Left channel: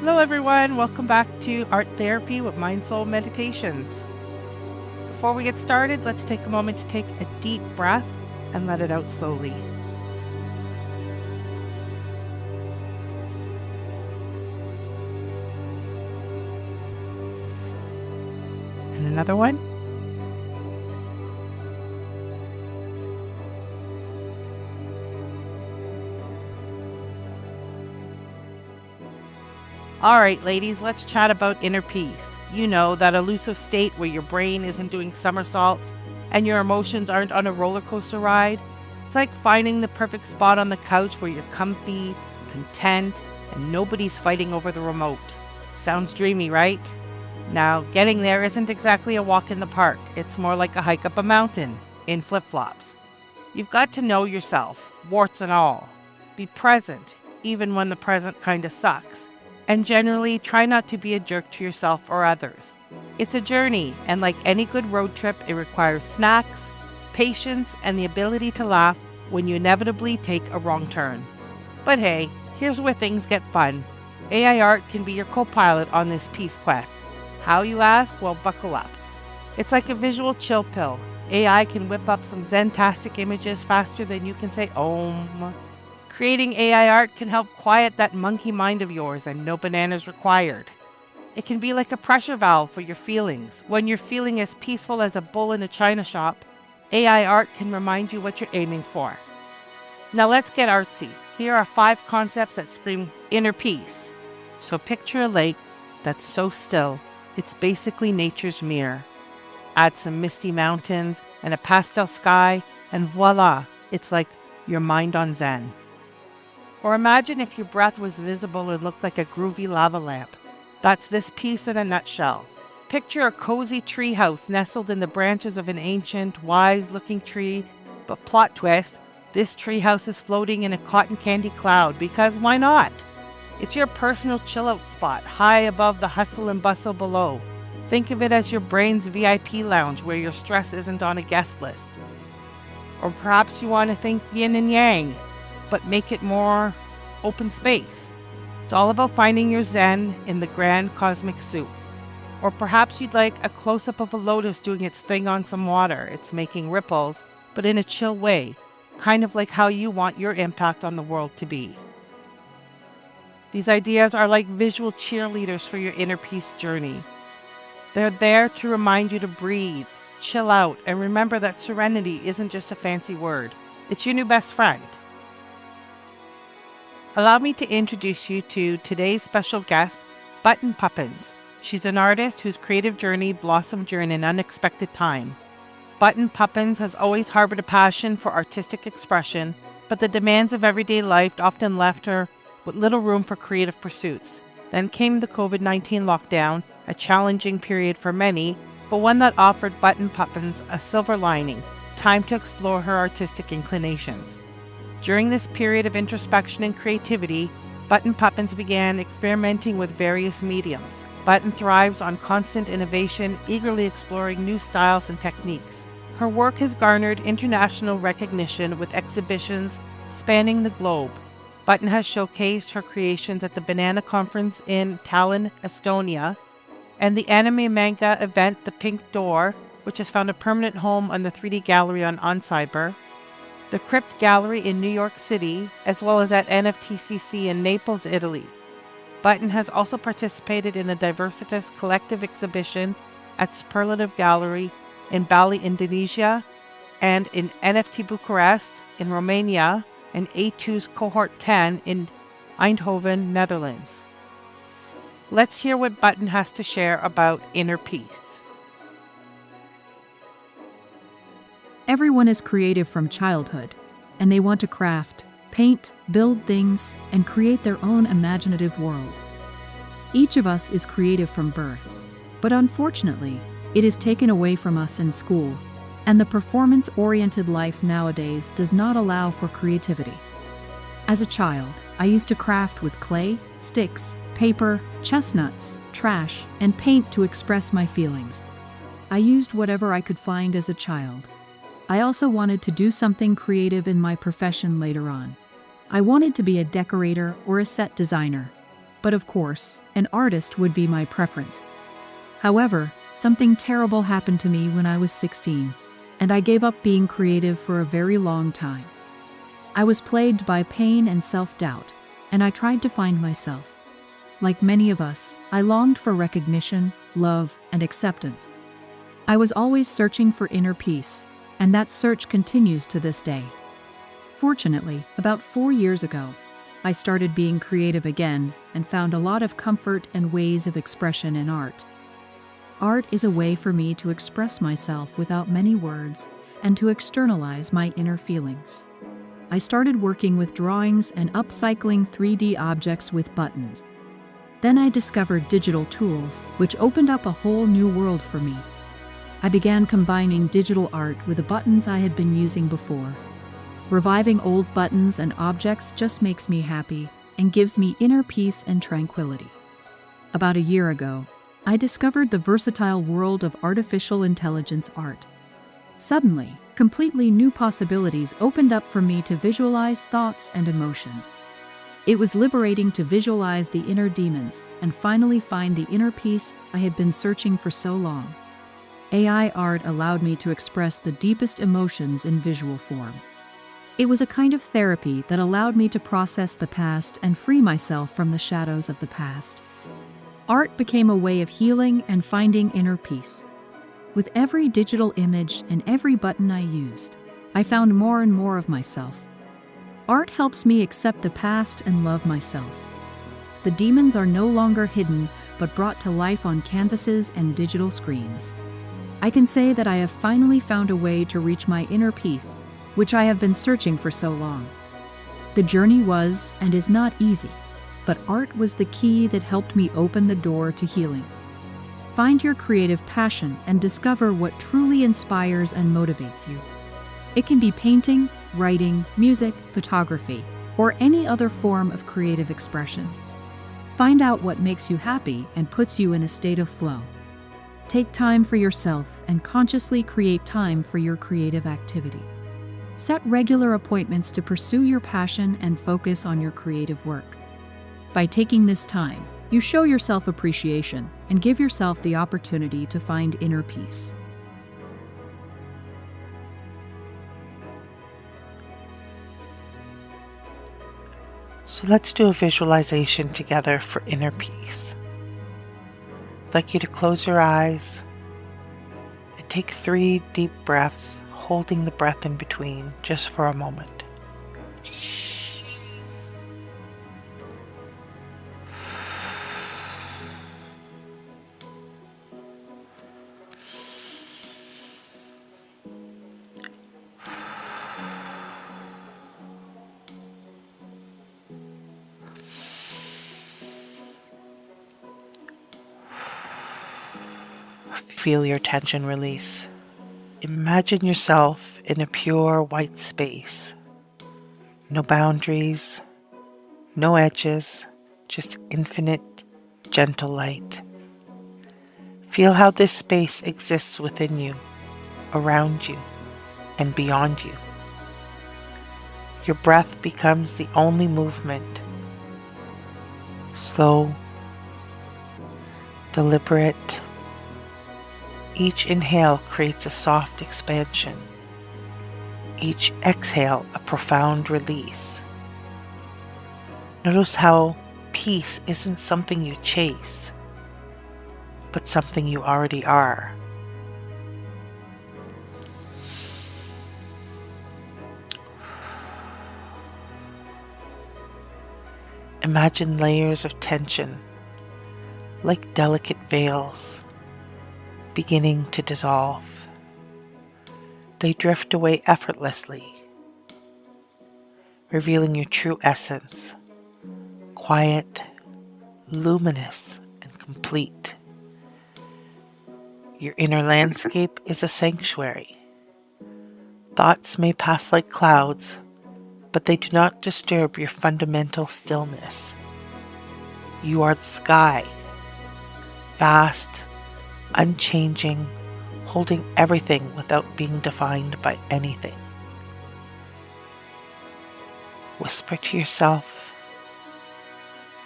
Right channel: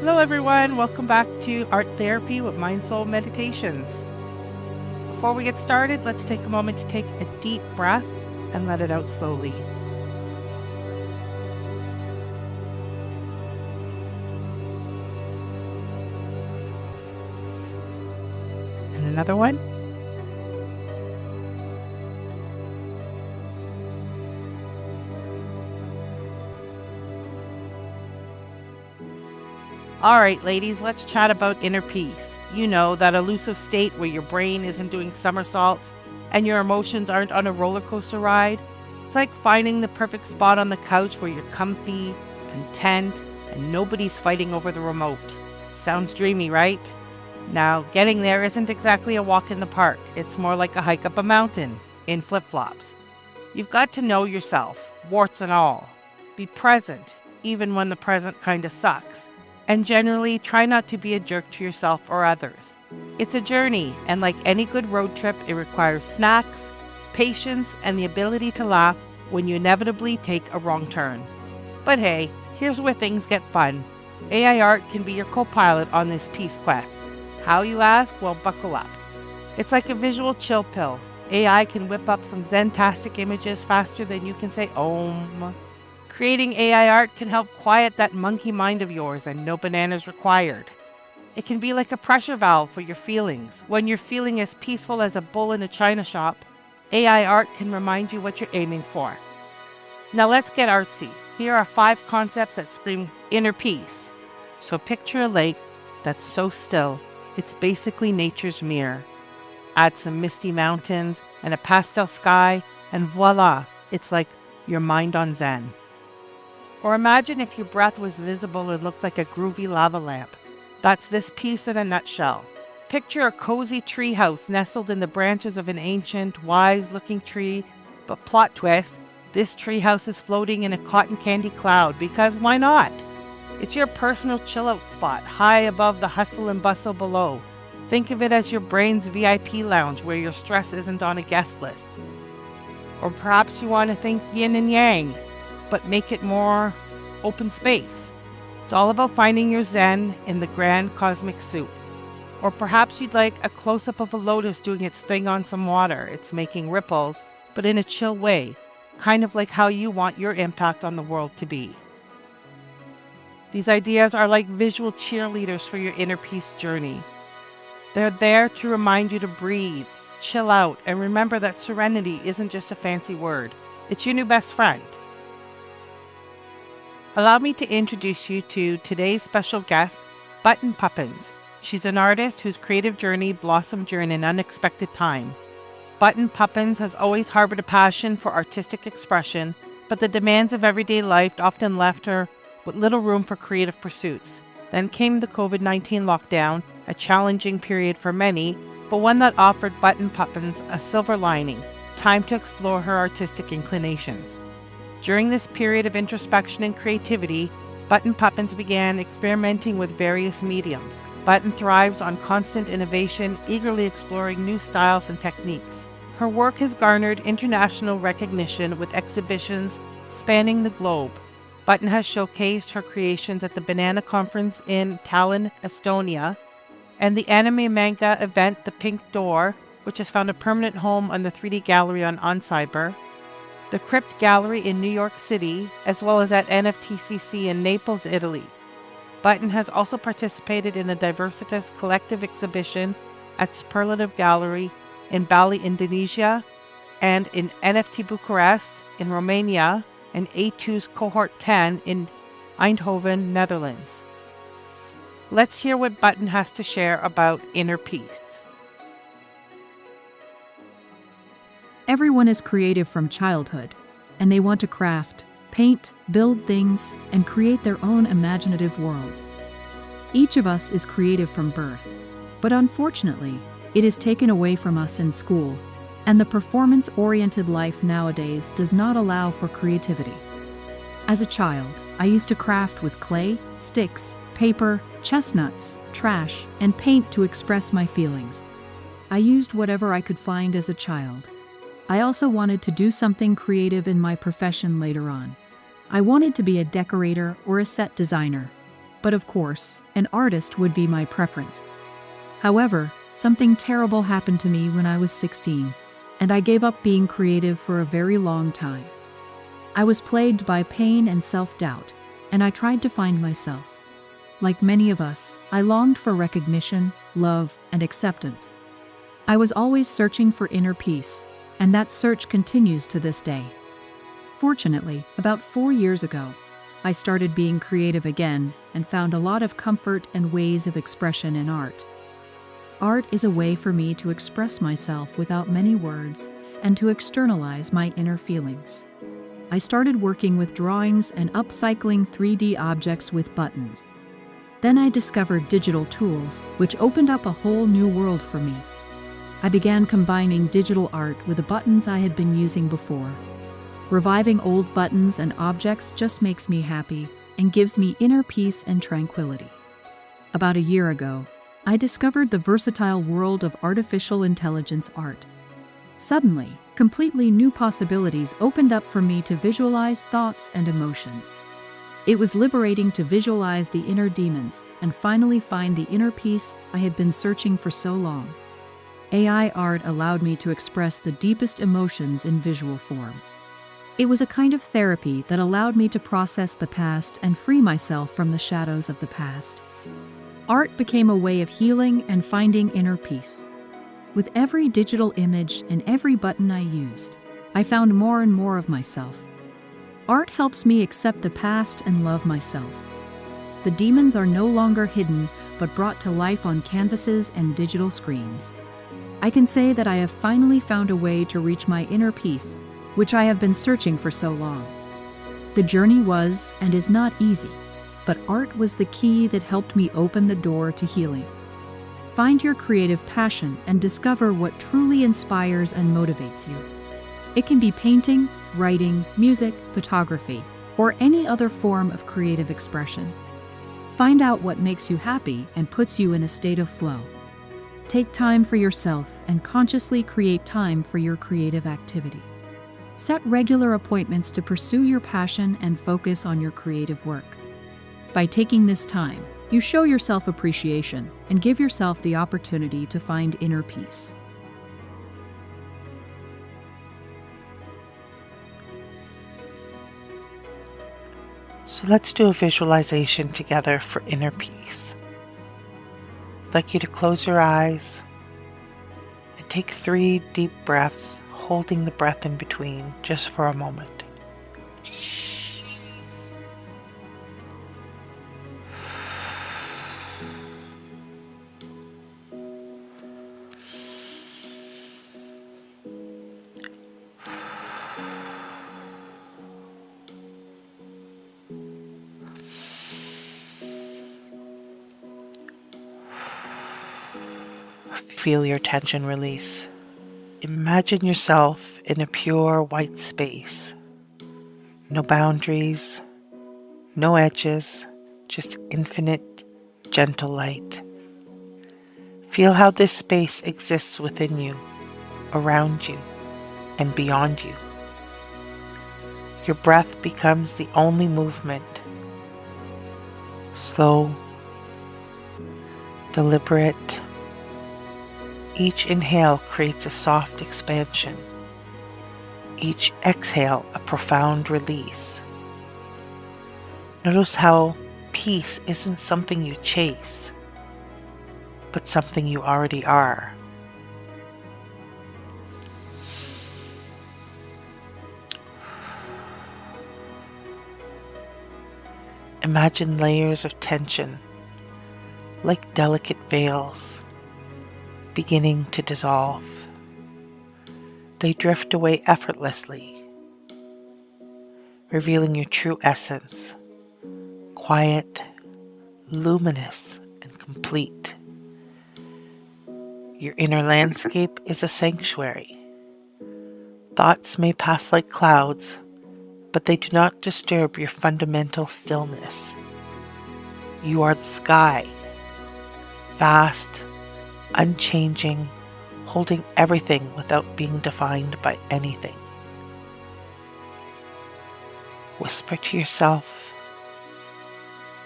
Hello everyone, welcome back to Art Therapy with MindSoulMeditations. Before we get started, let's take a moment to take a deep breath and let it out slowly. And another one. All right, ladies, let's chat about inner peace. You know, that elusive state where your brain isn't doing somersaults and your emotions aren't on a roller coaster ride. It's like finding the perfect spot on the couch where you're comfy, content, and nobody's fighting over the remote. Sounds dreamy, right? Now, getting there isn't exactly a walk in the park. It's more like a hike up a mountain in flip-flops. You've got to know yourself, warts and all. Be present, even when the present kind of sucks. And generally, try not to be a jerk to yourself or others. It's a journey, and like any good road trip, it requires snacks, patience, and the ability to laugh when you inevitably take a wrong turn. But hey, here's where things get fun. AI art can be your co-pilot on this peace quest. How, you ask? Well, buckle up. It's like a visual chill pill. AI can whip up some zen-tastic images faster than you can say Om. Creating AI art can help quiet that monkey mind of yours, and no bananas required. It can be like a pressure valve for your feelings. When you're feeling as peaceful as a bull in a china shop, AI art can remind you what you're aiming for. Now let's get artsy. Here are 5 concepts that scream inner peace. So picture a lake that's so still, it's basically nature's mirror. Add some misty mountains and a pastel sky, and voila, it's like your mind on Zen. Or imagine if your breath was visible and looked like a groovy lava lamp. That's this piece in a nutshell. Picture a cozy treehouse nestled in the branches of an ancient, wise-looking tree, but plot twist, this treehouse is floating in a cotton candy cloud, because why not? It's your personal chill-out spot, high above the hustle and bustle below. Think of it as your brain's VIP lounge where your stress isn't on a guest list. Or perhaps you want to think yin and yang, but make it more open space. It's all about finding your zen in the grand cosmic soup. Or perhaps you'd like a close-up of a lotus doing its thing on some water. It's making ripples, but in a chill way, kind of like how you want your impact on the world to be. These ideas are like visual cheerleaders for your inner peace journey. They're there to remind you to breathe, chill out, and remember that serenity isn't just a fancy word. It's your new best friend. Allow me to introduce you to today's special guest, Button Puppins. She's an artist whose creative journey blossomed during an unexpected time. Button Puppins has always harbored a passion for artistic expression, but the demands of everyday life often left her with little room for creative pursuits. Then came the COVID-19 lockdown, a challenging period for many, but one that offered Button Puppins a silver lining, time to explore her artistic inclinations. During this period of introspection and creativity, Button Puppins began experimenting with various mediums. Button thrives on constant innovation, eagerly exploring new styles and techniques. Her work has garnered international recognition with exhibitions spanning the globe. Button has showcased her creations at the Banana Conference in Tallinn, Estonia, and the anime manga event The Pink Door, which has found a permanent home on the 3D Gallery on Oncyber, the Crypt Gallery in New York City, as well as at NFTCC in Naples, Italy. Button has also participated in the Diversitas Collective exhibition at Superlative Gallery in Bali, Indonesia, and in NFT Bucharest in Romania, and A2's Cohort 10 in Eindhoven, Netherlands. Let's hear what Button has to share about inner peace. Everyone is creative from childhood, and they want to craft, paint, build things, and create their own imaginative worlds. Each of us is creative from birth, but unfortunately, it is taken away from us in school, and the performance-oriented life nowadays does not allow for creativity. As a child, I used to craft with clay, sticks, paper, chestnuts, trash, and paint to express my feelings. I used whatever I could find as a child. I also wanted to do something creative in my profession later on. I wanted to be a decorator or a set designer. but of course, an artist would be my preference. However, something terrible happened to me when I was 16, and I gave up being creative for a very long time. I was plagued by pain and self-doubt, and I tried to find myself. Like many of us, I longed for recognition, love, and acceptance. I was always searching for inner peace, and that search continues to this day. Fortunately, about 4 years ago, I started being creative again and found a lot of comfort and ways of expression in art. Art is a way for me to express myself without many words and to externalize my inner feelings. I started working with drawings and upcycling 3D objects with buttons. Then I discovered digital tools, which opened up a whole new world for me. I began combining digital art with the buttons I had been using before. Reviving old buttons and objects just makes me happy and gives me inner peace and tranquility. About a year ago, I discovered the versatile world of artificial intelligence art. Suddenly, completely new possibilities opened up for me to visualize thoughts and emotions. It was liberating to visualize the inner demons and finally find the inner peace I had been searching for so long. AI art allowed me to express the deepest emotions in visual form. It was a kind of therapy that allowed me to process the past and free myself from the shadows of the past. Art became a way of healing and finding inner peace. With every digital image and every button I used, I found more and more of myself. Art helps me accept the past and love myself. The demons are no longer hidden, but brought to life on canvases and digital screens. I can say that I have finally found a way to reach my inner peace, which I have been searching for so long. The journey was and is not easy, but art was the key that helped me open the door to healing. Find your creative passion and discover what truly inspires and motivates you. It can be painting, writing, music, photography, or any other form of creative expression. Find out what makes you happy and puts you in a state of flow. Take time for yourself and consciously create time for your creative activity. Set regular appointments to pursue your passion and focus on your creative work. By taking this time, you show yourself appreciation and give yourself the opportunity to find inner peace. So let's do a visualization together for inner peace. I'd like you to close your eyes and take 3 deep breaths, holding the breath in between just for a moment. Feel your tension release. Imagine yourself in a pure white space. No boundaries, no edges, just infinite, gentle light. Feel how this space exists within you, around you, and beyond you. Your breath becomes the only movement. Slow, deliberate. Each inhale creates a soft expansion. Each exhale a profound release. Notice how peace isn't something you chase, but something you already are. Imagine layers of tension, like delicate veils, beginning to dissolve. They drift away effortlessly, revealing your true essence, quiet, luminous, and complete. Your inner landscape is a sanctuary. Thoughts may pass like clouds, but they do not disturb your fundamental stillness. You are the sky, vast, unchanging, holding everything without being defined by anything. Whisper to yourself,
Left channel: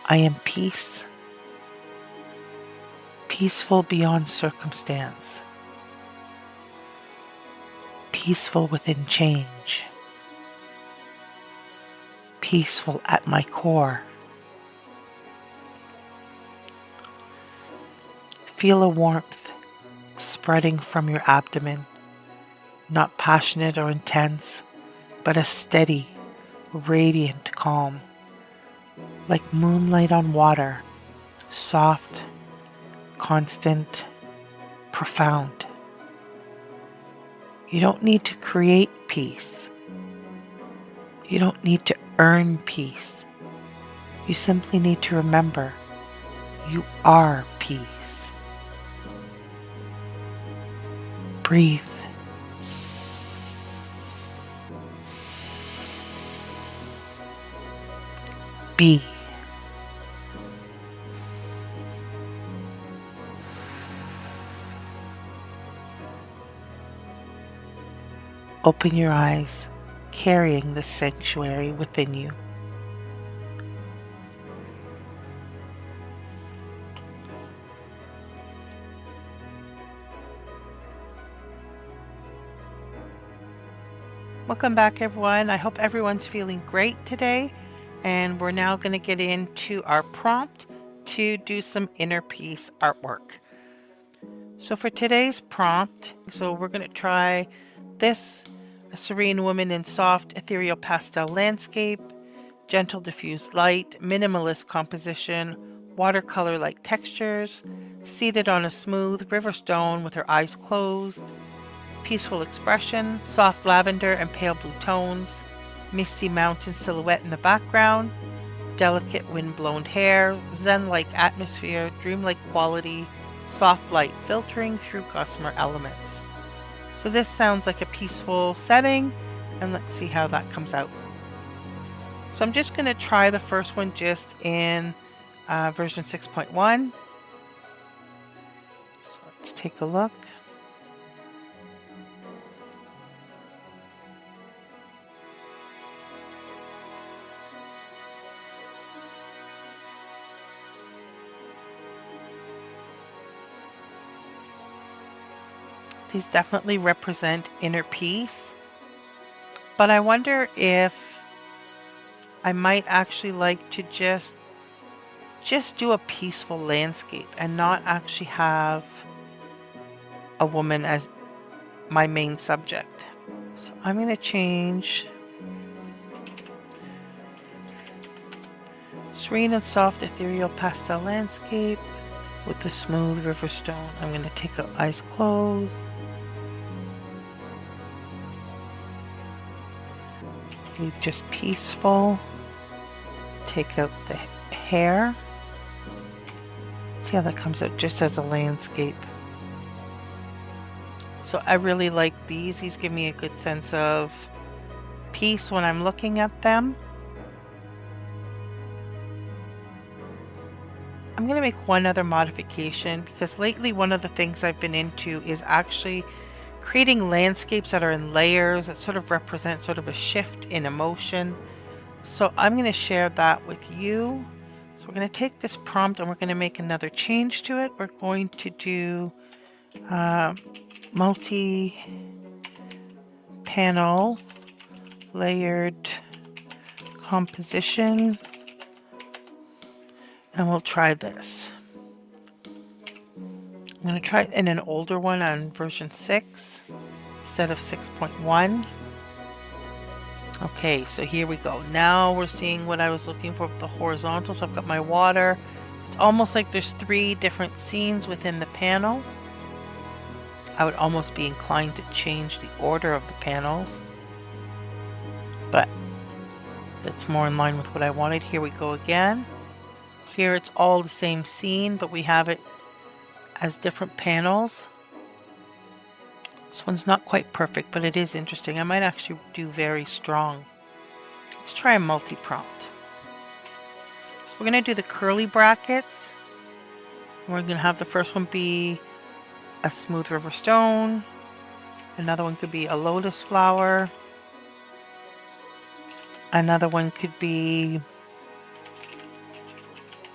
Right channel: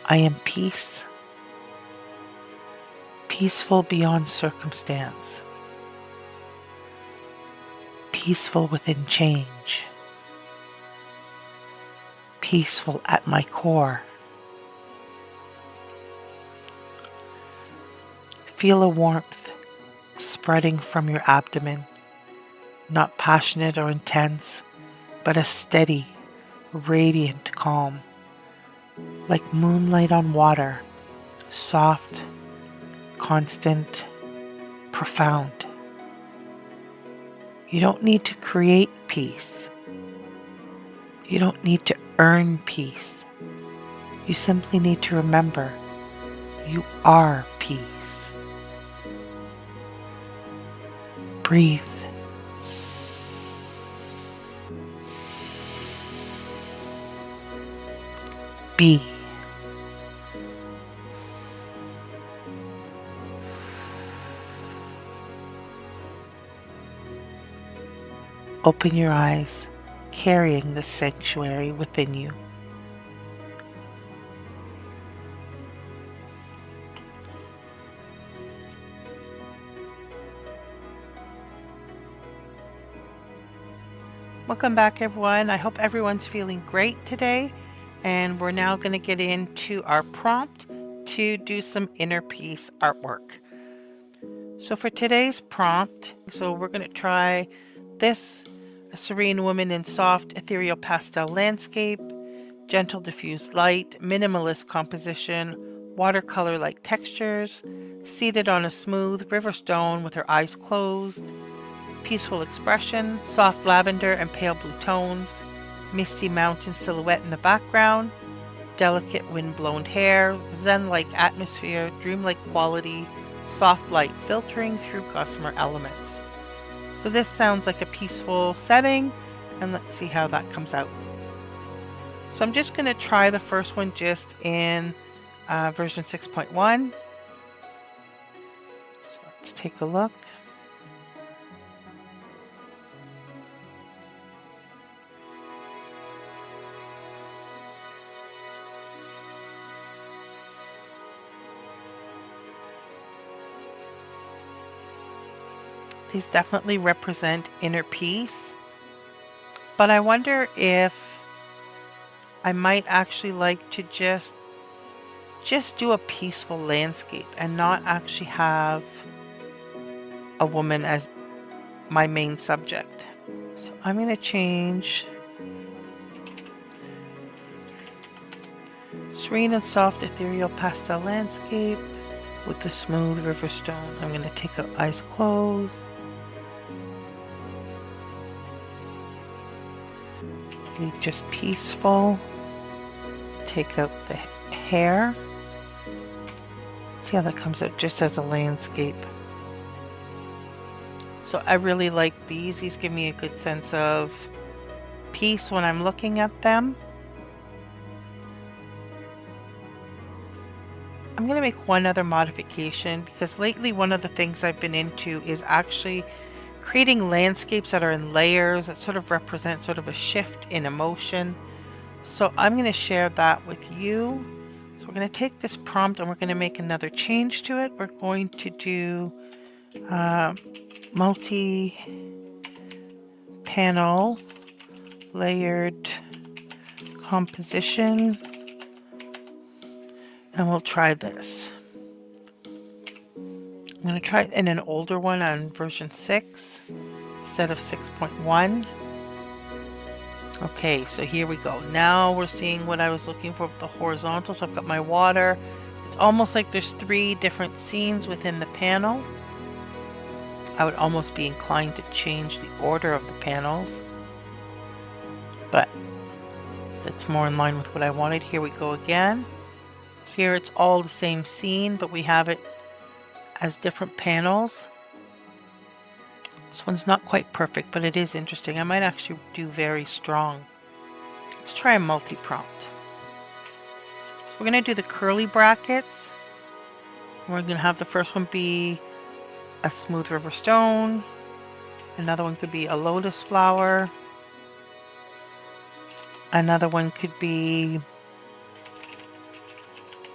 I am peace, peaceful beyond circumstance, peaceful within change, peaceful at my core. Feel a warmth spreading from your abdomen, not passionate or intense, but a steady, radiant calm, like moonlight on water, soft, constant, profound. You don't need to create peace. You don't need to earn peace. You simply need to remember you are peace. Breathe. Be. Open your eyes, carrying the sanctuary within you. Welcome back, everyone. I hope everyone's feeling great today. And we're now going to get into our prompt to do some inner peace artwork. So for today's prompt, we're going to try this, a serene woman in soft ethereal pastel landscape, gentle diffused light, minimalist composition, watercolor-like textures, seated on a smooth river stone with her eyes closed, peaceful expression, soft lavender and pale blue tones, misty mountain silhouette in the background, delicate wind-blown hair, zen-like atmosphere, dreamlike quality, soft light filtering through gossamer elements. So this sounds like a peaceful setting, and let's see how that comes out. So I'm just going to try the first one just in version 6.1. So let's take a look. These definitely represent inner peace, but I wonder if I might actually like to just do a peaceful landscape and not actually have a woman as my main subject. So I'm going to change serene and soft ethereal pastel landscape with the smooth river stone. I'm going to take out eyes closed. Leave just peaceful. Take out the hair. See how that comes out just as a landscape. So I really like these. These give me a good sense of peace when I'm looking at them. I'm going to make one other modification because lately one of the things I've been into is actually creating landscapes that are in layers that sort of represent sort of a shift in emotion. So I'm going to share that with you. So we're going to take this prompt and we're going to make another change to it. We're going to do multi-panel layered composition. And we'll try this. I'm going to try it in an older one on version 6 instead of 6.1. Okay, so here we go. Now we're seeing what I was looking for with the horizontal. So I've got my water. It's almost like there's 3 different scenes within the panel. I would almost be inclined to change the order of the panels, but that's more in line with what I wanted. Here we go again. Here it's all the same scene, but we have it as different panels. This one's not quite perfect, but it is interesting. I might actually do very strong. Let's try a multi-prompt. So we're going to do the curly brackets. We're going to have the first one be a smooth river stone. Another one could be a lotus flower. Another one could be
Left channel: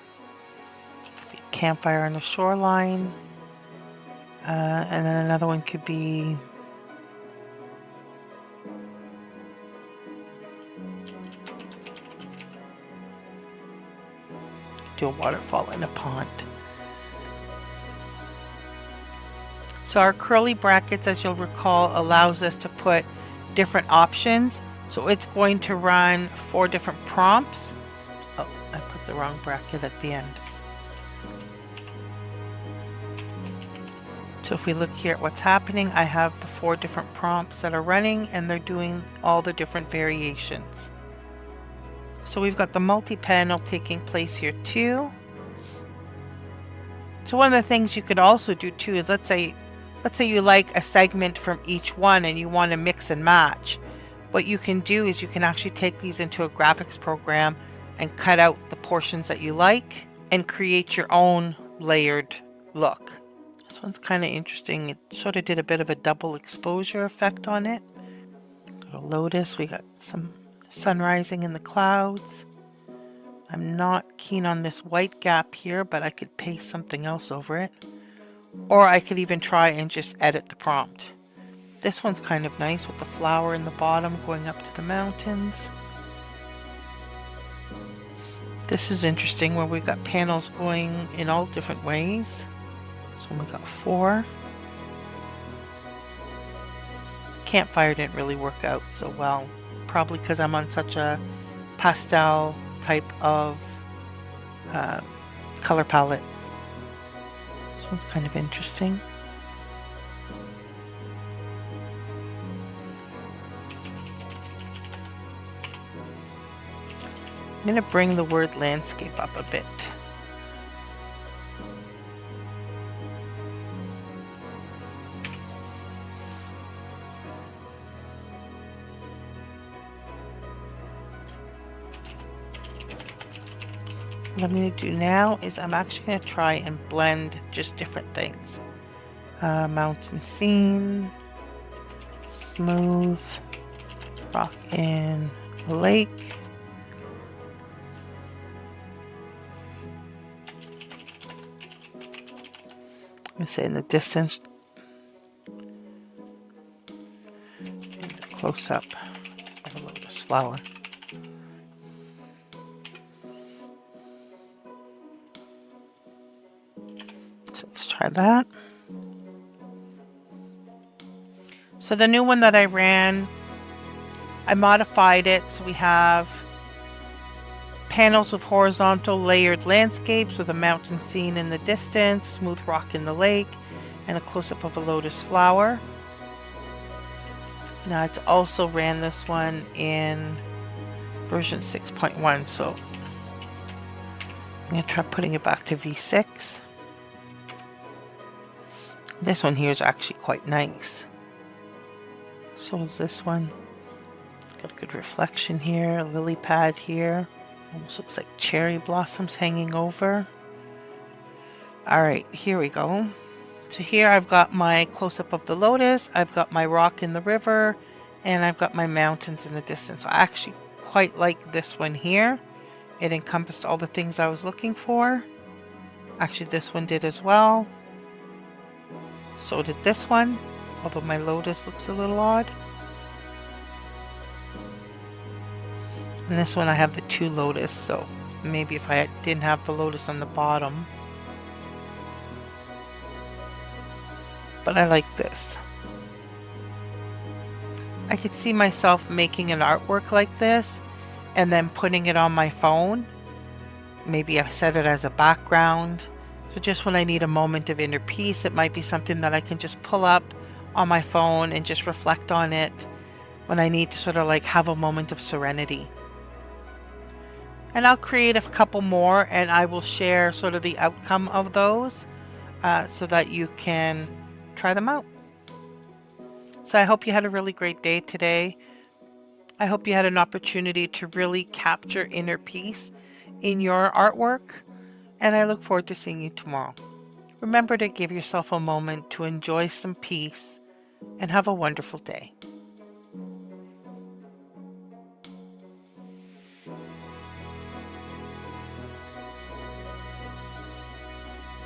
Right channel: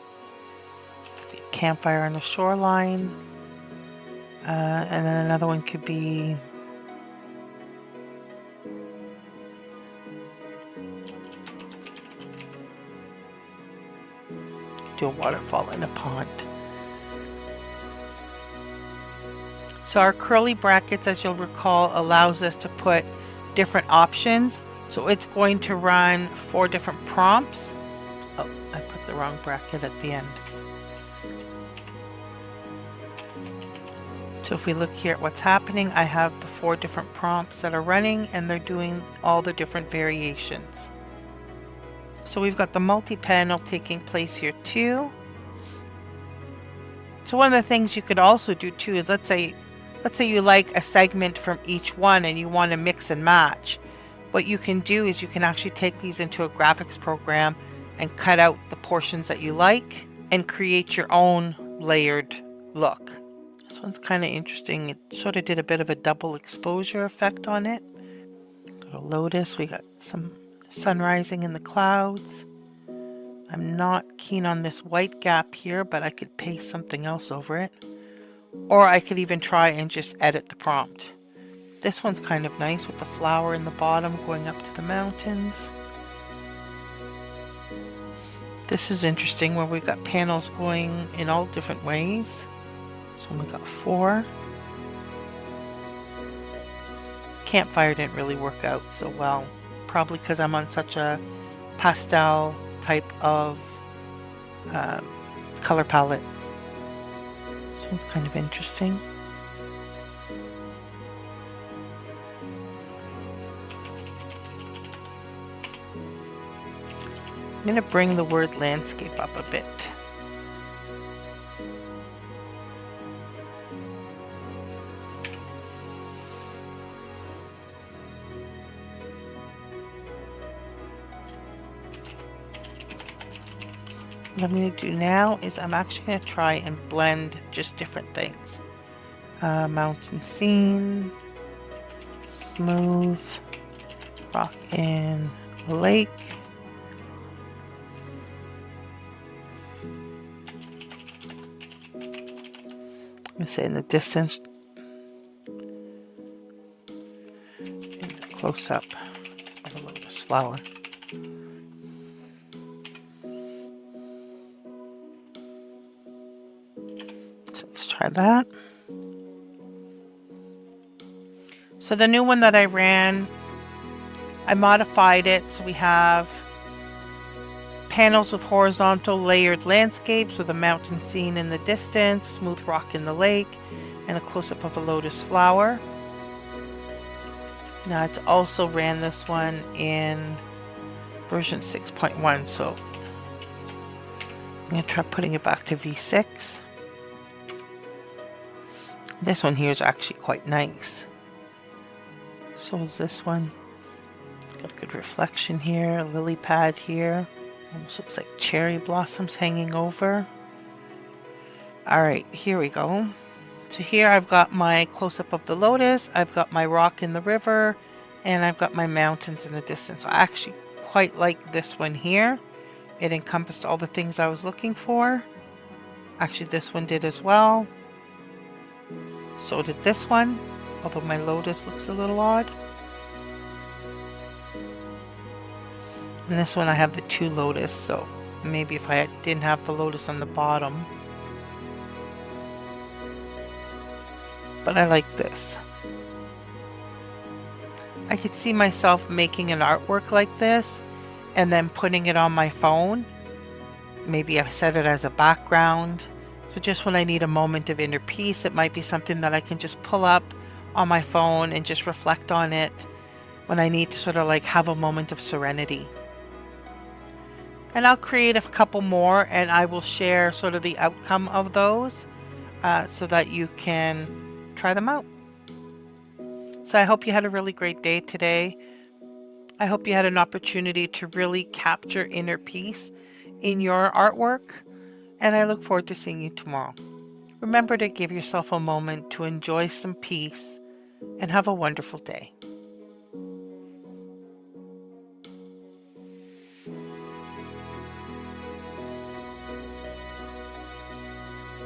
campfire on the shoreline. And then another one could be do a waterfall in a pond. So our curly brackets, as you'll recall, allows us to put different options. So it's going to run 4 different prompts. Oh, I put the wrong bracket at the end. So if we look here at what's happening, I have the 4 different prompts that are running, and they're doing all the different variations. So we've got the multi-panel taking place here too. So one of the things you could also do too is let's say you like a segment from each one and you want to mix and match. What you can do is you can actually take these into a graphics program and cut out the portions that you like and create your own layered look. This one's kind of interesting. It sort of did a bit of a double exposure effect on it. Got a lotus. We got some sun rising in the clouds. I'm not keen on this white gap here, but I could paste something else over it. Or I could even try and just edit the prompt. This one's kind of nice with the flower in the bottom going up to the mountains. This is interesting where we've got panels going in all different ways. So we got 4. Campfire didn't really work out so well. Probably because I'm on such a pastel type of color palette. This one's kind of interesting. I'm going to bring the word landscape up a bit. What I'm going to do now is I'm actually going to try and blend just different things. Mountain scene, smooth, rock in a lake. I'm going to say in the distance, and a close-up of a lotus flower. Let's try that. So the new one that I ran, I modified it so we have panels of horizontal layered landscapes with a mountain scene in the distance, smooth rock in the lake, and a close-up of a lotus flower. Now it's also ran this one in version 6.1, so I'm going to try putting it back to V6. This one here is actually quite nice. So is this one. Got a good reflection here, a lily pad here. Almost looks like cherry blossoms hanging over. Alright, here we go. So here I've got my close-up of the lotus, I've got my rock in the river, and I've got my mountains in the distance. I actually quite like this one here. It encompassed all the things I was looking for. Actually, this one did as well. So did this one, although my lotus looks a little odd. And this one I have the 2 lotus, so maybe if I didn't have the lotus on the bottom. But I like this. I could see myself making an artwork like this and then putting it on my phone. Maybe I set it as a background. So just when I need a moment of inner peace, it might be something that I can just pull up on my phone and just reflect on it when I need to sort of like have a moment of serenity. And I'll create a couple more and I will share sort of the outcome of those so that you can try them out. So I hope you had a really great day today. I hope you had an opportunity to really capture inner peace in your artwork. And I look forward to seeing you tomorrow. Remember to give yourself a moment to enjoy some peace and have a wonderful day.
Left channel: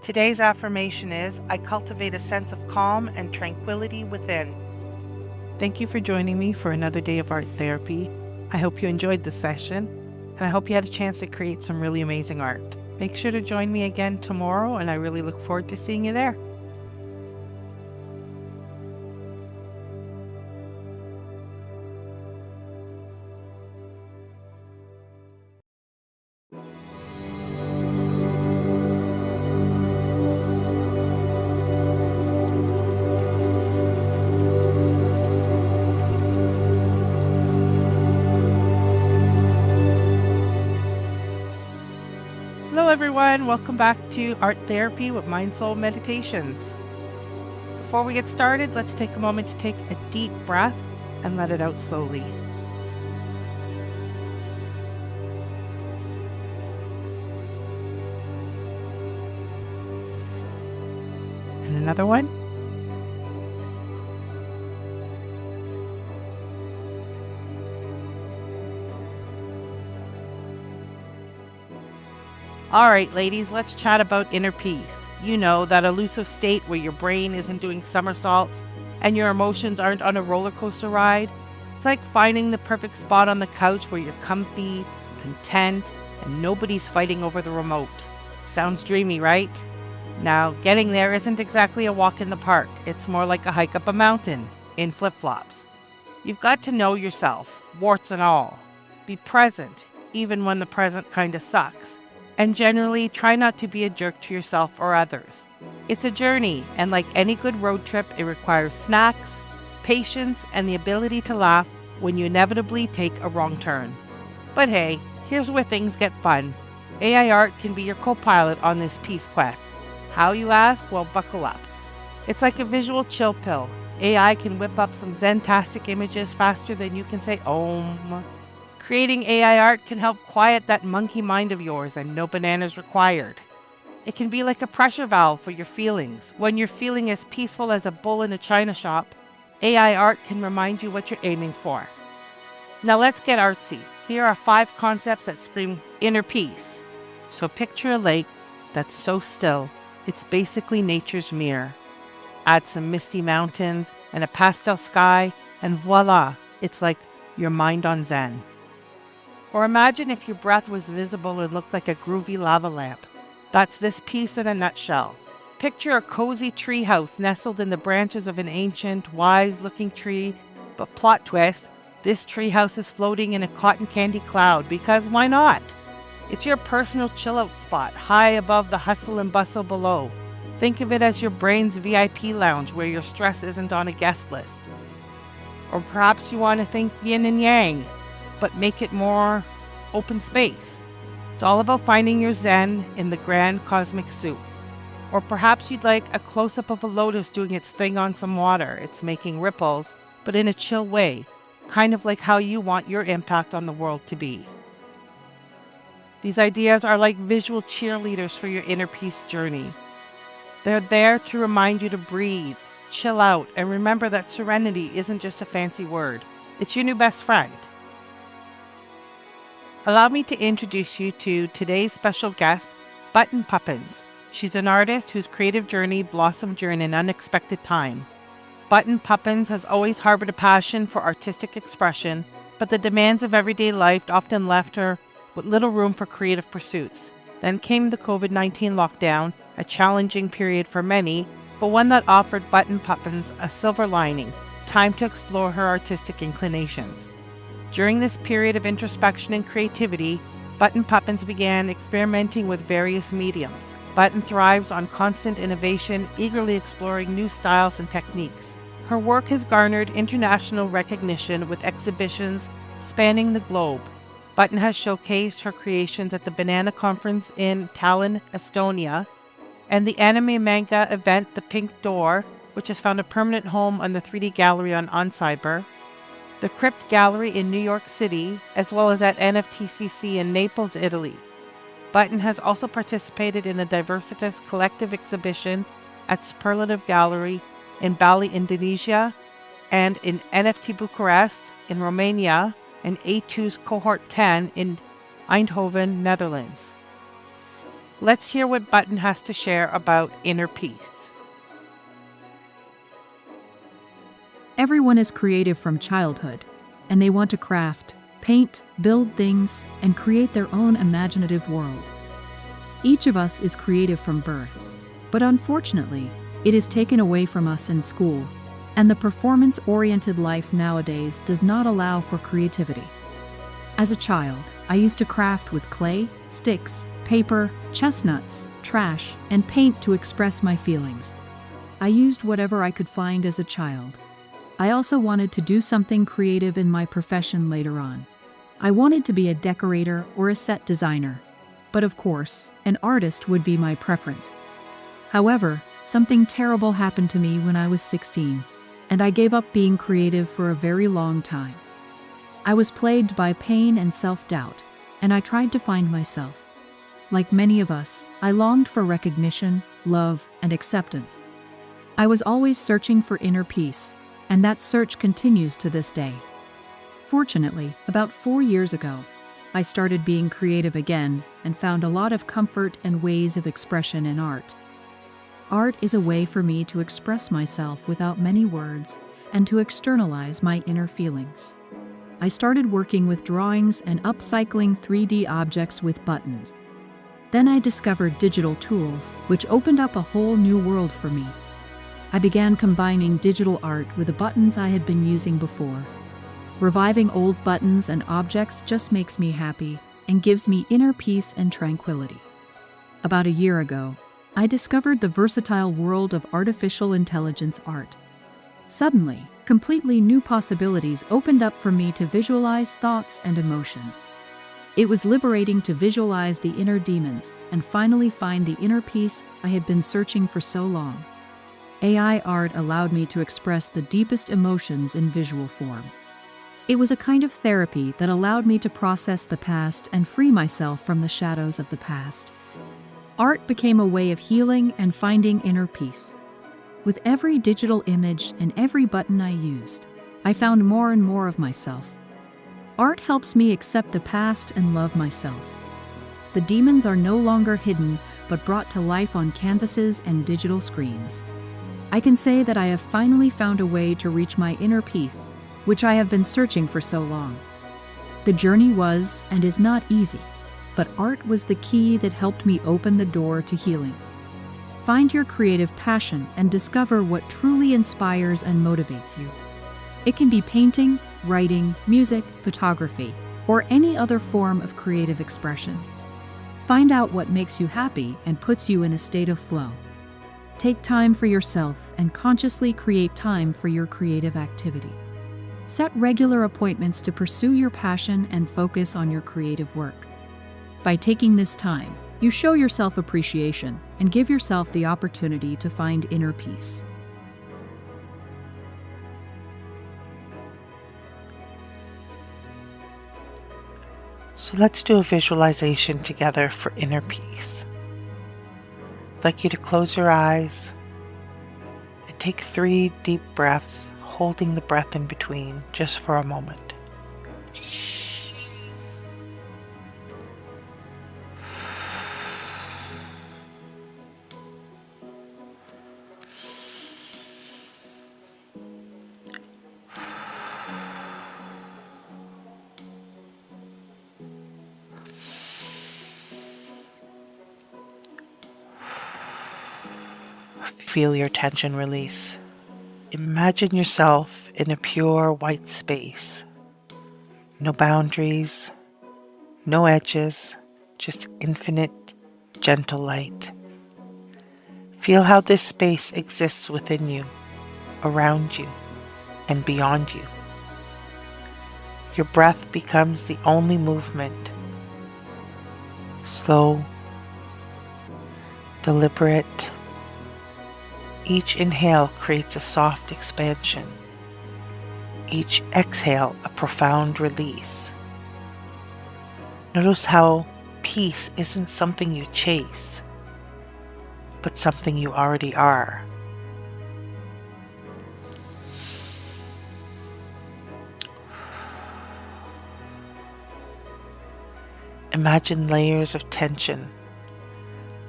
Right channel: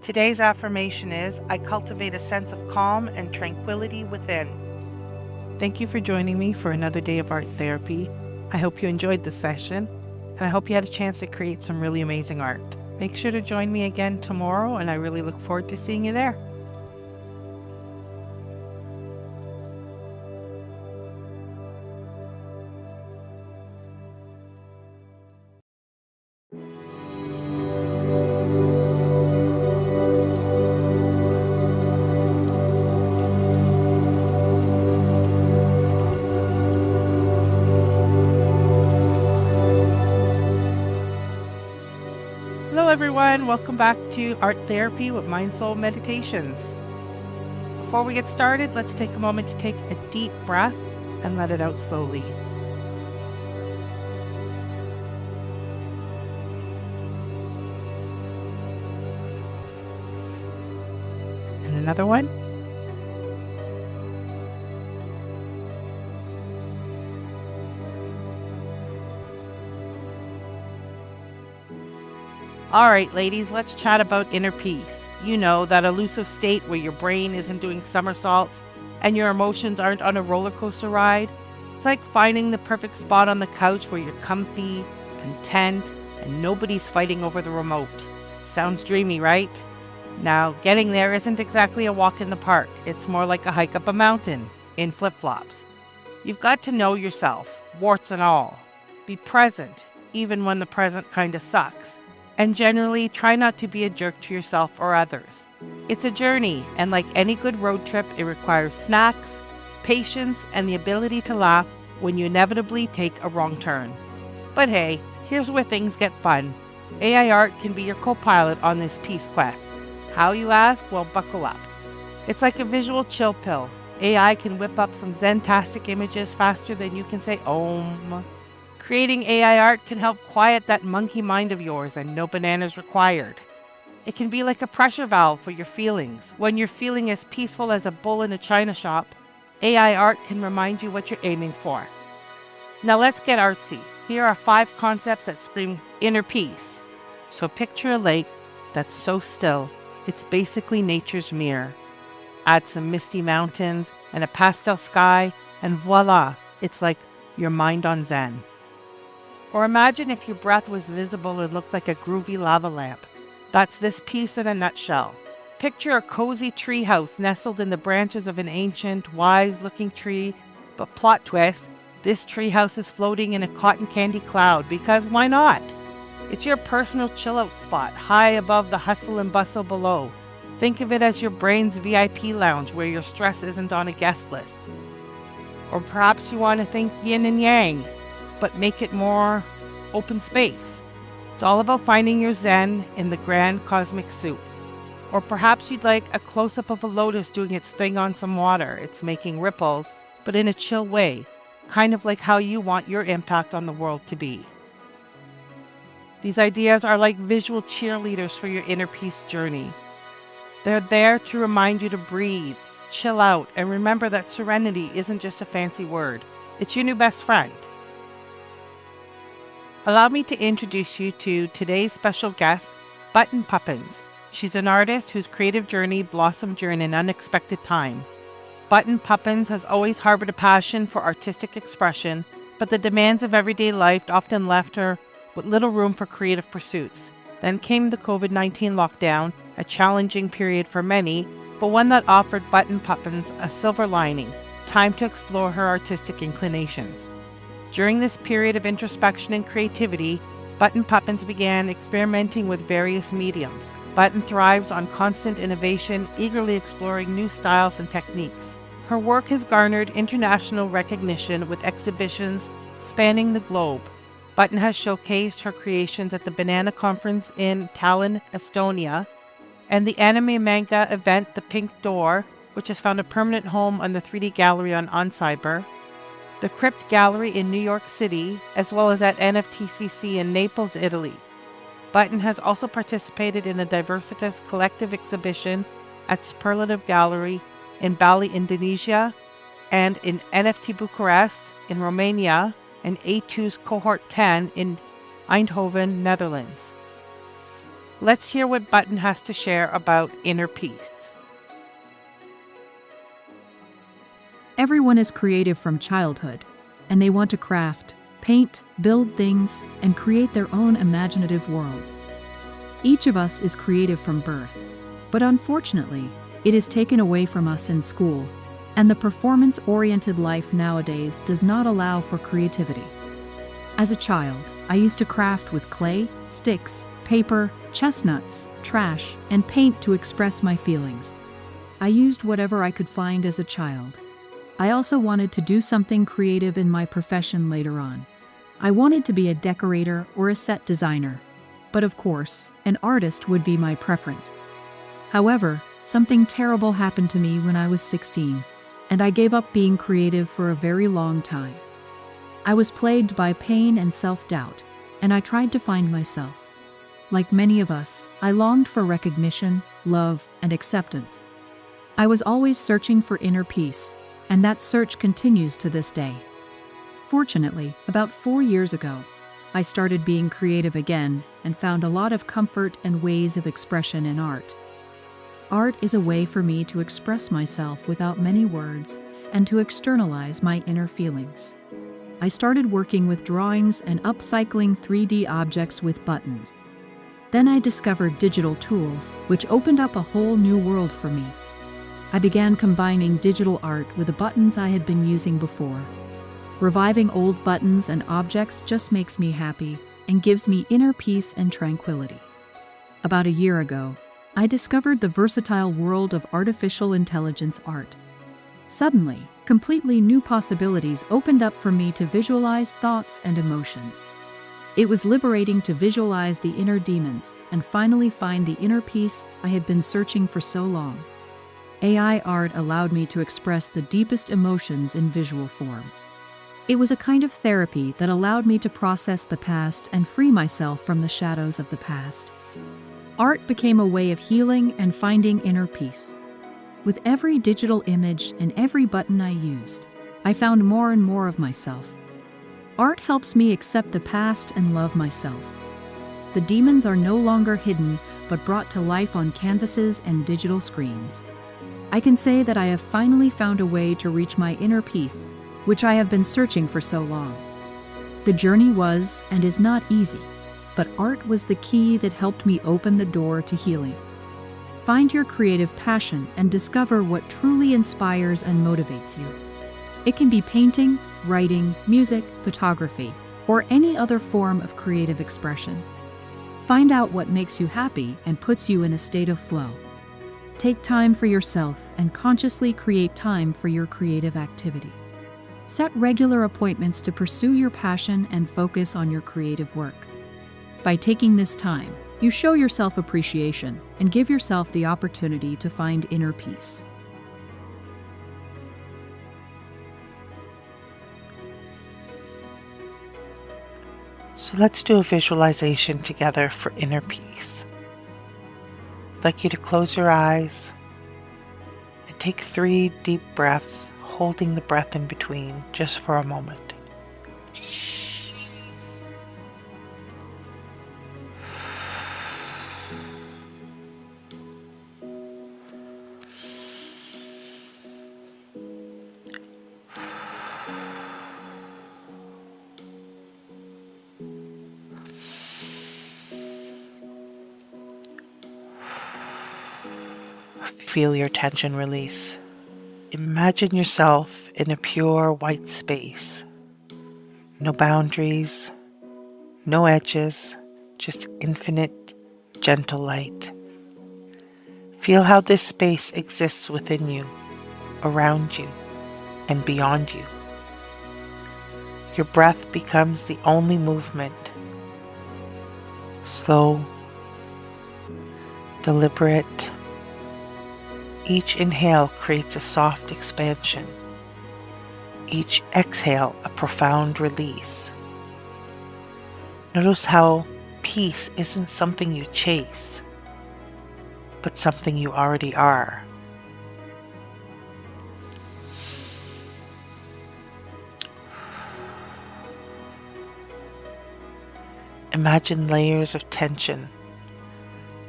Today's affirmation is, I cultivate a sense of calm and tranquility within. Thank you for joining me for another day of art therapy. I hope you enjoyed the session, and I hope you had a chance to create some really amazing art. Make sure to join me again tomorrow, and I really look forward to seeing you there. Hello everyone, welcome back to Art Therapy with MindSoulMeditations. Before we get started, let's take a moment to take a deep breath and let it out slowly. And another one. All right, ladies, let's chat about inner peace. You know, that elusive state where your brain isn't doing somersaults and your emotions aren't on a roller coaster ride. It's like finding the perfect spot on the couch where you're comfy, content, and nobody's fighting over the remote. Sounds dreamy, right? Now, getting there isn't exactly a walk in the park. It's more like a hike up a mountain in flip-flops. You've got to know yourself, warts and all. Be present, even when the present kind of sucks. And generally, try not to be a jerk to yourself or others. It's a journey, and like any good road trip, it requires snacks, patience, and the ability to laugh when you inevitably take a wrong turn. But hey, here's where things get fun. AI art can be your co-pilot on this peace quest. How, you ask? Well, buckle up. It's like a visual chill pill. AI can whip up some zen-tastic images faster than you can say Om. Creating AI art can help quiet that monkey mind of yours, and no bananas required. It can be like a pressure valve for your feelings. When you're feeling as peaceful as a bull in a china shop, AI art can remind you what you're aiming for. Now let's get artsy. Here are 5 concepts that scream inner peace. So picture a lake that's so still, it's basically nature's mirror. Add some misty mountains and a pastel sky, and voila, it's like your mind on Zen. Or imagine if your breath was visible and looked like a groovy lava lamp. That's this piece in a nutshell. Picture a cozy treehouse nestled in the branches of an ancient, wise-looking tree, but plot twist, this treehouse is floating in a cotton candy cloud, because why not? It's your personal chill-out spot, high above the hustle and bustle below. Think of it as your brain's VIP lounge where your stress isn't on a guest list. Or perhaps you want to think yin and yang, but make it more open space. It's all about finding your zen in the grand cosmic soup. Or perhaps you'd like a close-up of a lotus doing its thing on some water. It's making ripples, but in a chill way, kind of like how you want your impact on the world to be. These ideas are like visual cheerleaders for your inner peace journey. They're there to remind you to breathe, chill out, and remember that serenity isn't just a fancy word. It's your new best friend. Allow me to introduce you to today's special guest, Button Puppins. She's an artist whose creative journey blossomed during an unexpected time. Button Puppins has always harbored a passion for artistic expression, but the demands of everyday life often left her with little room for creative pursuits. Then came the COVID-19 lockdown, a challenging period for many, but one that offered Button Puppins a silver lining, time to explore her artistic inclinations. During this period of introspection and creativity, Button Puppins began experimenting with various mediums. Button thrives on constant innovation, eagerly exploring new styles and techniques. Her work has garnered international recognition with exhibitions spanning the globe. Button has showcased her creations at the Banana Conference in Tallinn, Estonia, and the anime manga event The Pink Door, which has found a permanent home on the 3D Gallery on Cyber, the Crypt Gallery in New York City, as well as at NFTCC in Naples, Italy. Button has also participated in the Diversitas Collective exhibition at Superlative Gallery in Bali, Indonesia, and in NFT Bucharest in Romania, and A2's Cohort 10 in Eindhoven, Netherlands. Let's hear what Button has to share about inner peace. Everyone is creative from childhood, and they want to craft, paint, build things, and create their own imaginative worlds. Each of us is creative from birth, but unfortunately, it is taken away from us in school, and the performance-oriented life nowadays does not allow for creativity. As a child, I used to craft with clay, sticks, paper, chestnuts, trash, and paint to express my feelings. I used whatever I could find as a child. I also wanted to do something creative in my profession later on. I wanted to be a decorator or a set designer. But of course, an artist would be my preference. However, something terrible happened to me when I was 16, and I gave up being creative for a very long time. I was plagued by pain and self-doubt, and I tried to find myself. Like many of us, I longed for recognition, love, and acceptance. I was always searching for inner peace, and that search continues to this day. Fortunately, about 4 years ago, I started being creative again and found a lot of comfort and ways of expression in art. Art is a way for me to express myself without many words and to externalize my inner feelings. I started working with drawings and upcycling 3D objects with buttons. Then I discovered digital tools, which opened up a whole new world for me. I began combining digital art with the buttons I had been using before. Reviving old buttons and objects just makes me happy and gives me inner peace and tranquility. About a year ago, I discovered the versatile world of artificial intelligence art. Suddenly, completely new possibilities opened up for me to visualize thoughts and emotions. It was liberating to visualize the inner demons and finally find the inner peace I had been searching for so long. AI art allowed me to express the deepest emotions in visual form. It was a kind of therapy that allowed me to process the past and free myself from the shadows of the past. Art became a way of healing and finding inner peace. With every digital image and every button I used, I found more and more of myself. Art helps me accept the past and love myself. The demons are no longer hidden, but brought to life on canvases and digital screens. I can say that I have finally found a way to reach my inner peace, which I have been searching for so long. The journey was and is not easy, but art was the key that helped me open the door to healing. Find your creative passion and discover what truly inspires and motivates you. It can be painting, writing, music, photography, or any other form of creative expression. Find out what makes you happy and puts you in a state of flow. Take time for yourself and consciously create time for your creative activity. Set regular appointments to pursue your passion and focus on your creative work. By taking this time, you show yourself appreciation and give yourself the opportunity to find inner peace. So let's do a visualization together for inner peace. I'd like you to close your eyes and take 3 deep breaths, holding the breath in between just for a moment. Feel your tension release. Imagine yourself in a pure white space. No boundaries, no edges, just infinite, gentle light. Feel how this space exists within you, around you, and beyond you. Your breath becomes the only movement. Slow, deliberate. Each inhale creates a soft expansion. Each exhale a profound release. Notice how peace isn't something you chase, but something you already are. Imagine layers of tension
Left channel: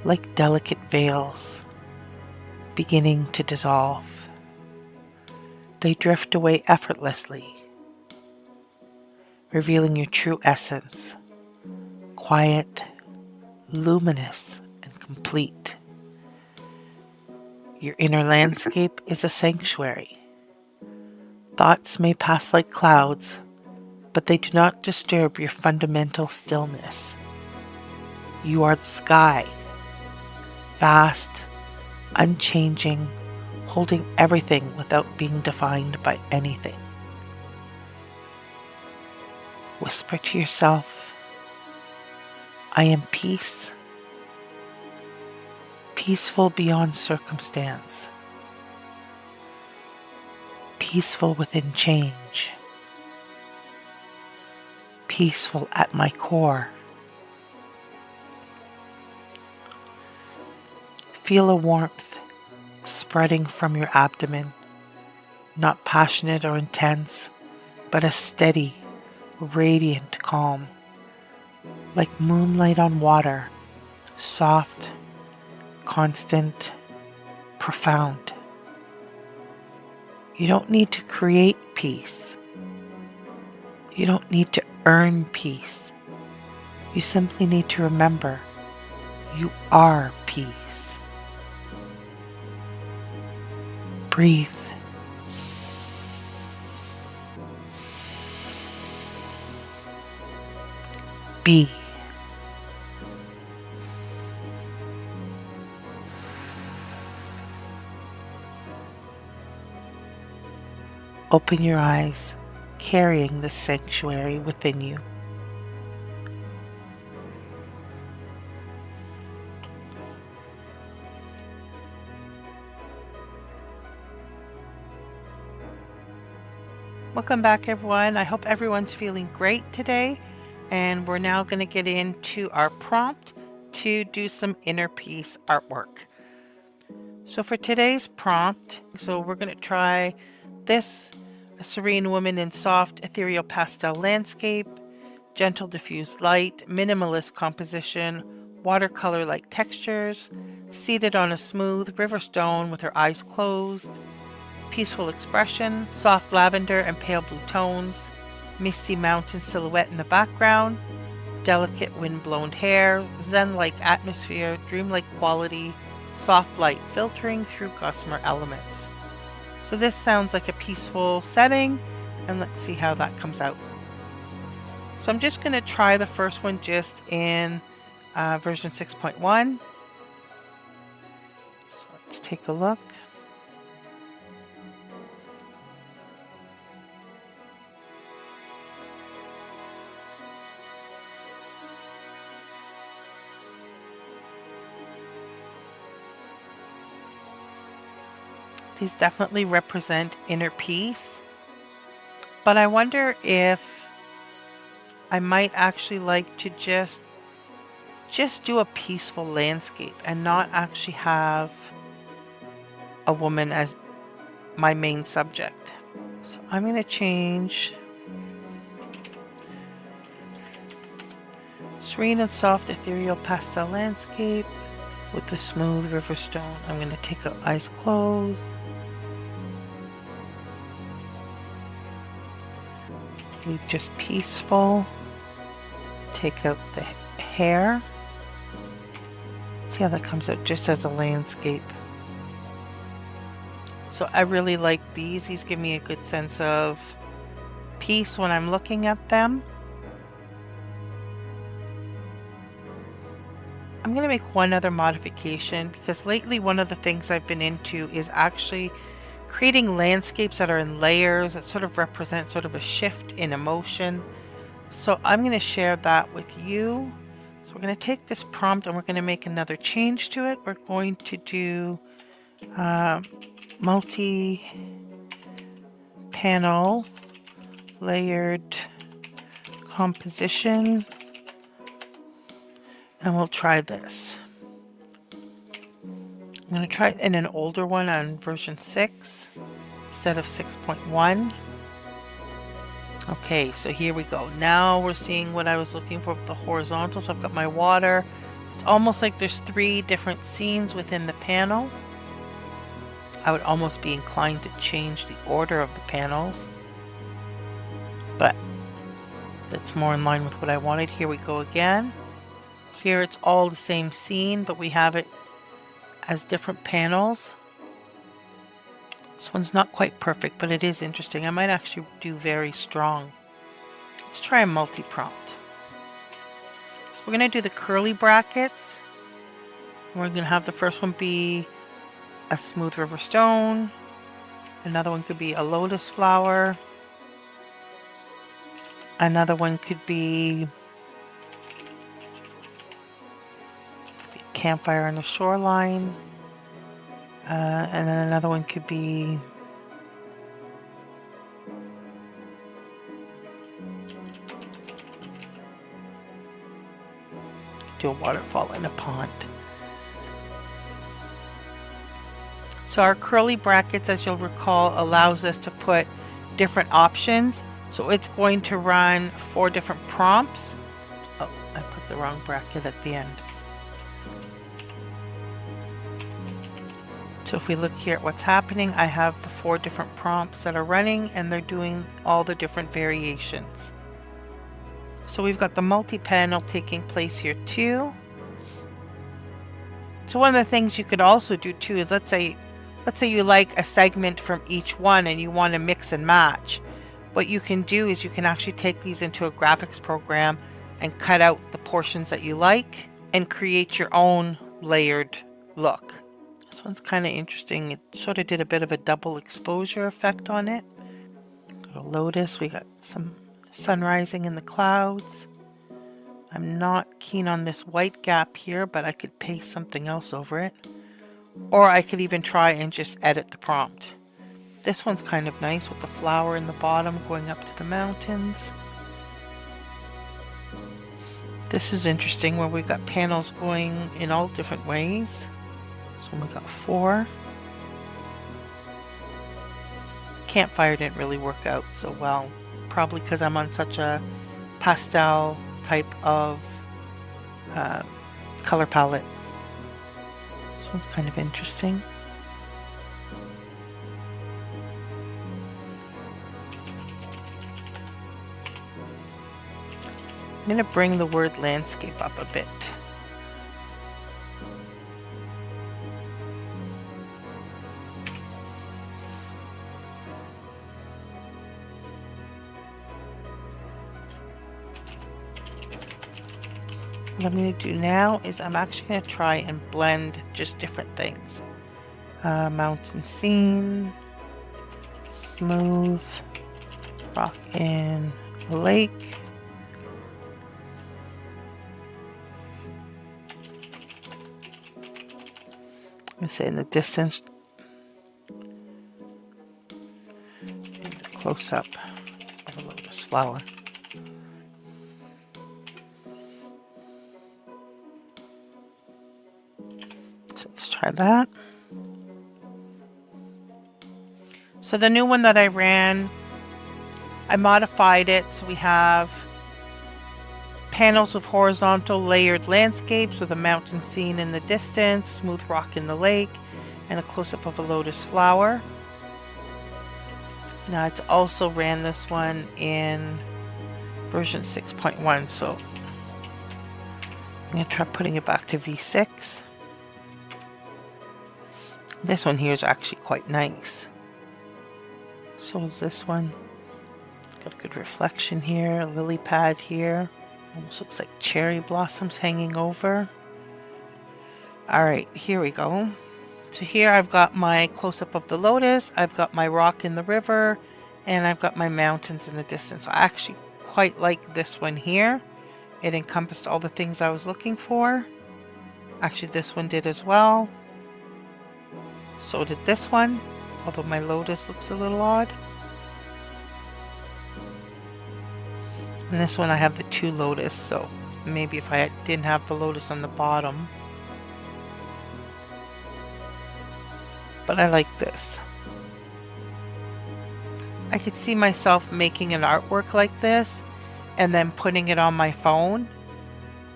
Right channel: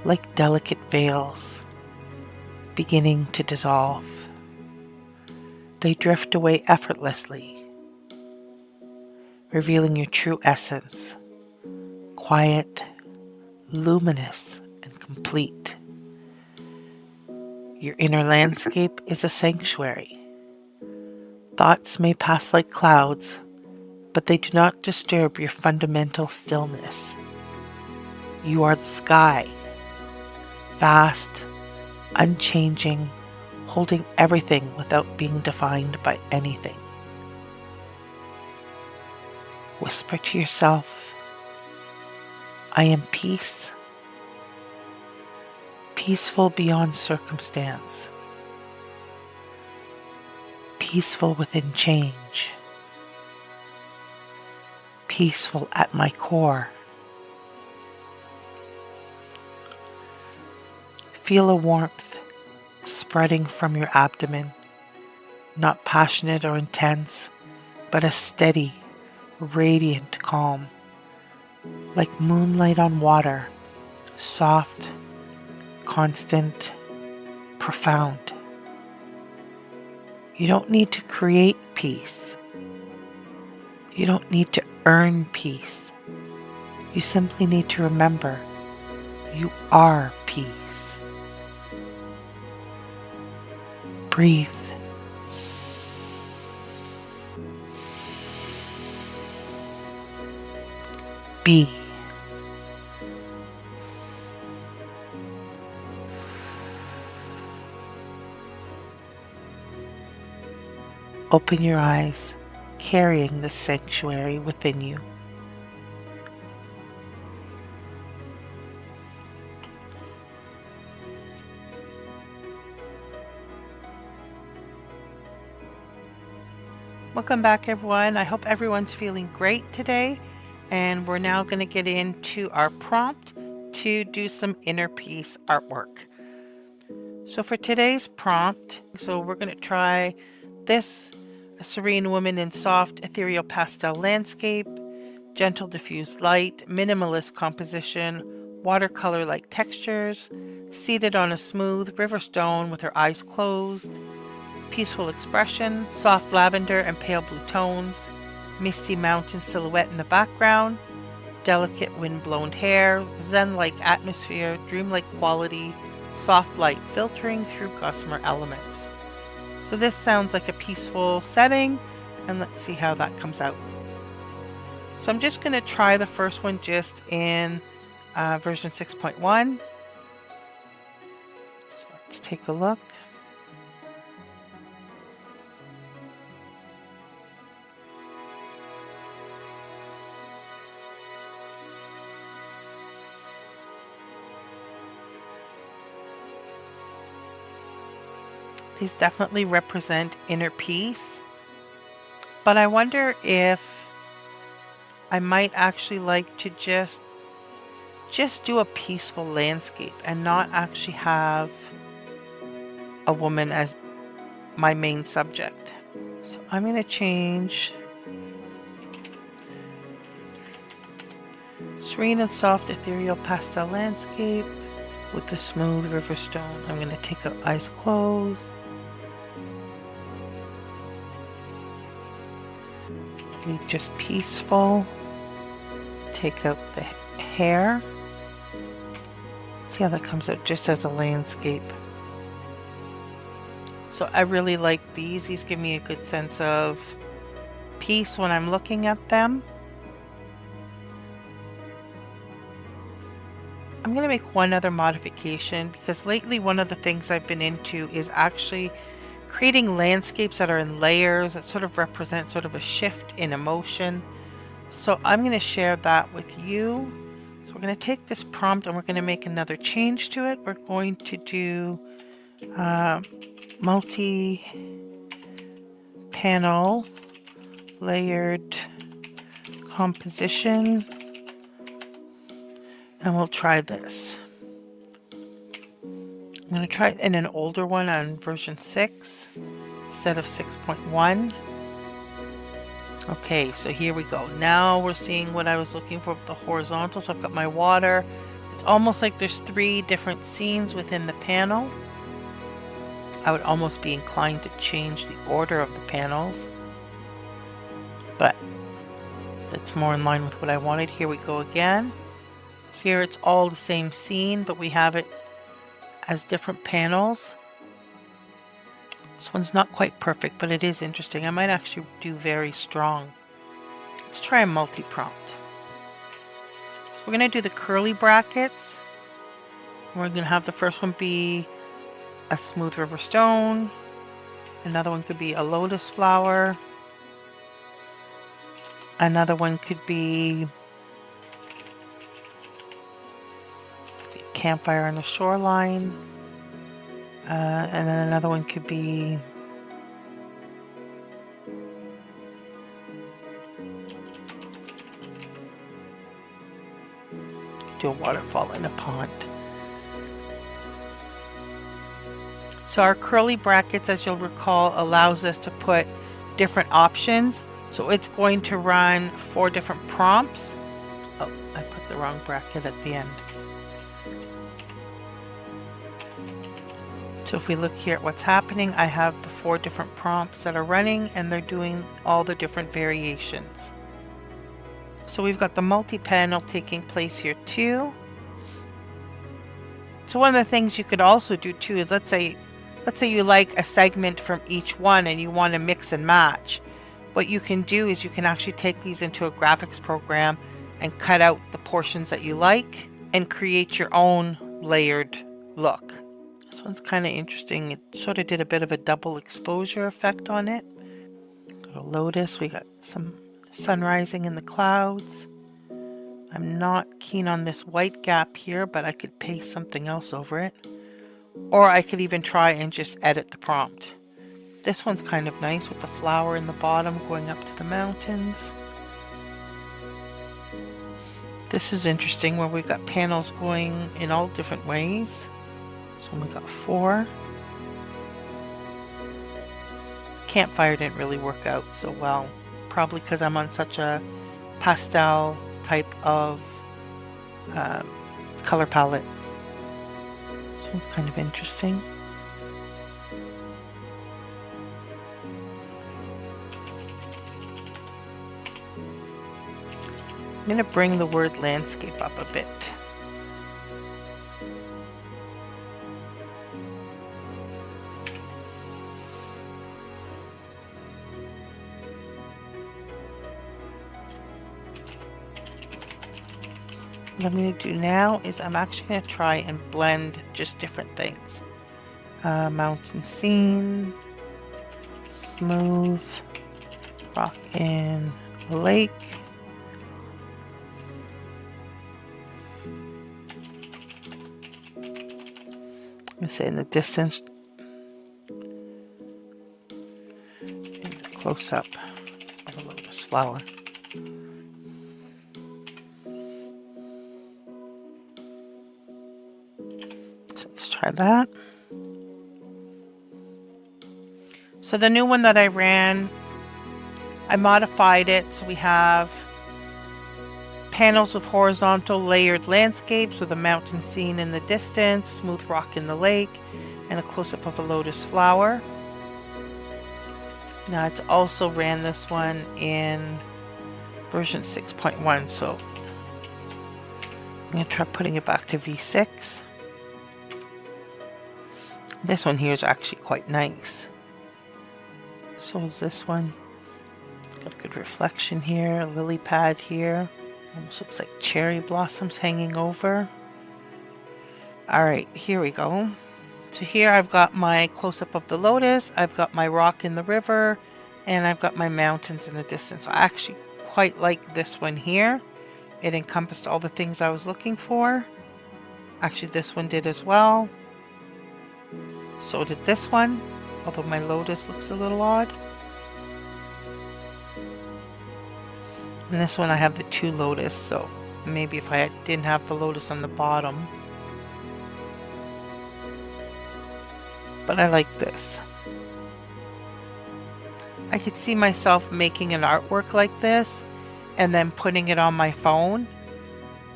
like delicate veils beginning to dissolve. They drift away effortlessly, revealing your true essence, quiet, luminous, and complete. Your inner landscape is a sanctuary. Thoughts may pass like clouds, but they do not disturb your fundamental stillness. You are the sky, vast, unchanging, holding everything without being defined by anything. Whisper to yourself, I am peace, peaceful beyond circumstance, peaceful within change, peaceful at my core. Feel a warmth spreading from your abdomen, not passionate or intense, but a steady, radiant calm, like moonlight on water, soft, constant, profound. You don't need to create peace. You don't need to earn peace. You simply need to remember you are peace. Breathe. Be. Open your eyes, carrying the sanctuary within you. Welcome back, everyone. I hope everyone's feeling great today. And we're now going to get into our prompt to do some inner peace artwork. So for today's prompt, we're going to try this, a serene woman in soft ethereal pastel landscape, gentle diffused light, minimalist composition, watercolor-like textures, seated on a smooth river stone with her eyes closed, peaceful expression, soft lavender and pale blue tones, misty mountain silhouette in the background, delicate wind-blown hair, zen-like atmosphere, dreamlike quality, soft light filtering through gossamer elements. So this sounds like a peaceful setting, and let's see how that comes out. So I'm just going to try the first one just in version 6.1. So let's take a look. These definitely represent inner peace, but I wonder if I might actually like to just do a peaceful landscape and not actually have a woman as my main subject. So I'm going to change serene and soft ethereal pastel landscape with the smooth river stone. I'm going to take out eyes closed. Leave just peaceful. Take out the hair. See how that comes out just as a landscape. So I really like these. These give me a good sense of peace when I'm looking at them. I'm going to make one other modification because lately one of the things I've been into is actually creating landscapes that are in layers that sort of represent sort of a shift in emotion. So I'm going to share that with you. So we're going to take this prompt and we're going to make another change to it. We're going to do multi-panel layered composition. And we'll try this. I'm going to try it in an older one on version 6 instead of 6.1. Okay, so here we go. Now we're seeing what I was looking for with the horizontal. So I've got my water It's almost like there's 3 different scenes within the panel. I would almost be inclined to change the order of the panels, but that's more in line with what I wanted. Here we go again. Here it's all the same scene, but we have it as different panels. This one's not quite perfect, but it is interesting. I might actually do very strong. Let's try a multi-prompt. So we're going to do the curly brackets. We're going to have the first one be a smooth river stone. Another one could be a lotus flower. Another one could be a campfire on the shoreline. And then another one could be do a waterfall in a pond. So our curly brackets, as you'll recall, allows us to put different options. So it's going to run 4 different prompts. Oh, I put the wrong bracket at the end. So if we look here at what's happening, I have the 4 different prompts that are running, and they're doing all the different variations. So we've got the multi-panel taking place here too. So one of the things you could also do too is let's say you like a segment from each one and you want to mix and match. What you can do is you can actually take these into a graphics program and cut out the portions that you like and create your own layered look. This one's kind of interesting. It sort of did a bit of a double exposure effect on it. Got a lotus. We got some sun rising in the clouds. I'm not keen on this white gap here, but I could paste something else over it. Or I could even try and just edit the prompt. This one's kind of nice with the flower in the bottom going up to the mountains. This is interesting where we've got panels going in all different ways. So we got 4. Campfire didn't really work out so well. Probably because I'm on such a pastel type of color palette. This one's kind of interesting. I'm going to bring the word landscape up a bit. What I'm going to do now is I'm actually going to try and blend just different things. Mountain scene, smooth, rock in a lake. I'm going to say in the distance, and a close-up of a lotus flower. Let's try that. So the new one that I ran, I modified it so we have panels of horizontal layered landscapes with a mountain scene in the distance, smooth rock in the lake, and a close-up of a lotus flower. Now it's also ran this one in version 6.1, so I'm going to try putting it back to V6. This one here is actually quite nice. So is this one. Got a good reflection here, a lily pad here. Almost looks like cherry blossoms hanging over. Alright, here we go. So here I've got my close-up of the lotus, I've got my rock in the river, and I've got my mountains in the distance. I actually quite like this one here. It encompassed all the things I was looking for. Actually, this one did as well. So did this one, although my lotus looks a little odd. And this one I have the 2 lotus, so maybe if I didn't have the lotus on the bottom. But I like this. I could see myself making an artwork like this and then putting it on my phone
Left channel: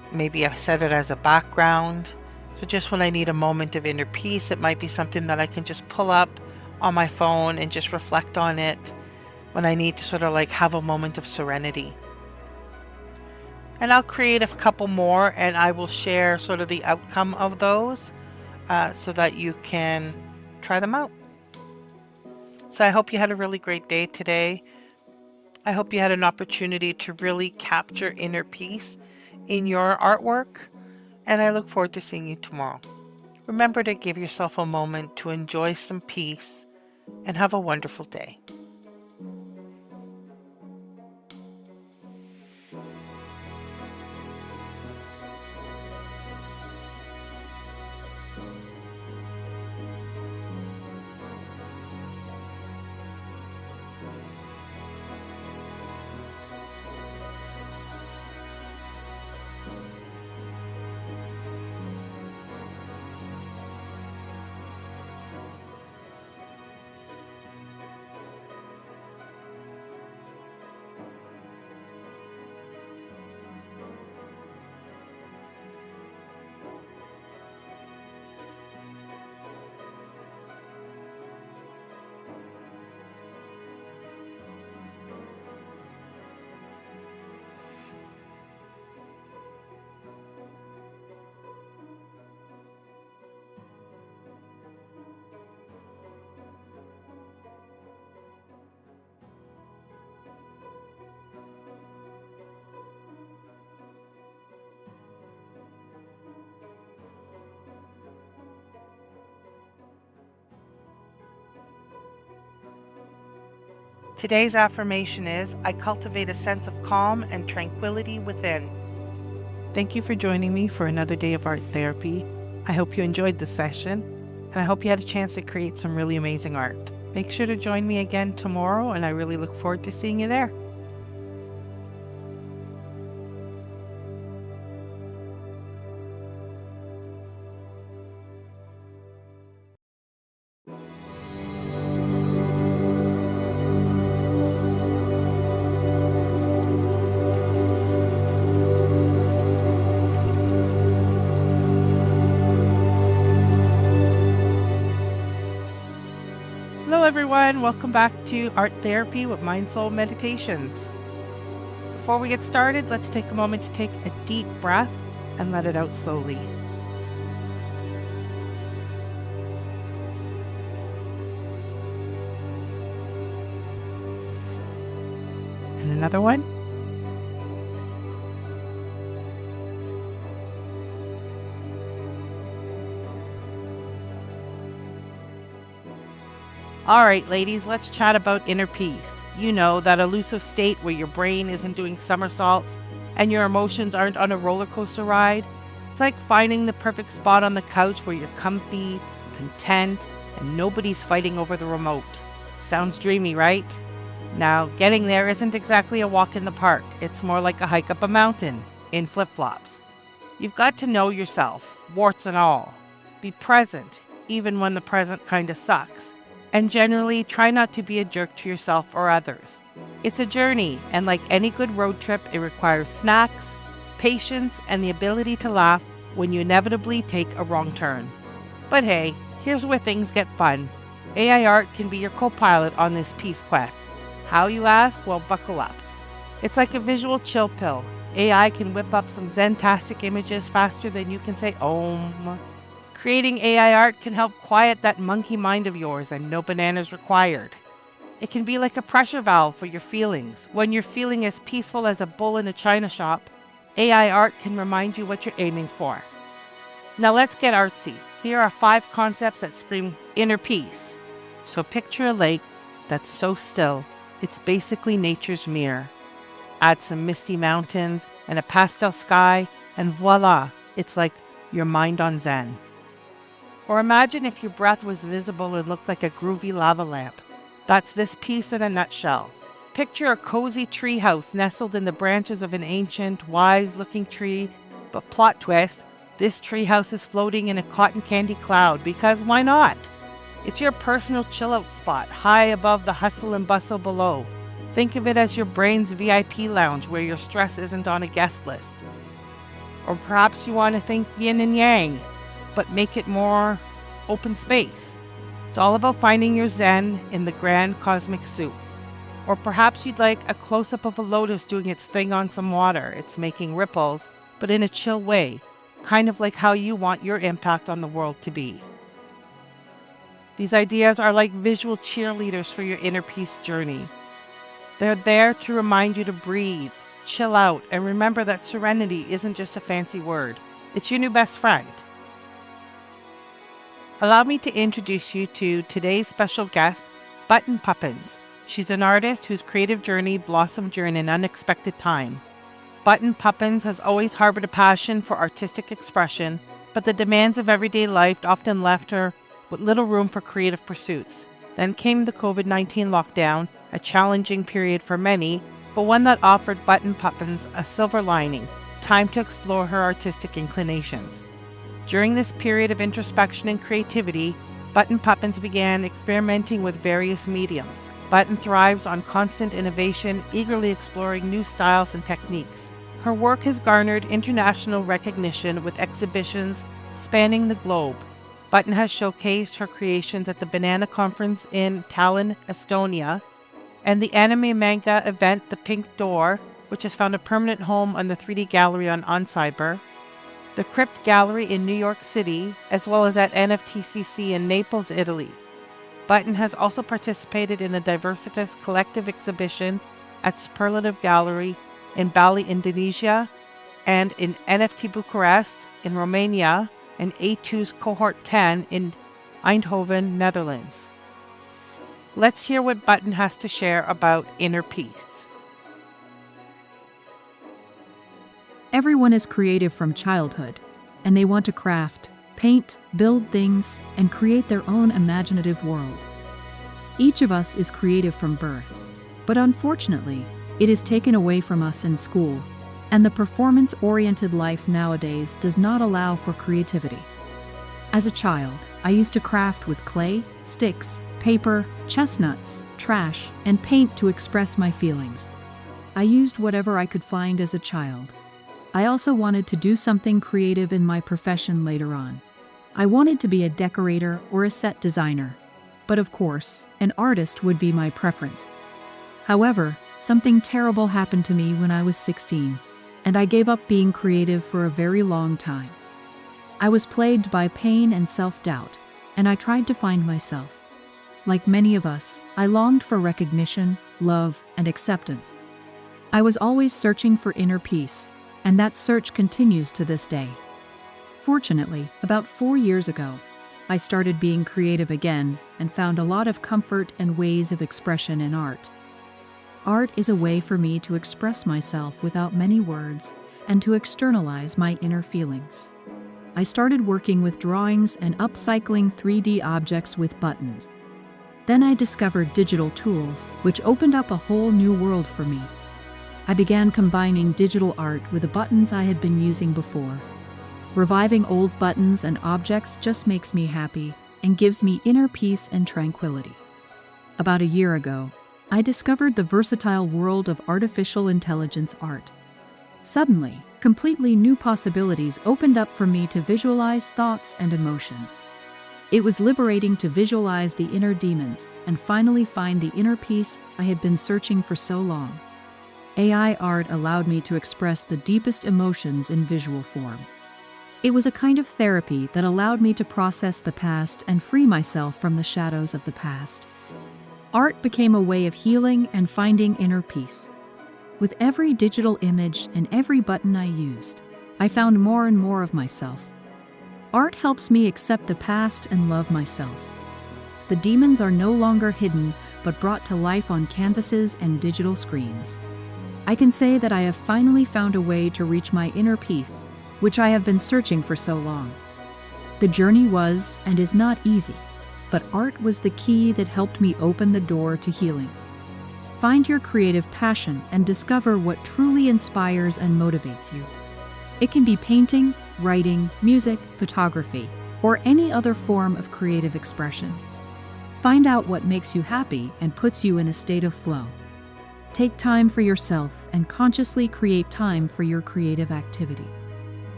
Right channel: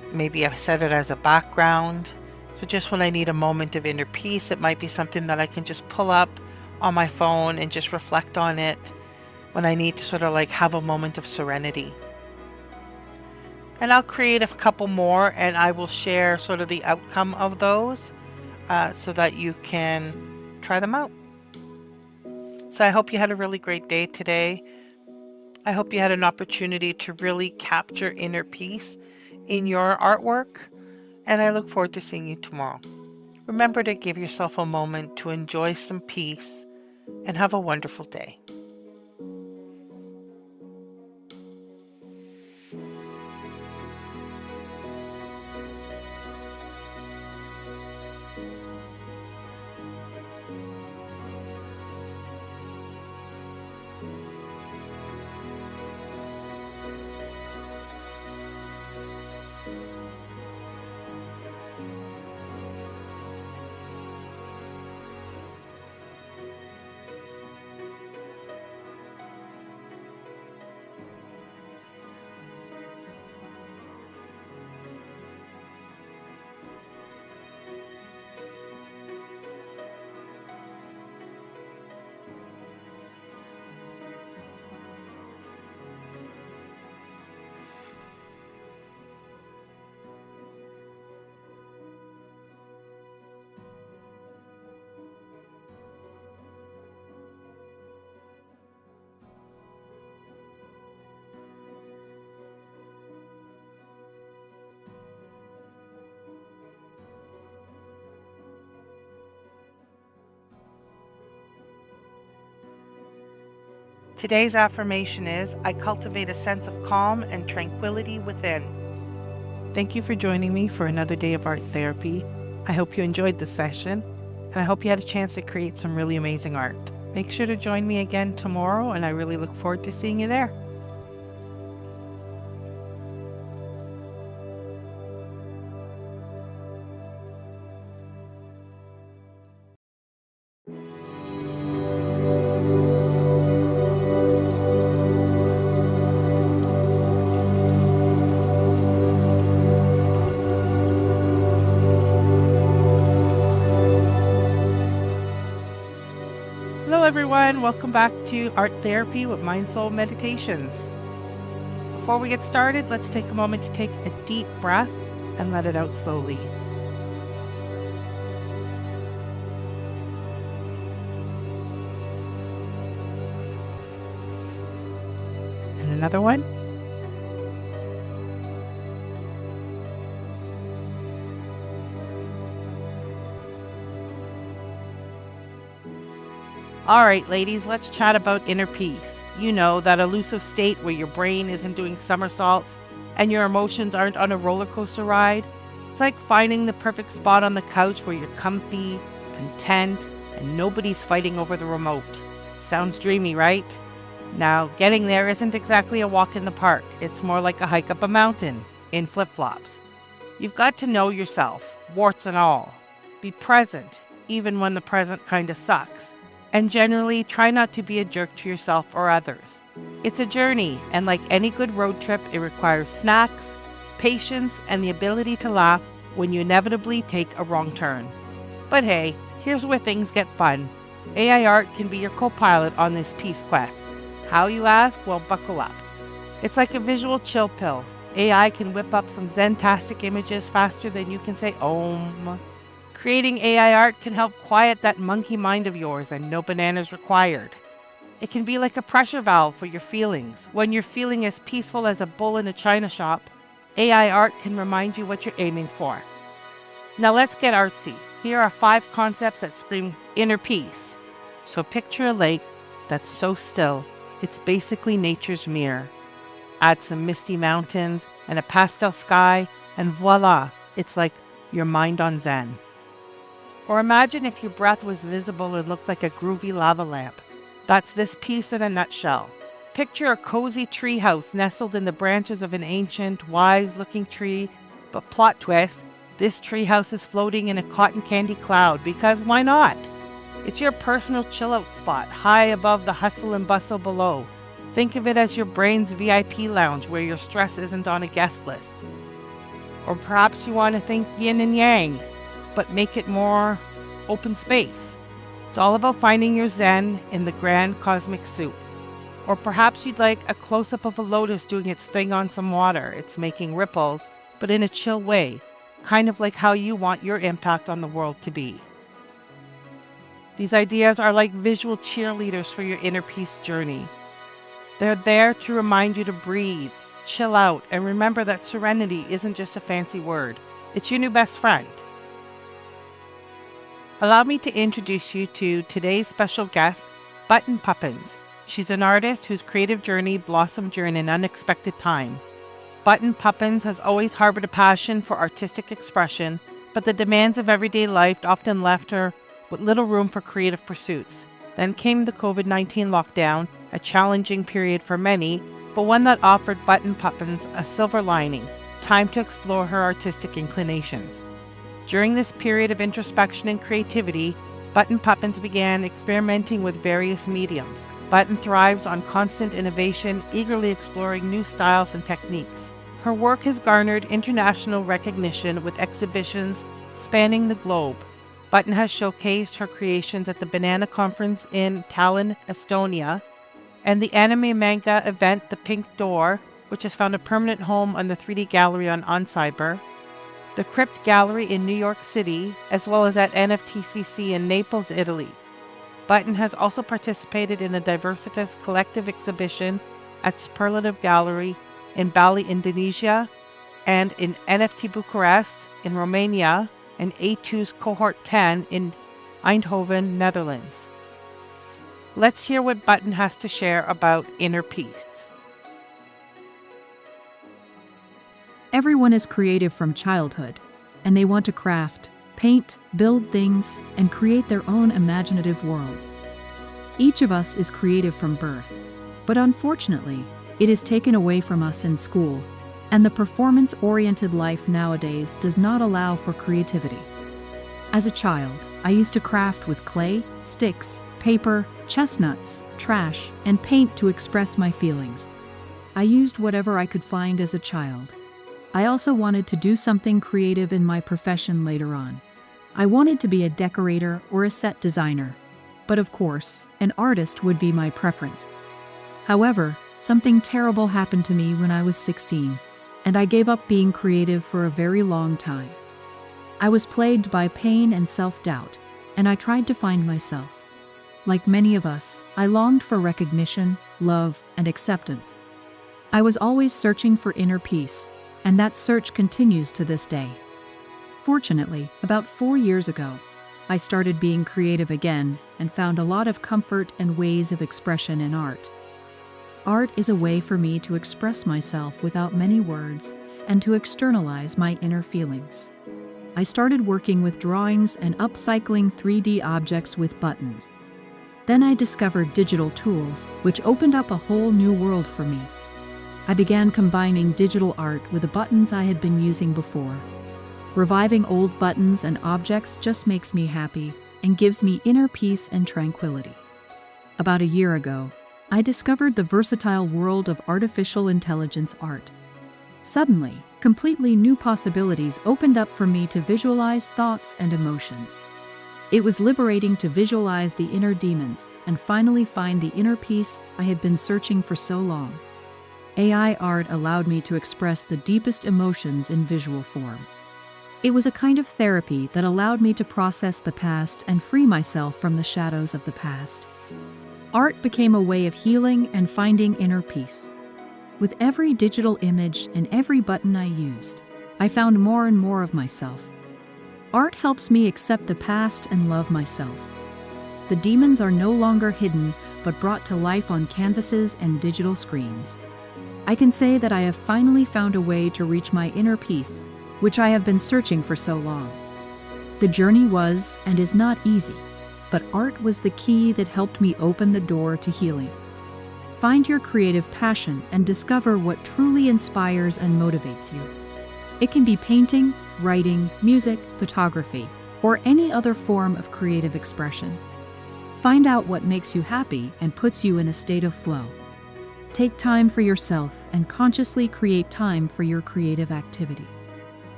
Maybe I set it as a background. So just when I need a moment of inner peace, it might be something that I can just pull up on my phone and just reflect on it when I need to sort of like have a moment of serenity. And I'll create a couple more and I will share sort of the outcome of those so that you can try them out. So I hope you had a really great day today. I hope you had an opportunity to really capture inner peace in your artwork, and I look forward to seeing you tomorrow. Remember to give yourself a moment to enjoy some peace and have a wonderful day. Today's affirmation is, I cultivate a sense of calm and tranquility within. Thank you for joining me for another day of art therapy. I hope you enjoyed the session, and I hope you had a chance to create some really amazing art. Make sure to join me again tomorrow, and I really look forward to seeing you there. Hello everyone, welcome back to Art Therapy with MindSoulMeditations. Before we get started, let's take a moment to take a deep breath and let it out slowly. And another one. All right, ladies, let's chat about inner peace. You know, that elusive state where your brain isn't doing somersaults and your emotions aren't on a roller coaster ride. It's like finding the perfect spot on the couch where you're comfy, content, and nobody's fighting over the remote. Sounds dreamy, right? Now, getting there isn't exactly a walk in the park. It's more like a hike up a mountain in flip-flops. You've got to know yourself, warts and all. Be present, even when the present kind of sucks. And generally, try not to be a jerk to yourself or others. It's a journey, and like any good road trip, it requires snacks, patience, and the ability to laugh when you inevitably take a wrong turn. But hey, here's where things get fun. AI art can be your co-pilot on this peace quest. How, you ask? Well, buckle up. It's like a visual chill pill. AI can whip up some zen-tastic images faster than you can say Om. Creating AI art can help quiet that monkey mind of yours, and no bananas required. It can be like a pressure valve for your feelings. When you're feeling as peaceful as a bull in a china shop, AI art can remind you what you're aiming for. Now let's get artsy. Here are 5 concepts that scream inner peace. So picture a lake that's so still, it's basically nature's mirror. Add some misty mountains and a pastel sky, and voila, it's like your mind on Zen. Or imagine if your breath was visible and looked like a groovy lava lamp. That's this piece in a nutshell. Picture a cozy treehouse nestled in the branches of an ancient, wise-looking tree, but plot twist, this treehouse is floating in a cotton candy cloud, because why not? It's your personal chill-out spot, high above the hustle and bustle below. Think of it as your brain's VIP lounge where your stress isn't on a guest list. Or perhaps you want to think yin and yang, but make it more open space. It's all about finding your zen in the grand cosmic soup. Or perhaps you'd like a close-up of a lotus doing its thing on some water. It's making ripples, but in a chill way, kind of like how you want your impact on the world to be. These ideas are like visual cheerleaders for your inner peace journey. They're there to remind you to breathe, chill out, and remember that serenity isn't just a fancy word. It's your new best friend. Allow me to introduce you to today's special guest, Button Puppins. She's an artist whose creative journey blossomed during an unexpected time. Button Puppins has always harbored a passion for artistic expression, but the demands of everyday life often left her with little room for creative pursuits. Then came the COVID-19 lockdown, a challenging period for many, but one that offered Button Puppins a silver lining, time to explore her artistic inclinations. During this period of introspection and creativity, Button Puppins began experimenting with various mediums. Button thrives on constant innovation, eagerly exploring new styles and techniques. Her work has garnered international recognition with exhibitions spanning the globe. Button has showcased her creations at the Banana Conference in Tallinn, Estonia, and the anime manga event The Pink Door, which has found a permanent home on the 3D Gallery on Cyber, the Crypt Gallery in New York City, as well as at NFTCC in Naples, Italy. Button has also participated in the Diversitas Collective exhibition at Superlative Gallery in Bali, Indonesia, and in NFT Bucharest in Romania, and A2's Cohort 10 in Eindhoven, Netherlands. Let's hear what Button has to share about inner peace. Everyone is creative from childhood, and they want to craft, paint, build things, and create their own imaginative worlds. Each of us is creative from birth, but unfortunately, it is taken away from us in school, and the performance-oriented life nowadays does not allow for creativity. As a child, I used to craft with clay, sticks, paper, chestnuts, trash, and paint to express my feelings. I used whatever I could find as a child. I also wanted to do something creative in my profession later on. I wanted to be a decorator or a set designer, but of course, an artist would be my preference. However, something terrible happened to me when I was 16, and I gave up being creative for a very long time. I was plagued by pain and self-doubt, and I tried to find myself. Like many of us, I longed for recognition, love, and acceptance. I was always searching for inner peace, and that search continues to this day. Fortunately, about 4 years ago, I started being creative again and found a lot of comfort and ways of expression in art. Art is a way for me to express myself without many words and to externalize my inner feelings. I started working with drawings and upcycling 3D objects with buttons. Then I discovered digital tools, which opened up a whole new world for me. I began combining digital art with the buttons I had been using before. Reviving old buttons and objects just makes me happy and gives me inner peace and tranquility. About a year ago, I discovered the versatile world of artificial intelligence art. Suddenly, completely new possibilities opened up for me to visualize thoughts and emotions. It was liberating to visualize the inner demons and finally find the inner peace I had been searching for so long. AI art allowed me to express the deepest emotions in visual form. It was a kind of therapy that allowed me to process the past and free myself from the shadows of the past. Art became a way of healing and finding inner peace. With every digital image and every button I used, I found more and more of myself. Art helps me accept the past and love myself. The demons are no longer hidden, but brought to life on canvases and digital screens. I can say that I have finally found a way to reach my inner peace, which I have been searching for so long. The journey was and is not easy, but art was the key that helped me open the door to healing. Find your creative passion and discover what truly inspires and motivates you. It can be painting, writing, music, photography, or any other form of creative expression. Find out what makes you happy and puts you in a state of flow. Take time for yourself and consciously create time for your creative activity.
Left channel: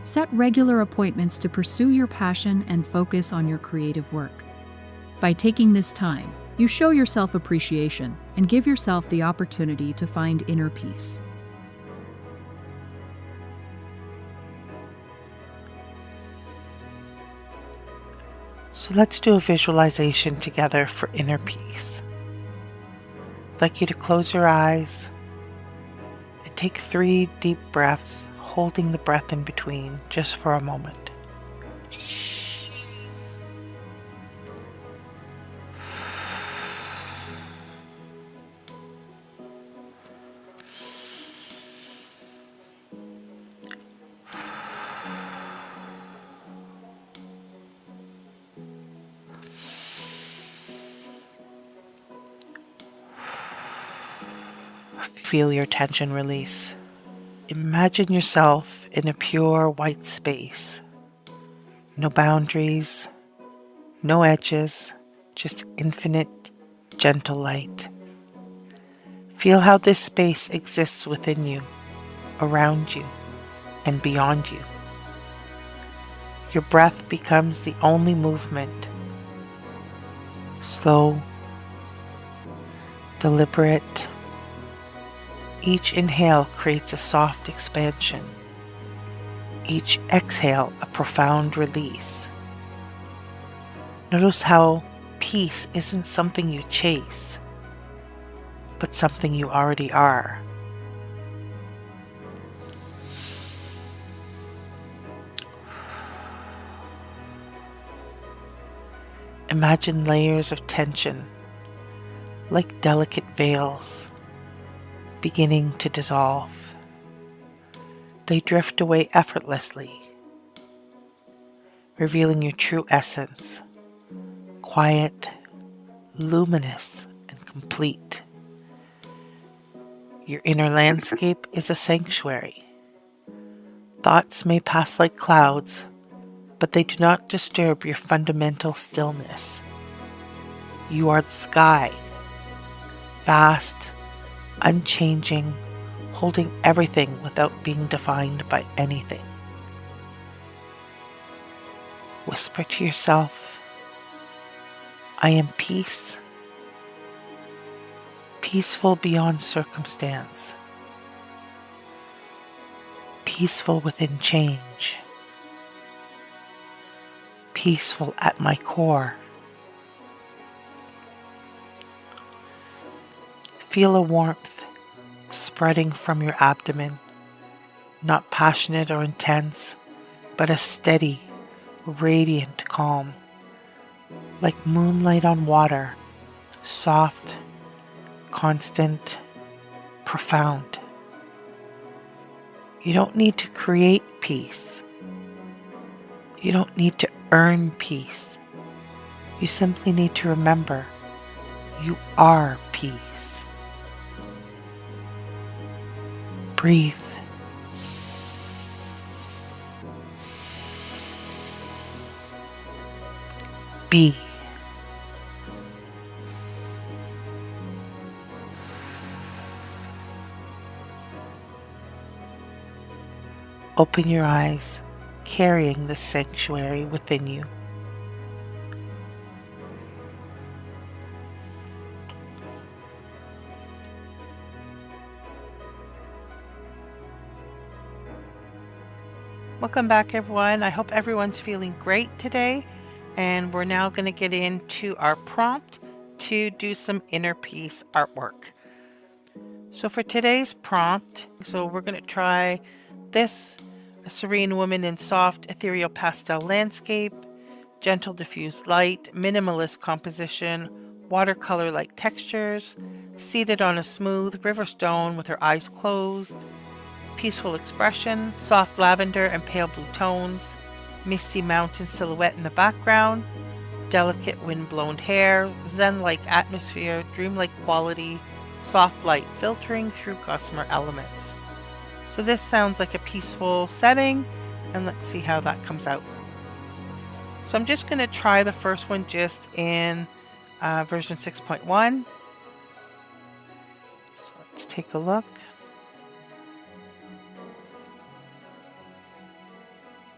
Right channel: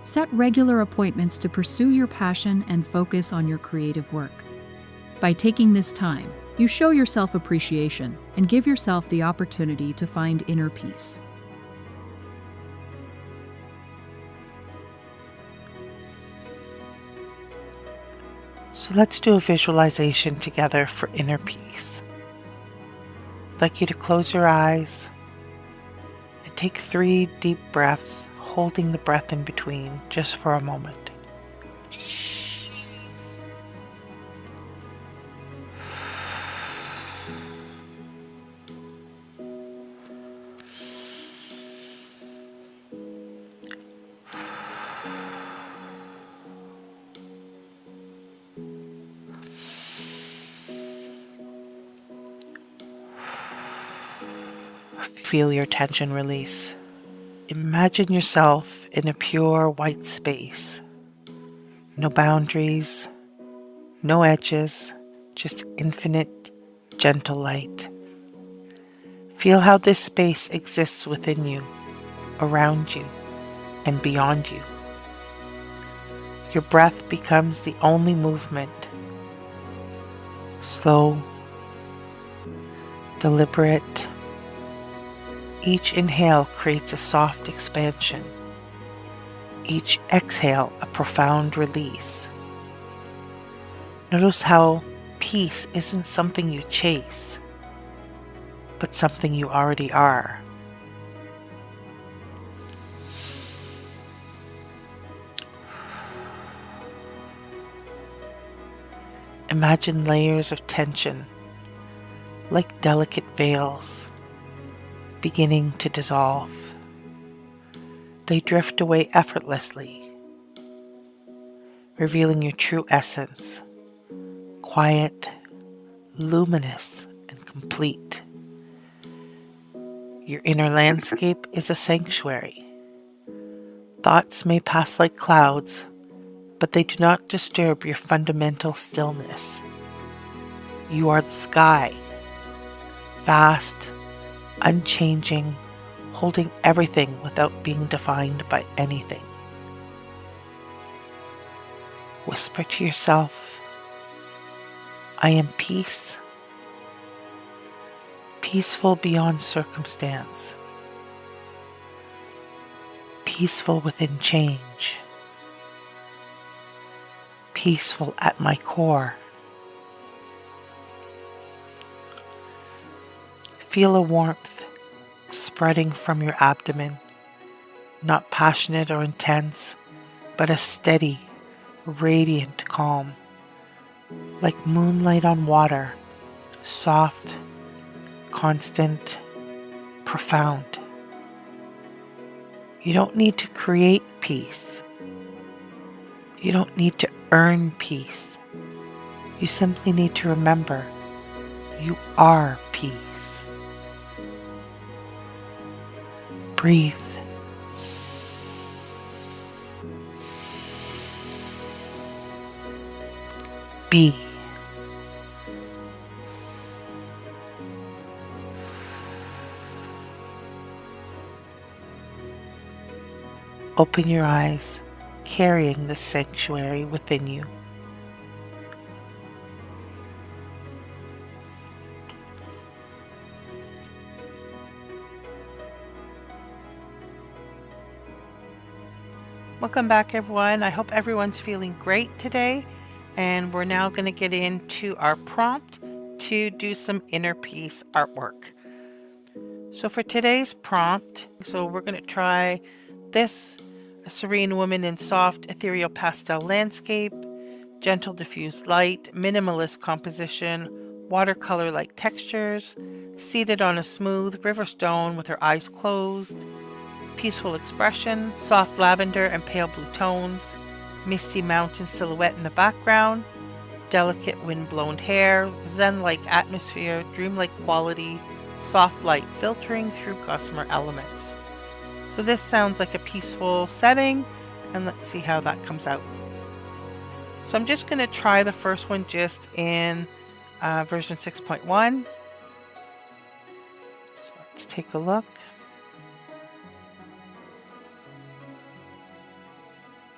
Set regular appointments to pursue your passion and focus on your creative work. By taking this time, you show yourself appreciation and give yourself the opportunity to find inner peace. So let's do a visualization together for inner peace. I'd like you to close your eyes and take 3 deep breaths, holding the breath in between just for a moment. Feel your tension release. Imagine yourself in a pure white space. No boundaries, no edges, just infinite, gentle light. Feel how this space exists within you, around you, and beyond you. Your breath becomes the only movement. Slow, deliberate. Each inhale creates a soft expansion. Each exhale a profound release. Notice how peace isn't something you chase, but something you already are. Imagine layers of tension, like delicate veils, beginning to dissolve. They drift away effortlessly, revealing your true essence, quiet, luminous, and complete. Your inner landscape is a sanctuary. Thoughts may pass like clouds, but they do not disturb your fundamental stillness. You are the sky, vast, unchanging, holding everything without being defined by anything. Whisper to yourself, I am peace, peaceful beyond circumstance, peaceful within change, peaceful at my core. Feel a warmth spreading from your abdomen, not passionate or intense, but a steady, radiant calm, like moonlight on water, soft, constant, profound. You don't need to create peace. You don't need to earn peace. You simply need to remember you are peace. Breathe. Be. Open your eyes, carrying the sanctuary within you. Welcome back, everyone. I hope everyone's feeling great today. And we're now going to get into our prompt to do some inner peace artwork. So for today's prompt, we're going to try this, a serene woman in soft ethereal pastel landscape, gentle diffused light, minimalist composition, watercolor-like textures, seated on a smooth river stone with her eyes closed, peaceful expression, soft lavender and pale blue tones, misty mountain silhouette in the background, delicate wind-blown hair, zen-like atmosphere, dreamlike quality, soft light filtering through gossamer elements. So this sounds like a peaceful setting, and let's see how that comes out. So I'm just going to try the first one just in version 6.1. So let's take a look.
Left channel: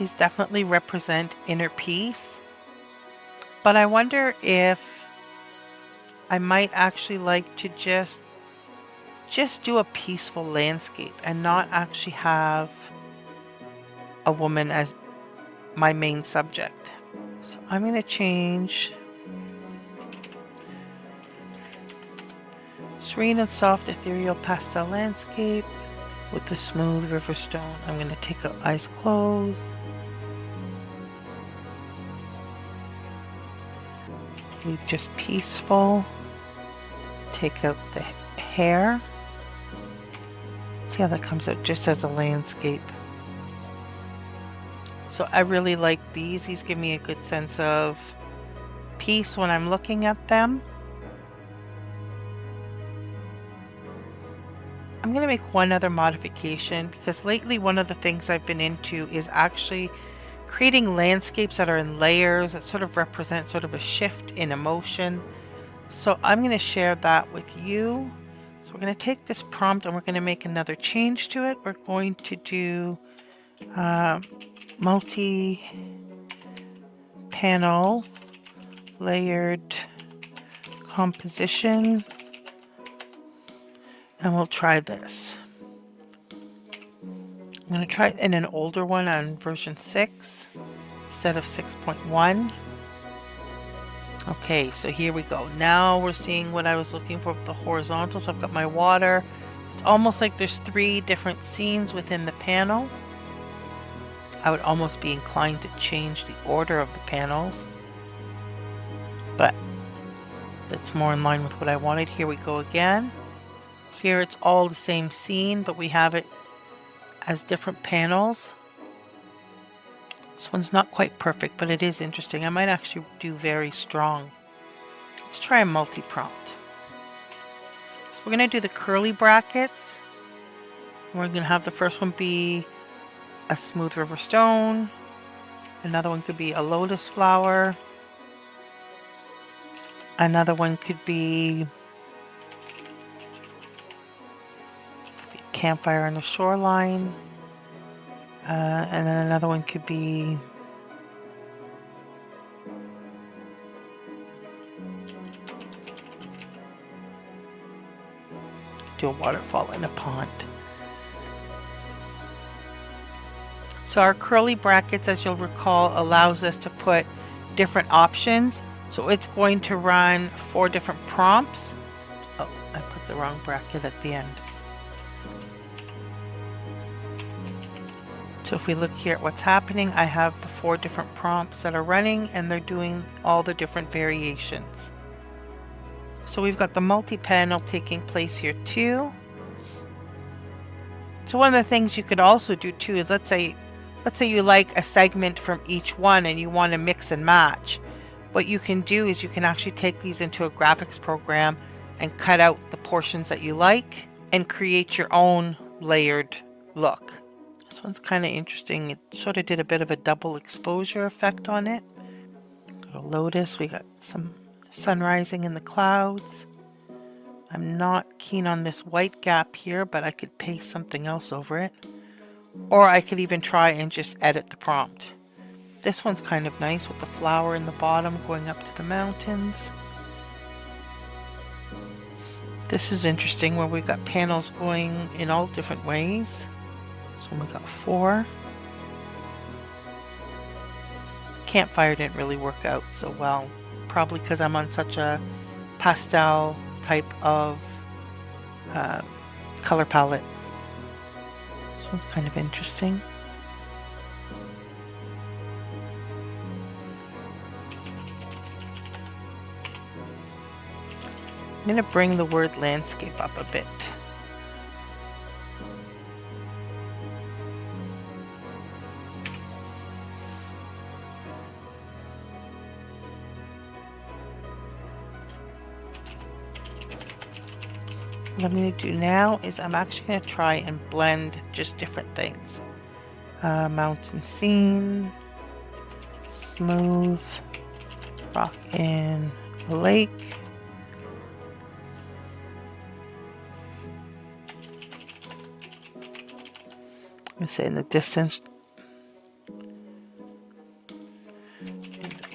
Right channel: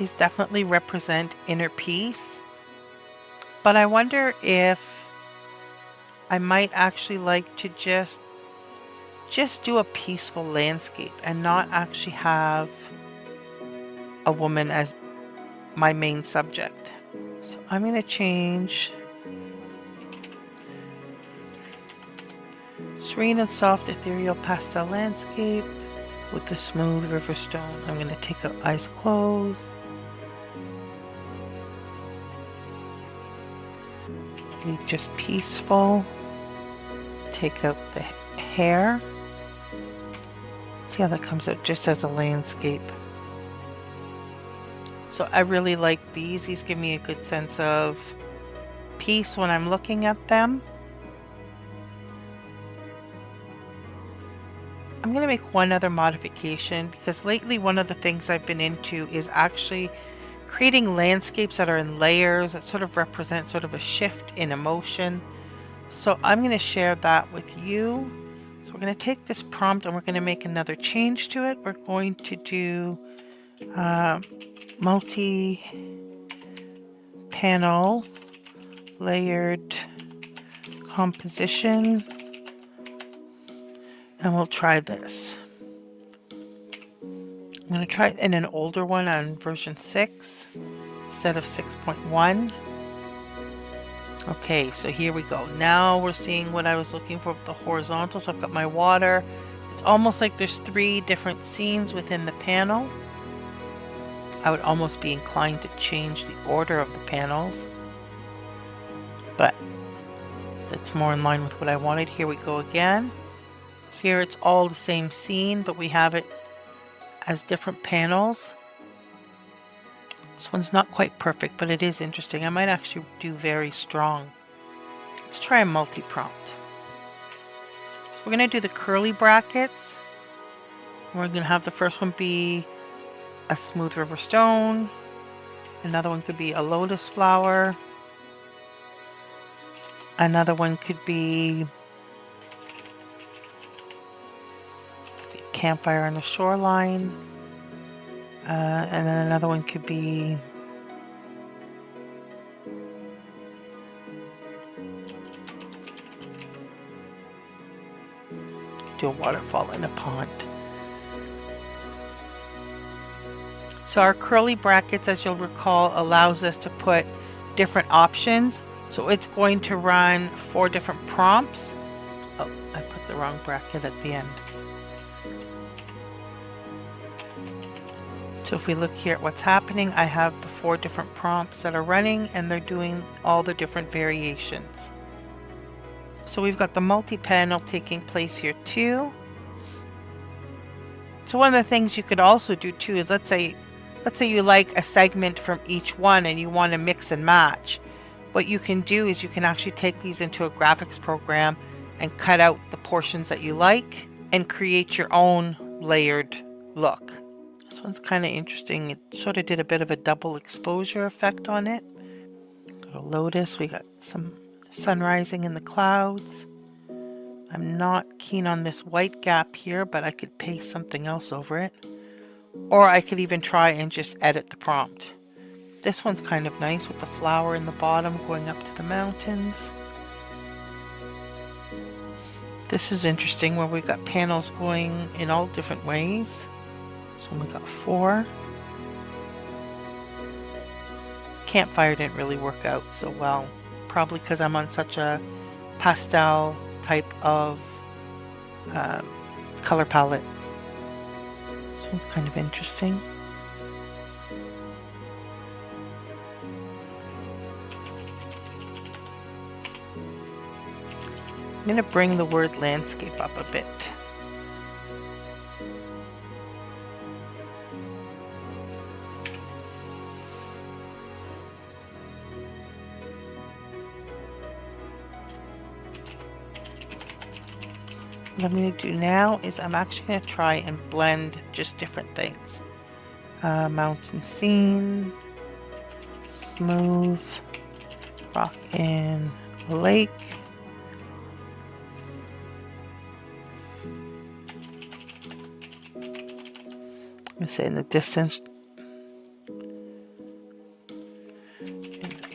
These definitely represent inner peace, but I wonder if I might actually like to just do a peaceful landscape and not actually have a woman as my main subject. So I'm going to change serene and soft ethereal pastel landscape with the smooth river stone. I'm going to take out eyes closed. Leave just peaceful. Take out the hair. See how that comes out just as a landscape. So I really like these. These give me a good sense of peace when I'm looking at them. I'm going to make one other modification because lately one of the things I've been into is actually creating landscapes that are in layers that sort of represent sort of a shift in emotion. So I'm going to share that with you. So we're going to take this prompt and we're going to make another change to it. We're going to do multi-panel layered composition, and we'll try this. I'm going to try it in an older one on version 6 instead of 6.1. Okay, so here we go. Now we're seeing what I was looking for with the horizontal. So I've got my water. It's almost like there's 3 different scenes within the panel. I would almost be inclined to change the order of the panels, but that's more in line with what I wanted. Here we go again. Here it's all the same scene, but we have it as different panels. This one's not quite perfect, but it is interesting. I might actually do very strong. Let's try a multi-prompt. So we're going to do the curly brackets. We're going to have the first one be a smooth river stone. Another one could be a lotus flower. Another one could be a campfire on the shoreline. And then another one could be do a waterfall in a pond. So our curly brackets, as you'll recall, allows us to put different options. So it's going to run 4 different prompts. Oh, I put the wrong bracket at the end. So if we look here at what's happening, I have the 4 different prompts that are running and they're doing all the different variations. So we've got the multi-panel taking place here too. So one of the things you could also do too is let's say you like a segment from each one and you want to mix and match. What you can do is you can actually take these into a graphics program and cut out the portions that you like and create your own layered look. This one's kind of interesting. It sort of did a bit of a double exposure effect on it. Got a lotus. We got some sun rising in the clouds. I'm not keen on this white gap here, but I could paste something else over it. Or I could even try and just edit the prompt. This one's kind of nice with the flower in the bottom going up to the mountains. This is interesting where we've got panels going in all different ways. So we got 4. Campfire didn't really work out so well, probably because I'm on such a pastel type of color palette. This one's kind of interesting. I'm going to bring the word landscape up a bit. What I'm going to do now is I'm actually going to try and blend just different things. Mountain scene, smooth, rock in a lake. I'm going to say in the distance,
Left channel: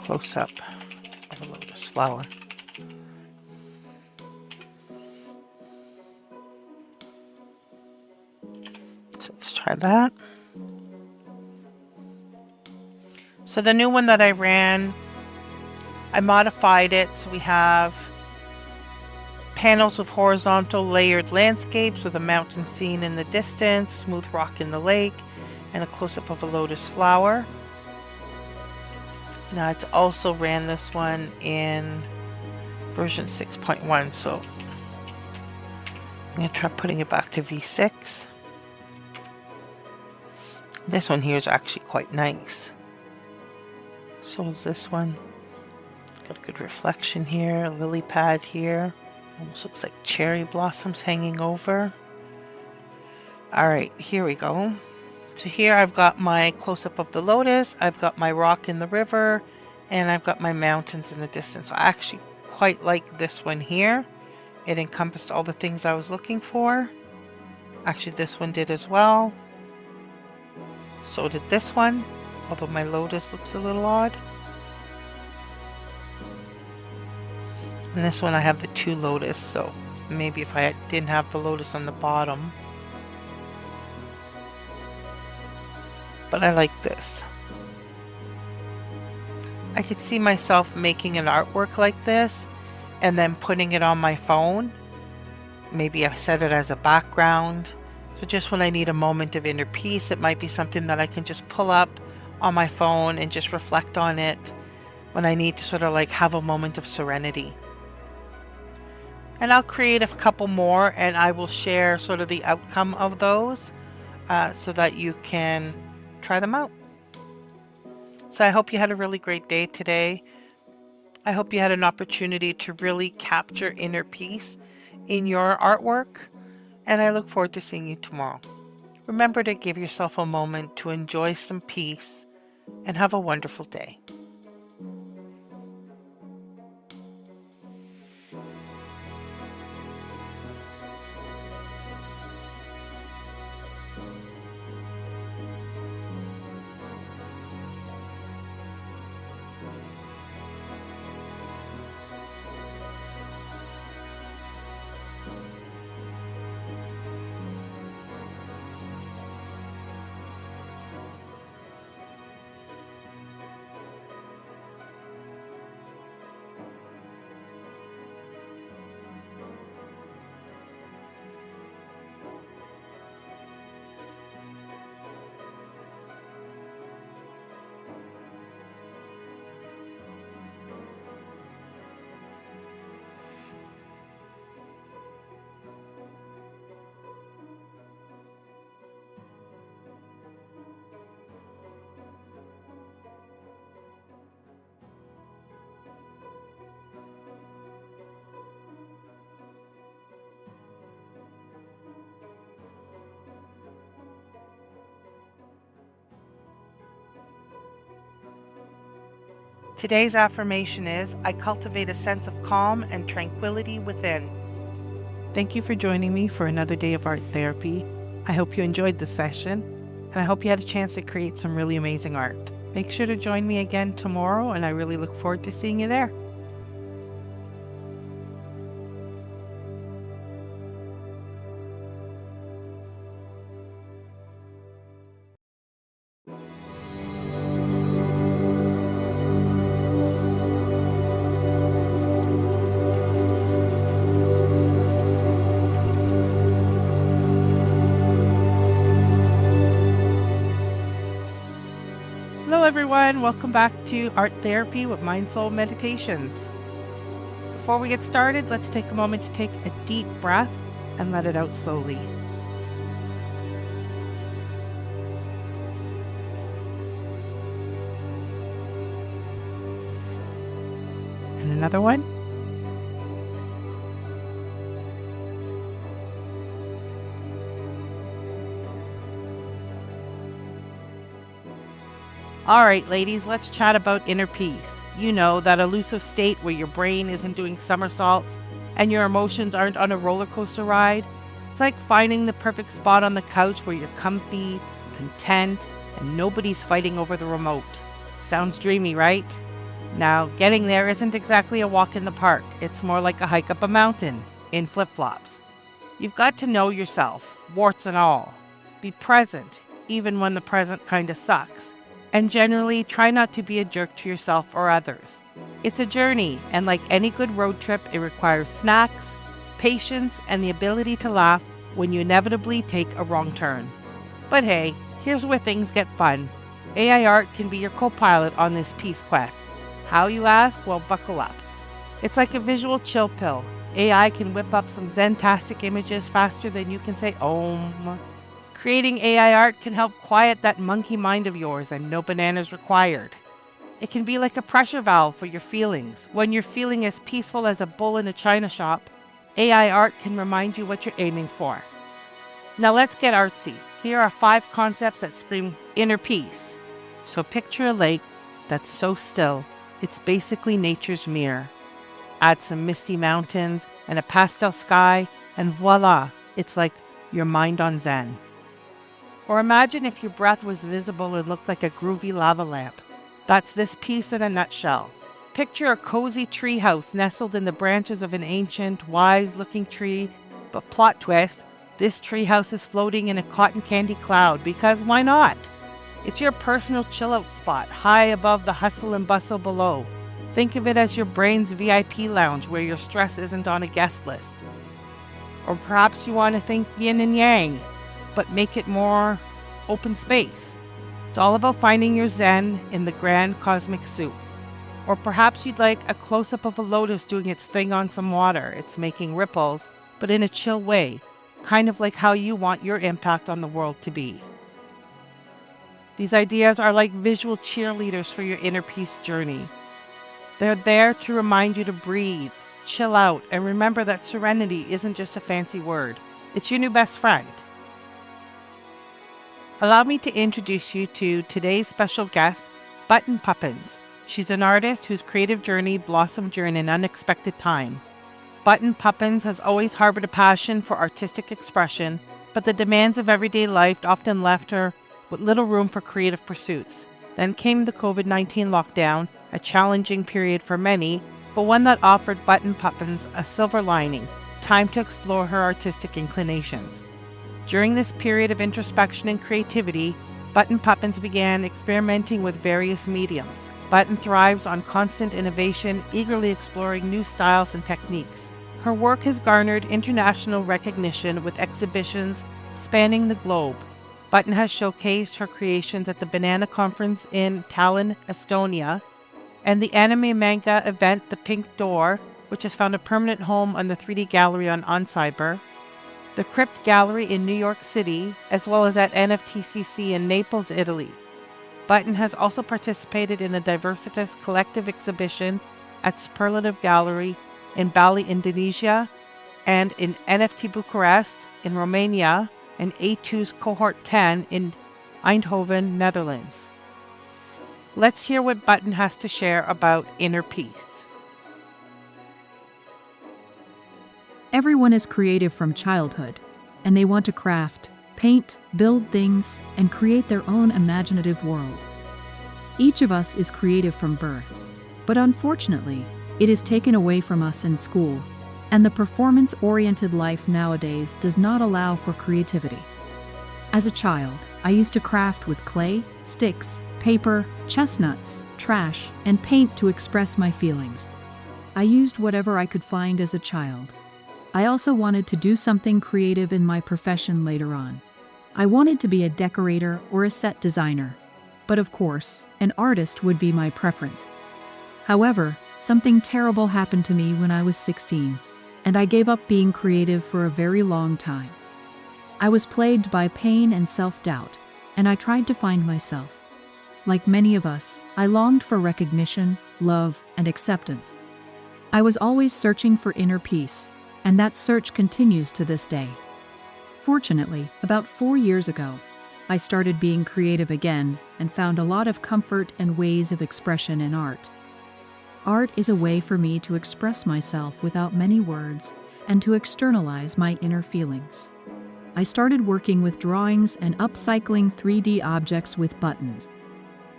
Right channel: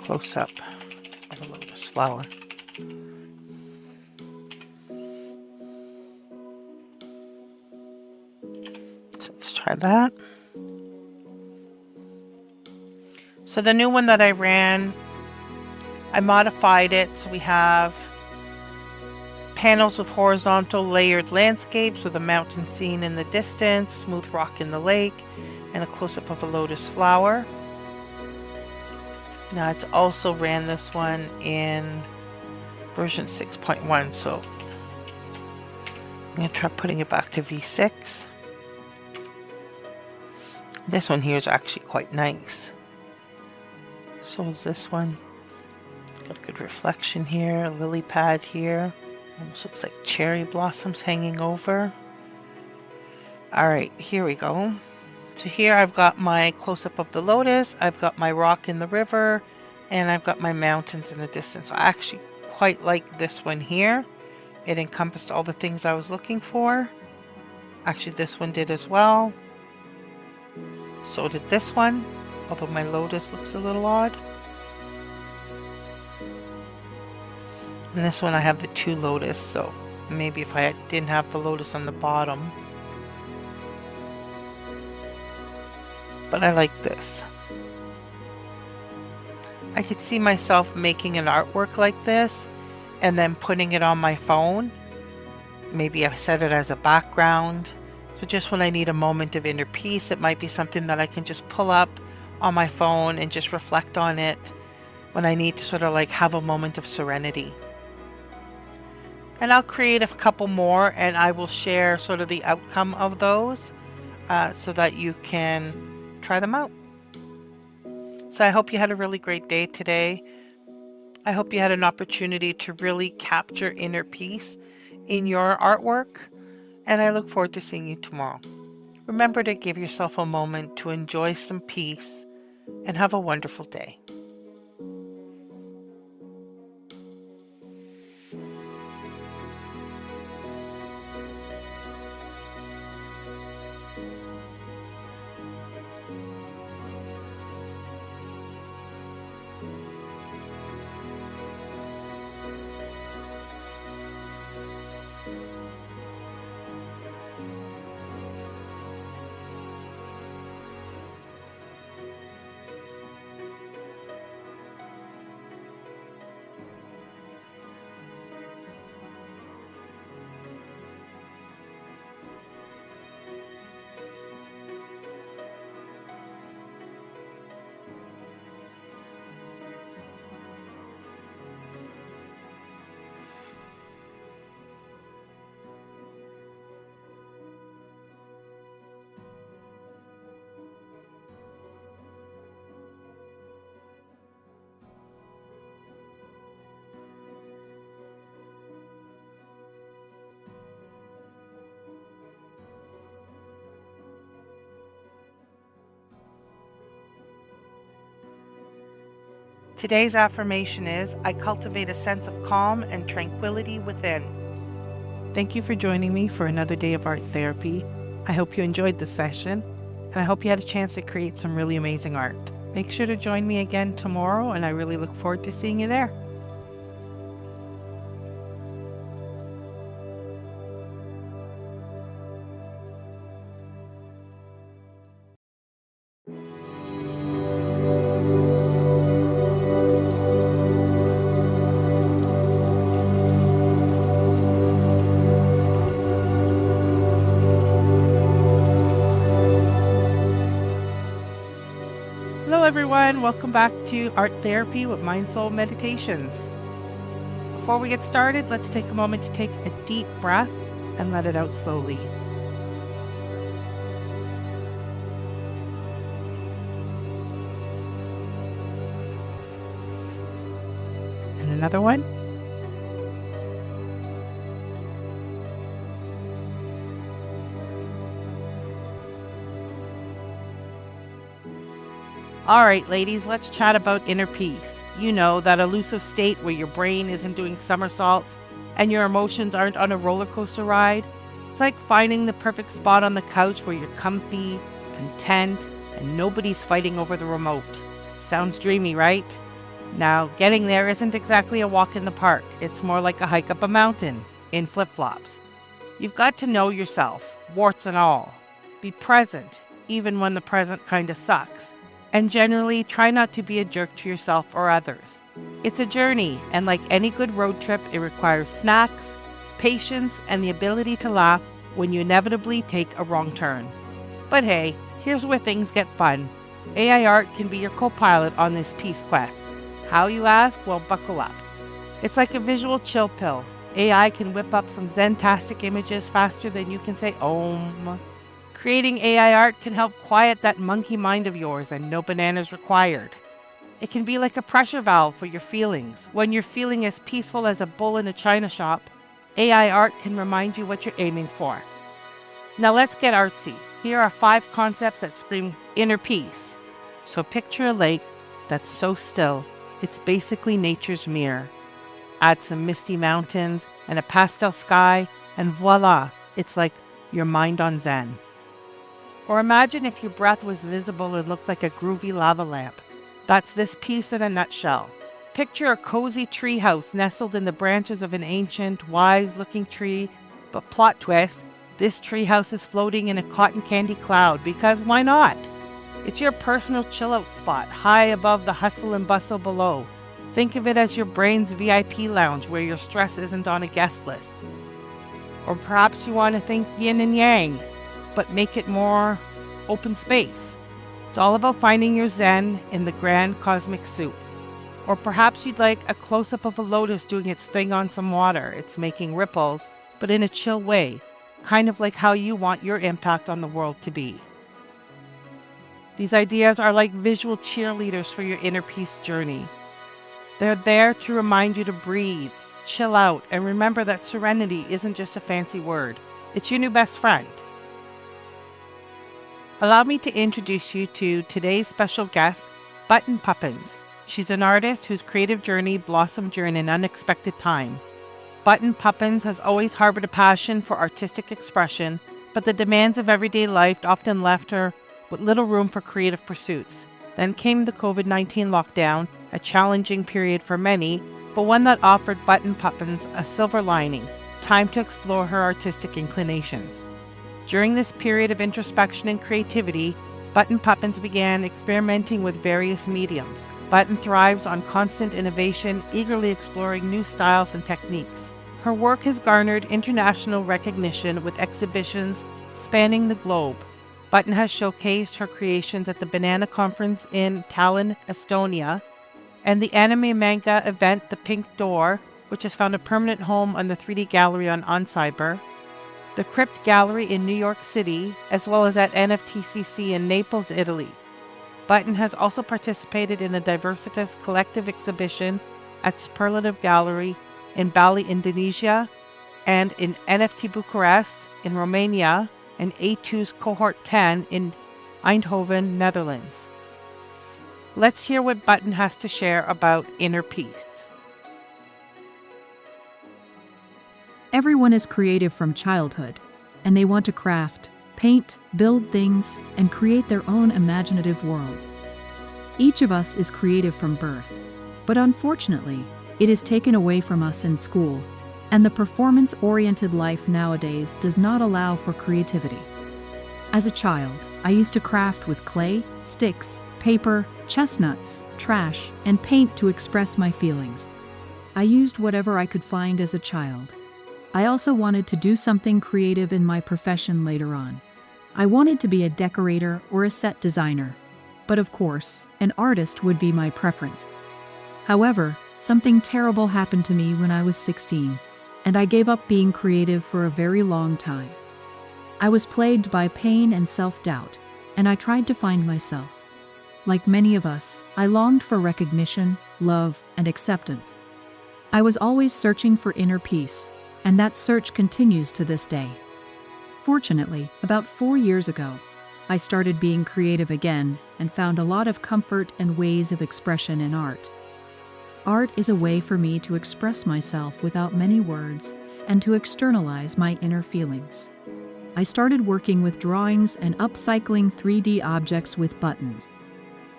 close-up of a lotus flower. So let's try that. So the new one that I ran, I modified it so we have panels of horizontal layered landscapes with a mountain scene in the distance, smooth rock in the lake, and a close-up of a lotus flower. Now it's also ran this one in version 6.1, so I'm going to try putting it back to V6. This one here is actually quite nice. So is this one. Got a good reflection here, a lily pad here. Almost looks like cherry blossoms hanging over. Alright, here we go. So here I've got my close-up of the lotus, I've got my rock in the river, and I've got my mountains in the distance. I actually quite like this one here. It encompassed all the things I was looking for. Actually, this one did as well. So did this one, although my lotus looks a little odd. And this one I have the two lotus, so maybe if I didn't have the lotus on the bottom. But I like this. I could see myself making an artwork like this and then putting it on my phone. Maybe I set it as a background. So just when I need a moment of inner peace, it might be something that I can just pull up on my phone and just reflect on it when I need to sort of like have a moment of serenity. And I'll create a couple more and I will share sort of the outcome of those so that you can try them out. So I hope you had a really great day today. I hope you had an opportunity to really capture inner peace in your artwork, and I look forward to seeing you tomorrow. Remember to give yourself a moment to enjoy some peace and have a wonderful day. Today's affirmation is, I cultivate a sense of calm and tranquility within. Thank you for joining me for another day of art therapy. I hope you enjoyed the session, and I hope you had a chance to create some really amazing art. Make sure to join me again tomorrow, and I really look forward to seeing you there. Hello everyone, welcome back to Art Therapy with MindSoulMeditations. Before we get started, let's take a moment to take a deep breath and let it out slowly. And another one. All right, ladies, let's chat about inner peace. You know, that elusive state where your brain isn't doing somersaults and your emotions aren't on a roller coaster ride. It's like finding the perfect spot on the couch where you're comfy, content, and nobody's fighting over the remote. Sounds dreamy, right? Now, getting there isn't exactly a walk in the park. It's more like a hike up a mountain in flip-flops. You've got to know yourself, warts and all. Be present, even when the present kind of sucks. And generally, try not to be a jerk to yourself or others. It's a journey, and like any good road trip, it requires snacks, patience, and the ability to laugh when you inevitably take a wrong turn. But hey, here's where things get fun. AI art can be your co-pilot on this peace quest. How, you ask? Well, buckle up. It's like a visual chill pill. AI can whip up some zen-tastic images faster than you can say Om. Creating AI art can help quiet that monkey mind of yours, and no bananas required. It can be like a pressure valve for your feelings. When you're feeling as peaceful as a bull in a china shop, AI art can remind you what you're aiming for. Now let's get artsy. Here are 5 concepts that scream inner peace. So picture a lake that's so still, it's basically nature's mirror. Add some misty mountains and a pastel sky, and voila, it's like your mind on Zen. Or imagine if your breath was visible and looked like a groovy lava lamp. That's this piece in a nutshell. Picture a cozy treehouse nestled in the branches of an ancient, wise-looking tree, but plot twist, this treehouse is floating in a cotton candy cloud, because why not? It's your personal chill-out spot, high above the hustle and bustle below. Think of it as your brain's VIP lounge where your stress isn't on a guest list. Or perhaps you want to think yin and yang, but make it more open space. It's all about finding your zen in the grand cosmic soup. Or perhaps you'd like a close-up of a lotus doing its thing on some water. It's making ripples, but in a chill way, kind of like how you want your impact on the world to be. These ideas are like visual cheerleaders for your inner peace journey. They're there to remind you to breathe, chill out, and remember that serenity isn't just a fancy word. It's your new best friend. Allow me to introduce you to today's special guest, Button Puppins. She's an artist whose creative journey blossomed during an unexpected time. Button Puppins has always harbored a passion for artistic expression, but the demands of everyday life often left her with little room for creative pursuits. Then came the COVID-19 lockdown, a challenging period for many, but one that offered Button Puppins a silver lining, time to explore her artistic inclinations. During this period of introspection and creativity, Button Puppins began experimenting with various mediums. Button thrives on constant innovation, eagerly exploring new styles and techniques. Her work has garnered international recognition with exhibitions spanning the globe. Button has showcased her creations at the Banana Conference in Tallinn, Estonia, and the anime manga event The Pink Door, which has found a permanent home on the 3D Gallery on Cyber, the Crypt Gallery in New York City, as well as at NFTCC in Naples, Italy. Button has also participated in the Diversitas Collective exhibition at Superlative Gallery in Bali, Indonesia, and in NFT Bucharest in Romania, and A2's Cohort 10 in Eindhoven, Netherlands. Let's hear what Button has to share about inner peace. Everyone is creative from childhood, and they want to craft, paint, build things, and create their own imaginative worlds. Each of us is creative from birth, but unfortunately, it is taken away from us in school, and the performance-oriented life nowadays does not allow for creativity. As a child, I used to craft with clay, sticks, paper, chestnuts, trash, and paint to express my feelings. I used whatever I could find as a child. I also wanted to do something creative in my profession later on. I wanted to be a decorator or a set designer. But of course, an artist would be my preference. However, something terrible happened to me when I was 16, and I gave up being creative for a very long time. I was plagued by pain and self-doubt, and I tried to find myself. Like many of us, I longed for recognition, love, and acceptance. I was always searching for inner peace, and that search continues to this day. Fortunately, about 4 years ago, I started being creative again and found a lot of comfort and ways of expression in art. Art is a way for me to express myself without many words and to externalize my inner feelings. I started working with drawings and upcycling 3D objects with buttons.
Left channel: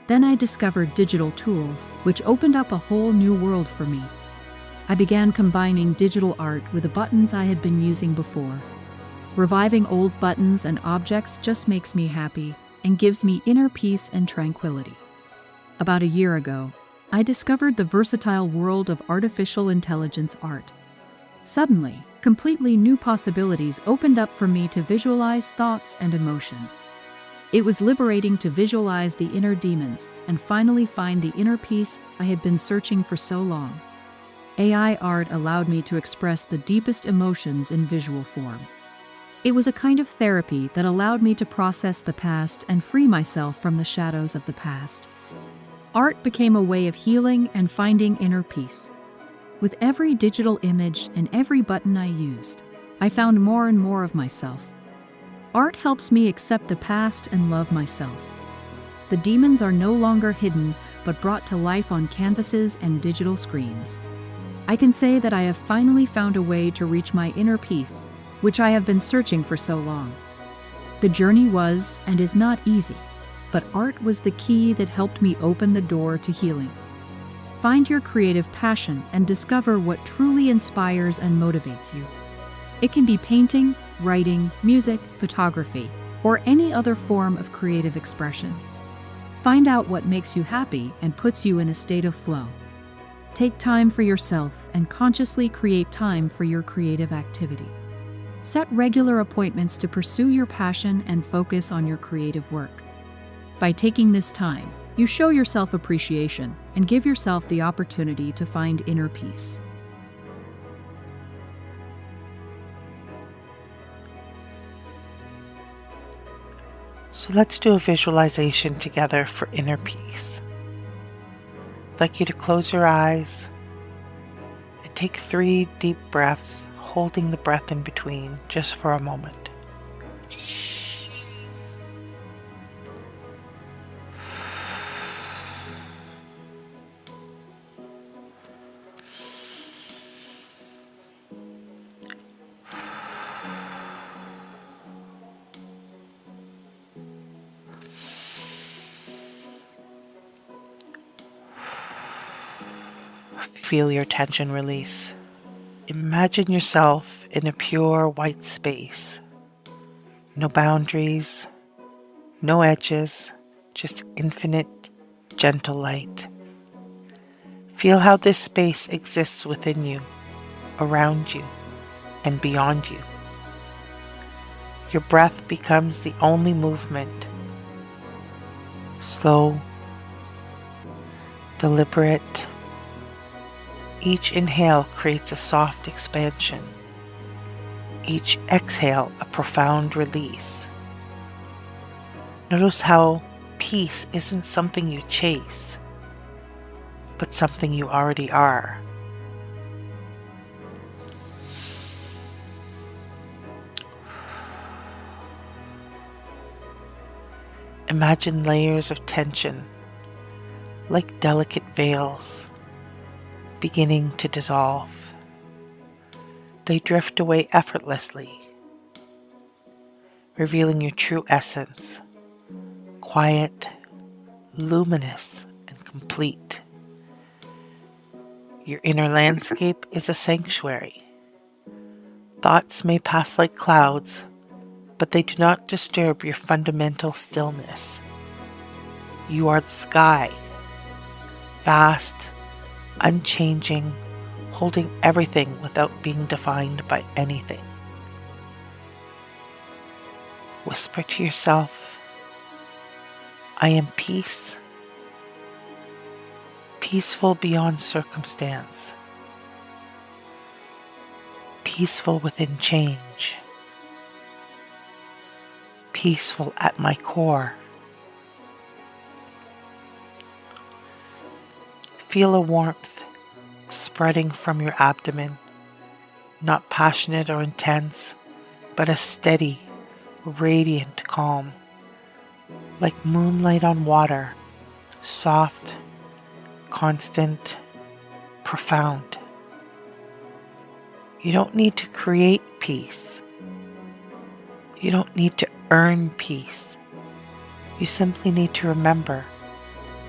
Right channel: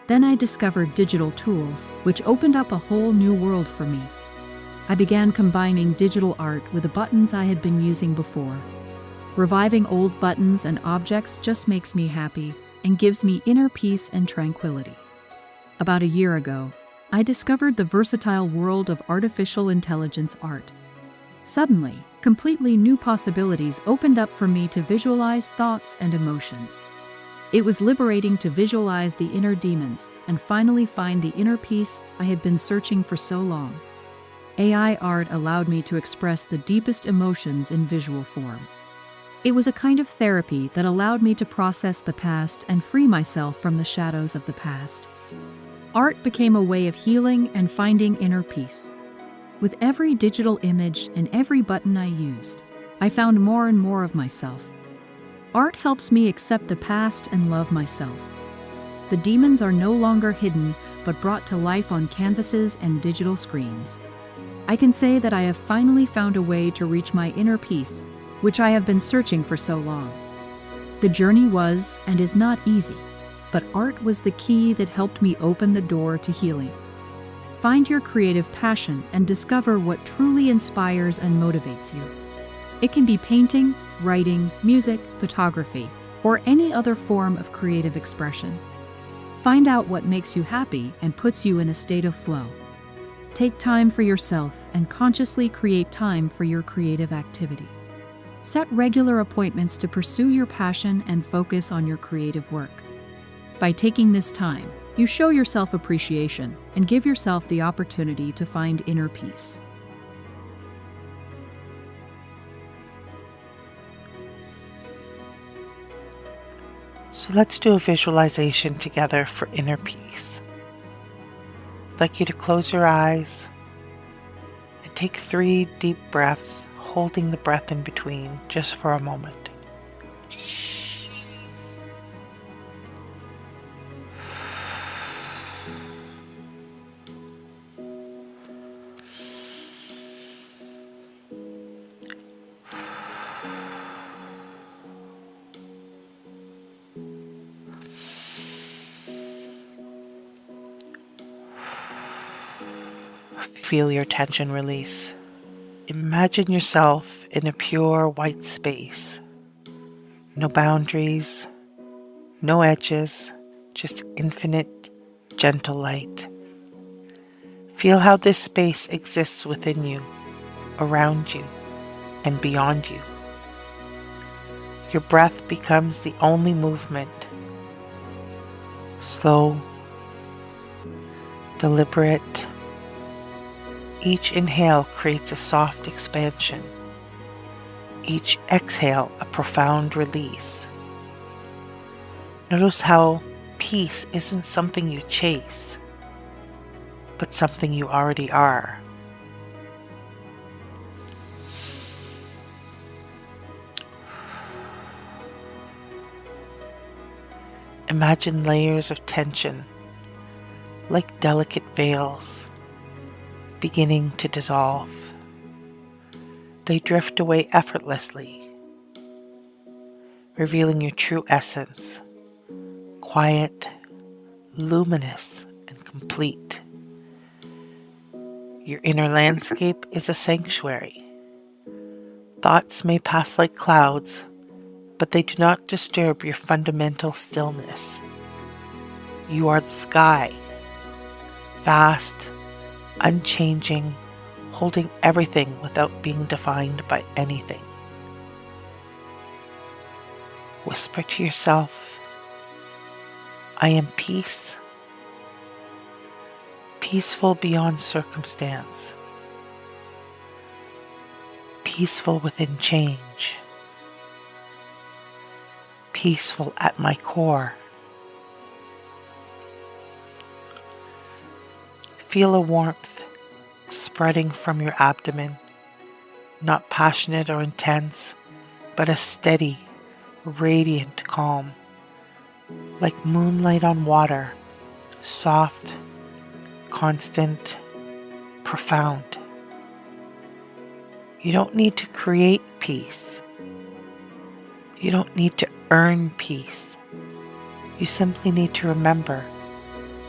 Then I discovered digital tools, which opened up a whole new world for me. I began combining digital art with the buttons I had been using before. Reviving old buttons and objects just makes me happy and gives me inner peace and tranquility. About a year ago, I discovered the versatile world of artificial intelligence art. Suddenly, completely new possibilities opened up for me to visualize thoughts and emotions. It was liberating to visualize the inner demons and finally find the inner peace I had been searching for so long. AI art allowed me to express the deepest emotions in visual form. It was a kind of therapy that allowed me to process the past and free myself from the shadows of the past. Art became a way of healing and finding inner peace. With every digital image and every button I used, I found more and more of myself. Art helps me accept the past and love myself. The demons are no longer hidden, but brought to life on canvases and digital screens. I can say that I have finally found a way to reach my inner peace, which I have been searching for so long. The journey was and is not easy, but art was the key that helped me open the door to healing. Find your creative passion and discover what truly inspires and motivates you. It can be painting, writing, music, photography, or any other form of creative expression. Find out what makes you happy and puts you in a state of flow. Take time for yourself and consciously create time for your creative activity. Set regular appointments to pursue your passion and focus on your creative work. By taking this time, you show yourself appreciation and give yourself the opportunity to find inner peace. So let's do a visualization together for inner peace. I'd like you to close your eyes and take 3 deep breaths, holding the breath in between just for a moment. Feel your tension release. Imagine yourself in a pure white space. No boundaries, no edges, just infinite, gentle light. Feel how this space exists within you, around you, and beyond you. Your breath becomes the only movement. Slow, deliberate. Each inhale creates a soft expansion. Each exhale a profound release. Notice how peace isn't something you chase, but something you already are. Imagine layers of tension, like delicate veils, beginning to dissolve. They drift away effortlessly, revealing your true essence, quiet, luminous, and complete. Your inner landscape is a sanctuary. Thoughts may pass like clouds, but they do not disturb your fundamental stillness. You are the sky, vast, unchanging, holding everything without being defined by anything. Whisper to yourself, I am peace, peaceful beyond circumstance, peaceful within change, peaceful at my core. Feel a warmth spreading from your abdomen, not passionate or intense, but a steady, radiant calm, like moonlight on water, soft, constant, profound. You don't need to create peace. You don't need to earn peace. You simply need to remember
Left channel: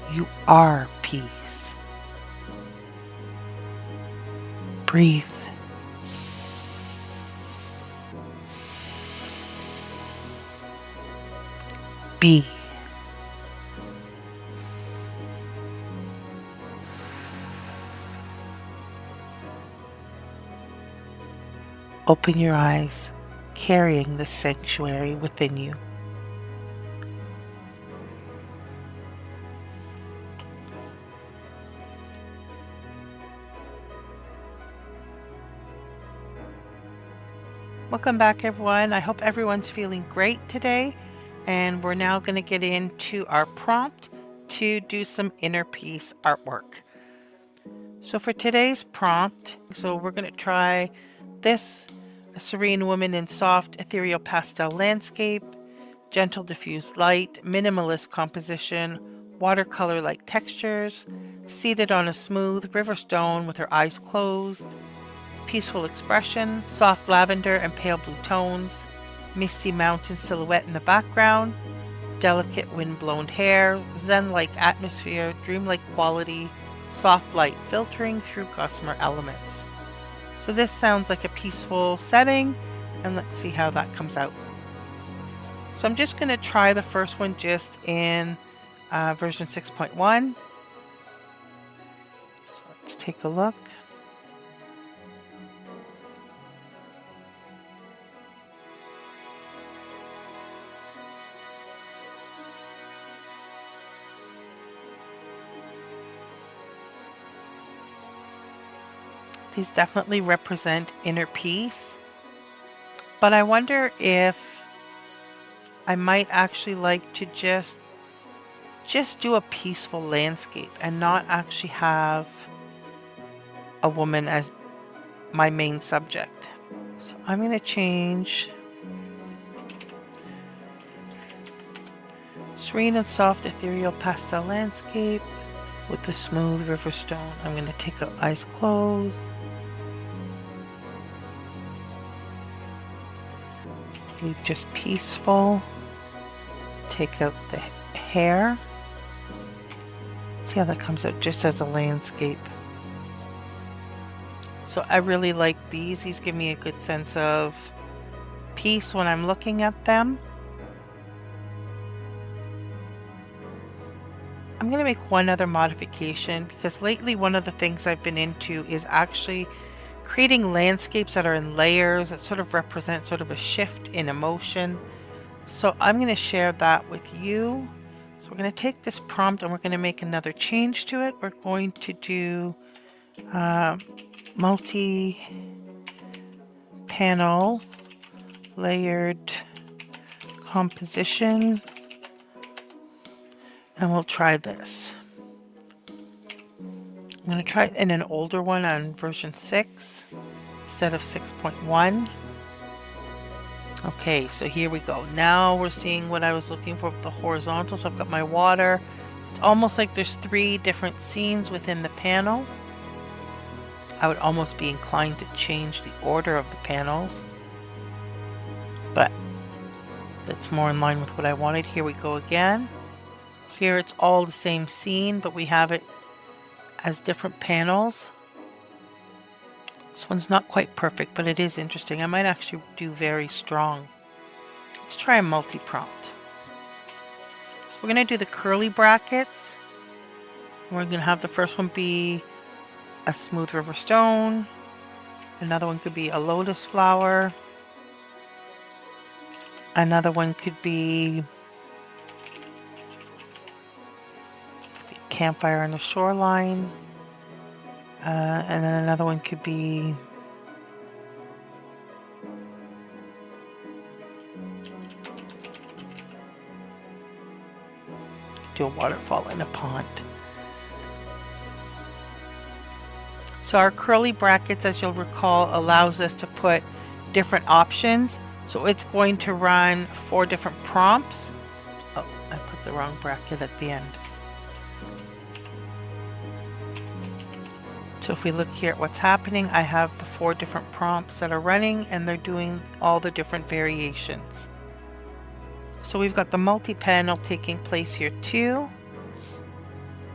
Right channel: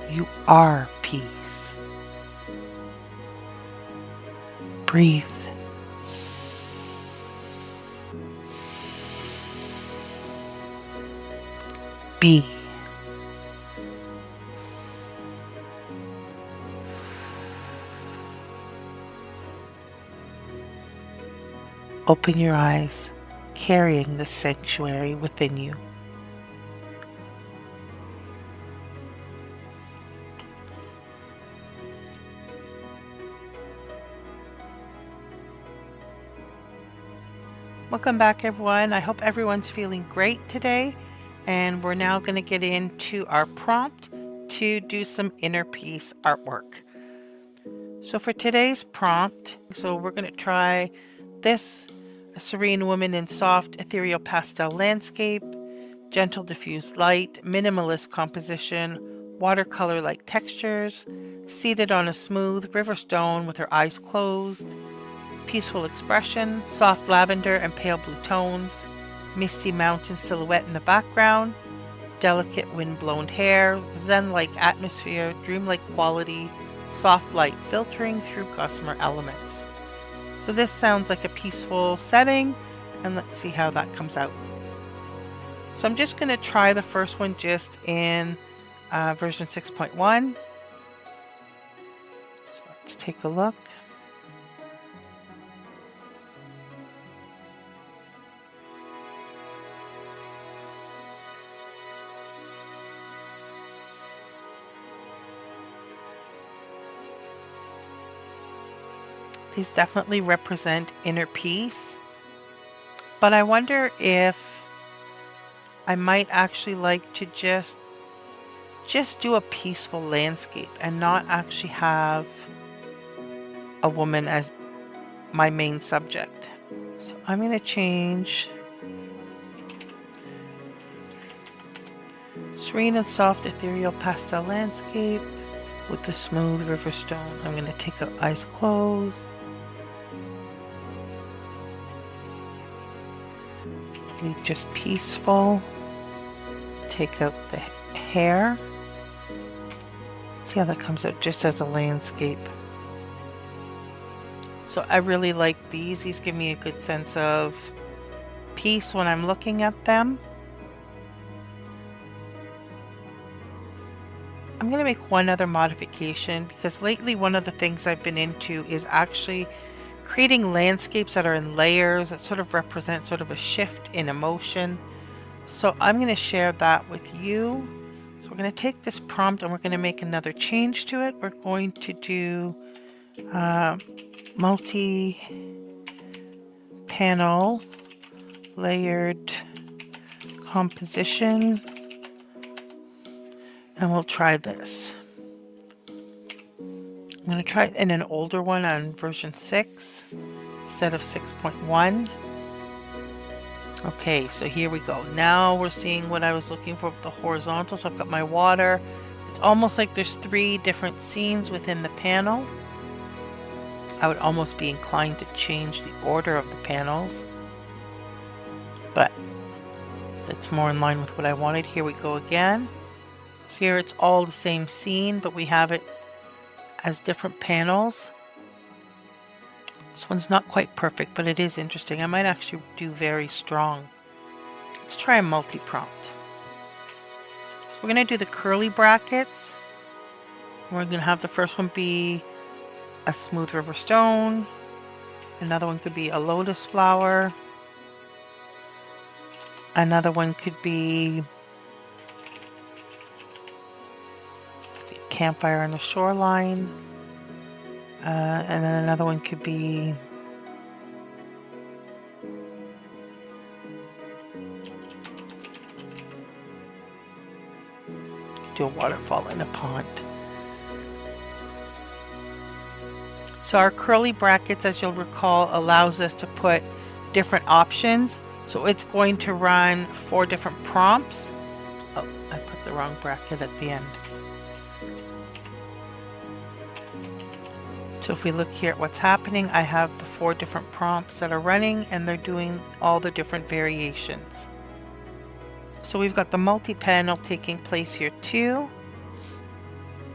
You are peace. Breathe. Be. Open your eyes, carrying the sanctuary within you. Welcome back, everyone. I hope everyone's feeling great today. And we're now going to get into our prompt to do some inner peace artwork. So for today's prompt, we're going to try this: a serene woman in soft ethereal pastel landscape, gentle diffused light, minimalist composition, watercolor-like textures, seated on a smooth river stone with her eyes closed, peaceful expression, soft lavender and pale blue tones, misty mountain silhouette in the background, delicate wind-blown hair, zen-like atmosphere, dreamlike quality, soft light filtering through gossamer elements. So this sounds like a peaceful setting, and let's see how that comes out. So I'm just going to try the first one just in version 6.1. So let's take a look. These definitely represent inner peace, but I wonder if I might actually like to just do a peaceful landscape and not actually have a woman as my main subject. So I'm going to change serene and soft ethereal pastel landscape with the smooth river stone. I'm going to take out eyes closed. Leave just peaceful. Take out the hair. See how that comes out just as a landscape. So I really like these. These give me a good sense of peace when I'm looking at them. I'm going to make one other modification because lately one of the things I've been into is actually creating landscapes that are in layers that sort of represent sort of a shift in emotion. So I'm going to share that with you. So we're going to take this prompt and we're going to make another change to it. We're going to do multi-panel layered composition, and we'll try this. I'm going to try it in an older one on version 6 instead of 6.1. Okay, so here we go. Now we're seeing what I was looking for with the horizontal. So I've got my water. It's almost like there's 3 different scenes within the panel. I would almost be inclined to change the order of the panels, but that's more in line with what I wanted. Here we go again. Here it's all the same scene, but we have it as different panels. This one's not quite perfect, but it is interesting. I might actually do very strong. Let's try a multi-prompt. So we're going to do the curly brackets. We're going to have the first one be a smooth river stone. Another one could be a lotus flower. Another one could be a campfire on the shoreline. And then another one could be do a waterfall in a pond. So our curly brackets, as you'll recall, allows us to put different options. So it's going to run 4 different prompts. Oh, I put the wrong bracket at the end. So if we look here at what's happening, I have the 4 different prompts that are running and they're doing all the different variations. So we've got the multi-panel taking place here too.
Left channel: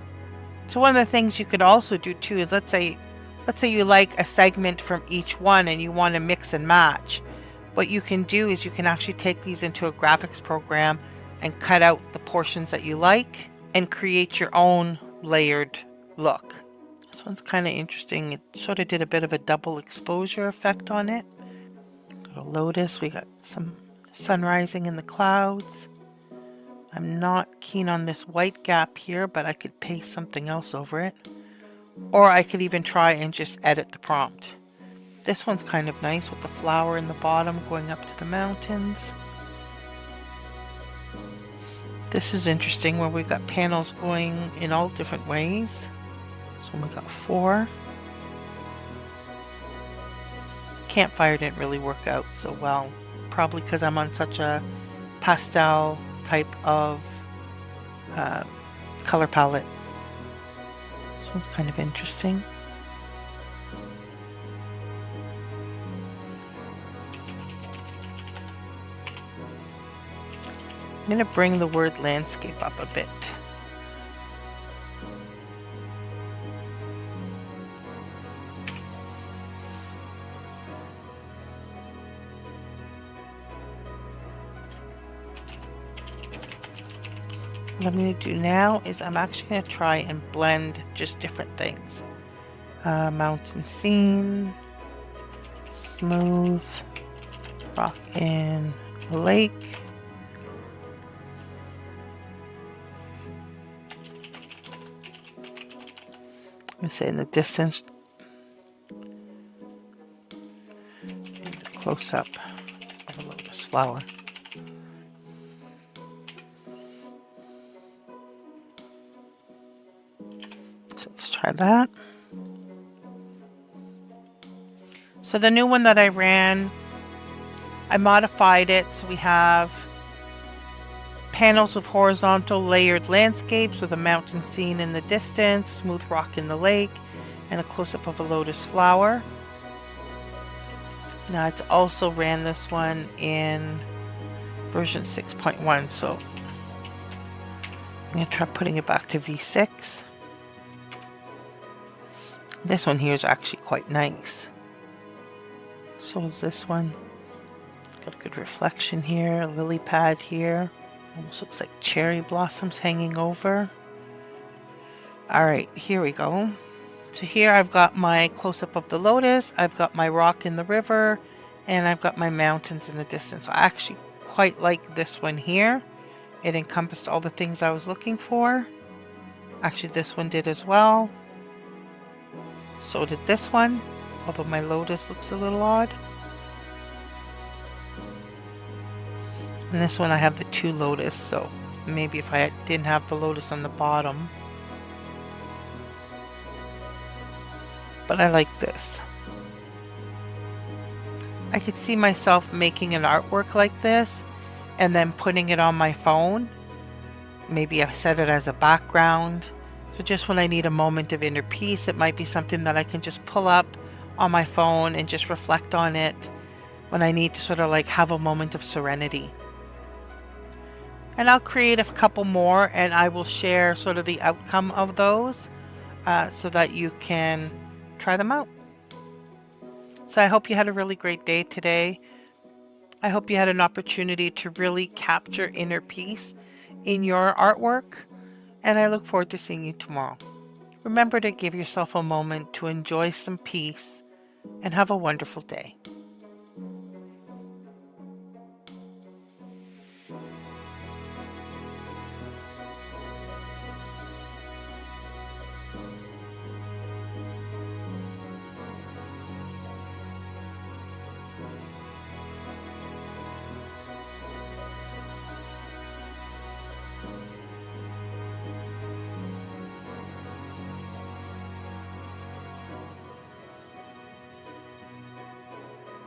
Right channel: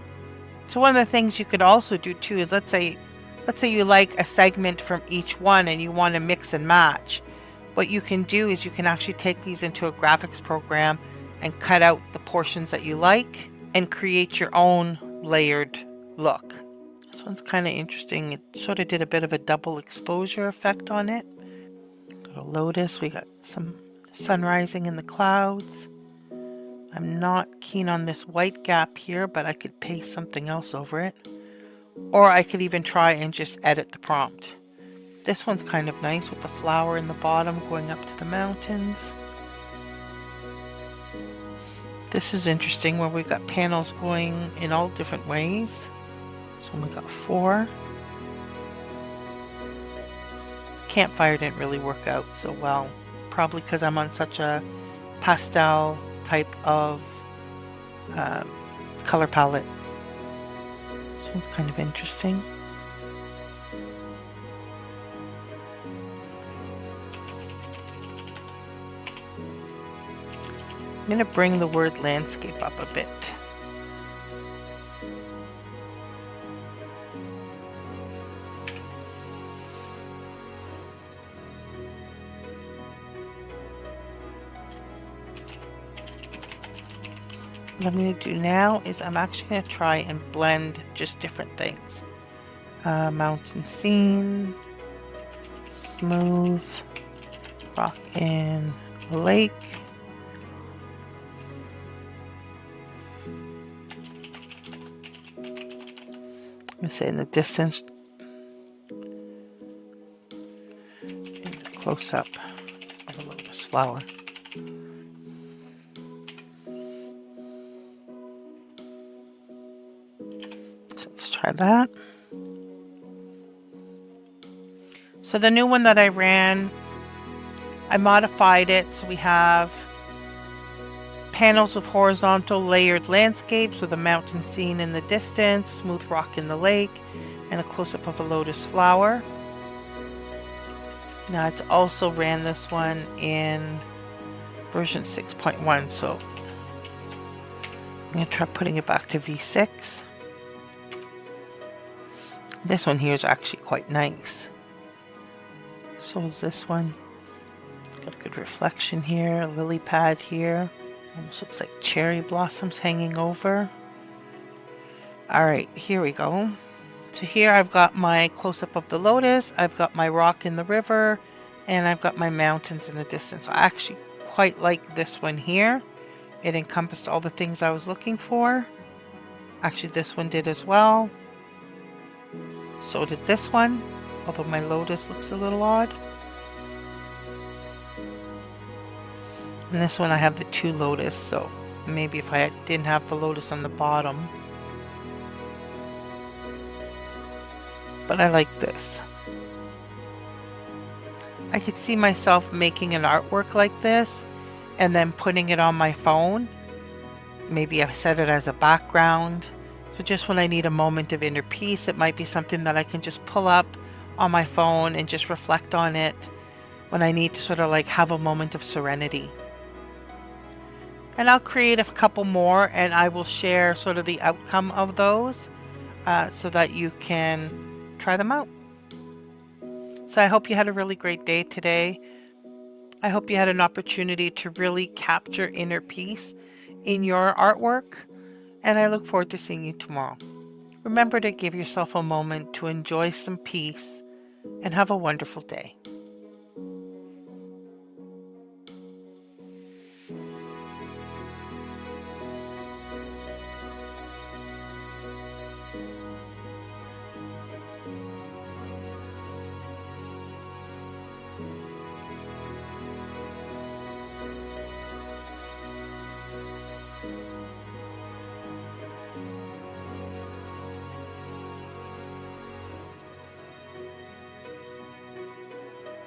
So one of the things you could also do too is let's say you like a segment from each one and you want to mix and match. What you can do is you can actually take these into a graphics program and cut out the portions that you like and create your own layered look. This one's kind of interesting. It sort of did a bit of a double exposure effect on it. Got a lotus. We got some sun rising in the clouds. I'm not keen on this white gap here, but I could paste something else over it. Or I could even try and just edit the prompt. This one's kind of nice with the flower in the bottom going up to the mountains. This is interesting where we've got panels going in all different ways. So we got 4. Campfire didn't really work out so well. Probably because I'm on such a pastel type of color palette. This one's kind of interesting. I'm going to bring the word landscape up a bit. What I'm going to do now is I'm actually going to try and blend just different things. Mountain scene, smooth, rock in a lake. I'm going to say in the distance and a close-up of a lotus flower. So let's try that. So the new one that I ran, I modified it so we have panels of horizontal layered landscapes with a mountain scene in the distance, smooth rock in the lake, and a close-up of a lotus flower. Now it's also ran this one in version 6.1, so I'm going to try putting it back to V6. This one here is actually quite nice. So is this one. Got a good reflection here, a lily pad here. Almost looks like cherry blossoms hanging over. Alright, here we go. So here I've got my close-up of the lotus, I've got my rock in the river, and I've got my mountains in the distance. I actually quite like this one here. It encompassed all the things I was looking for. Actually, this one did as well. So did this one, although my lotus looks a little odd. And this one I have the 2 lotus, so maybe if I didn't have the lotus on the bottom. But I like this. I could see myself making an artwork like this and then putting it on my phone. Maybe I set it as a background. So just when I need a moment of inner peace, it might be something that I can just pull up on my phone and just reflect on it when I need to sort of like have a moment of serenity. And I'll create a couple more and I will share sort of the outcome of those so that you can try them out. So I hope you had a really great day today. I hope you had an opportunity to really capture inner peace in your artwork, and I look forward to seeing you tomorrow. Remember to give yourself a moment to enjoy some peace and have a wonderful day.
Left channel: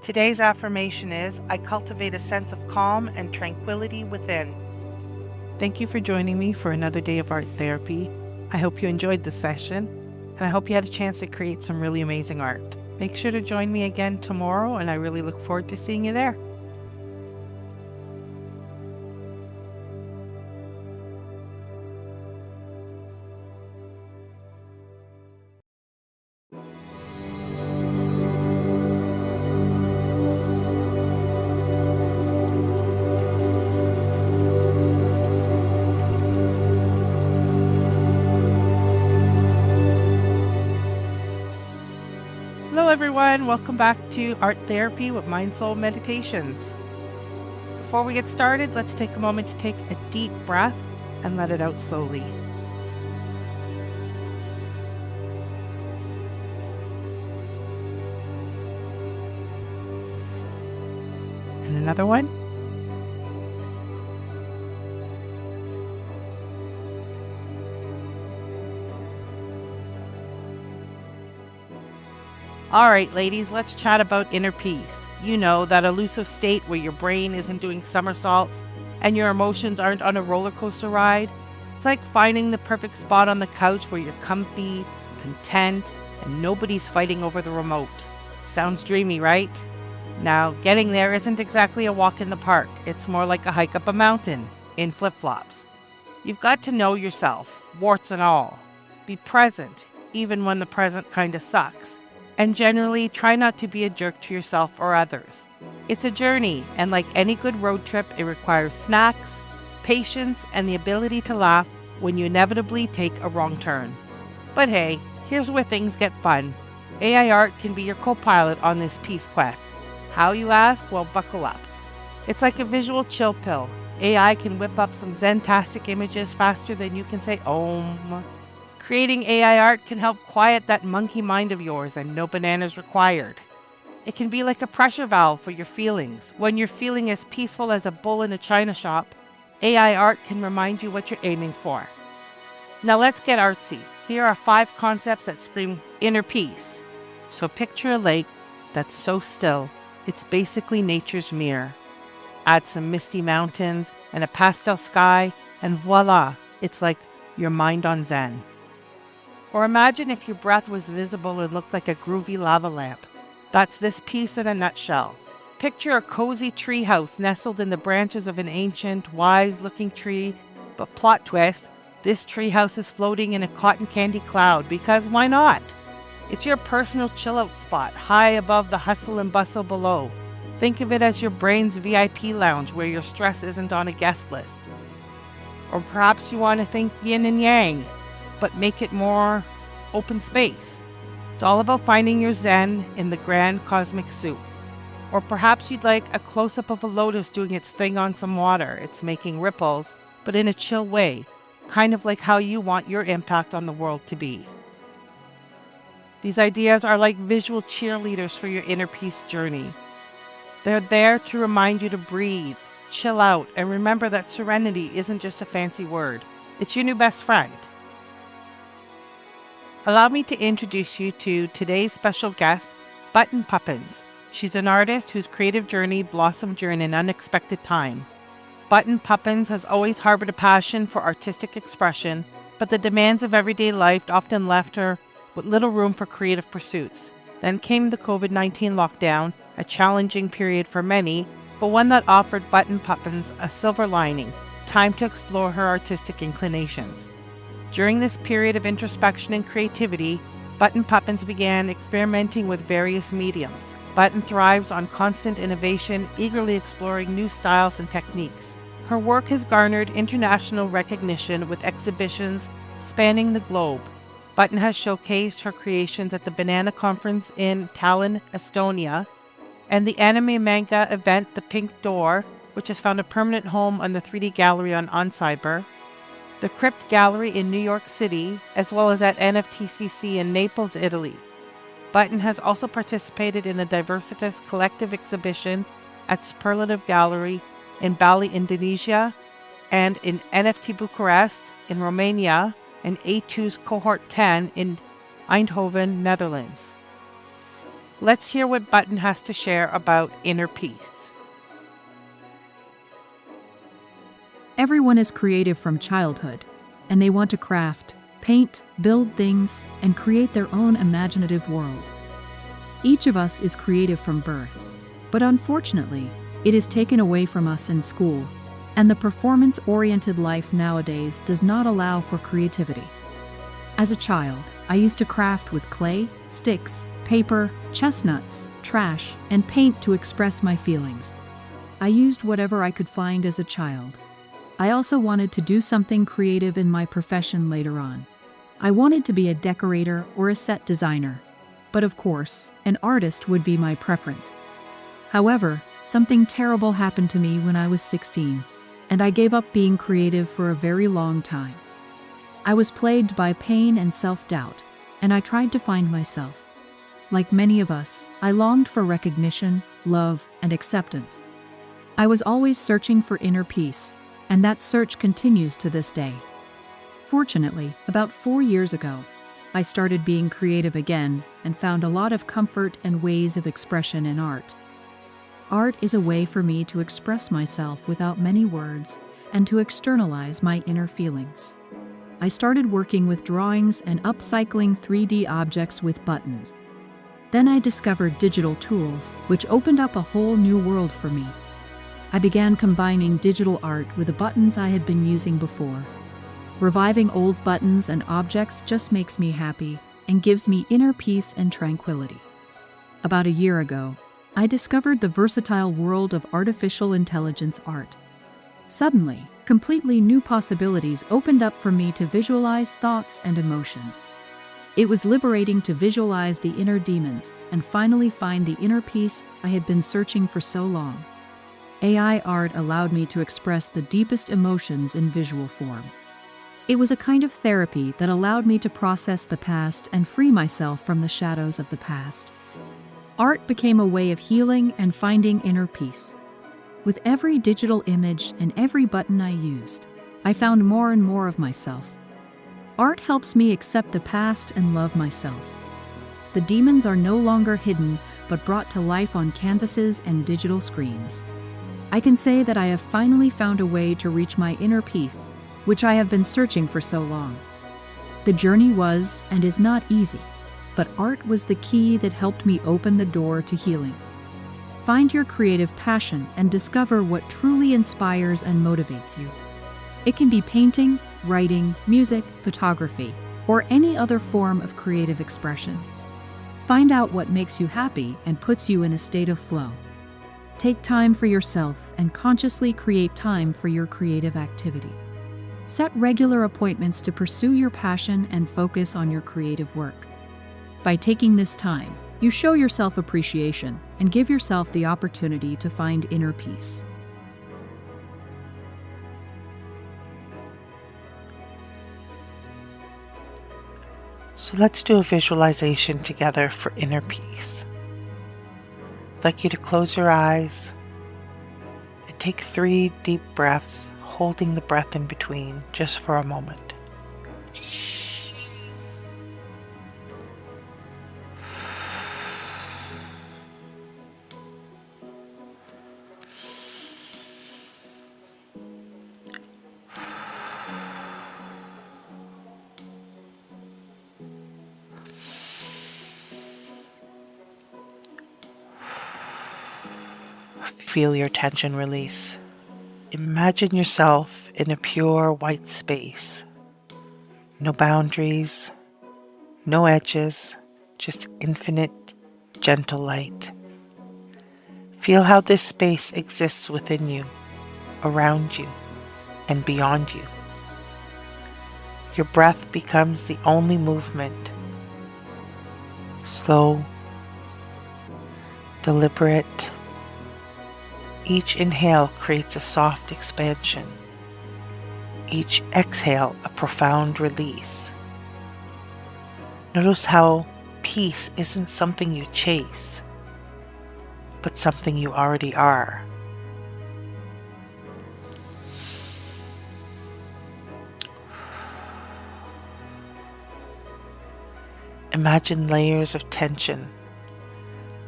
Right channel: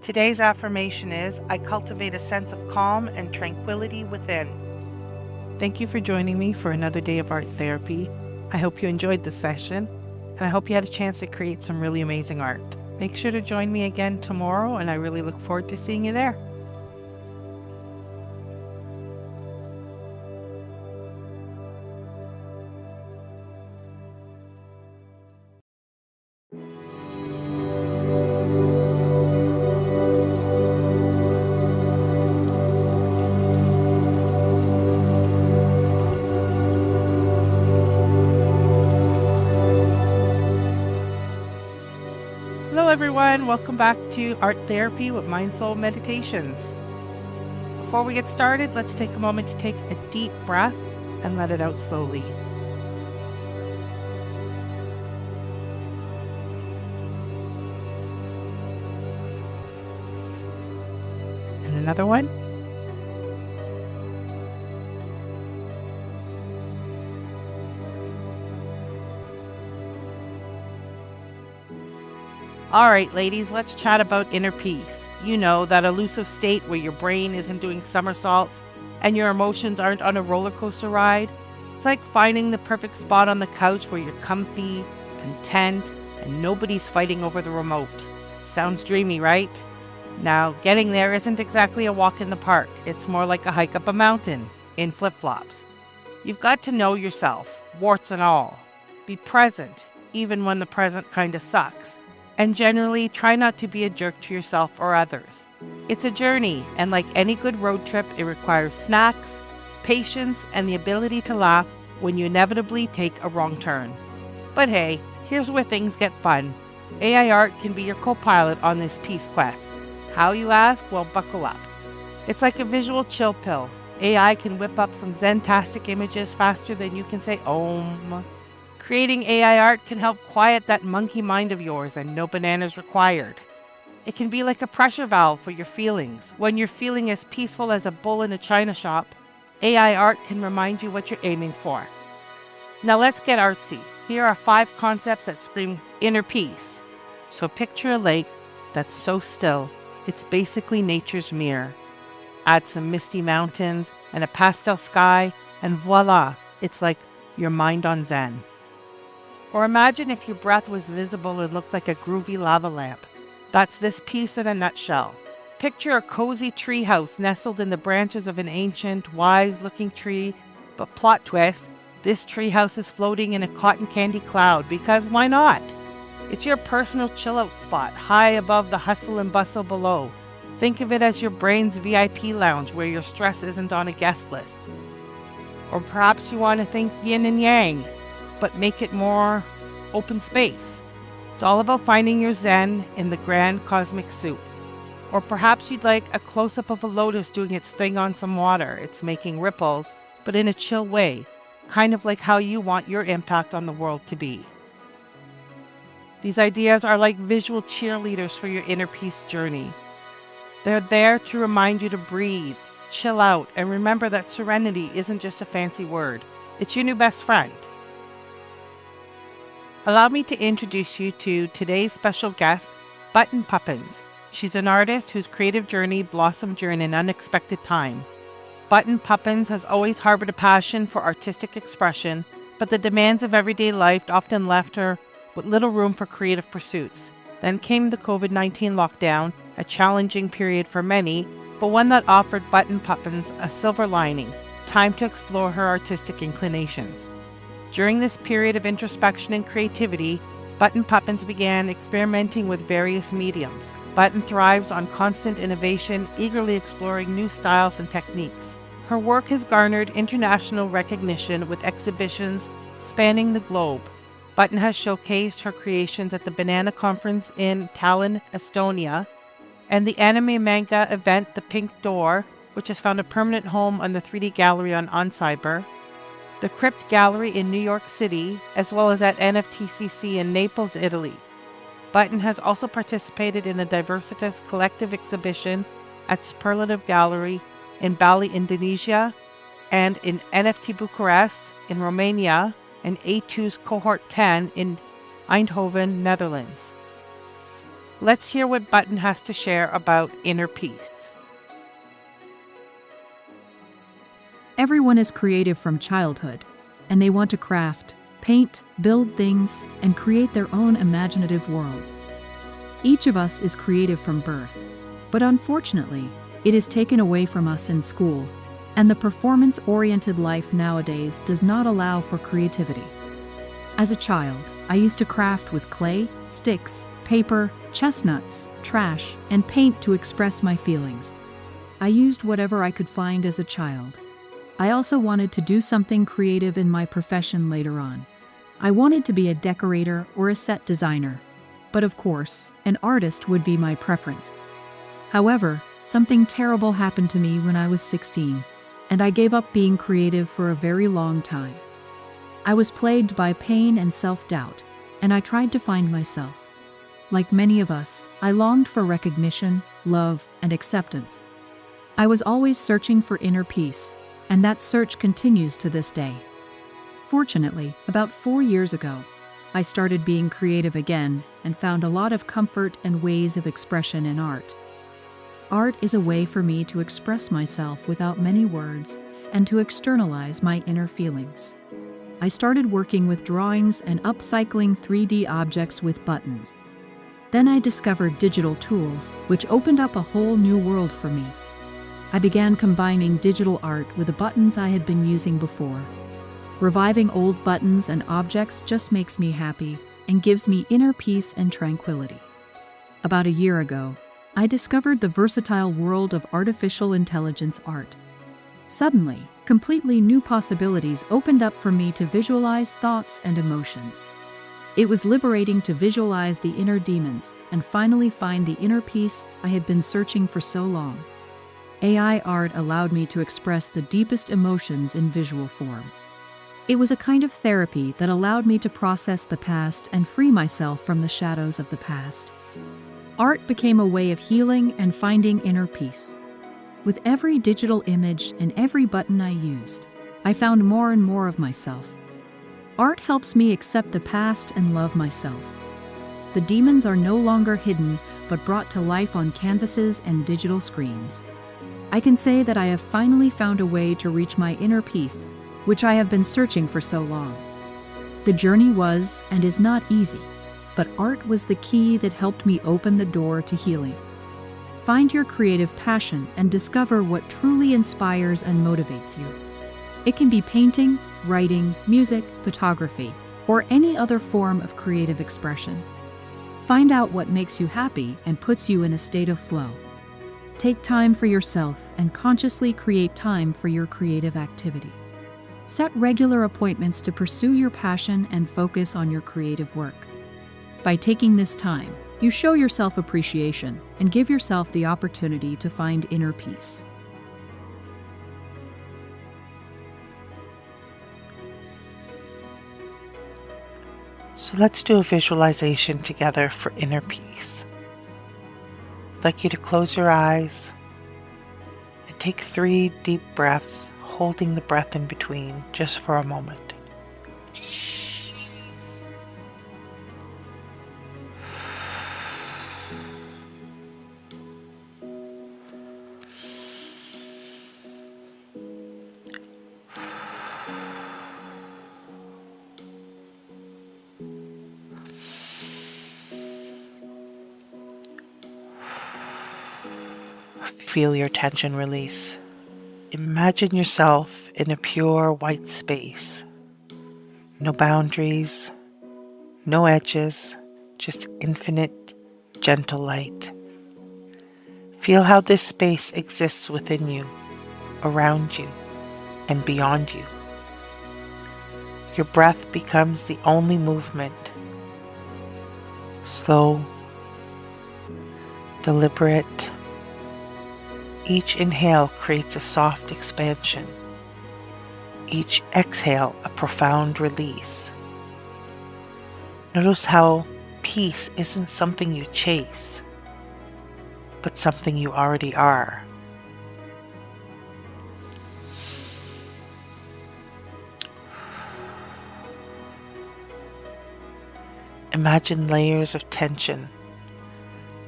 Today's affirmation is, I cultivate a sense of calm and tranquility within. Thank you for joining me for another day of art therapy. I hope you enjoyed the session, and I hope you had a chance to create some really amazing art. Make sure to join me again tomorrow, and I really look forward to seeing you there. Hello everyone, welcome back to Art Therapy with MindSoulMeditations. Before we get started, let's take a moment to take a deep breath and let it out slowly. And another one. All right, ladies, let's chat about inner peace. You know, that elusive state where your brain isn't doing somersaults and your emotions aren't on a roller coaster ride. It's like finding the perfect spot on the couch where you're comfy, content, and nobody's fighting over the remote. Sounds dreamy, right? Now, getting there isn't exactly a walk in the park. It's more like a hike up a mountain in flip-flops. You've got to know yourself, warts and all. Be present, even when the present kind of sucks. And generally, try not to be a jerk to yourself or others. It's a journey, and like any good road trip, it requires snacks, patience, and the ability to laugh when you inevitably take a wrong turn. But hey, here's where things get fun. AI art can be your co-pilot on this peace quest. How, you ask? Well, buckle up. It's like a visual chill pill. AI can whip up some zen-tastic images faster than you can say Om. Creating AI art can help quiet that monkey mind of yours, and no bananas required. It can be like a pressure valve for your feelings. When you're feeling as peaceful as a bull in a china shop, AI art can remind you what you're aiming for. Now let's get artsy. Here are 5 concepts that scream inner peace. So picture a lake that's so still, it's basically nature's mirror. Add some misty mountains and a pastel sky, and voila, it's like your mind on Zen. Or imagine if your breath was visible and looked like a groovy lava lamp. That's this piece in a nutshell. Picture a cozy treehouse nestled in the branches of an ancient, wise-looking tree, but plot twist, this treehouse is floating in a cotton candy cloud, because why not? It's your personal chill-out spot, high above the hustle and bustle below. Think of it as your brain's VIP lounge where your stress isn't on a guest list. Or perhaps you want to think yin and yang, but make it more open space. It's all about finding your zen in the grand cosmic soup. Or perhaps you'd like a close-up of a lotus doing its thing on some water. It's making ripples, but in a chill way, kind of like how you want your impact on the world to be. These ideas are like visual cheerleaders for your inner peace journey. They're there to remind you to breathe, chill out, and remember that serenity isn't just a fancy word. It's your new best friend. Allow me to introduce you to today's special guest, Button Puppins. She's an artist whose creative journey blossomed during an unexpected time. Button Puppins has always harbored a passion for artistic expression, but the demands of everyday life often left her with little room for creative pursuits. Then came the COVID-19 lockdown, a challenging period for many, but one that offered Button Puppins a silver lining, time to explore her artistic inclinations. During this period of introspection and creativity, Button Puppins began experimenting with various mediums. Button thrives on constant innovation, eagerly exploring new styles and techniques. Her work has garnered international recognition with exhibitions spanning the globe. Button has showcased her creations at the Banana Conference in Tallinn, Estonia, and the anime manga event The Pink Door, which has found a permanent home on the 3D Gallery on Cyber, the Crypt Gallery in New York City, as well as at NFTCC in Naples, Italy. Button has also participated in the Diversitas Collective exhibition at Superlative Gallery in Bali, Indonesia, and in NFT Bucharest in Romania, and A2's Cohort 10 in Eindhoven, Netherlands. Let's hear what Button has to share about inner peace. Everyone is creative from childhood, and they want to craft, paint, build things, and create their own imaginative worlds. Each of us is creative from birth, but unfortunately, it is taken away from us in school, and the performance-oriented life nowadays does not allow for creativity. As a child, I used to craft with clay, sticks, paper, chestnuts, trash, and paint to express my feelings. I used whatever I could find as a child. I also wanted to do something creative in my profession later on. I wanted to be a decorator or a set designer, but of course, an artist would be my preference. However, something terrible happened to me when I was 16, and I gave up being creative for a very long time. I was plagued by pain and self-doubt, and I tried to find myself. Like many of us, I longed for recognition, love, and acceptance. I was always searching for inner peace, and that search continues to this day. Fortunately, about 4 years ago, I started being creative again and found a lot of comfort and ways of expression in art. Art is a way for me to express myself without many words and to externalize my inner feelings. I started working with drawings and upcycling 3D objects with buttons. Then I discovered digital tools, which opened up a whole new world for me. I began combining digital art with the buttons I had been using before. Reviving old buttons and objects just makes me happy and gives me inner peace and tranquility. About a year ago, I discovered the versatile world of artificial intelligence art. Suddenly, completely new possibilities opened up for me to visualize thoughts and emotions. It was liberating to visualize the inner demons and finally find the inner peace I had been searching for so long. AI art allowed me to express the deepest emotions in visual form. It was a kind of therapy that allowed me to process the past and free myself from the shadows of the past. Art became a way of healing and finding inner peace. With every digital image and every button I used, I found more and more of myself. Art helps me accept the past and love myself. The demons are no longer hidden, but brought to life on canvases and digital screens. I can say that I have finally found a way to reach my inner peace, which I have been searching for so long. The journey was and is not easy, but art was the key that helped me open the door to healing. Find your creative passion and discover what truly inspires and motivates you. It can be painting, writing, music, photography, or any other form of creative expression. Find out what makes you happy and puts you in a state of flow. Take time for yourself and consciously create time for your creative activity. Set regular appointments to pursue your passion and focus on your creative work. By taking this time, you show yourself appreciation and give yourself the opportunity to find inner peace. So let's do a visualization together for inner peace. I'd like you to close your eyes and take 3 deep breaths, holding the breath in between just for a moment. Feel your tension release. Imagine yourself in a pure white space. No boundaries, no edges, just infinite, gentle light. Feel how this space exists within you, around you, and beyond you. Your breath becomes the only movement. Slow, deliberate. Each inhale creates a soft expansion. Each exhale a profound release. Notice how peace isn't something you chase, but something you already are. Imagine layers of tension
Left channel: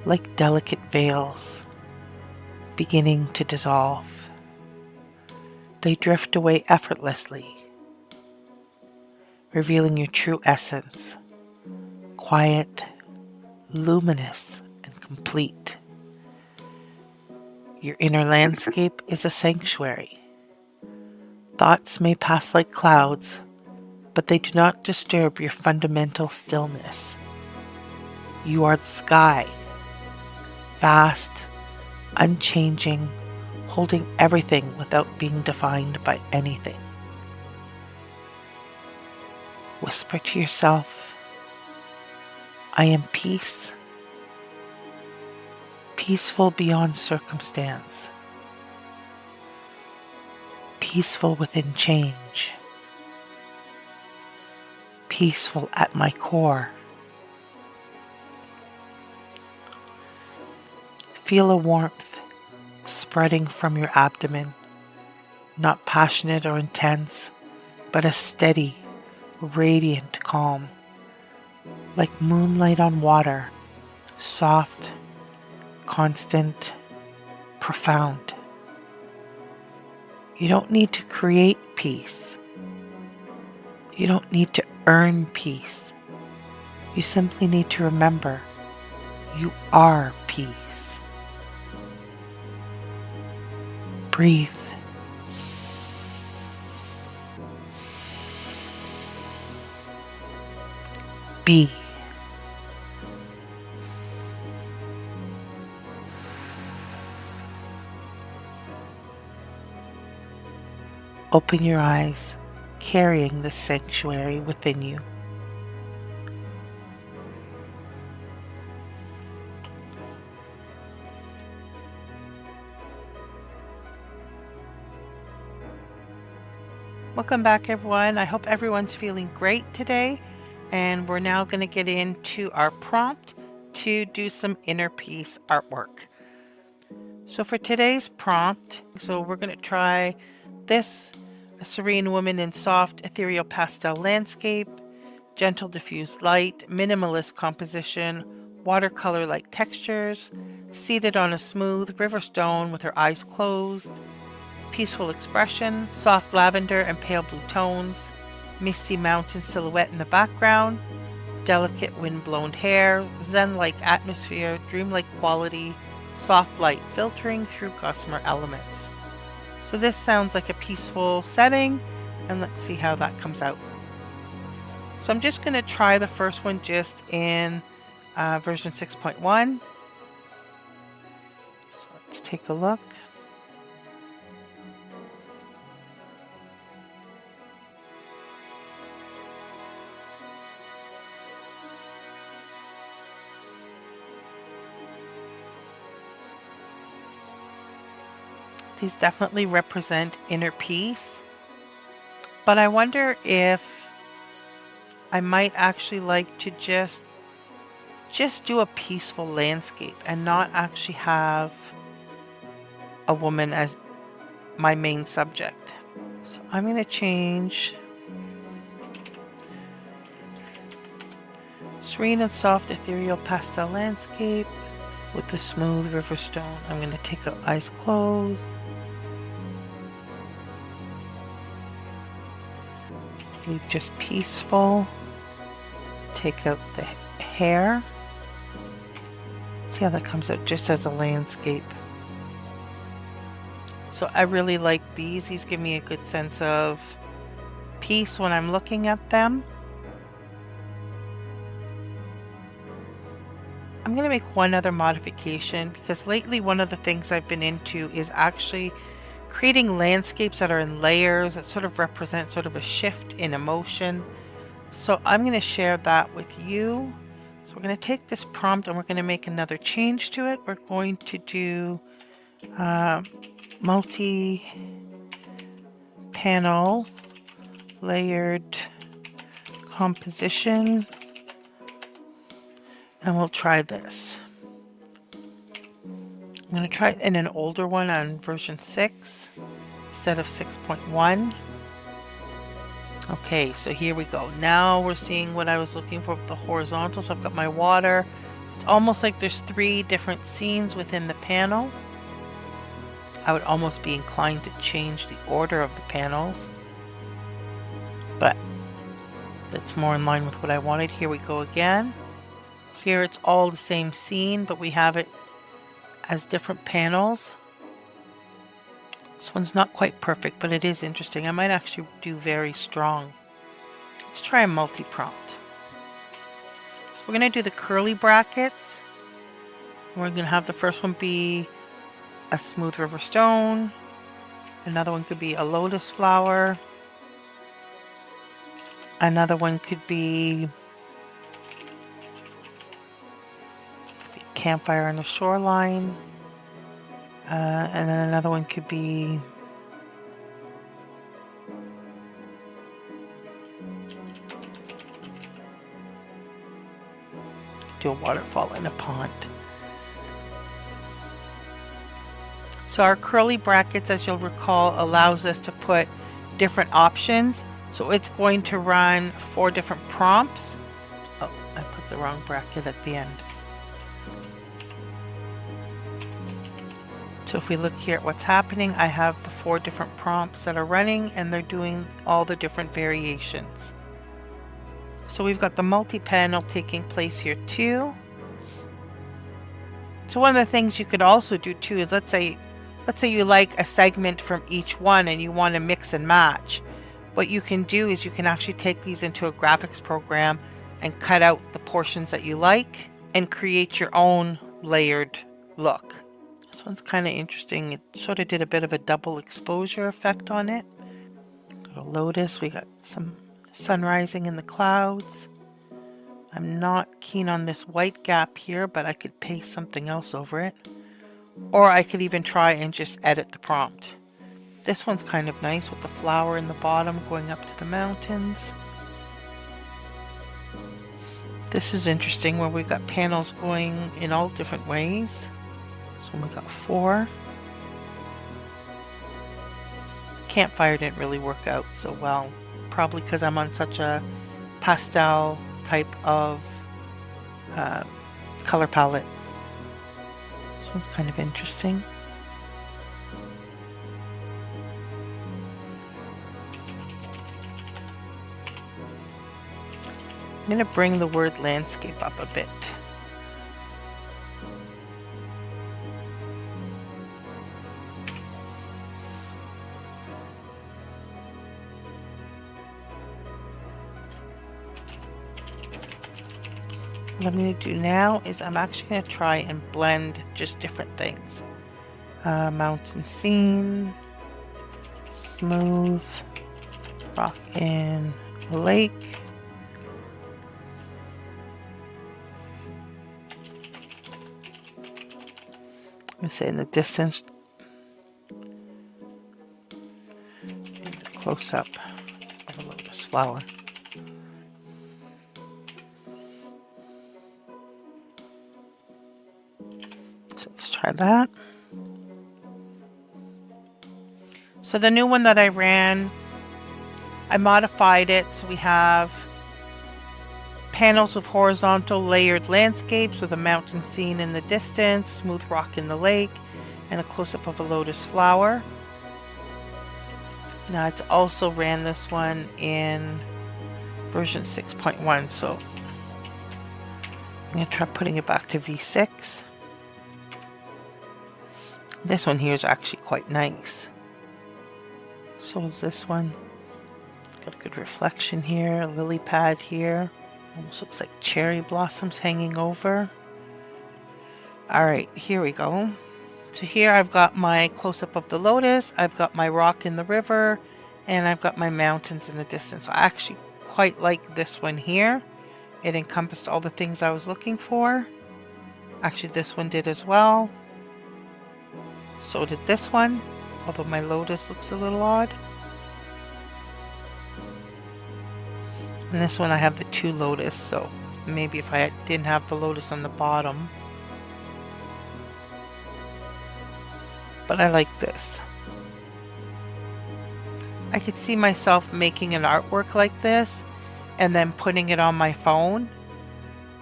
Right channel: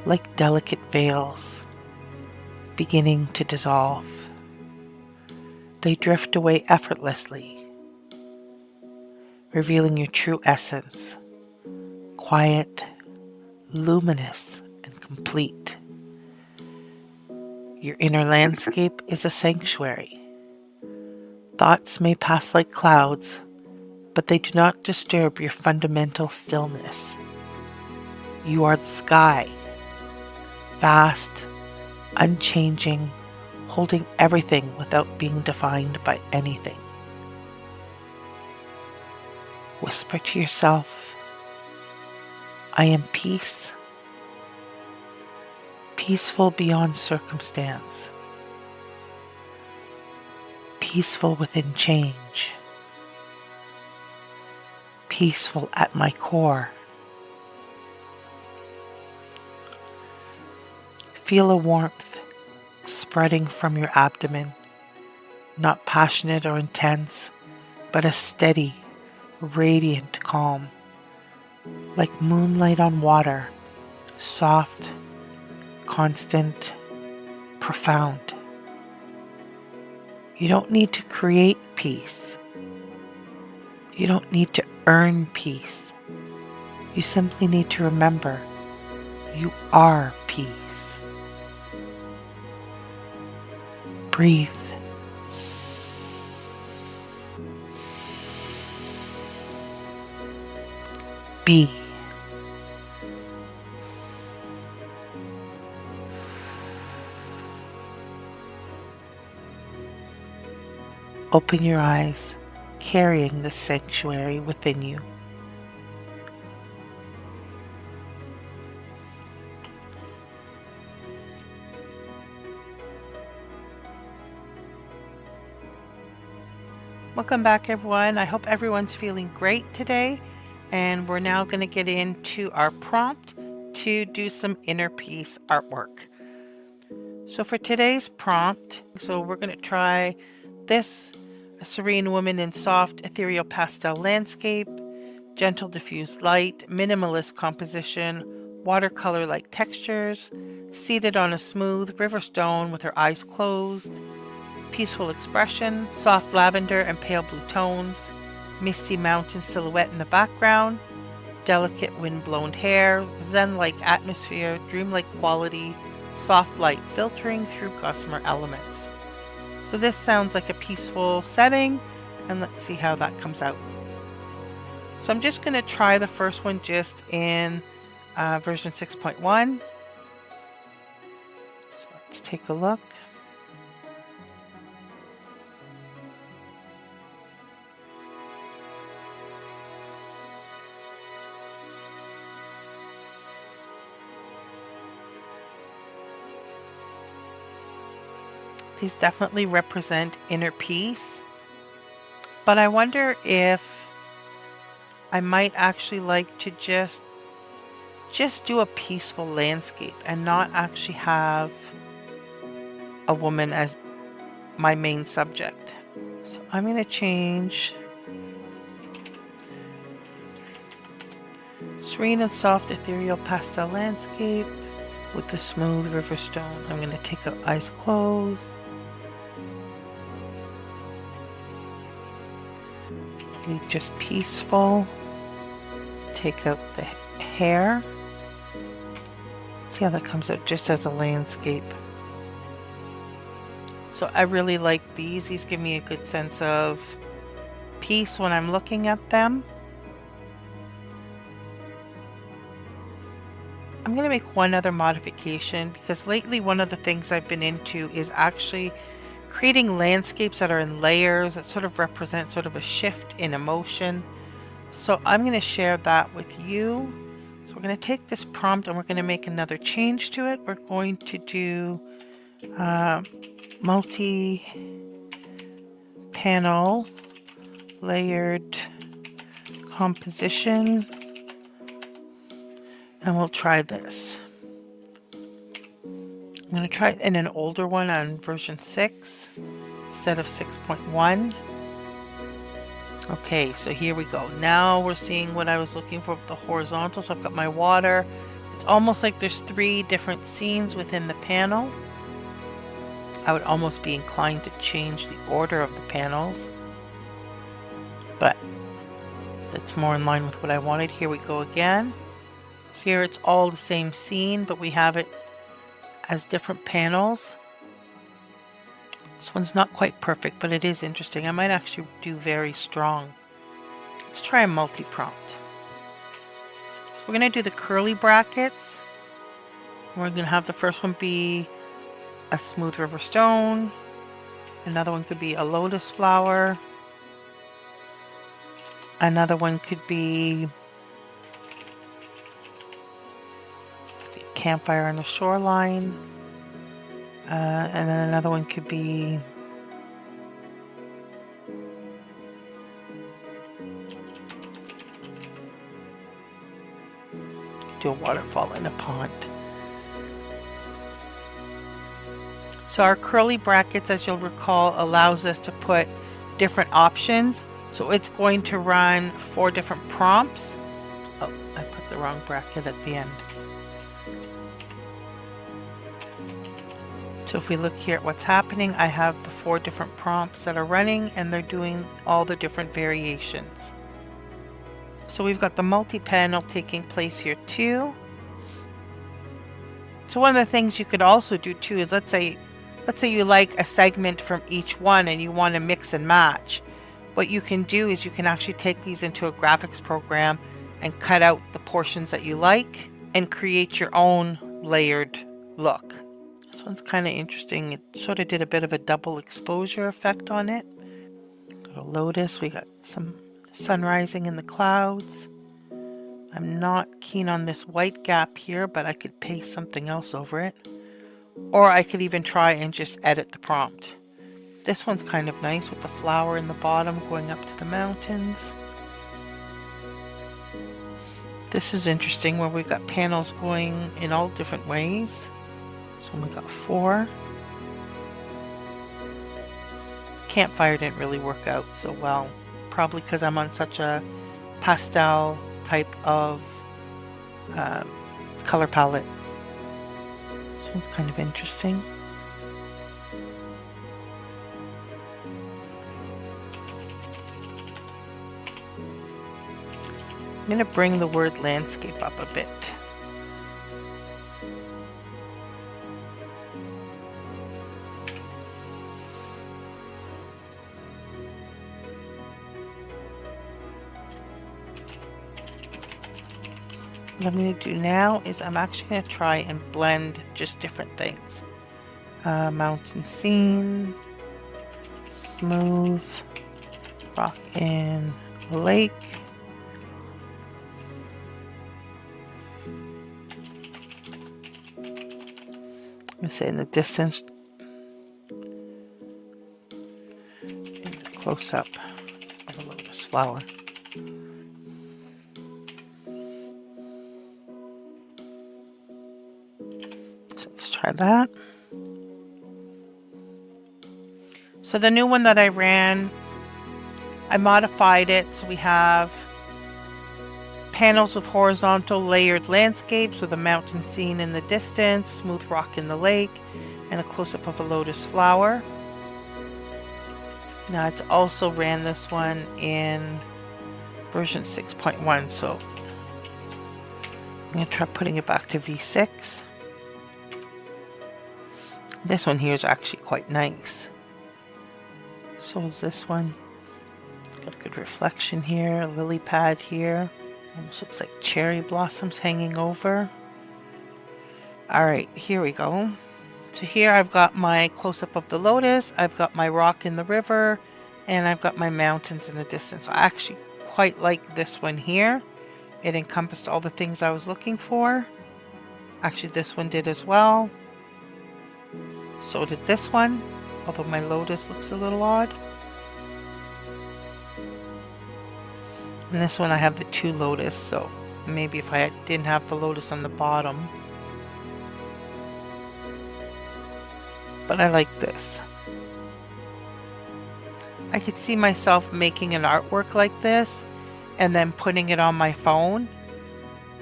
like delicate veils beginning to dissolve. They drift away effortlessly, revealing your true essence, quiet, luminous, and complete. Your inner landscape is a sanctuary. Thoughts may pass like clouds, but they do not disturb your fundamental stillness. You are the sky, vast, unchanging, holding everything without being defined by anything. Whisper to yourself, I am peace, peaceful beyond circumstance, peaceful within change, peaceful at my core. Feel a warmth spreading from your abdomen, not passionate or intense, but a steady, radiant calm, like moonlight on water, soft, constant, profound. You don't need to create peace. You don't need to earn peace. You simply need to remember you are peace. Breathe. Be. Open your eyes, carrying the sanctuary within you. Welcome back, everyone. I hope everyone's feeling great today. And we're now going to get into our prompt to do some inner peace artwork. So for today's prompt, we're going to try this, a serene woman in soft ethereal pastel landscape, gentle diffused light, minimalist composition, watercolor-like textures, seated on a smooth river stone with her eyes closed, peaceful expression, soft lavender and pale blue tones, misty mountain silhouette in the background, delicate wind-blown hair, zen-like atmosphere, dreamlike quality, soft light filtering through gossamer elements. So this sounds like a peaceful setting, and let's see how that comes out. So I'm just going to try the first one just in version 6.1. So let's take a look. These definitely represent inner peace, but I wonder if I might actually like to just do a peaceful landscape and not actually have a woman as my main subject. So I'm going to change serene and soft ethereal pastel landscape with the smooth river stone. I'm going to take out eyes closed. Leave just peaceful. Take out the hair. See how that comes out just as a landscape. So I really like these. These give me a good sense of peace when I'm looking at them. I'm going to make one other modification because lately one of the things I've been into is actually creating landscapes that are in layers that sort of represent sort of a shift in emotion. So I'm going to share that with you. So we're going to take this prompt and we're going to make another change to it. We're going to do multi-panel layered composition. And we'll try this. I'm going to try it in an older one on version 6 instead of 6.1. Okay, so here we go. Now we're seeing what I was looking for with the horizontal. So I've got my water It's almost like there's 3 different scenes within the panel. I would almost be inclined to change the order of the panels, but that's more in line with what I wanted. Here we go again. Here it's all the same scene, but we have it as different panels. This one's not quite perfect, but it is interesting. I might actually do very strong. Let's try a multi-prompt. So we're going to do the curly brackets. We're going to have the first one be a smooth river stone. Another one could be a lotus flower. Another one could be a campfire on the shoreline. And then another one could be do a waterfall in a pond. So our curly brackets, as you'll recall, allows us to put different options. So it's going to run 4 different prompts. Oh, I put the wrong bracket at the end. So if we look here at what's happening, I have the 4 different prompts that are running, and they're doing all the different variations. So we've got the multi-panel taking place here too. So one of the things you could also do too is let's say you like a segment from each one and you want to mix and match. What you can do is you can actually take these into a graphics program and cut out the portions that you like and create your own layered look. This one's kind of interesting. It sort of did a bit of a double exposure effect on it. Got a lotus. We got some sun rising in the clouds. I'm not keen on this white gap here, but I could paste something else over it. Or I could even try and just edit the prompt. This one's kind of nice with the flower in the bottom going up to the mountains. This is interesting where we've got panels going in all different ways. So we got 4. Campfire didn't really work out so well, probably because I'm on such a pastel type of color palette. This one's kind of interesting. I'm going to bring the word landscape up a bit. What I'm going to do now is I'm actually going to try and blend just different things. Mountain scene, smooth, rock in a lake. I'm going to say in the distance, and a close-up of a lotus flower. Let's try that. So the new one that I ran, I modified it so we have panels of horizontal layered landscapes with a mountain scene in the distance, smooth rock in the lake, and a close-up of a lotus flower. Now it's also ran this one in version 6.1, so I'm going to try putting it back to V6. This one here is actually quite nice. So is this one. Got a good reflection here, a lily pad here. Almost looks like cherry blossoms hanging over. Alright, here we go. So here I've got my close-up of the lotus, I've got my rock in the river, and I've got my mountains in the distance. I actually quite like this one here. It encompassed all the things I was looking for. Actually, this one did as well. So did this one, although my lotus looks a little odd. And this one I have the 2 lotus, so maybe if I didn't have the lotus on the bottom. But I like this. I could see myself making an artwork like this and then putting it on my phone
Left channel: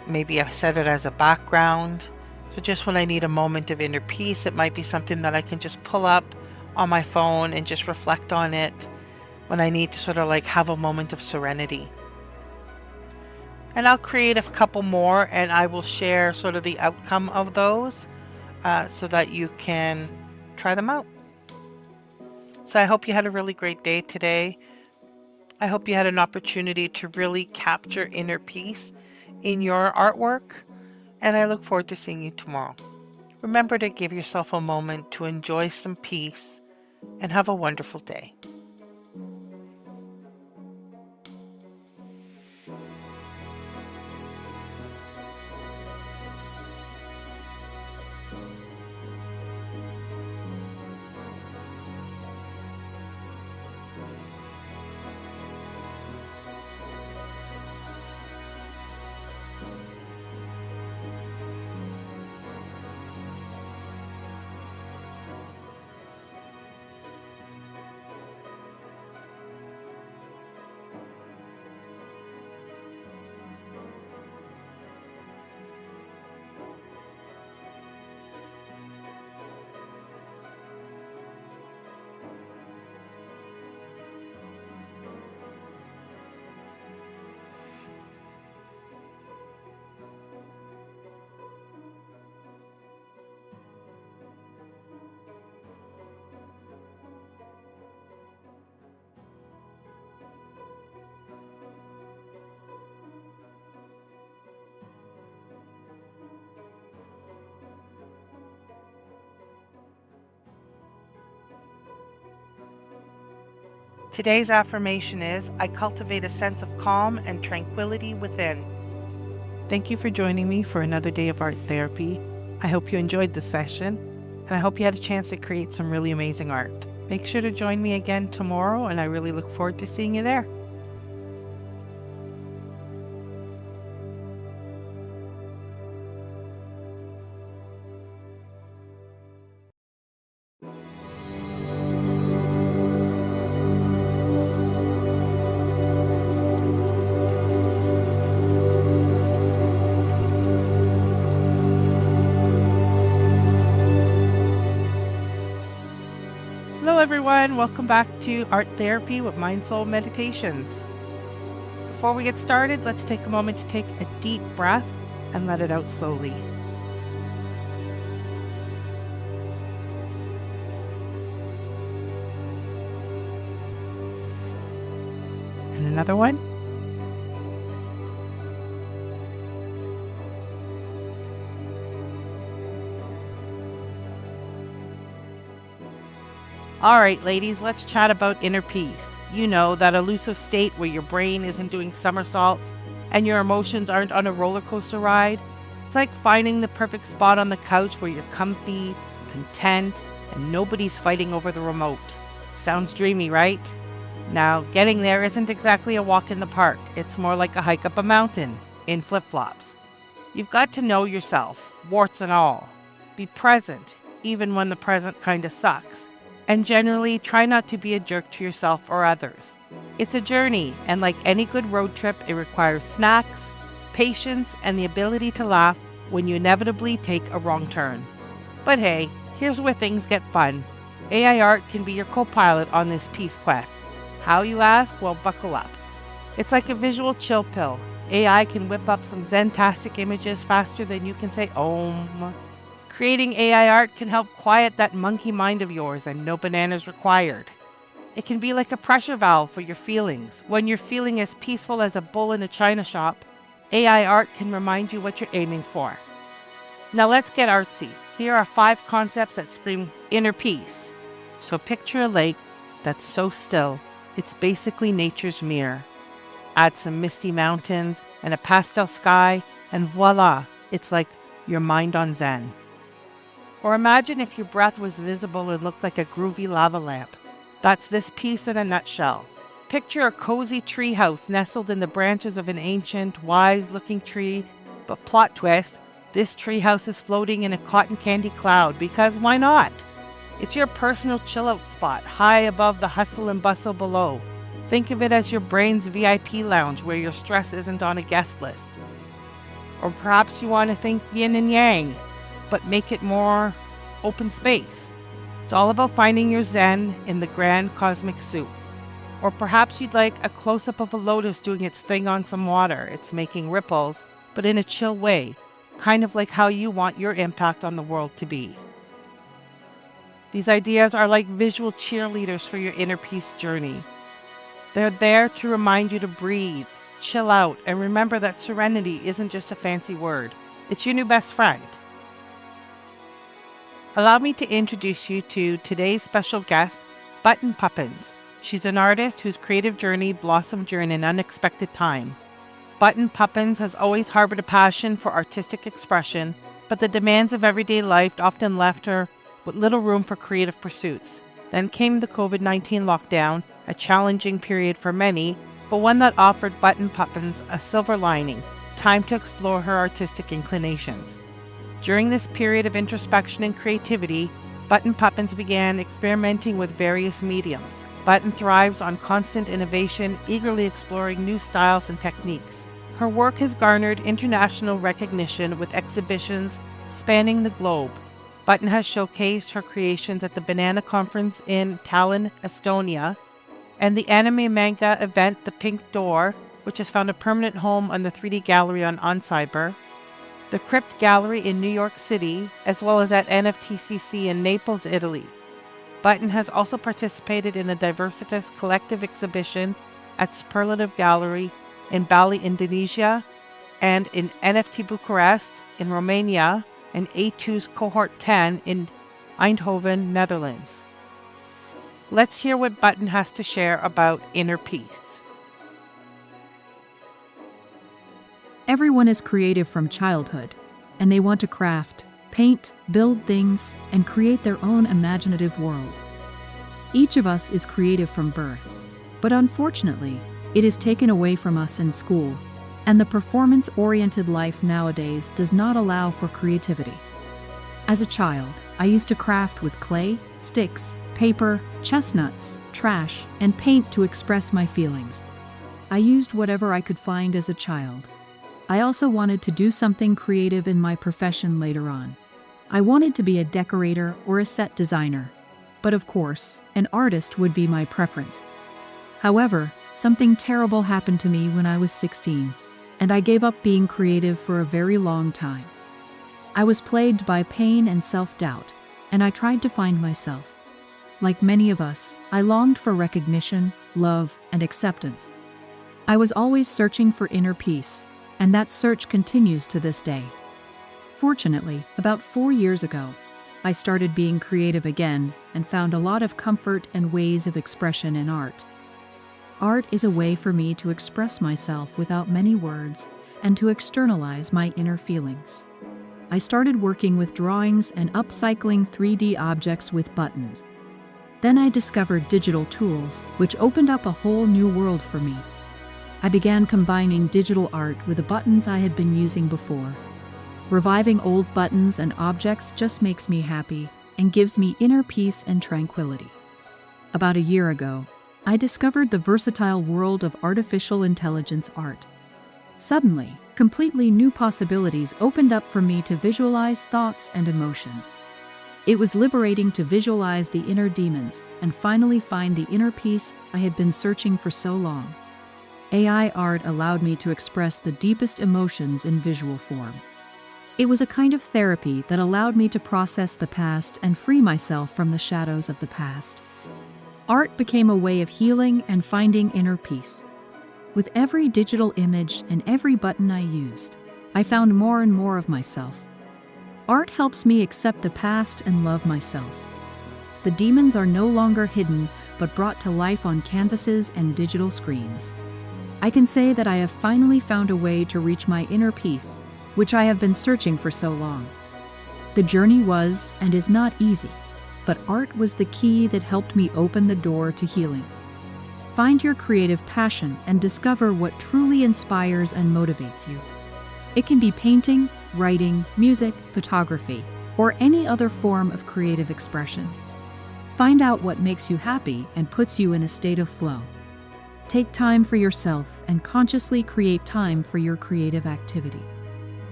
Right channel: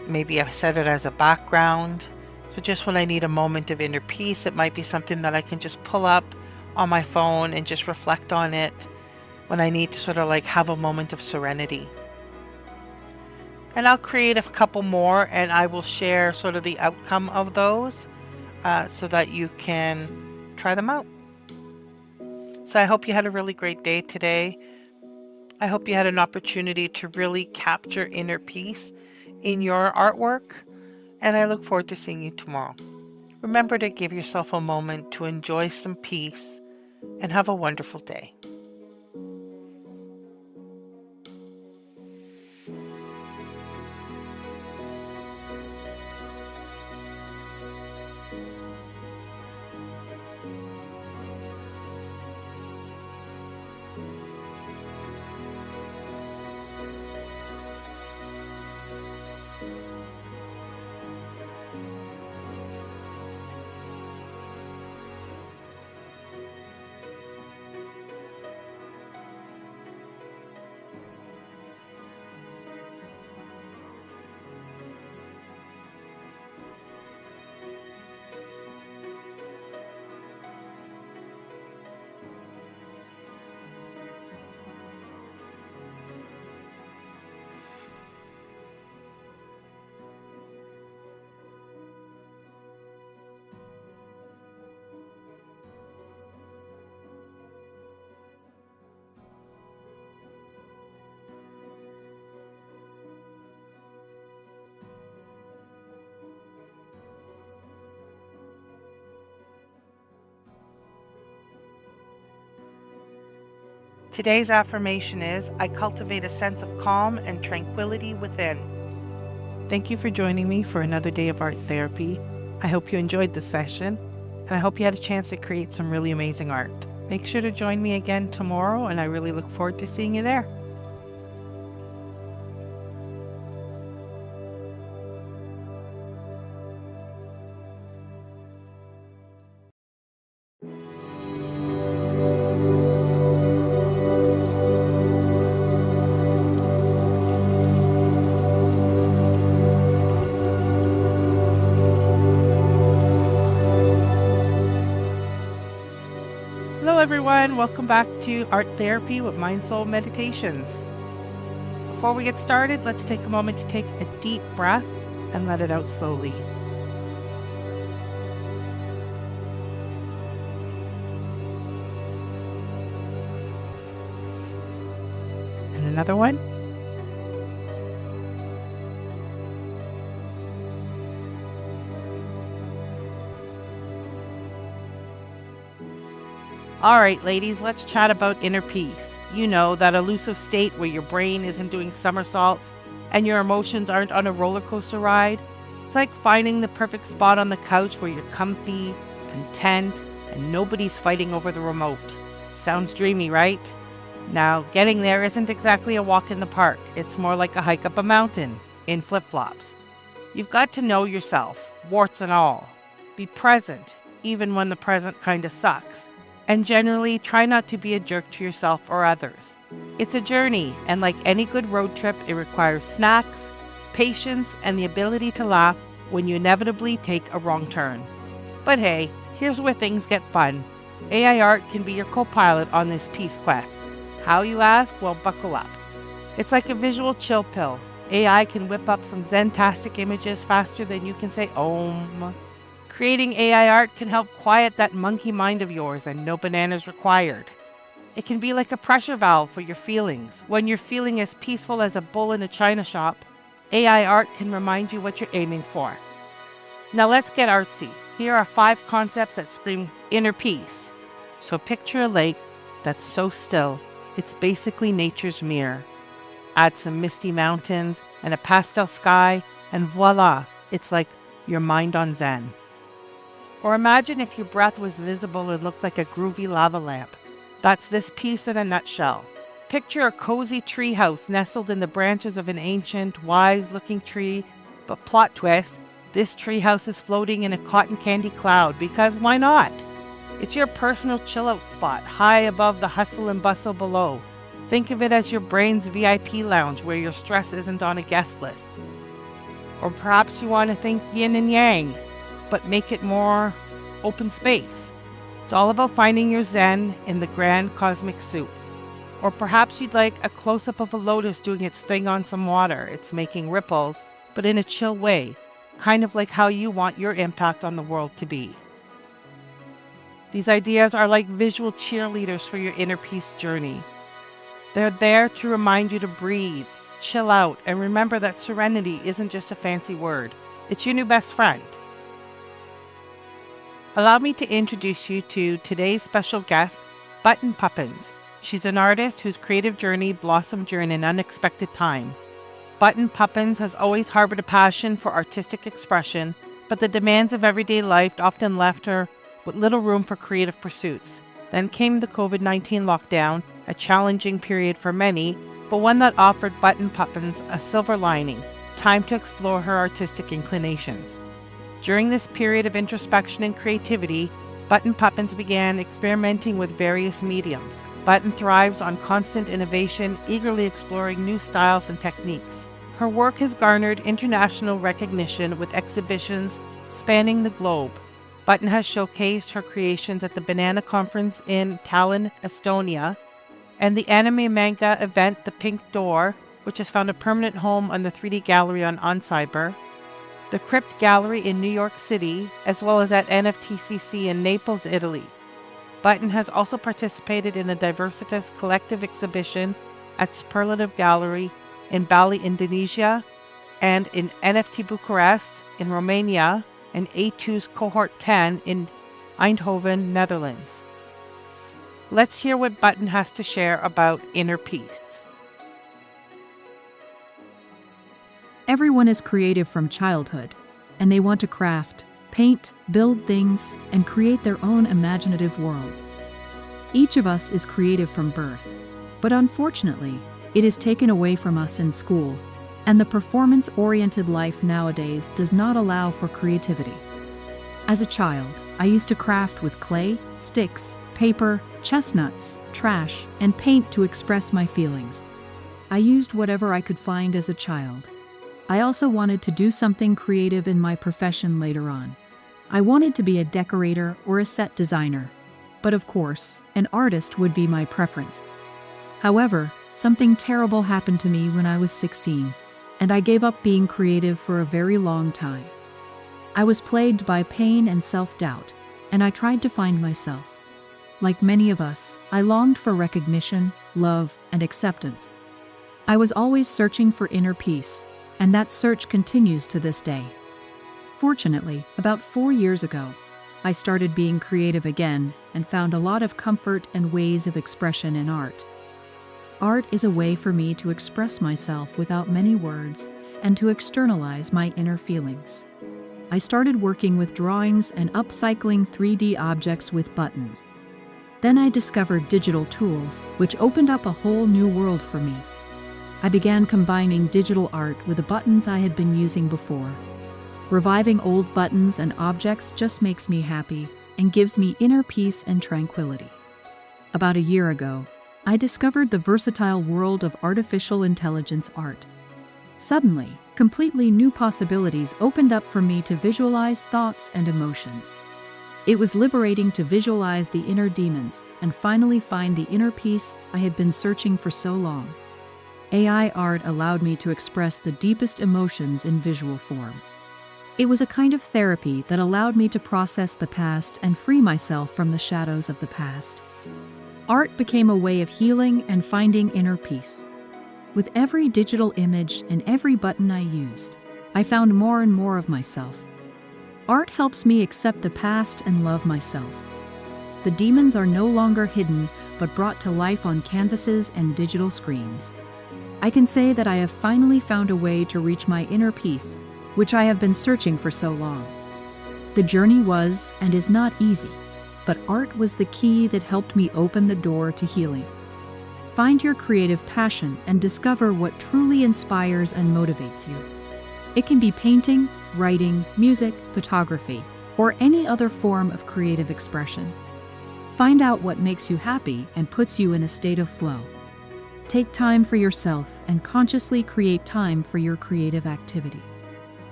Maybe I set it as a background. So just when I need a moment of inner peace, it might be something that I can just pull up on my phone and just reflect on it when I need to sort of like have a moment of serenity. And I'll create a couple more and I will share sort of the outcome of those so that you can try them out. So I hope you had a really great day today. I hope you had an opportunity to really capture inner peace in your artwork, and I look forward to seeing you tomorrow. Remember to give yourself a moment to enjoy some peace and have a wonderful day. Today's affirmation is, I cultivate a sense of calm and tranquility within. Thank you for joining me for another day of art therapy. I hope you enjoyed the session, and I hope you had a chance to create some really amazing art. Make sure to join me again tomorrow, and I really look forward to seeing you there. Hello everyone, welcome back to Art Therapy with MindSoulMeditations. Before we get started, let's take a moment to take a deep breath and let it out slowly. And another one. All right, ladies, let's chat about inner peace. You know, that elusive state where your brain isn't doing somersaults and your emotions aren't on a roller coaster ride. It's like finding the perfect spot on the couch where you're comfy, content, and nobody's fighting over the remote. Sounds dreamy, right? Now, getting there isn't exactly a walk in the park. It's more like a hike up a mountain in flip-flops. You've got to know yourself, warts and all. Be present, even when the present kind of sucks. And generally, try not to be a jerk to yourself or others. It's a journey, and like any good road trip, it requires snacks, patience, and the ability to laugh when you inevitably take a wrong turn. But hey, here's where things get fun. AI art can be your co-pilot on this peace quest. How, you ask? Well, buckle up. It's like a visual chill pill. AI can whip up some zen-tastic images faster than you can say Om. Creating AI art can help quiet that monkey mind of yours, and no bananas required. It can be like a pressure valve for your feelings. When you're feeling as peaceful as a bull in a china shop, AI art can remind you what you're aiming for. Now let's get artsy. Here are 5 concepts that scream inner peace. So picture a lake that's so still, it's basically nature's mirror. Add some misty mountains and a pastel sky, and voila, it's like your mind on Zen. Or imagine if your breath was visible and looked like a groovy lava lamp. That's this piece in a nutshell. Picture a cozy treehouse nestled in the branches of an ancient, wise-looking tree, but plot twist, this treehouse is floating in a cotton candy cloud, because why not? It's your personal chill-out spot, high above the hustle and bustle below. Think of it as your brain's VIP lounge where your stress isn't on a guest list. Or perhaps you want to think yin and yang, but make it more open space. It's all about finding your zen in the grand cosmic soup. Or perhaps you'd like a close-up of a lotus doing its thing on some water. It's making ripples, but in a chill way, kind of like how you want your impact on the world to be. These ideas are like visual cheerleaders for your inner peace journey. They're there to remind you to breathe, chill out, and remember that serenity isn't just a fancy word. It's your new best friend. Allow me to introduce you to today's special guest, Button Puppins. She's an artist whose creative journey blossomed during an unexpected time. Button Puppins has always harbored a passion for artistic expression, but the demands of everyday life often left her with little room for creative pursuits. Then came the COVID-19 lockdown, a challenging period for many, but one that offered Button Puppins a silver lining, time to explore her artistic inclinations. During this period of introspection and creativity, Button Puppins began experimenting with various mediums. Button thrives on constant innovation, eagerly exploring new styles and techniques. Her work has garnered international recognition with exhibitions spanning the globe. Button has showcased her creations at the Banana Conference in Tallinn, Estonia, and the anime manga event The Pink Door, which has found a permanent home on the 3D Gallery on Cyber, the Crypt Gallery in New York City, as well as at NFTCC in Naples, Italy. Button has also participated in the Diversitas Collective exhibition at Superlative Gallery in Bali, Indonesia, and in NFT Bucharest in Romania, and A2's Cohort 10 in Eindhoven, Netherlands. Let's hear what Button has to share about inner peace. Everyone is creative from childhood, and they want to craft, paint, build things, and create their own imaginative worlds. Each of us is creative from birth, but unfortunately, it is taken away from us in school, and the performance-oriented life nowadays does not allow for creativity. As a child, I used to craft with clay, sticks, paper, chestnuts, trash, and paint to express my feelings. I used whatever I could find as a child. I also wanted to do something creative in my profession later on. I wanted to be a decorator or a set designer. But of course, an artist would be my preference. However, something terrible happened to me when I was 16, and I gave up being creative for a very long time. I was plagued by pain and self-doubt, and I tried to find myself. Like many of us, I longed for recognition, love, and acceptance. I was always searching for inner peace, and that search continues to this day. Fortunately, about 4 years ago, I started being creative again and found a lot of comfort and ways of expression in art. Art is a way for me to express myself without many words and to externalize my inner feelings. I started working with drawings and upcycling 3D objects with buttons. Then I discovered digital tools, which opened up a whole new world for me. I began combining digital art with the buttons I had been using before. Reviving old buttons and objects just makes me happy and gives me inner peace and tranquility. About a year ago, I discovered the versatile world of artificial intelligence art. Suddenly, completely new possibilities opened up for me to visualize thoughts and emotions. It was liberating to visualize the inner demons and finally find the inner peace I had been searching for so long. AI art allowed me to express the deepest emotions in visual form. It was a kind of therapy that allowed me to process the past and free myself from the shadows of the past. Art became a way of healing and finding inner peace. With every digital image and every button I used, I found more and more of myself. Art helps me accept the past and love myself. The demons are no longer hidden, but brought to life on canvases and digital screens. I can say that I have finally found a way to reach my inner peace, which I have been searching for so long. The journey was and is not easy, but art was the key that helped me open the door to healing. Find your creative passion and discover what truly inspires and motivates you. It can be painting, writing, music, photography, or any other form of creative expression. Find out what makes you happy and puts you in a state of flow. Take time for yourself and consciously create time for your creative activity.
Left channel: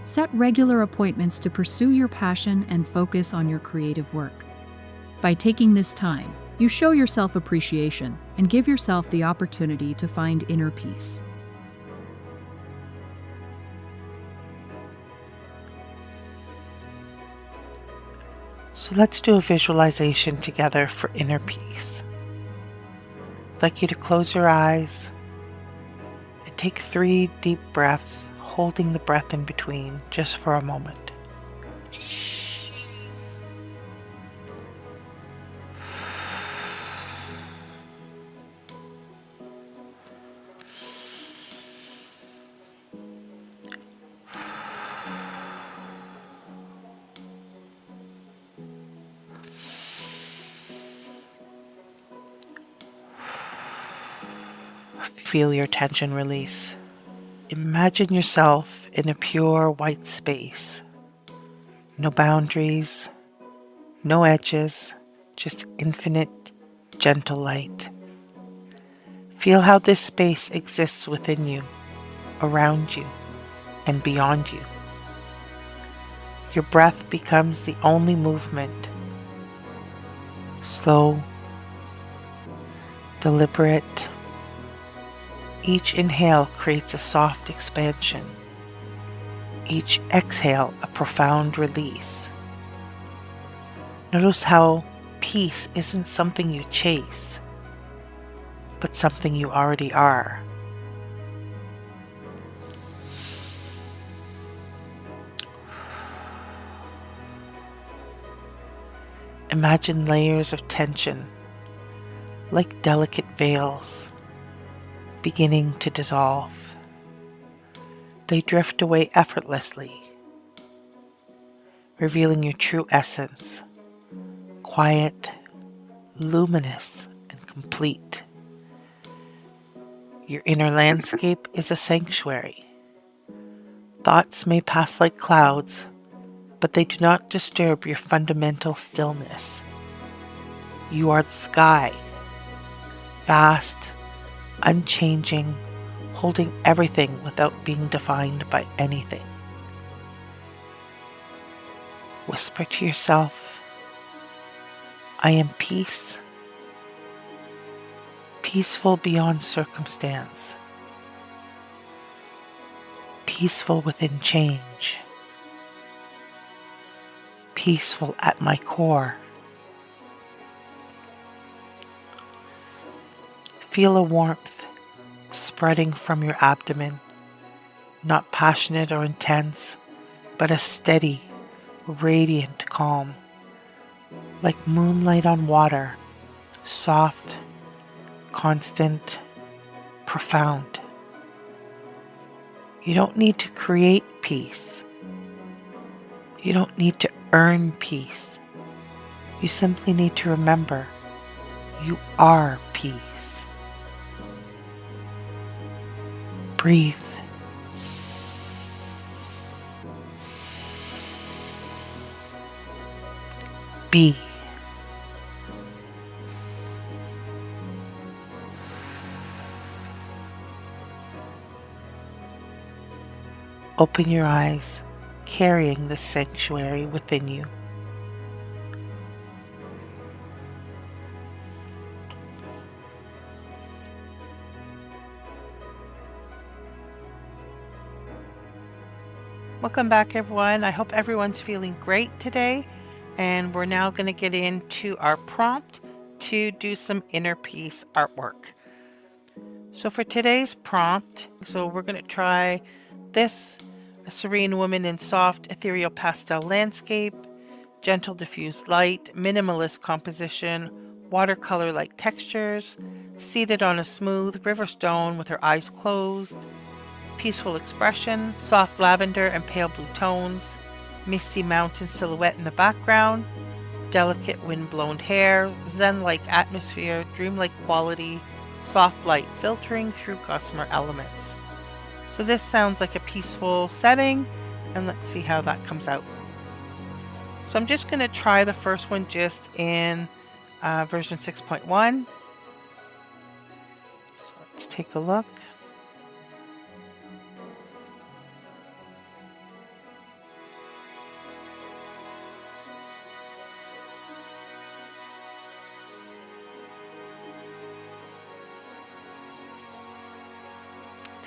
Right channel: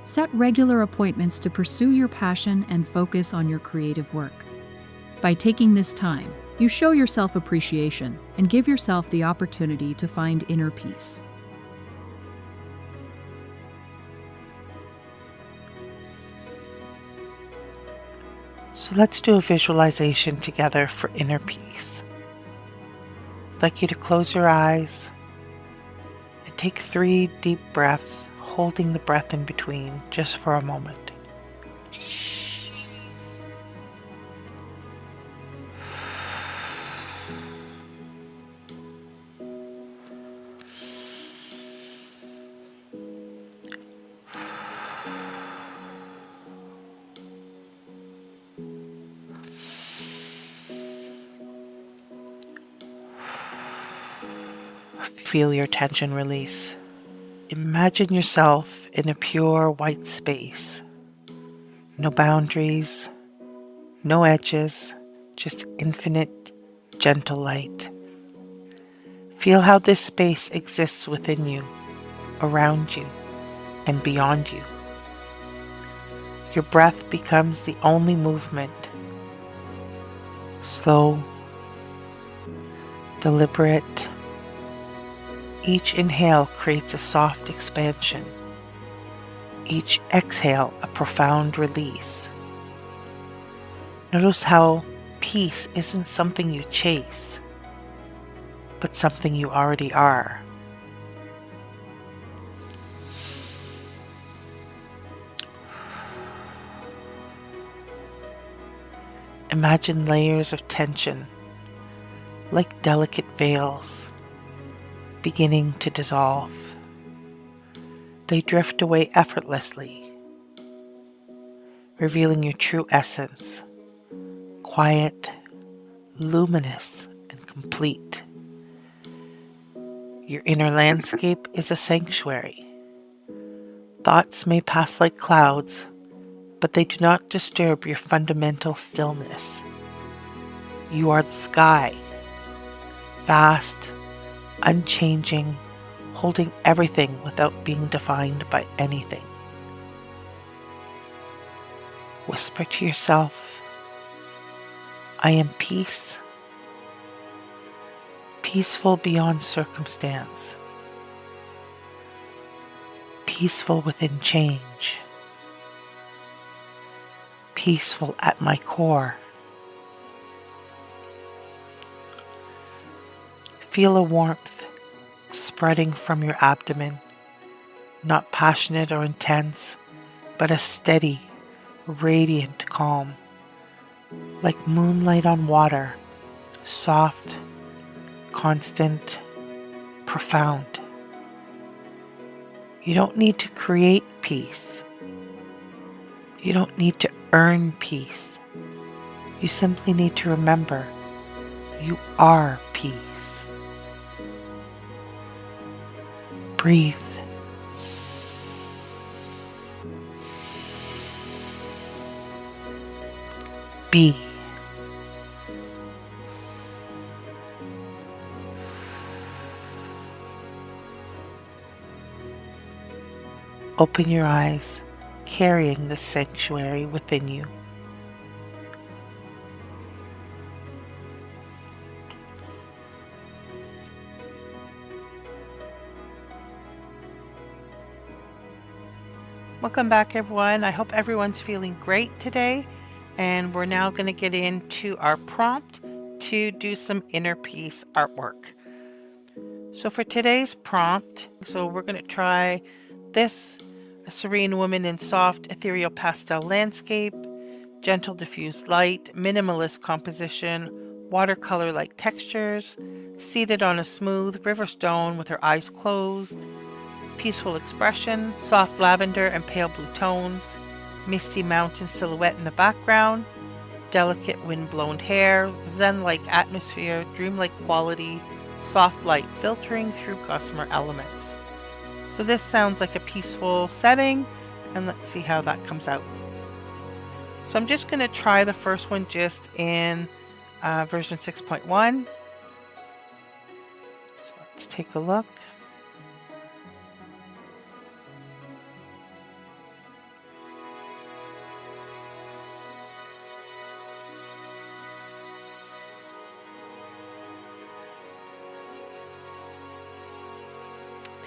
Set regular appointments to pursue your passion and focus on your creative work. By taking this time, you show yourself appreciation and give yourself the opportunity to find inner peace. So let's do a visualization together for inner peace. I'd like you to close your eyes and take 3 deep breaths, holding the breath in between just for a moment. Feel your tension release. Imagine yourself in a pure white space. No boundaries, no edges, just infinite, gentle light. Feel how this space exists within you, around you, and beyond you. Your breath becomes the only movement. Slow, deliberate. Each inhale creates a soft expansion. Each exhale a profound release. Notice how peace isn't something you chase, but something you already are. Imagine layers of tension, like delicate veils, beginning to dissolve. They drift away effortlessly, revealing your true essence, quiet, luminous, and complete. Your inner landscape is a sanctuary. Thoughts may pass like clouds, but they do not disturb your fundamental stillness. You are the sky, vast, unchanging, holding everything without being defined by anything. Whisper to yourself, I am peace, peaceful beyond circumstance, peaceful within change, peaceful at my core. Feel a warmth spreading from your abdomen, not passionate or intense, but a steady, radiant calm, like moonlight on water, soft, constant, profound. You don't need to create peace. You don't need to earn peace. You simply need to remember you are peace. Breathe. Be. Open your eyes, carrying the sanctuary within you. Welcome back, everyone. I hope everyone's feeling great today. And we're now going to get into our prompt to do some inner peace artwork. So for today's prompt, we're going to try this, a serene woman in soft ethereal pastel landscape, gentle diffused light, minimalist composition, watercolor-like textures, seated on a smooth river stone with her eyes closed, peaceful expression, soft lavender and pale blue tones, misty mountain silhouette in the background, delicate wind-blown hair, zen-like atmosphere, dreamlike quality, soft light filtering through gossamer elements. So this sounds like a peaceful setting, and let's see how that comes out. So I'm just going to try the first one just in version 6.1. So let's take a look.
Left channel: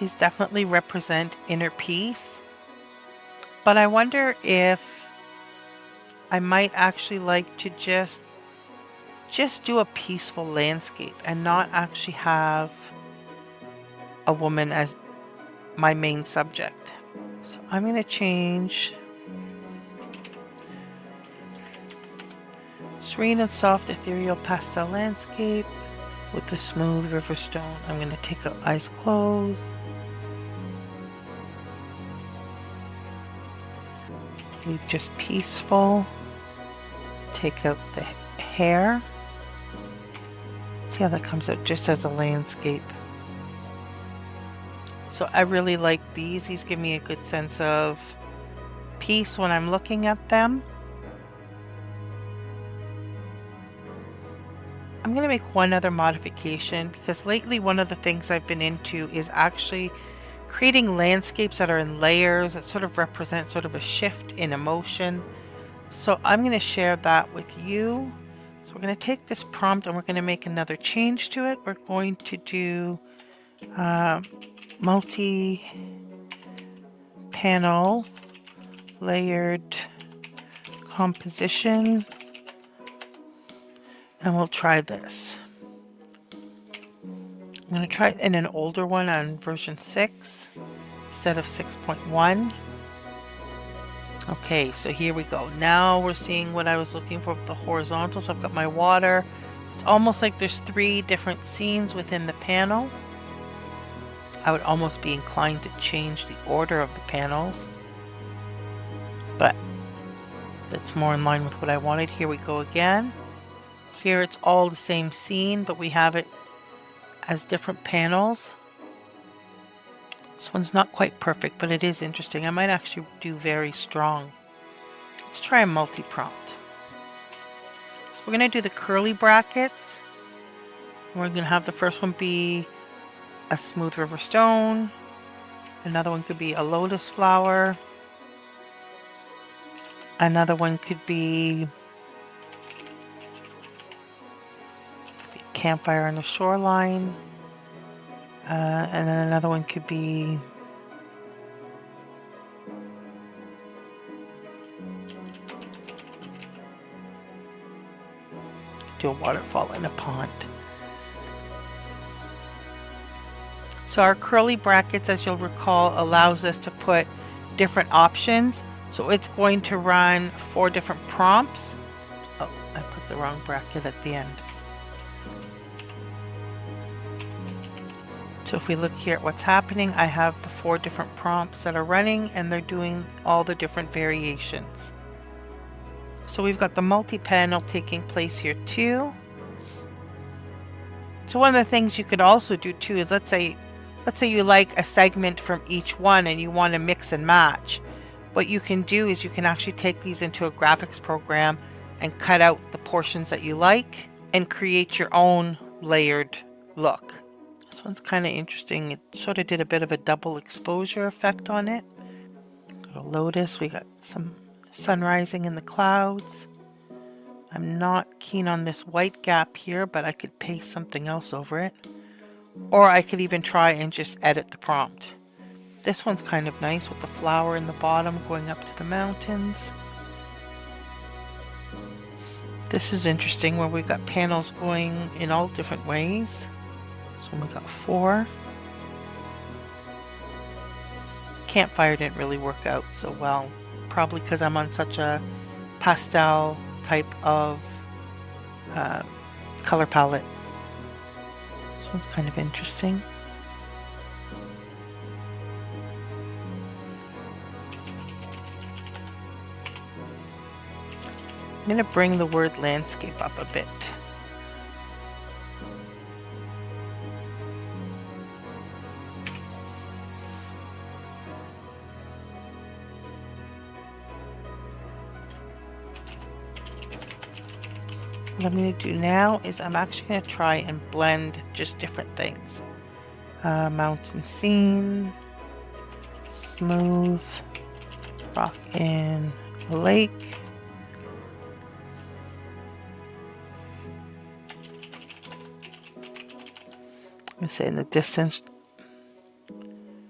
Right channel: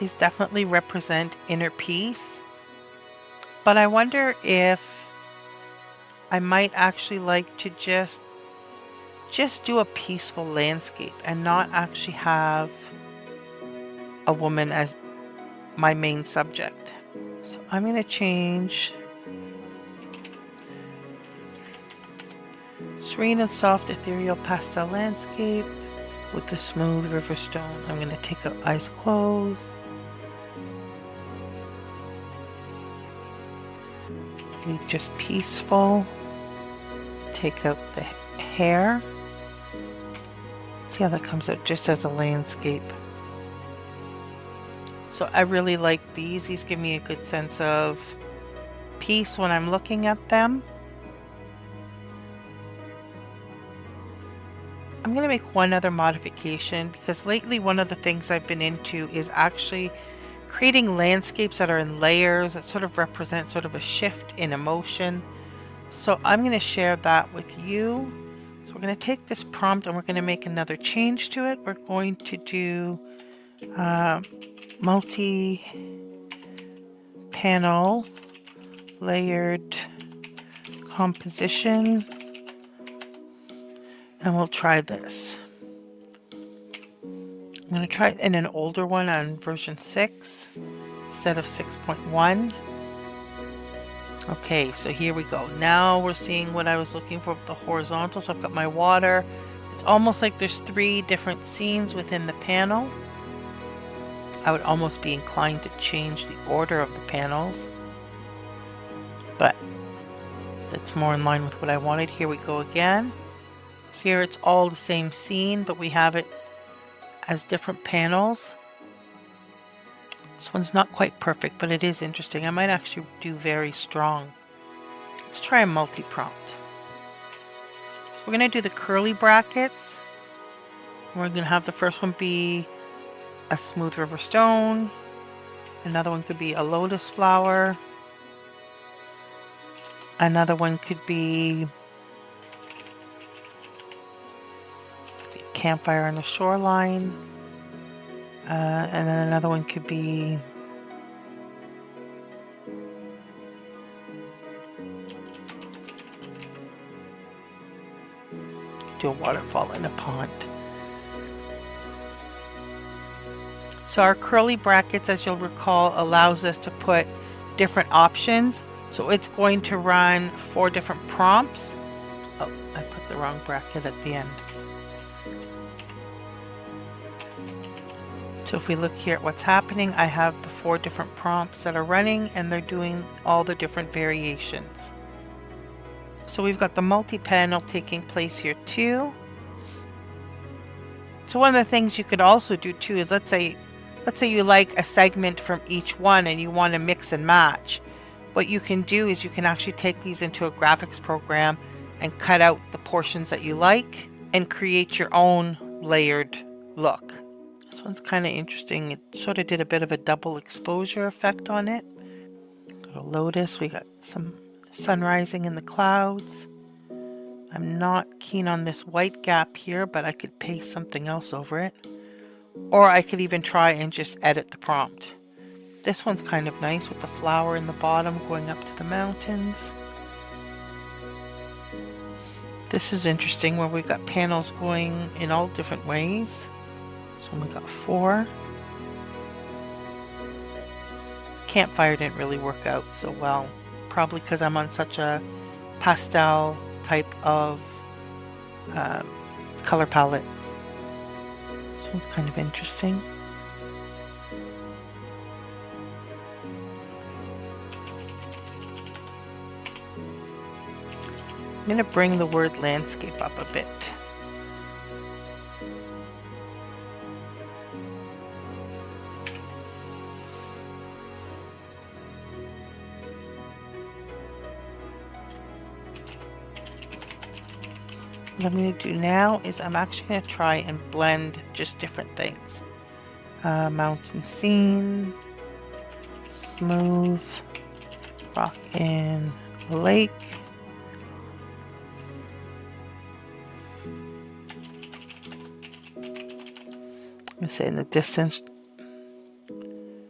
These definitely represent inner peace, but I wonder if I might actually like to just do a peaceful landscape and not actually have a woman as my main subject. So I'm going to change serene and soft ethereal pastel landscape with the smooth river stone. I'm going to take out eyes closed. Leave just peaceful. Take out the hair. See how that comes out just as a landscape. So I really like these. These give me a good sense of peace when I'm looking at them. I'm going to make one other modification because lately one of the things I've been into is actually creating landscapes that are in layers that sort of represent sort of a shift in emotion. So I'm going to share that with you. So we're going to take this prompt and we're going to make another change to it. We're going to do multi-panel layered composition, and we'll try this. I'm going to try it in an older one on version 6 instead of 6.1. Okay, so here we go. Now we're seeing what I was looking for with the horizontal. So I've got my water. It's almost like there's 3 different scenes within the panel. I would almost be inclined to change the order of the panels, but that's more in line with what I wanted. Here we go again. Here it's all the same scene, but we have it as different panels. This one's not quite perfect, but it is interesting. I might actually do very strong. Let's try a multi-prompt. So we're going to do the curly brackets. We're going to have the first one be a smooth river stone. Another one could be a lotus flower. Another one could be a campfire on the shoreline. And then another one could be do a waterfall in a pond. So our curly brackets, as you'll recall, allows us to put different options. So it's going to run 4 different prompts. Oh, I put the wrong bracket at the end. So if we look here at what's happening, I have the 4 different prompts that are running and they're doing all the different variations. So we've got the multi-panel taking place here too. So one of the things you could also do too is let's say you like a segment from each one and you want to mix and match. What you can do is you can actually take these into a graphics program and cut out the portions that you like and create your own layered look. This one's kind of interesting. It sort of did a bit of a double exposure effect on it. Got a lotus. We got some sun rising in the clouds. I'm not keen on this white gap here, but I could paste something else over it. Or I could even try and just edit the prompt. This one's kind of nice with the flower in the bottom going up to the mountains. This is interesting where we've got panels going in all different ways. So we got 4. Campfire didn't really work out so well, probably because I'm on such a pastel type of color palette. This one's kind of interesting. I'm going to bring the word landscape up a bit. What I'm going to do now is I'm actually going to try and blend just different things. Mountain scene, smooth, rock in a lake. I'm going to say in the distance,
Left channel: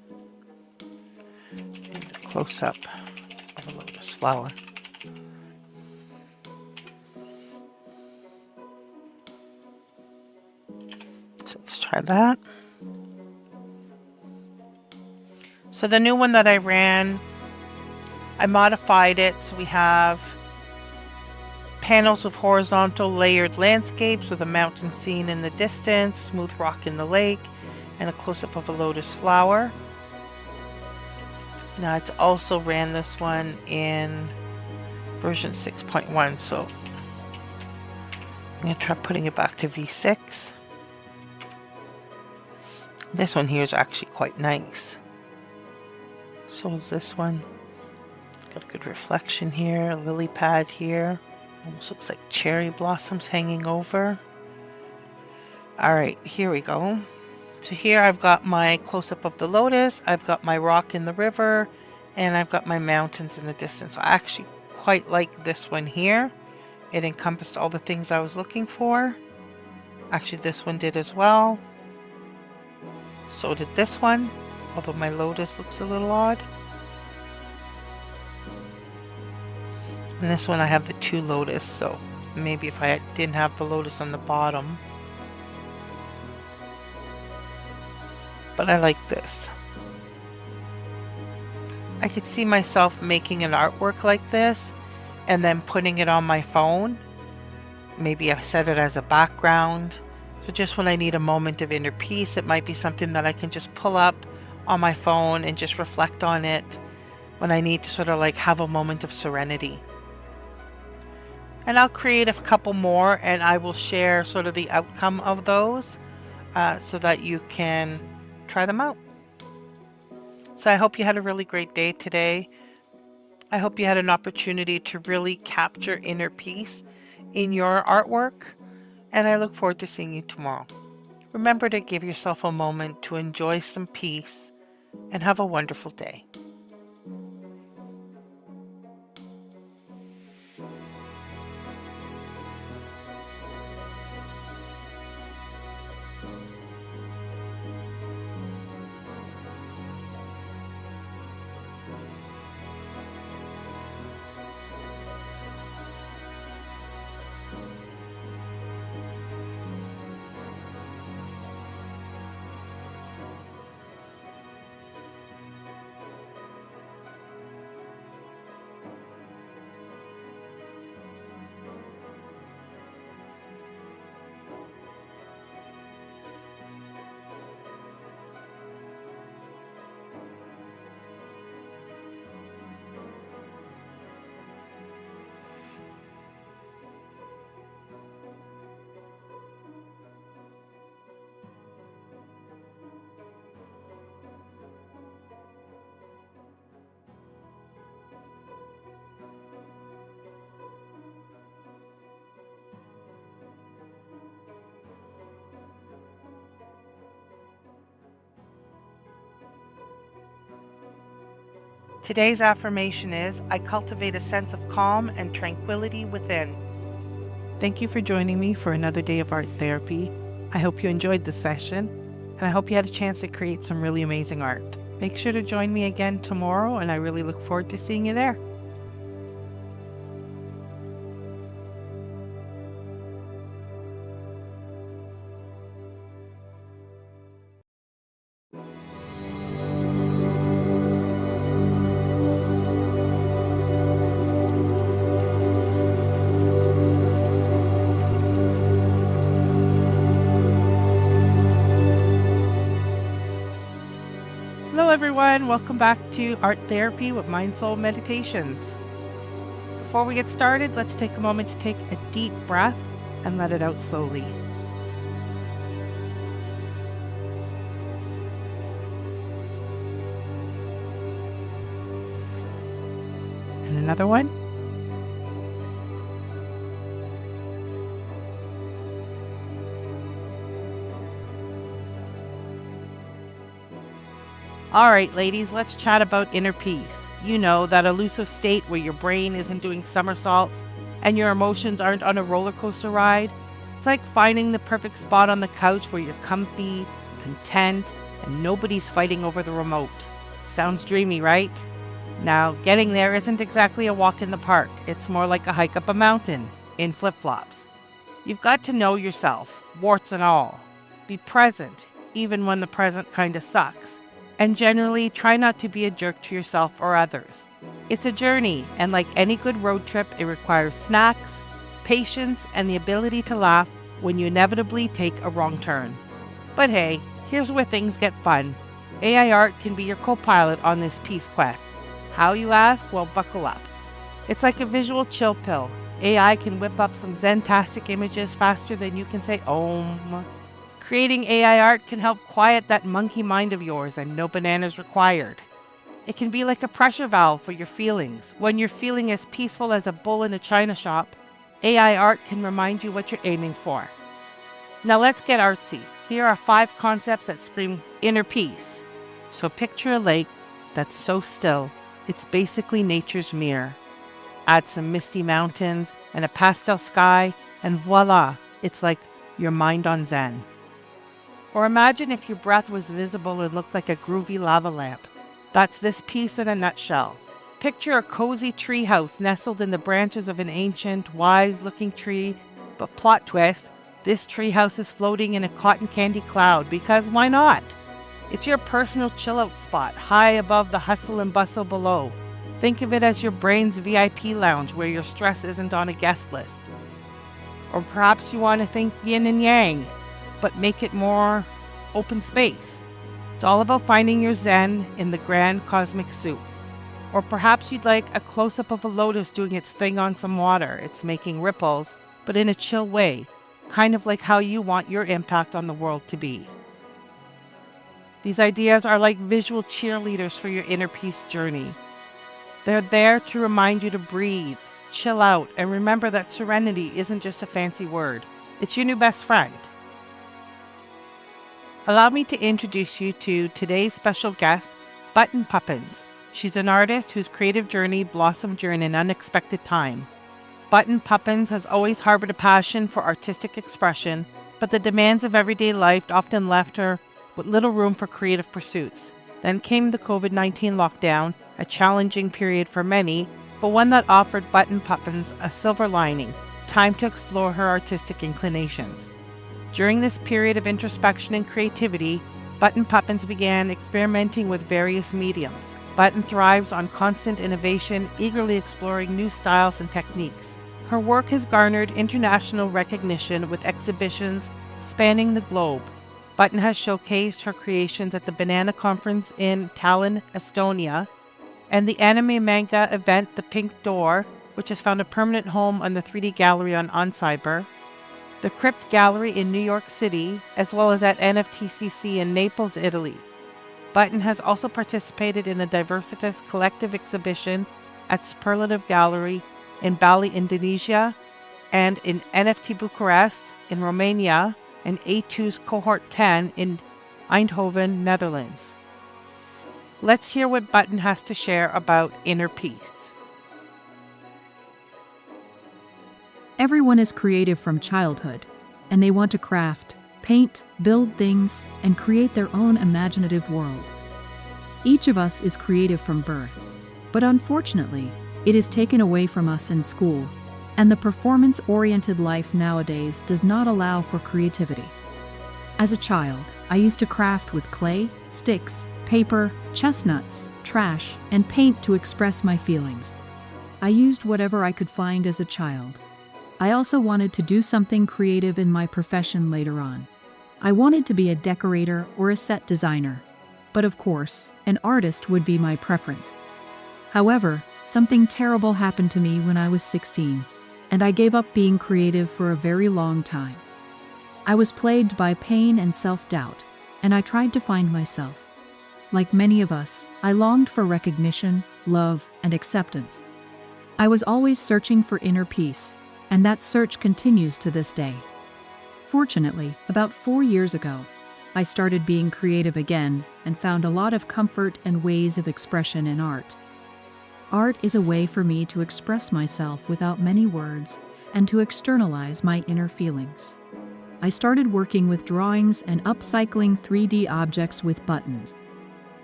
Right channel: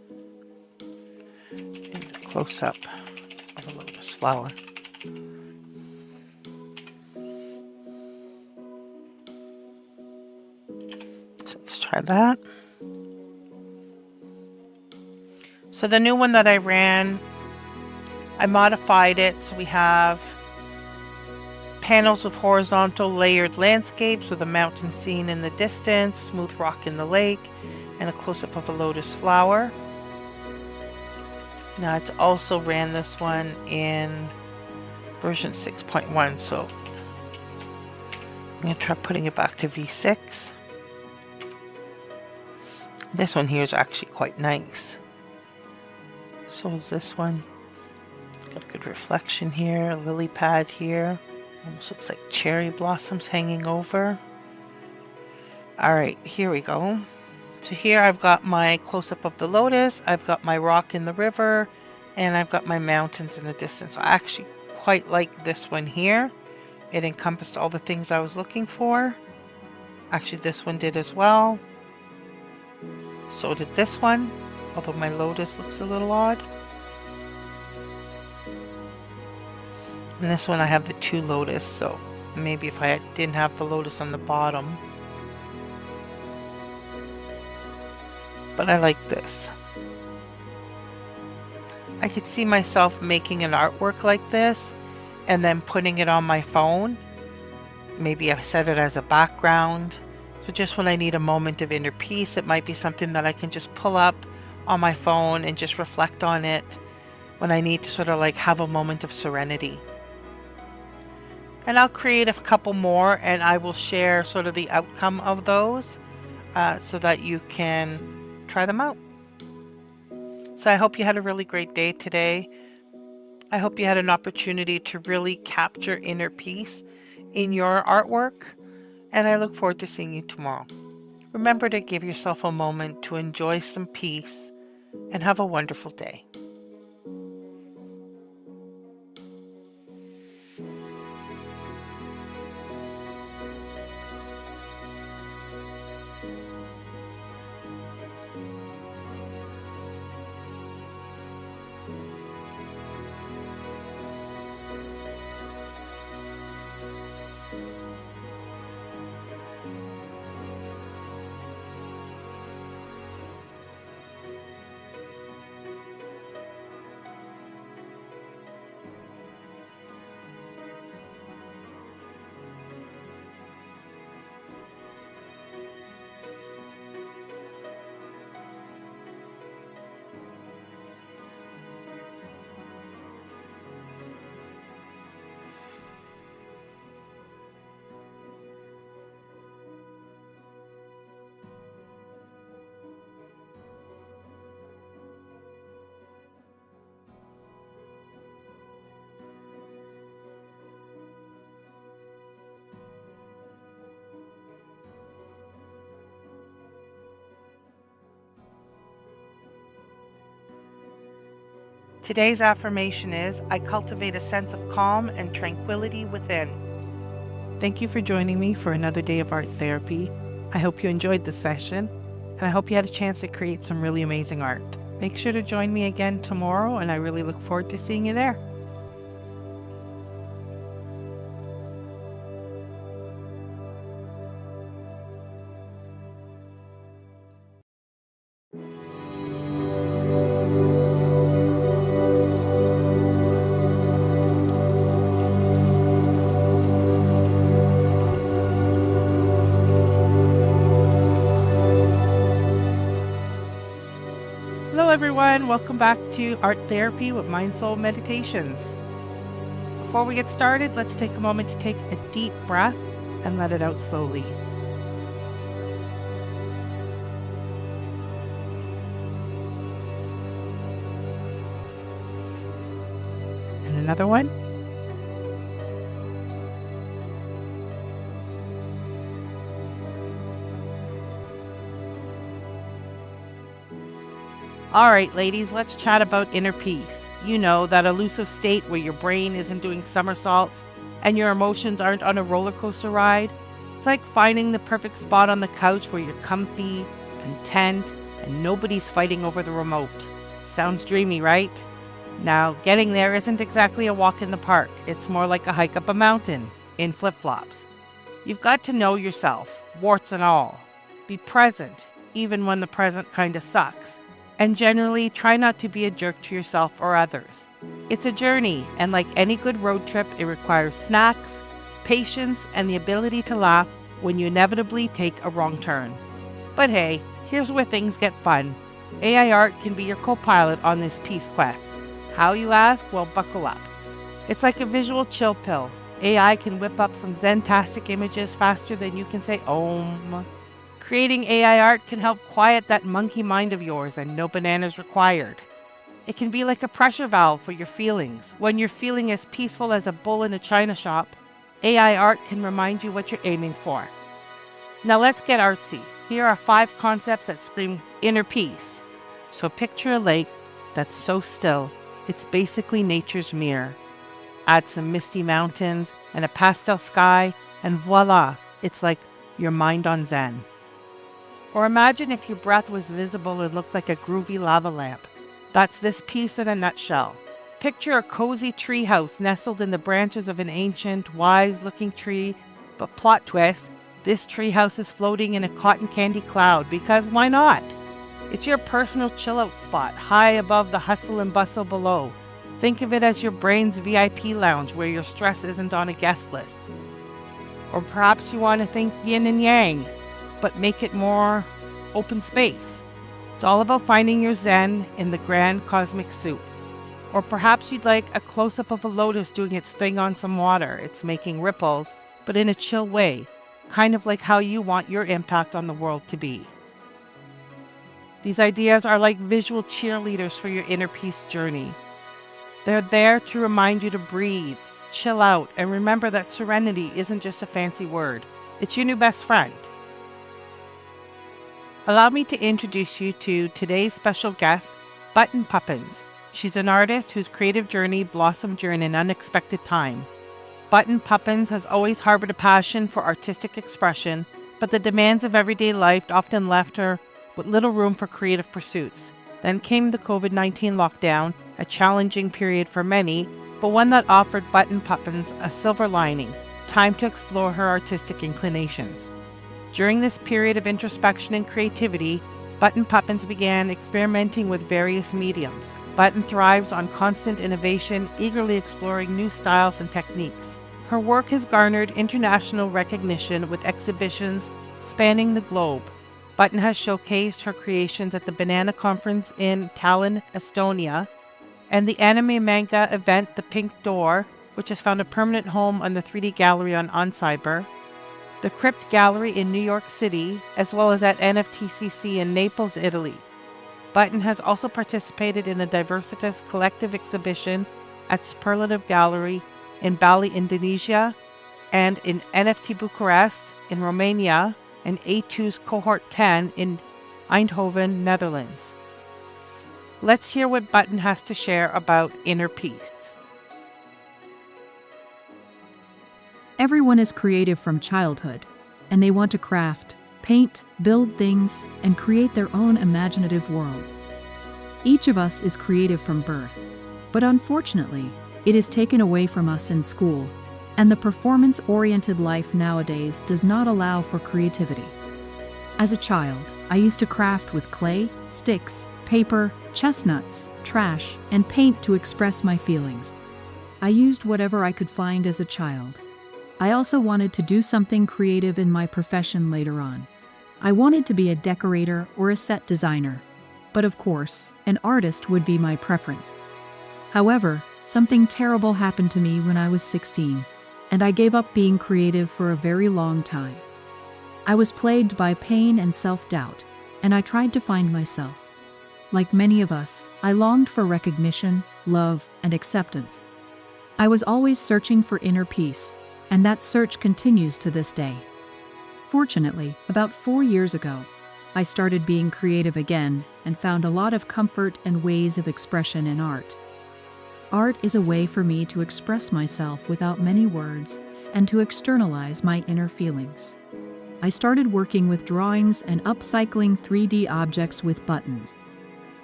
close-up of a lotus flower. So let's try that. So the new one that I ran, I modified it so we have panels of horizontal layered landscapes with a mountain scene in the distance, smooth rock in the lake, and a close-up of a lotus flower. Now it's also ran this one in version 6.1, so I'm going to try putting it back to V6. This one here is actually quite nice. So is this one. Got a good reflection here, a lily pad here. Almost looks like cherry blossoms hanging over. Alright, here we go. So here I've got my close-up of the lotus, I've got my rock in the river, and I've got my mountains in the distance. I actually quite like this one here. It encompassed all the things I was looking for. Actually, this one did as well. So did this one, although my lotus looks a little odd. And this one I have the two lotus, so maybe if I didn't have the lotus on the bottom. But I like this. I could see myself making an artwork like this and then putting it on my phone. Maybe I set it as a background. So just when I need a moment of inner peace, it might be something that I can just pull up on my phone and just reflect on it when I need to sort of like have a moment of serenity. And I'll create a couple more and I will share sort of the outcome of those so that you can try them out. So I hope you had a really great day today. I hope you had an opportunity to really capture inner peace in your artwork, and I look forward to seeing you tomorrow. Remember to give yourself a moment to enjoy some peace and have a wonderful day. Today's affirmation is, I cultivate a sense of calm and tranquility within. Thank you for joining me for another day of art therapy. I hope you enjoyed this session, and I hope you had a chance to create some really amazing art. Make sure to join me again tomorrow, and I really look forward to seeing you there. Hello everyone, welcome back to Art Therapy with MindSoulMeditations. Before we get started, let's take a moment to take a deep breath and let it out slowly. And another one. All right, ladies, let's chat about inner peace. You know, that elusive state where your brain isn't doing somersaults and your emotions aren't on a roller coaster ride. It's like finding the perfect spot on the couch where you're comfy, content, and nobody's fighting over the remote. Sounds dreamy, right? Now, getting there isn't exactly a walk in the park. It's more like a hike up a mountain in flip-flops. You've got to know yourself, warts and all. Be present, even when the present kind of sucks. And generally, try not to be a jerk to yourself or others. It's a journey, and like any good road trip, it requires snacks, patience, and the ability to laugh when you inevitably take a wrong turn. But hey, here's where things get fun. AI art can be your co-pilot on this peace quest. How, you ask? Well, buckle up. It's like a visual chill pill. AI can whip up some zen-tastic images faster than you can say Om. Creating AI art can help quiet that monkey mind of yours, and no bananas required. It can be like a pressure valve for your feelings. When you're feeling as peaceful as a bull in a china shop, AI art can remind you what you're aiming for. Now let's get artsy. Here are 5 concepts that scream inner peace. So picture a lake that's so still, it's basically nature's mirror. Add some misty mountains and a pastel sky, and voila, it's like your mind on Zen. Or imagine if your breath was visible and looked like a groovy lava lamp. That's this piece in a nutshell. Picture a cozy treehouse nestled in the branches of an ancient, wise-looking tree, but plot twist, this treehouse is floating in a cotton candy cloud, because why not? It's your personal chill-out spot, high above the hustle and bustle below. Think of it as your brain's VIP lounge where your stress isn't on a guest list. Or perhaps you want to think yin and yang, but make it more open space. It's all about finding your zen in the grand cosmic soup. Or perhaps you'd like a close-up of a lotus doing its thing on some water. It's making ripples, but in a chill way, kind of like how you want your impact on the world to be. These ideas are like visual cheerleaders for your inner peace journey. They're there to remind you to breathe, chill out, and remember that serenity isn't just a fancy word. It's your new best friend. Allow me to introduce you to today's special guest, Button Puppins. She's an artist whose creative journey blossomed during an unexpected time. Button Puppins has always harbored a passion for artistic expression, but the demands of everyday life often left her with little room for creative pursuits. Then came the COVID-19 lockdown, a challenging period for many, but one that offered Button Puppins a silver lining, time to explore her artistic inclinations. During this period of introspection and creativity, Button Puppins began experimenting with various mediums. Button thrives on constant innovation, eagerly exploring new styles and techniques. Her work has garnered international recognition with exhibitions spanning the globe. Button has showcased her creations at the Banana Conference in Tallinn, Estonia, and the anime manga event The Pink Door, which has found a permanent home on the 3D Gallery on Oncyber, the Crypt Gallery in New York City, as well as at NFTCC in Naples, Italy. Button has also participated in the Diversitas Collective exhibition at Superlative Gallery in Bali, Indonesia, and in NFT Bucharest in Romania, and A2's Cohort 10 in Eindhoven, Netherlands. Let's hear what Button has to share about inner peace. Everyone is creative from childhood, and they want to craft, paint, build things, and create their own imaginative worlds. Each of us is creative from birth, but unfortunately, it is taken away from us in school, and the performance-oriented life nowadays does not allow for creativity. As a child, I used to craft with clay, sticks, paper, chestnuts, trash, and paint to express my feelings. I used whatever I could find as a child. I also wanted to do something creative in my profession later on. I wanted to be a decorator or a set designer. But of course, an artist would be my preference. However, something terrible happened to me when I was 16, and I gave up being creative for a very long time. I was plagued by pain and self-doubt, and I tried to find myself. Like many of us, I longed for recognition, love, and acceptance. I was always searching for inner peace, and that search continues to this day. Fortunately, about 4 years ago, I started being creative again and found a lot of comfort and ways of expression in art. Art is a way for me to express myself without many words and to externalize my inner feelings. I started working with drawings and upcycling 3D objects with buttons.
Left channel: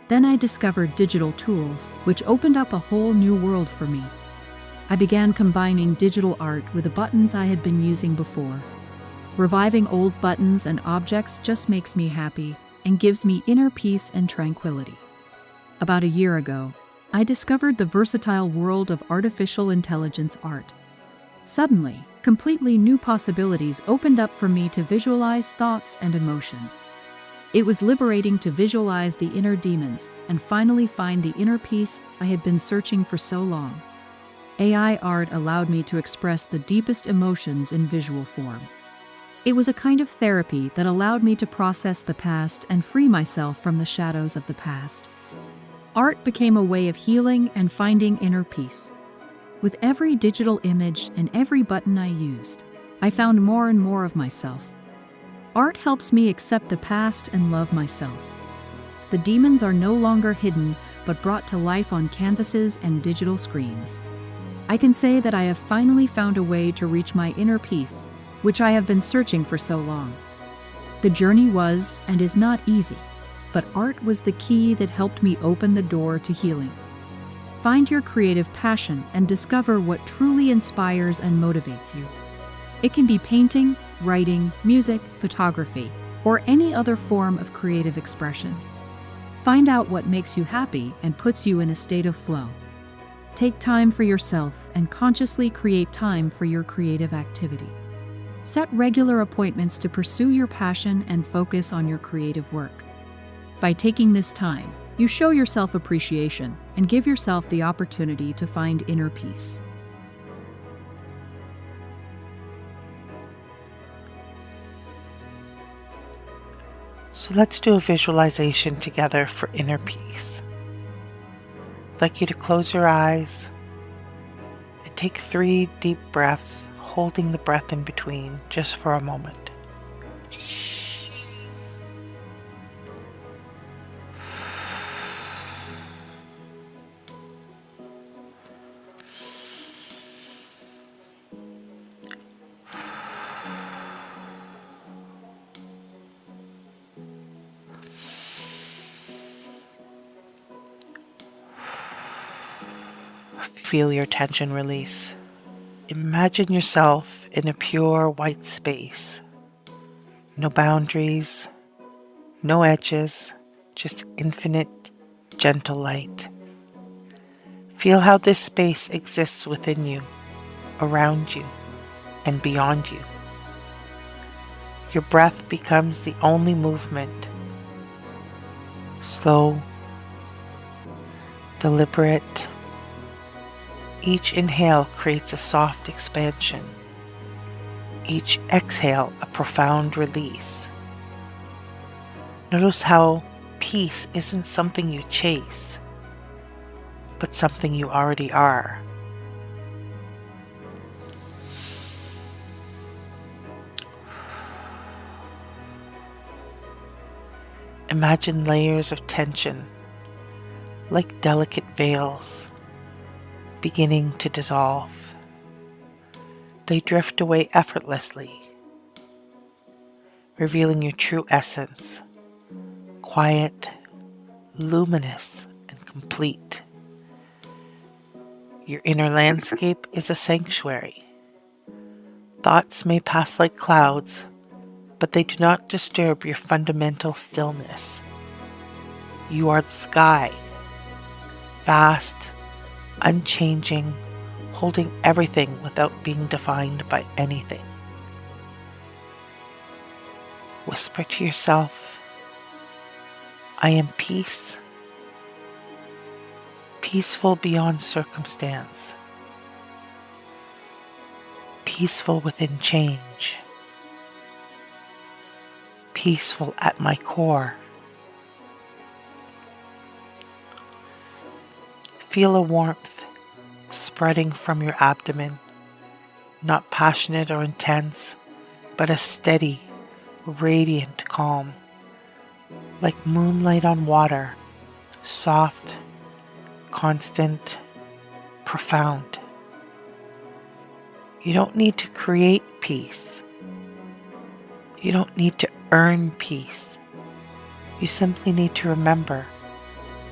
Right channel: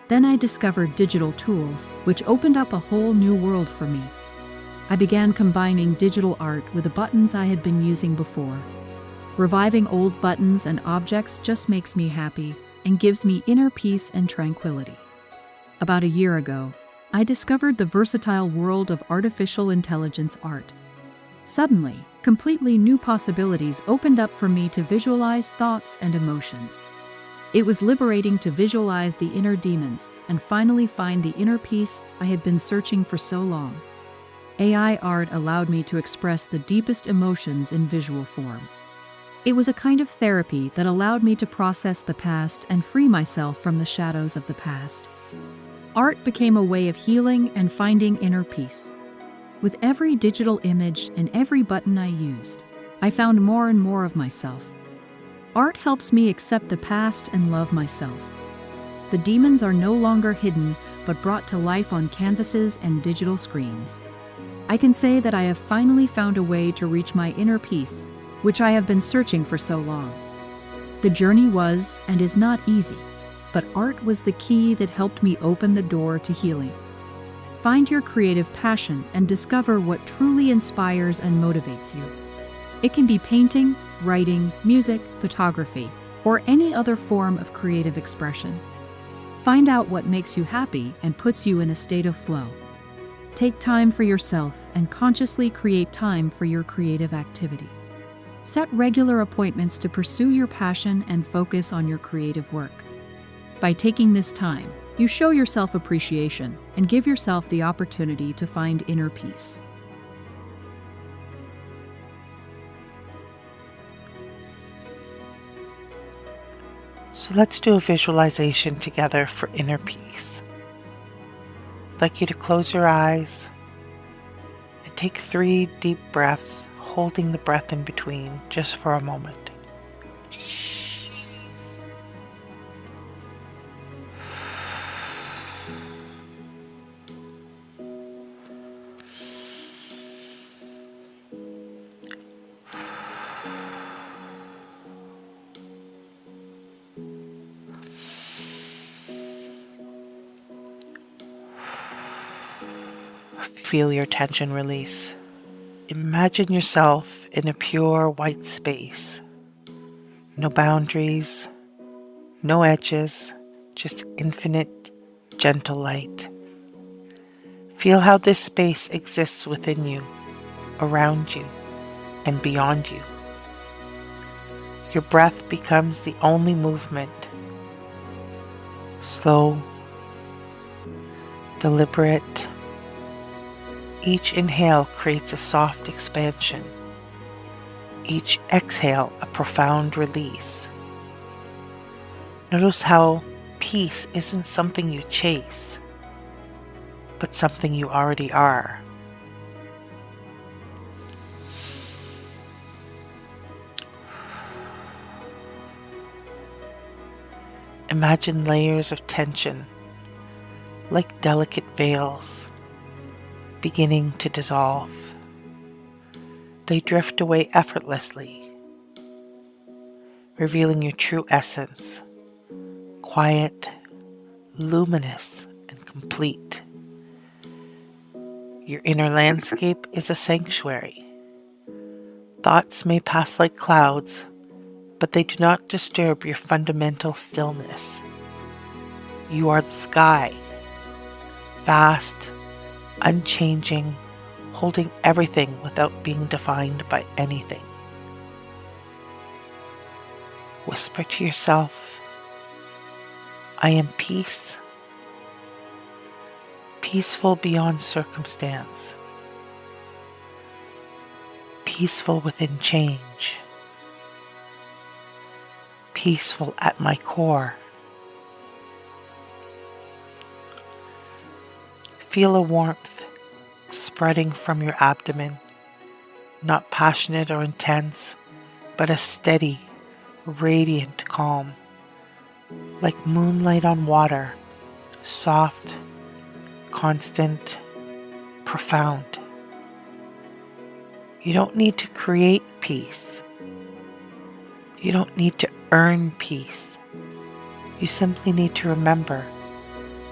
Then I discovered digital tools, which opened up a whole new world for me. I began combining digital art with the buttons I had been using before. Reviving old buttons and objects just makes me happy and gives me inner peace and tranquility. About a year ago, I discovered the versatile world of artificial intelligence art. Suddenly, completely new possibilities opened up for me to visualize thoughts and emotions. It was liberating to visualize the inner demons and finally find the inner peace I had been searching for so long. AI art allowed me to express the deepest emotions in visual form. It was a kind of therapy that allowed me to process the past and free myself from the shadows of the past. Art became a way of healing and finding inner peace. With every digital image and every button I used, I found more and more of myself. Art helps me accept the past and love myself. The demons are no longer hidden, but brought to life on canvases and digital screens. I can say that I have finally found a way to reach my inner peace, which I have been searching for so long. The journey was and is not easy, but art was the key that helped me open the door to healing. Find your creative passion and discover what truly inspires and motivates you. It can be painting, writing, music, photography, or any other form of creative expression. Find out what makes you happy and puts you in a state of flow. Take time for yourself and consciously create time for your creative activity. Set regular appointments to pursue your passion and focus on your creative work. By taking this time, you show yourself appreciation and give yourself the opportunity to find inner peace. So let's do a visualization together for inner peace. I'd like you to close your eyes and take 3 deep breaths, holding the breath in between just for a moment. Feel your tension release. Imagine yourself in a pure white space. No boundaries, no edges, just infinite, gentle light. Feel how this space exists within you, around you, and beyond you. Your breath becomes the only movement. Slow, deliberate. Each inhale creates a soft expansion. Each exhale a profound release. Notice how peace isn't something you chase, but something you already are. Imagine layers of tension, like delicate veils, beginning to dissolve. They drift away effortlessly, revealing your true essence, quiet, luminous, and complete. Your inner landscape is a sanctuary. Thoughts may pass like clouds, but they do not disturb your fundamental stillness. You are the sky, vast, unchanging, holding everything without being defined by anything. Whisper to yourself, I am peace, peaceful beyond circumstance, peaceful within change, peaceful at my core. Feel a warmth spreading from your abdomen, not passionate or intense, but a steady, radiant calm, like moonlight on water, soft, constant, profound. You don't need to create peace. You don't need to earn peace. You simply need to remember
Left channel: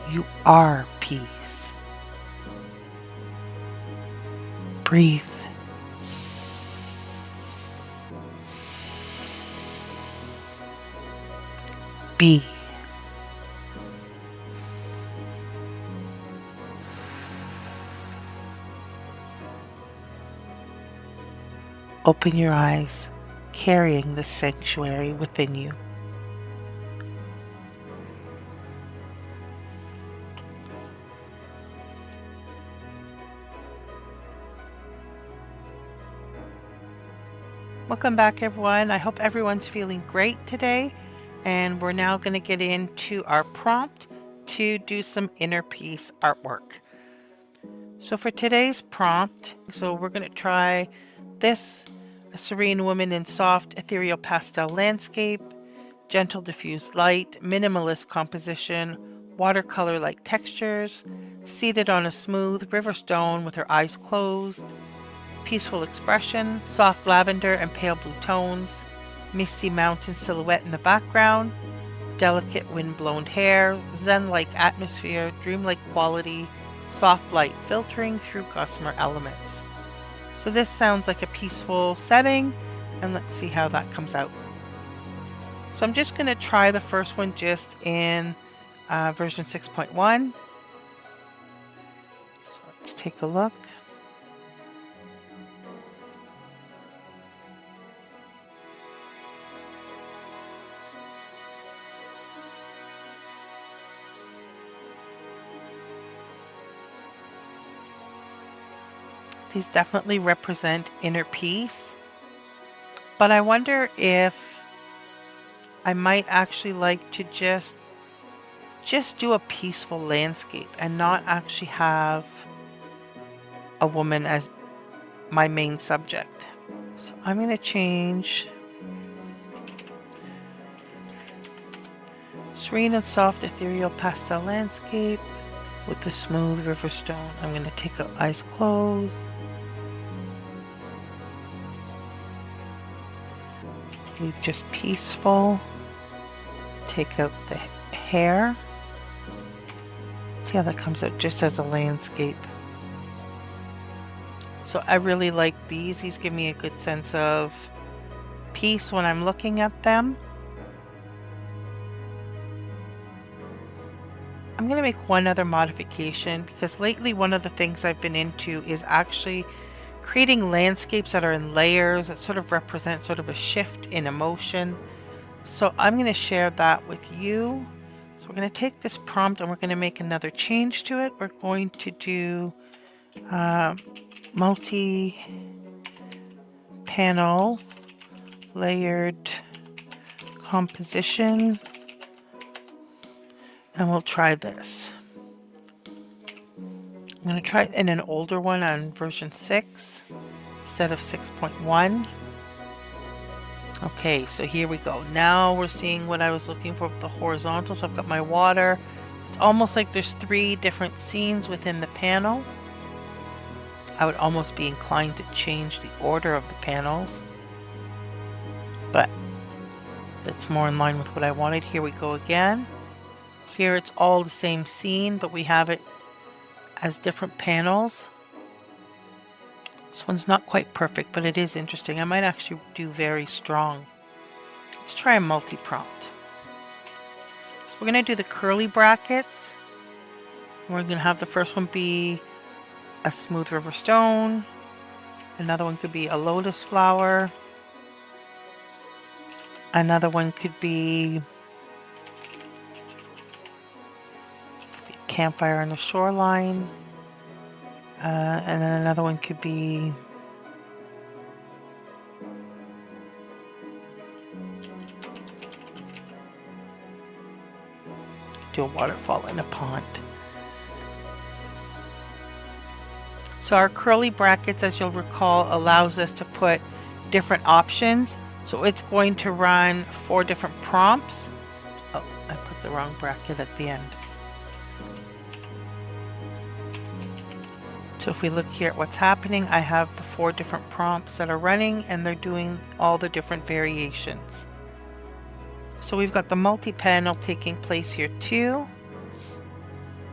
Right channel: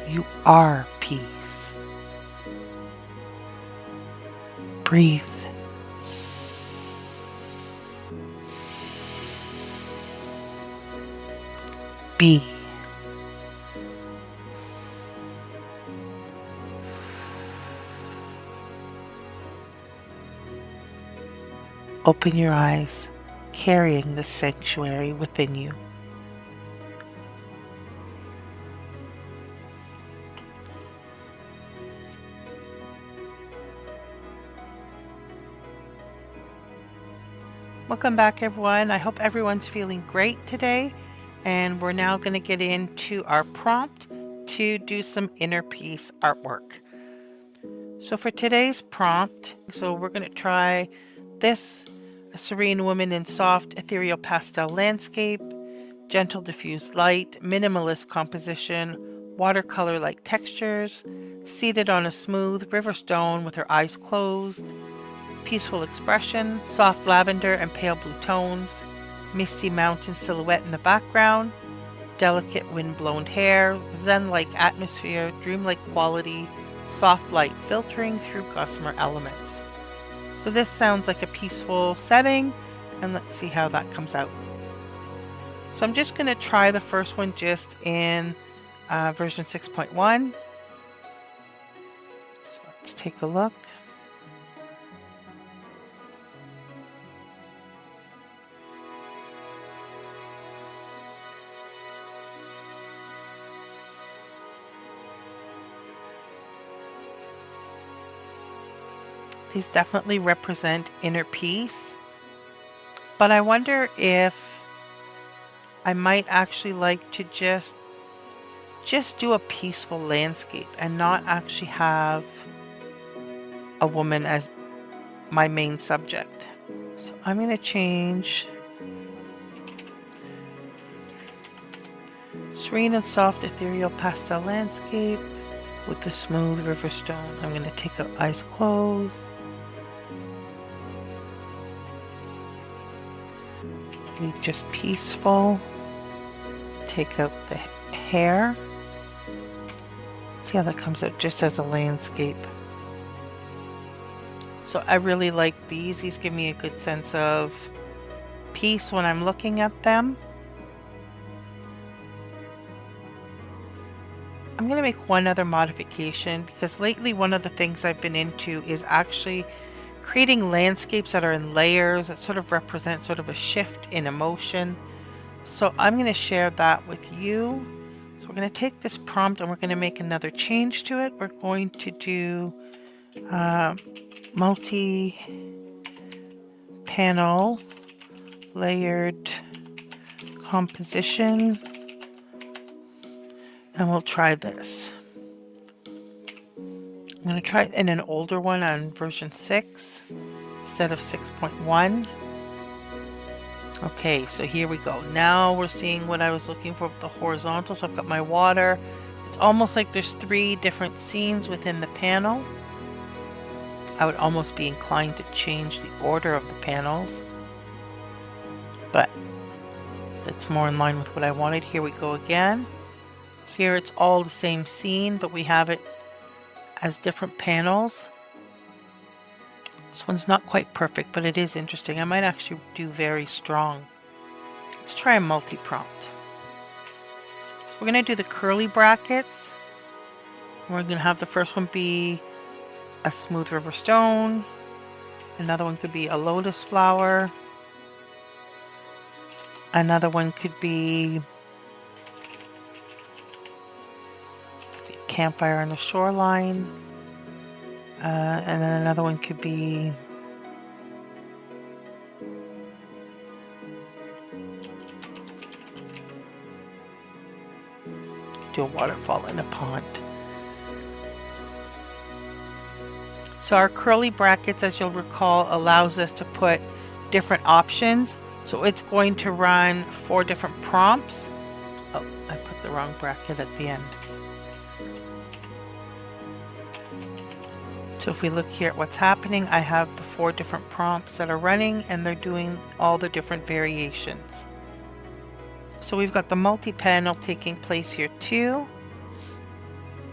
You are peace. Breathe. Be. Open your eyes, carrying the sanctuary within you. Welcome back, everyone. I hope everyone's feeling great today. And we're now going to get into our prompt to do some inner peace artwork. So for today's prompt, we're going to try this: a serene woman in soft ethereal pastel landscape, gentle diffused light, minimalist composition, watercolor-like textures, seated on a smooth river stone with her eyes closed, peaceful expression, soft lavender and pale blue tones, misty mountain silhouette in the background, delicate wind-blown hair, zen-like atmosphere, dreamlike quality, soft light filtering through gossamer elements. So this sounds like a peaceful setting, and let's see how that comes out. So I'm just going to try the first one just in version 6.1. So let's take a look. These definitely represent inner peace, but I wonder if I might actually like to just do a peaceful landscape and not actually have a woman as my main subject. So I'm going to change serene and soft ethereal pastel landscape with the smooth river stone. I'm going to take out eyes closed. Leave just peaceful. Take out the hair. See how that comes out just as a landscape. So I really like these. These give me a good sense of peace when I'm looking at them. I'm going to make one other modification, because lately one of the things I've been into is actually creating landscapes that are in layers that sort of represent sort of a shift in emotion. So I'm going to share that with you. So we're going to take this prompt and we're going to make another change to it. We're going to do multi-panel layered composition, and we'll try this. I'm going to try it in an older one on version 6 instead of 6.1. Okay, so here we go. Now we're seeing what I was looking for with the horizontal. So I've got my water. It's almost like there's 3 different scenes within the panel. I would almost be inclined to change the order of the panels, but that's more in line with what I wanted. Here we go again. Here it's all the same scene, but we have it as different panels. This one's not quite perfect, but it is interesting. I might actually do very strong. Let's try a multi-prompt. So we're going to do the curly brackets. We're going to have the first one be a smooth river stone. Another one could be a lotus flower. Another one could be a campfire on the shoreline. And then another one could be do a waterfall in a pond. So our curly brackets, as you'll recall, allows us to put different options. So it's going to run 4 different prompts. Oh, I put the wrong bracket at the end. So if we look here at what's happening, I have the 4 different prompts that are running, and they're doing all the different variations. So we've got the multi-panel taking place here too.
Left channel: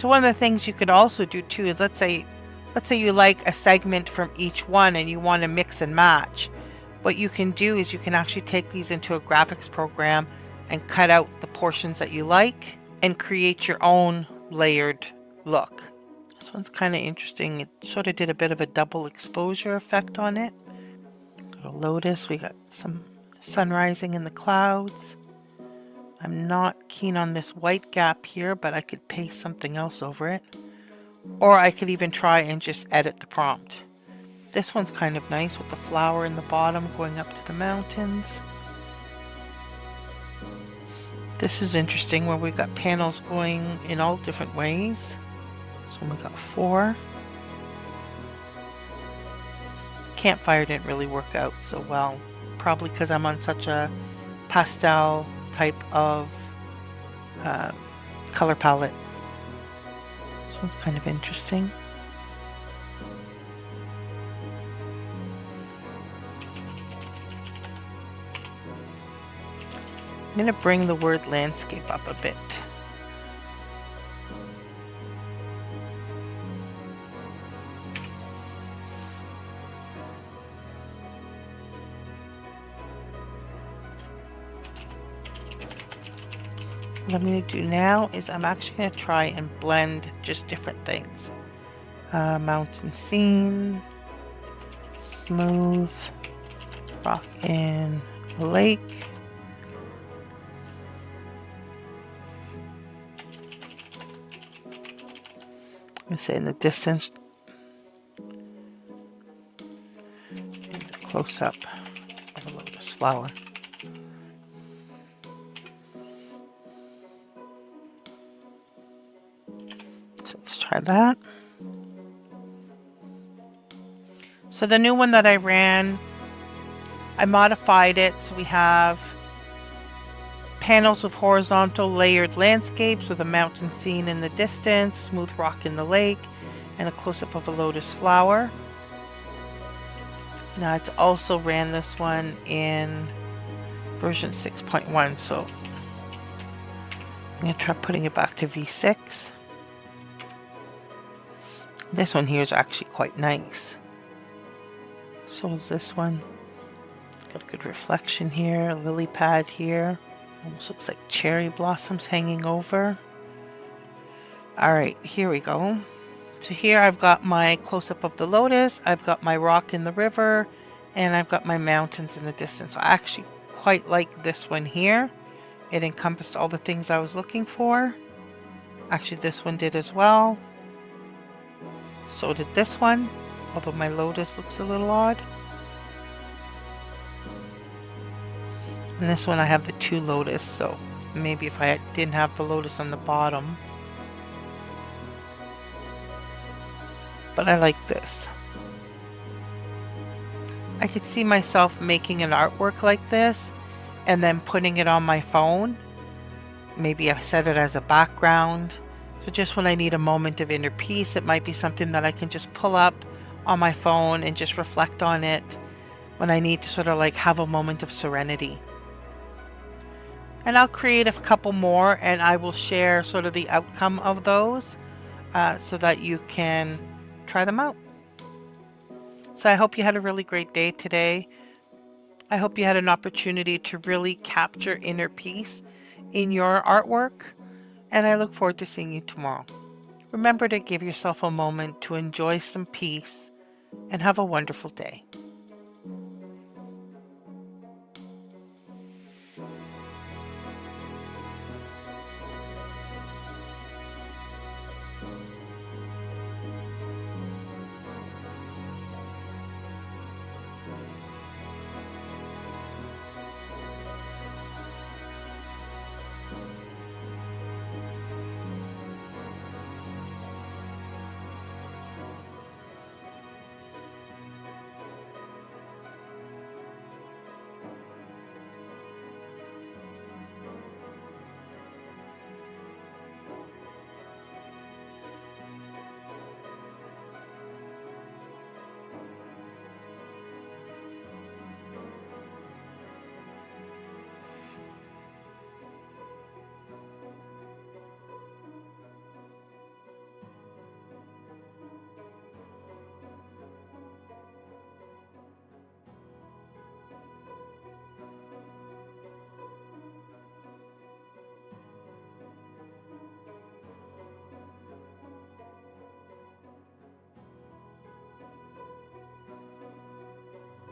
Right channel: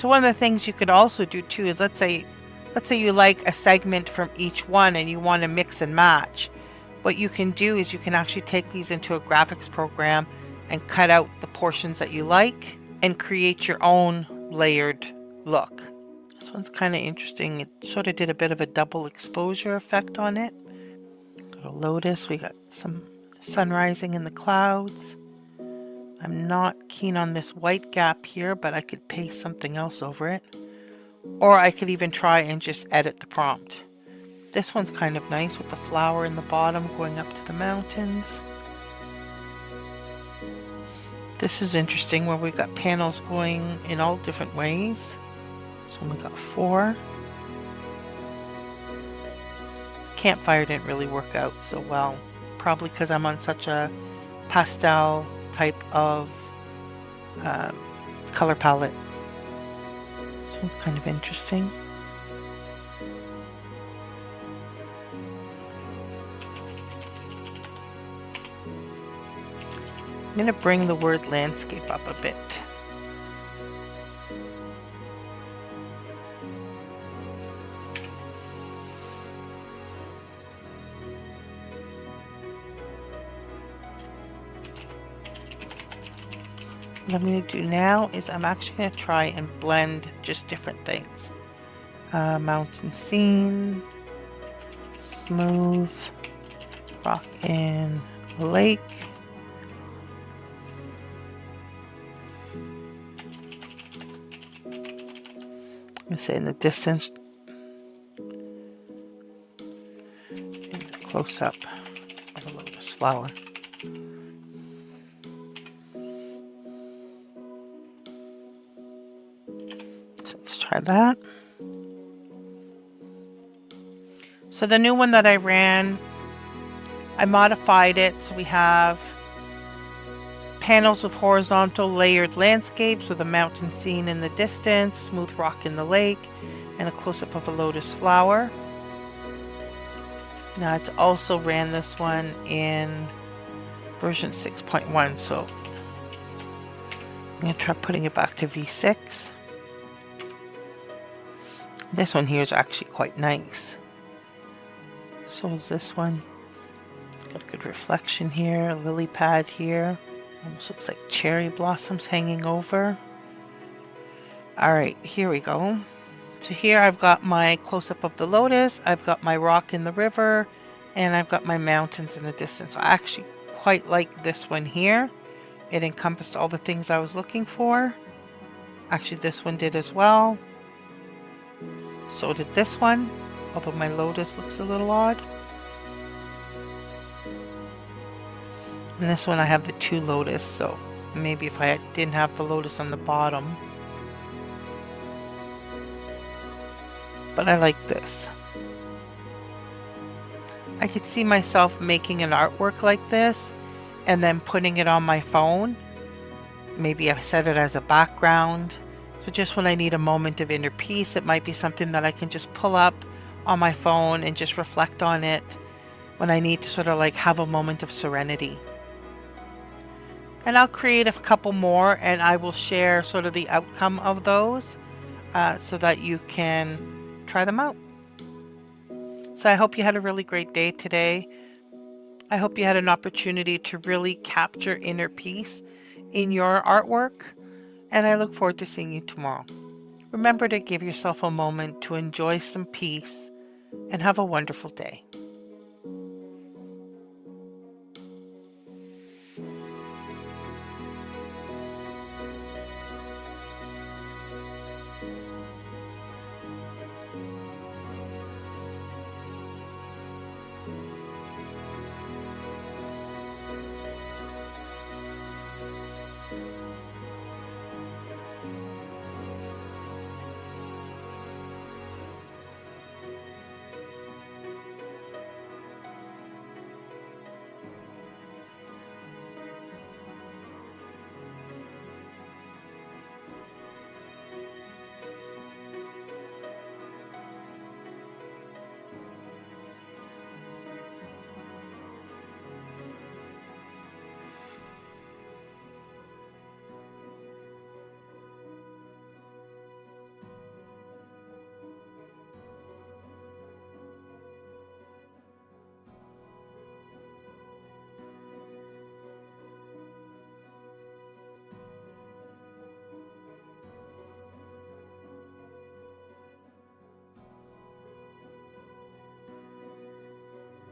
So one of the things you could also do too is let's say you like a segment from each one and you want to mix and match. What you can do is you can actually take these into a graphics program and cut out the portions that you like and create your own layered look. This one's kind of interesting. It sort of did a bit of a double exposure effect on it. Got a lotus. We got some sun rising in the clouds. I'm not keen on this white gap here, but I could paste something else over it. Or I could even try and just edit the prompt. This one's kind of nice with the flower in the bottom going up to the mountains. This is interesting where we've got panels going in all different ways. So we got 4. Campfire didn't really work out so well. Probably because I'm on such a pastel type of color palette. This one's kind of interesting. I'm going to bring the word landscape up a bit. What I'm going to do now is I'm actually going to try and blend just different things. Mountain scene, smooth, rock in a lake. I'm going to say in the distance, and a close-up of a lotus flower. So let's try that. So the new one that I ran, I modified it so we have panels of horizontal layered landscapes with a mountain scene in the distance, smooth rock in the lake, and a close-up of a lotus flower. Now it's also ran this one in version 6.1, so I'm going to try putting it back to V6. This one here is actually quite nice. So is this one. Got a good reflection here, a lily pad here. Almost looks like cherry blossoms hanging over. Alright, here we go. So here I've got my close-up of the lotus, I've got my rock in the river, and I've got my mountains in the distance. I actually quite like this one here. It encompassed all the things I was looking for. Actually, this one did as well. So did this one, although my lotus looks a little odd. And this one I have the 2 lotus, so maybe if I didn't have the lotus on the bottom. But I like this. I could see myself making an artwork like this and then putting it on my phone. Maybe I set it as a background. So just when I need a moment of inner peace, it might be something that I can just pull up on my phone and just reflect on it when I need to sort of like have a moment of serenity. And I'll create a couple more and I will share sort of the outcome of those so that you can try them out. So I hope you had a really great day today. I hope you had an opportunity to really capture inner peace in your artwork, and I look forward to seeing you tomorrow. Remember to give yourself a moment to enjoy some peace and have a wonderful day.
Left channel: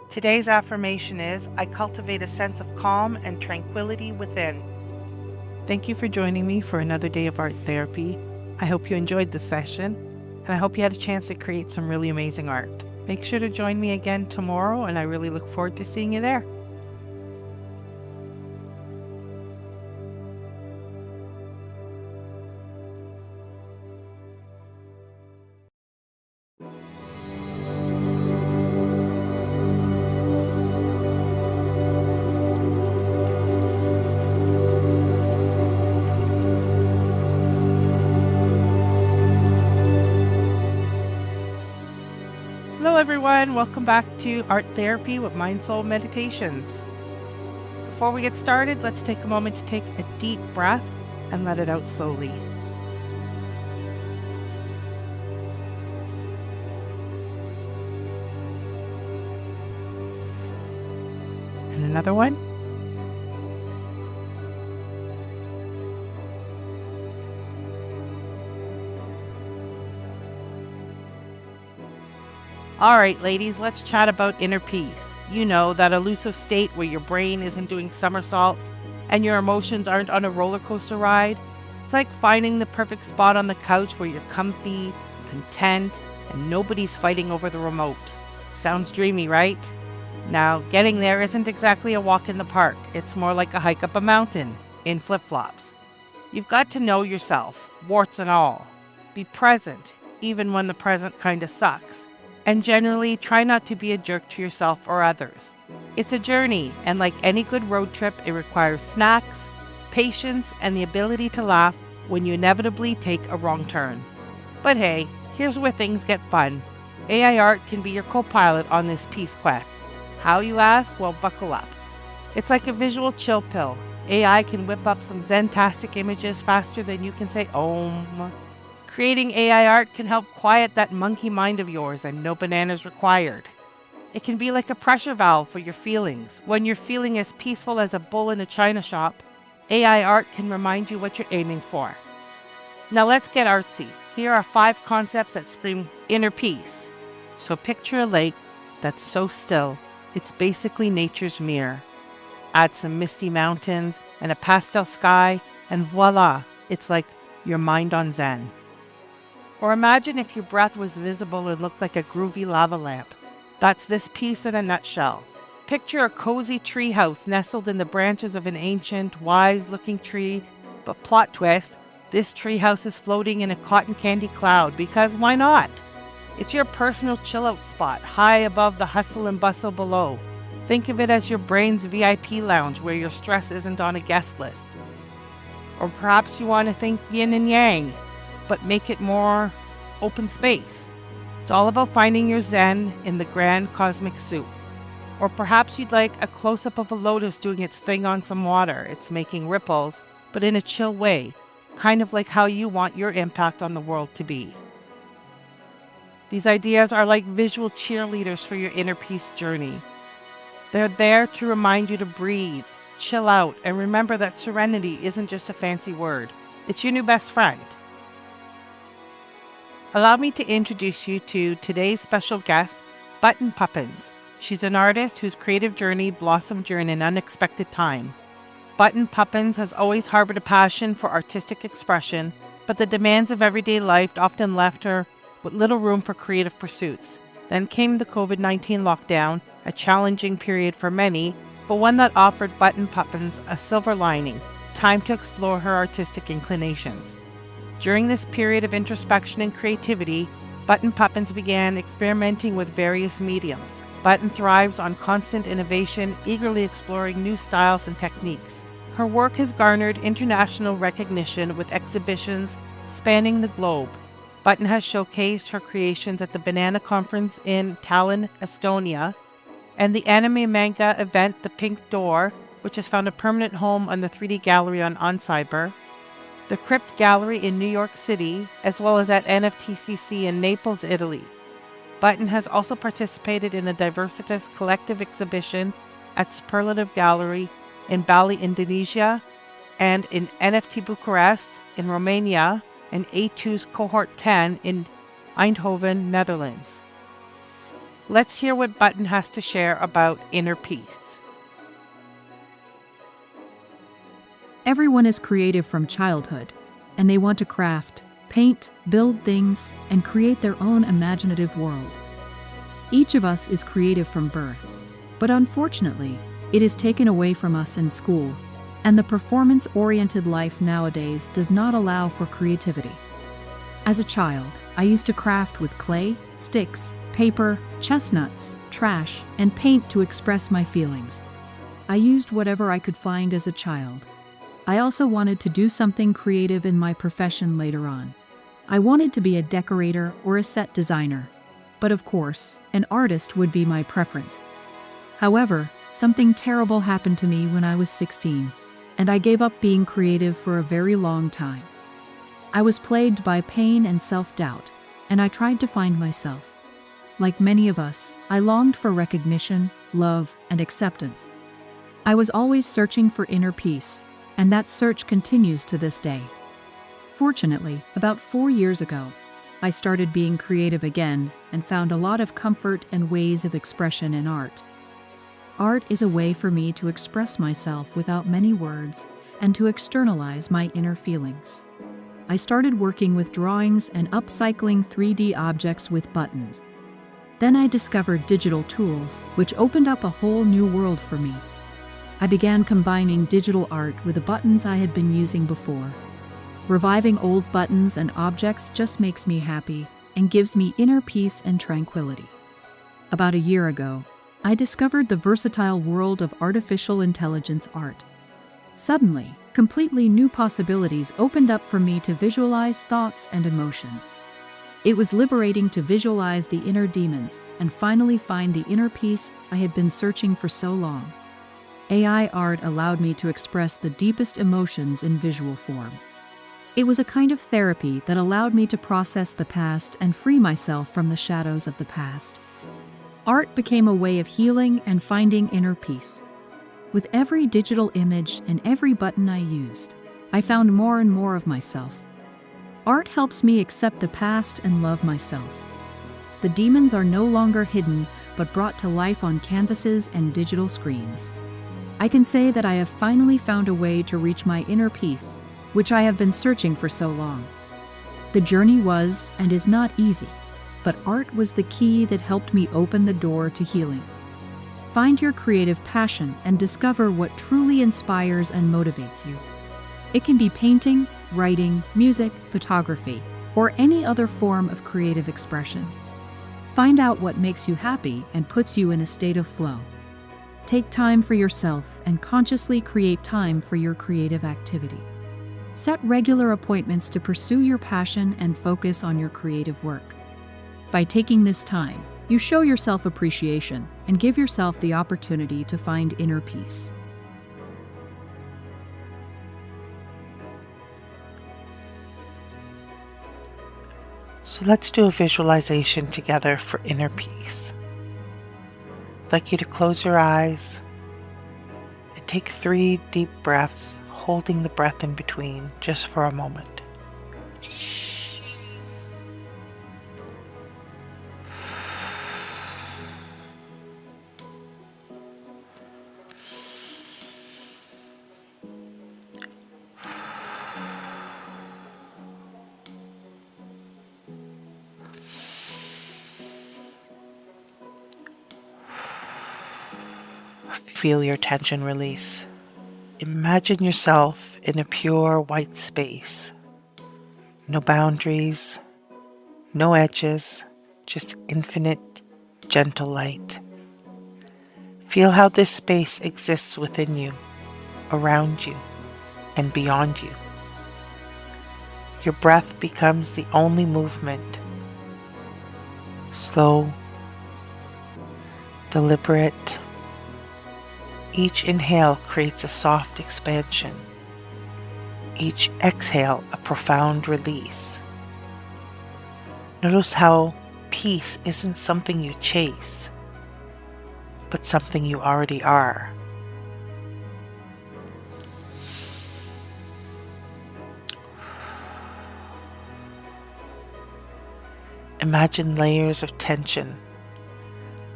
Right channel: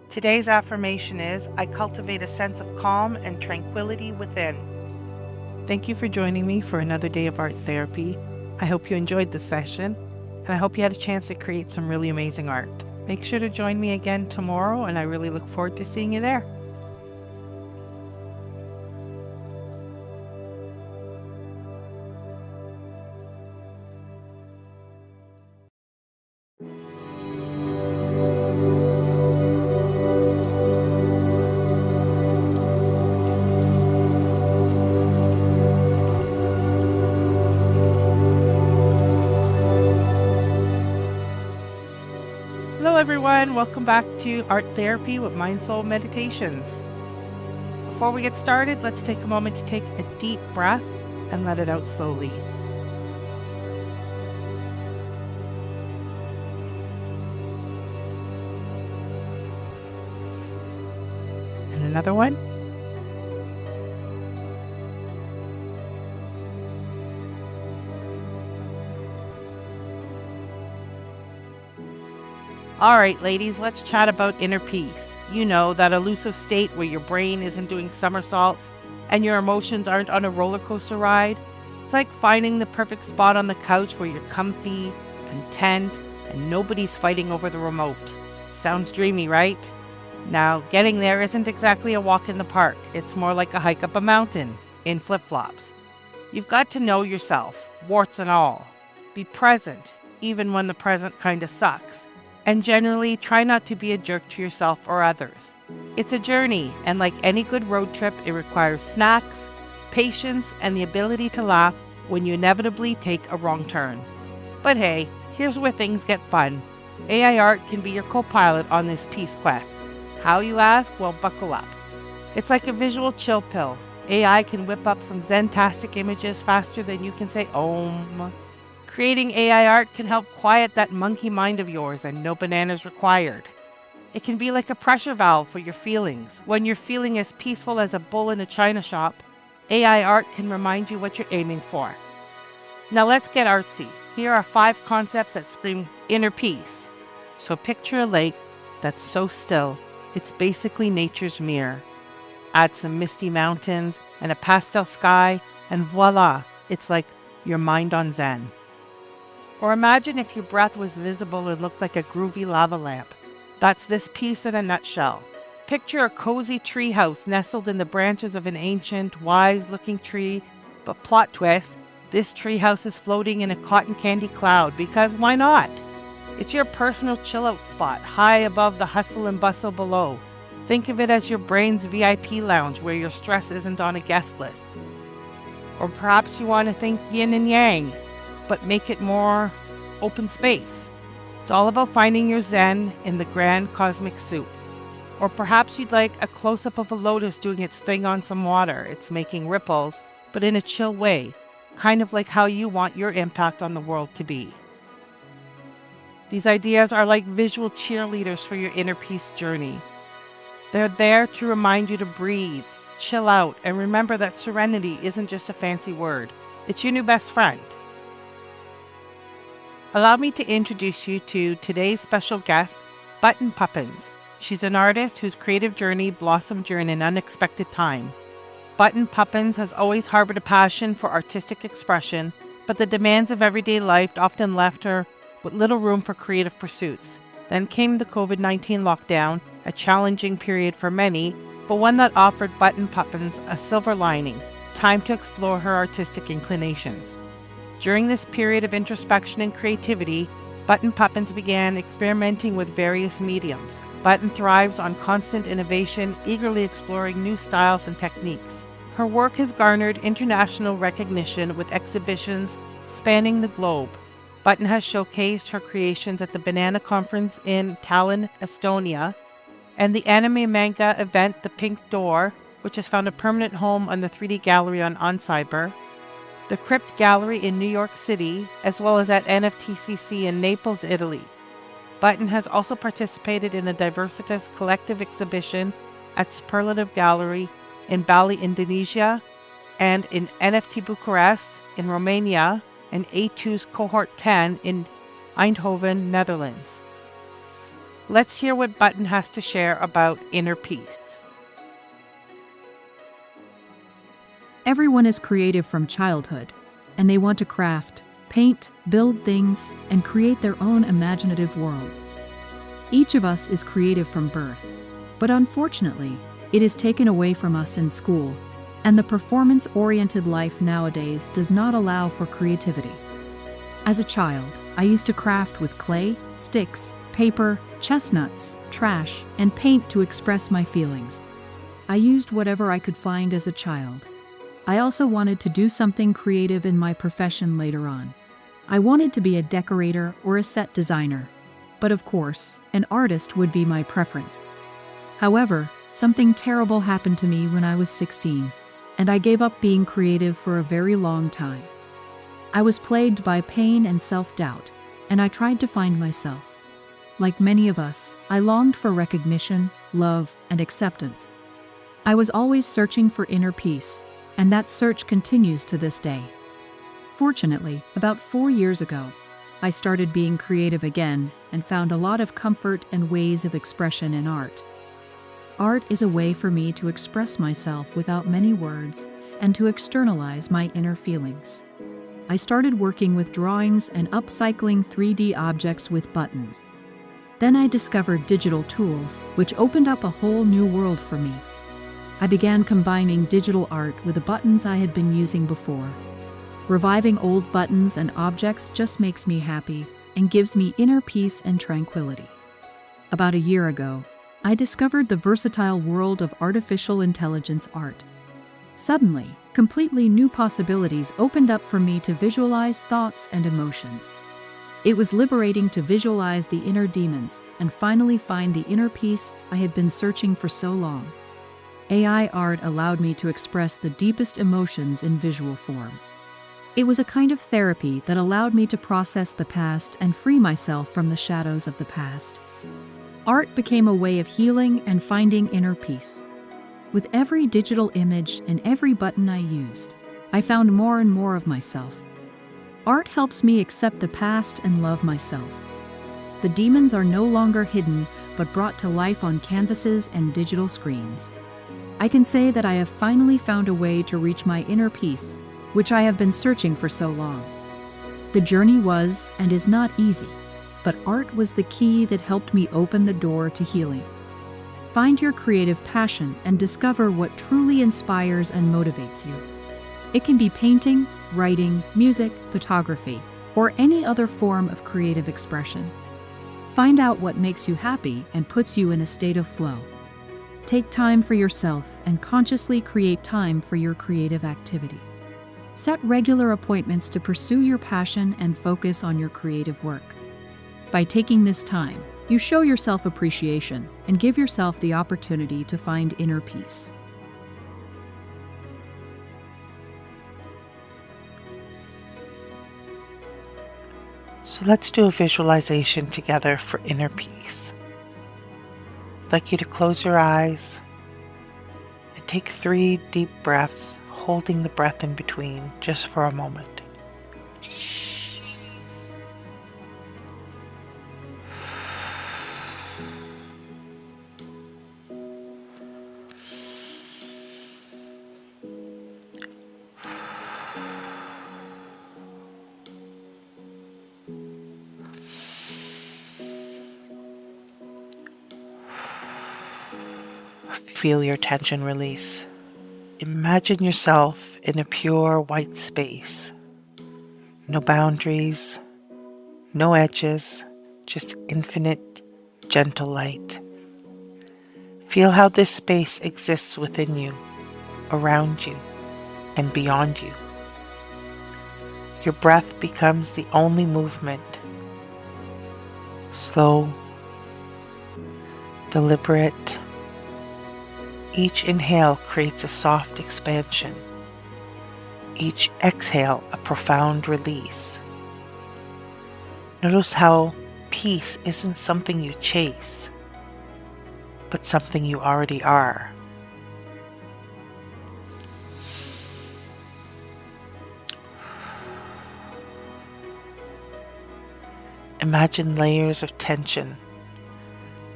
Today's affirmation is, I cultivate a sense of calm and tranquility within. Thank you for joining me for another day of art therapy. I hope you enjoyed the session, and I hope you had a chance to create some really amazing art. Make sure to join me again tomorrow, and I really look forward to seeing you there. Hello everyone, welcome back to Art Therapy with MindSoulMeditations. Before we get started, let's take a moment to take a deep breath and let it out slowly. And another one. All right, ladies, let's chat about inner peace. You know, that elusive state where your brain isn't doing somersaults and your emotions aren't on a roller coaster ride. It's like finding the perfect spot on the couch where you're comfy, content, and nobody's fighting over the remote. Sounds dreamy, right? Now, getting there isn't exactly a walk in the park. It's more like a hike up a mountain in flip-flops. You've got to know yourself, warts and all. Be present, even when the present kind of sucks. And generally, try not to be a jerk to yourself or others. It's a journey, and like any good road trip, it requires snacks, patience, and the ability to laugh when you inevitably take a wrong turn. But hey, here's where things get fun. AI art can be your co-pilot on this peace quest. How, you ask? Well, buckle up. It's like a visual chill pill. AI can whip up some zen-tastic images faster than you can say Om. Creating AI art can help quiet that monkey mind of yours, and no bananas required. It can be like a pressure valve for your feelings. When you're feeling as peaceful as a bull in a china shop, AI art can remind you what you're aiming for. Now let's get artsy. Here are 5 concepts that scream inner peace. So picture a lake that's so still, it's basically nature's mirror. Add some misty mountains and a pastel sky, and voila, it's like your mind on Zen. Or imagine if your breath was visible and looked like a groovy lava lamp. That's this piece in a nutshell. Picture a cozy treehouse nestled in the branches of an ancient, wise-looking tree, but plot twist, this treehouse is floating in a cotton candy cloud, because why not? It's your personal chill-out spot, high above the hustle and bustle below. Think of it as your brain's VIP lounge where your stress isn't on a guest list. Or perhaps you want to think yin and yang, but make it more open space. It's all about finding your zen in the grand cosmic soup. Or perhaps you'd like a close-up of a lotus doing its thing on some water. It's making ripples, but in a chill way, kind of like how you want your impact on the world to be. These ideas are like visual cheerleaders for your inner peace journey. They're there to remind you to breathe, chill out, and remember that serenity isn't just a fancy word. It's your new best friend. Allow me to introduce you to today's special guest, Button Puppins. She's an artist whose creative journey blossomed during an unexpected time. Button Puppins has always harbored a passion for artistic expression, but the demands of everyday life often left her with little room for creative pursuits. Then came the COVID-19 lockdown, a challenging period for many, but one that offered Button Puppins a silver lining, time to explore her artistic inclinations. During this period of introspection and creativity, Button Puppins began experimenting with various mediums. Button thrives on constant innovation, eagerly exploring new styles and techniques. Her work has garnered international recognition with exhibitions spanning the globe. Button has showcased her creations at the Banana Conference in Tallinn, Estonia, and the anime manga event The Pink Door, which has found a permanent home on the 3D Gallery on Cyber, the Crypt Gallery in New York City, as well as at NFTCC in Naples, Italy. Button has also participated in the Diversitas Collective exhibition at Superlative Gallery in Bali, Indonesia, and in NFT Bucharest in Romania, and A2's Cohort 10 in Eindhoven, Netherlands. Let's hear what Button has to share about inner peace. Everyone is creative from childhood, and they want to craft, paint, build things, and create their own imaginative worlds. Each of us is creative from birth, but unfortunately, it is taken away from us in school, and the performance-oriented life nowadays does not allow for creativity. As a child, I used to craft with clay, sticks, paper, chestnuts, trash, and paint to express my feelings. I used whatever I could find as a child. I also wanted to do something creative in my profession later on. I wanted to be a decorator or a set designer, but of course, an artist would be my preference. However, something terrible happened to me when I was 16, and I gave up being creative for a very long time. I was plagued by pain and self-doubt, and I tried to find myself. Like many of us, I longed for recognition, love, and acceptance. I was always searching for inner peace, and that search continues to this day. Fortunately, about 4 years ago, I started being creative again and found a lot of comfort and ways of expression in art. Art is a way for me to express myself without many words and to externalize my inner feelings. I started working with drawings and upcycling 3D objects with buttons. Then I discovered digital tools, which opened up a whole new world for me. I began combining digital art with the buttons I had been using before. Reviving old buttons and objects just makes me happy and gives me inner peace and tranquility. About a year ago, I discovered the versatile world of artificial intelligence art. Suddenly, completely new possibilities opened up for me to visualize thoughts and emotions. It was liberating to visualize the inner demons and finally find the inner peace I had been searching for so long. AI art allowed me to express the deepest emotions in visual form. It was a kind of therapy that allowed me to process the past and free myself from the shadows of the past. Art became a way of healing and finding inner peace. With every digital image and every button I used, I found more and more of myself. Art helps me accept the past and love myself. The demons are no longer hidden, but brought to life on canvases and digital screens. I can say that I have finally found a way to reach my inner peace, which I have been searching for so long. The journey was and is not easy, but art was the key that helped me open the door to healing. Find your creative passion and discover what truly inspires and motivates you. It can be painting, writing, music, photography, or any other form of creative expression. Find out what makes you happy and puts you in a state of flow. Take time for yourself and consciously create time for your creative activity. Set regular appointments to pursue your passion and focus on your creative work. By taking this time, you show yourself appreciation and give yourself the opportunity to find inner peace. So let's do a visualization together for inner peace. I'd like you to close your eyes and take 3 deep breaths, holding the breath in between just for a moment. Feel your tension release. Imagine yourself in a pure white space. No boundaries, no edges, just infinite, gentle light. Feel how this space exists within you, around you, and beyond you. Your breath becomes the only movement. Slow, deliberate. Each inhale creates a soft expansion. Each exhale a profound release. Notice how peace isn't something you chase, but something you already are. Imagine layers of tension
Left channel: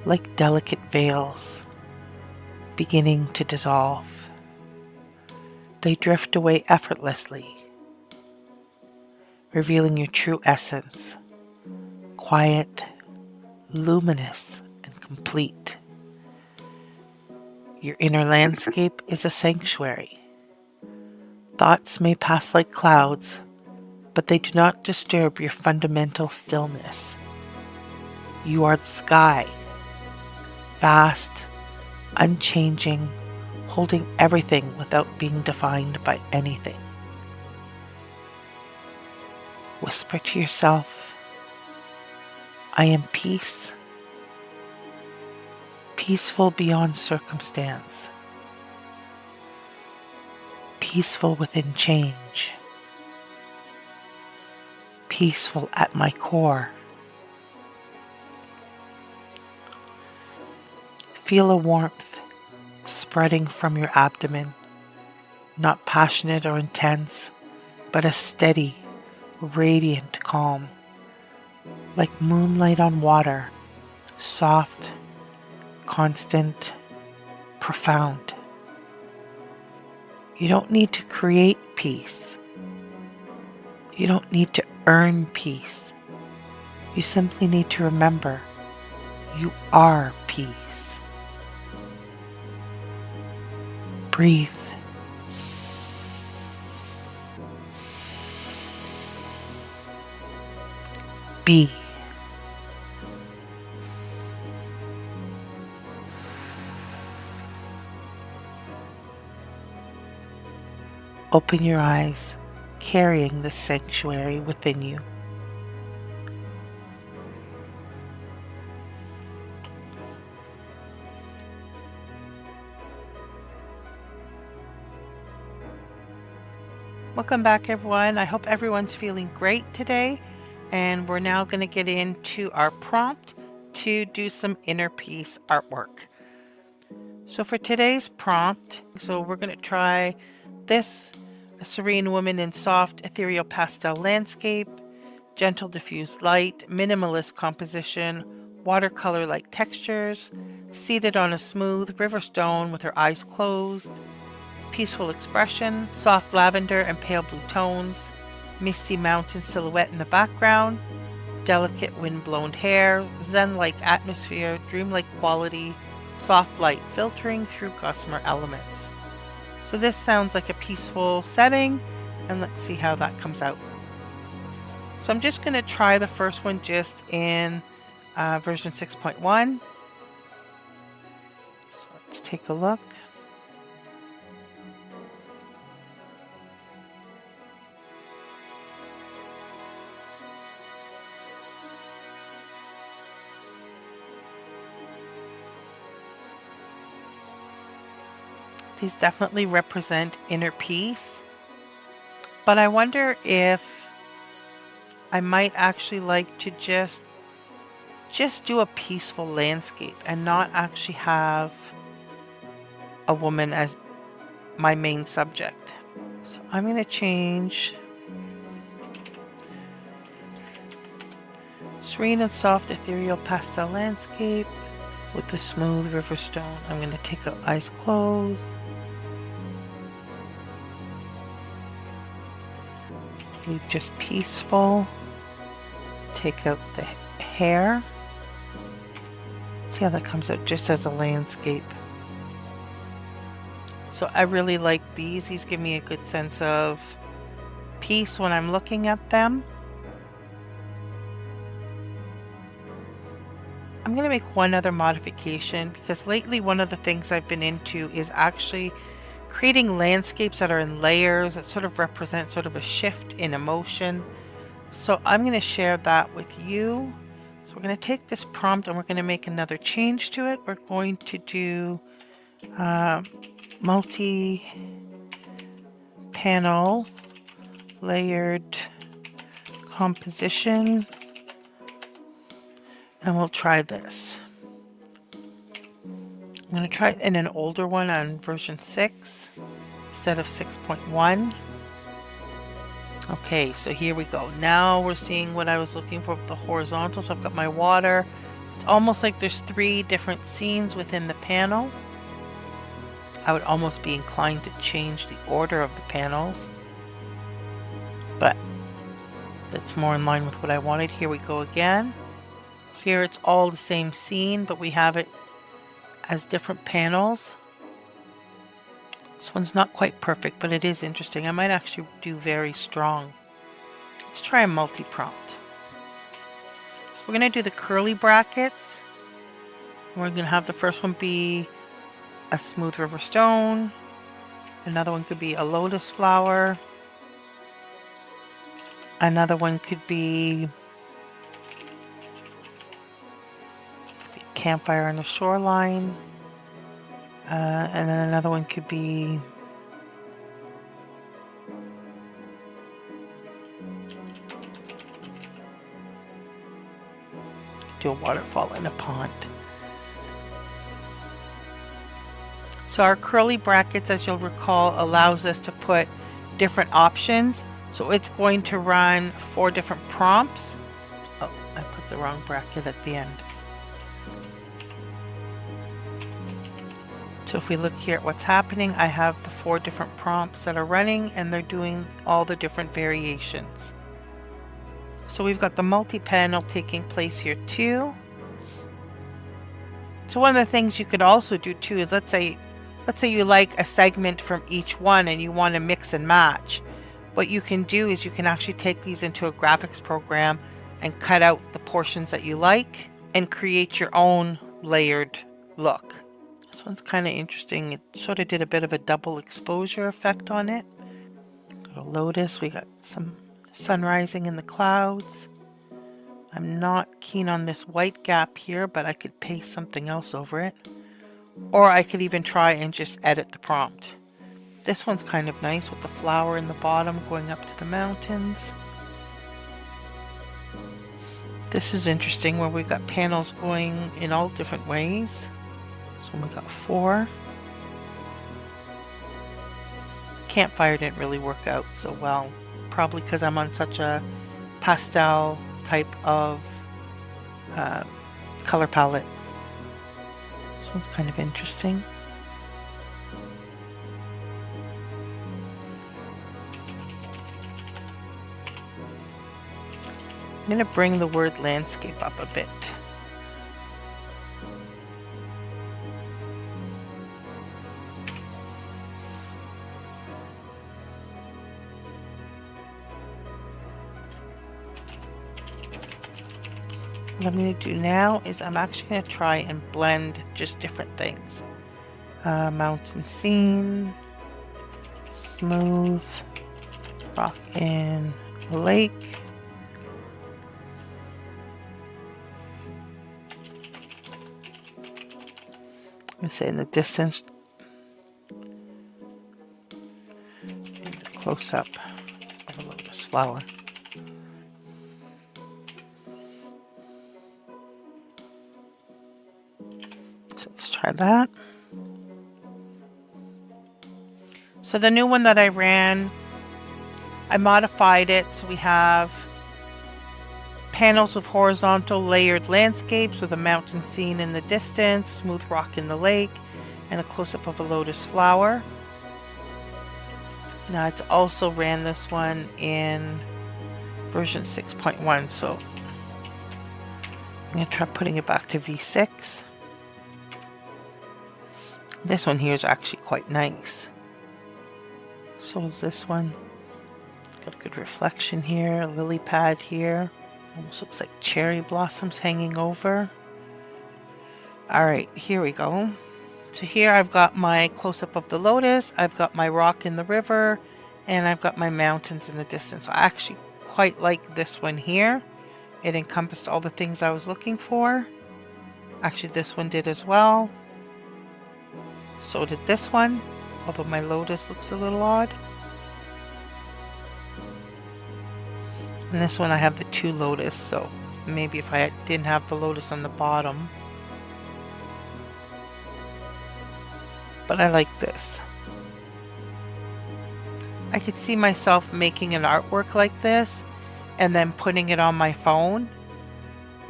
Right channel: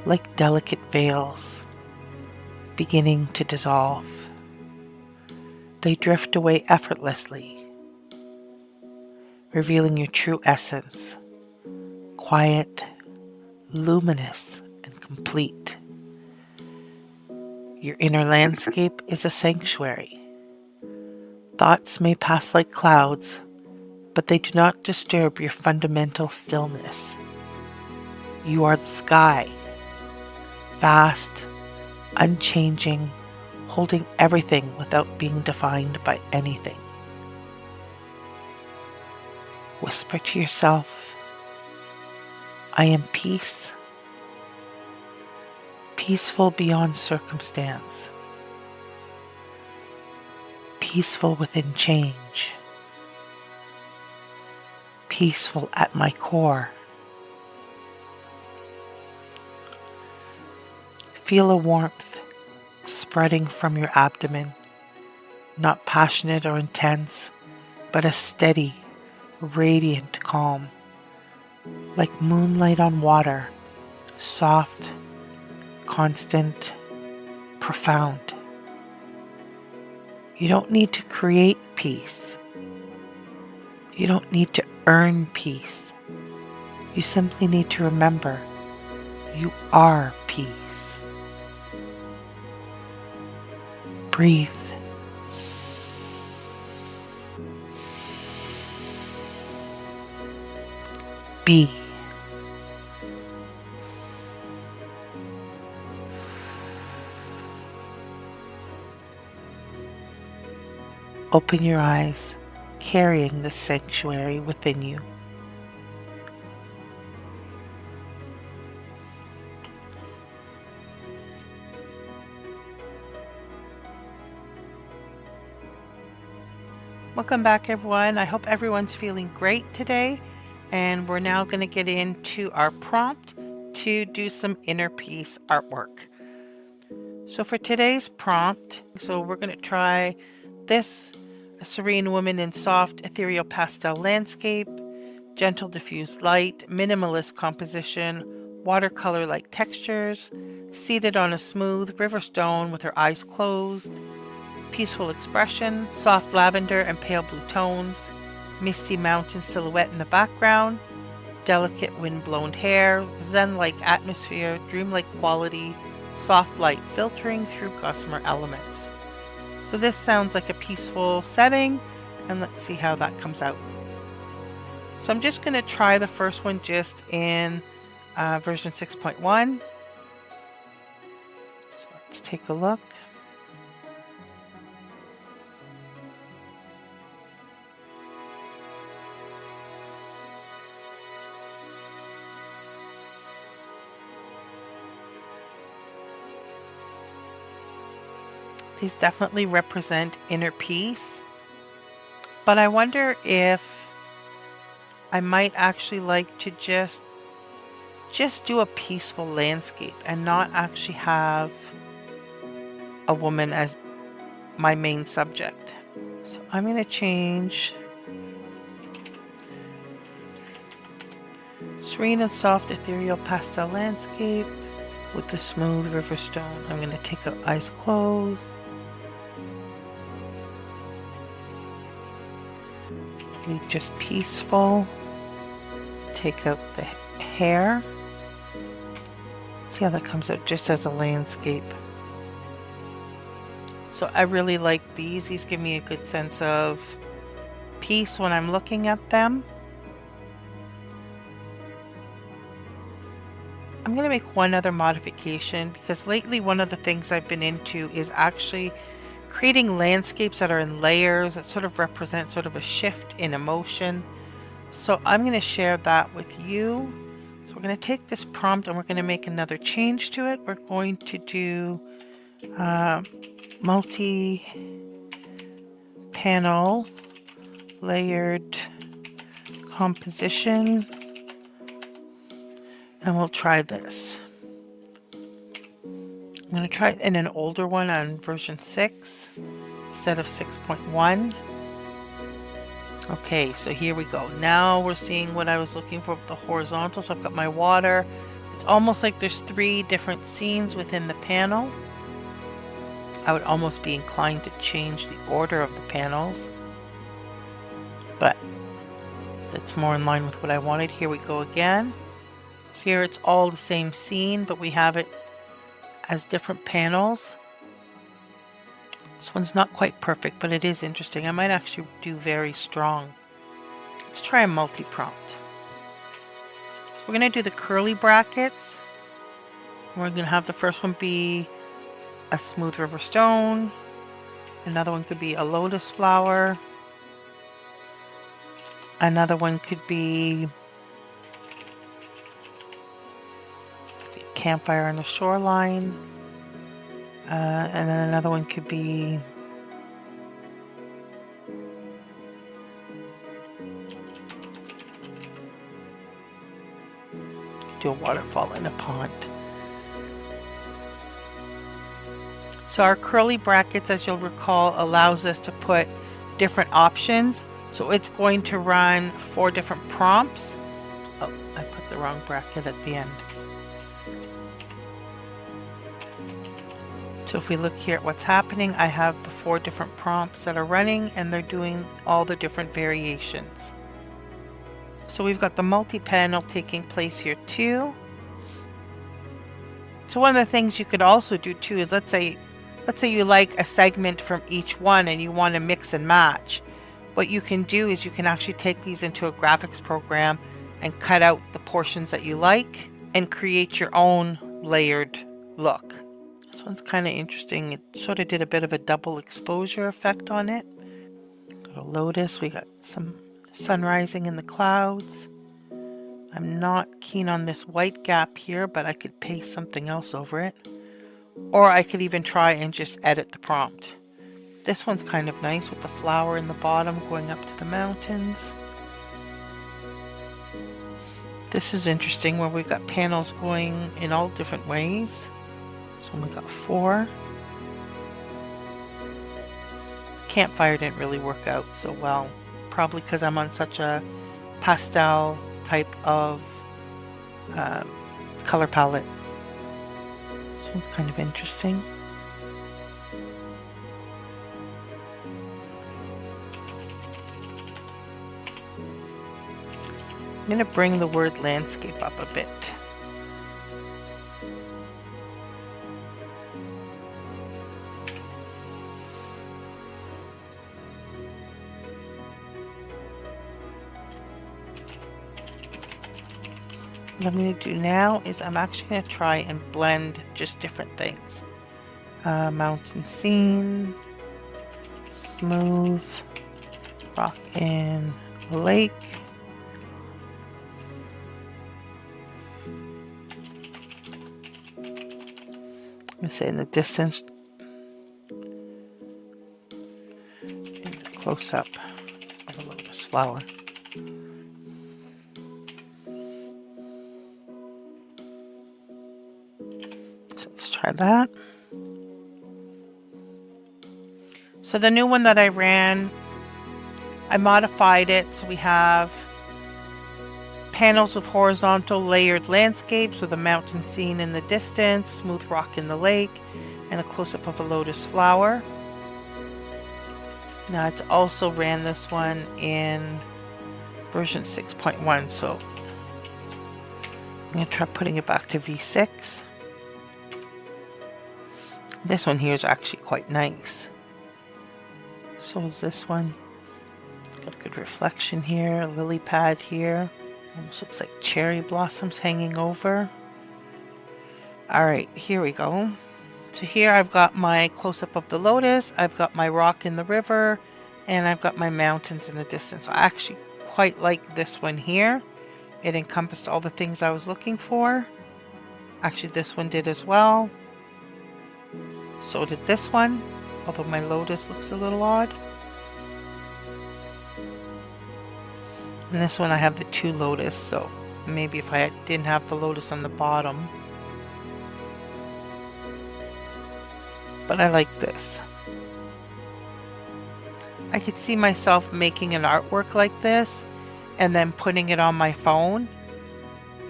like delicate veils beginning to dissolve. They drift away effortlessly, revealing your true essence, quiet, luminous, and complete. Your inner landscape is a sanctuary. Thoughts may pass like clouds, but they do not disturb your fundamental stillness. You are the sky, vast, unchanging, holding everything without being defined by anything. Whisper to yourself, I am peace, peaceful beyond circumstance, peaceful within change, peaceful at my core. Feel a warmth spreading from your abdomen, not passionate or intense, but a steady, radiant calm, like moonlight on water, soft, constant, profound. You don't need to create peace. You don't need to earn peace. You simply need to remember you are peace. Breathe. Be. Open your eyes, carrying the sanctuary within you. Welcome back, everyone. I hope everyone's feeling great today. And we're now going to get into our prompt to do some inner peace artwork. So for today's prompt, we're going to try this, a serene woman in soft ethereal pastel landscape, gentle diffused light, minimalist composition, watercolor-like textures, seated on a smooth river stone with her eyes closed, peaceful expression, soft lavender and pale blue tones, misty mountain silhouette in the background, delicate wind-blown hair, zen-like atmosphere, dreamlike quality, soft light filtering through gossamer elements. So this sounds like a peaceful setting, and let's see how that comes out. So I'm just going to try the first one just in version 6.1. So let's take a look. These definitely represent inner peace, but I wonder if I might actually like to just do a peaceful landscape and not actually have a woman as my main subject. So I'm going to change serene and soft ethereal pastel landscape with the smooth river stone. I'm going to take out eyes closed. Leave just peaceful. Take out the hair. See how that comes out just as a landscape. So I really like these. These give me a good sense of peace when I'm looking at them. I'm going to make one other modification because lately one of the things I've been into is actually creating landscapes that are in layers that sort of represent sort of a shift in emotion. So I'm going to share that with you. So we're going to take this prompt and we're going to make another change to it. We're going to do multi-panel layered composition. And we'll try this. I'm going to try it in an older one on version 6 instead of 6.1. Okay, so here we go. Now we're seeing what I was looking for with the horizontal. So I've got my water. It's It's almost like there's 3 different scenes within the panel. I would almost be inclined to change the order of the panels, but that's more in line with what I wanted. Here we go again. Here it's all the same scene, but we have it as different panels. This one's not quite perfect, but it is interesting. I might actually do very strong. Let's try a multi-prompt. So we're going to do the curly brackets. We're going to have the first one be a smooth river stone. Another one could be a lotus flower. Another one could be a campfire on the shoreline. And then another one could be do a waterfall in a pond. So our curly brackets, as you'll recall, allows us to put different options. So it's going to run 4 different prompts. Oh, I put the wrong bracket at the end. So if we look here at what's happening, I have the 4 different prompts that are running, and they're doing all the different variations. So we've got the multi-panel taking place here too. So one of the things you could also do too is let's say you like a segment from each one and you want to mix and match. What you can do is you can actually take these into a graphics program and cut out the portions that you like and create your own layered look. This one's kind of interesting. It sort of did a bit of a double exposure effect on it. Got a lotus. We got some sun rising in the clouds. I'm not keen on this white gap here, but I could paste something else over it. Or I could even try and just edit the prompt. This one's kind of nice with the flower in the bottom going up to the mountains. This is interesting where we've got panels going in all different ways. So we got 4. Campfire didn't really work out so well. Probably because I'm on such a pastel type of color palette. This one's kind of interesting. I'm going to bring the word landscape up a bit. What I'm going to do now is I'm actually going to try and blend just different things. Mountain scene, smooth, rock in a lake. I'm going to say in the distance, and a close-up of a lotus flower. Try that. So the new one that I ran, I modified it so we have panels of horizontal layered landscapes with a mountain scene in the distance, smooth rock in the lake, and a close-up of a lotus flower. Now it's also ran this one in version 6.1, so I'm going to try putting it back to V6. This one here is actually quite nice. So is this one. Got a good reflection here, a lily pad here. Almost looks like cherry blossoms hanging over. Alright, here we go. So here I've got my close-up of the lotus, I've got my rock in the river, and I've got my mountains in the distance. I actually quite like this one here. It encompassed all the things I was looking for. Actually, this one did as well. So did this one, although my lotus looks a little odd. And this one I have the 2 lotus, so maybe if I didn't have the lotus on the bottom. But I like this. I could see myself making an artwork like this and then putting it on my phone.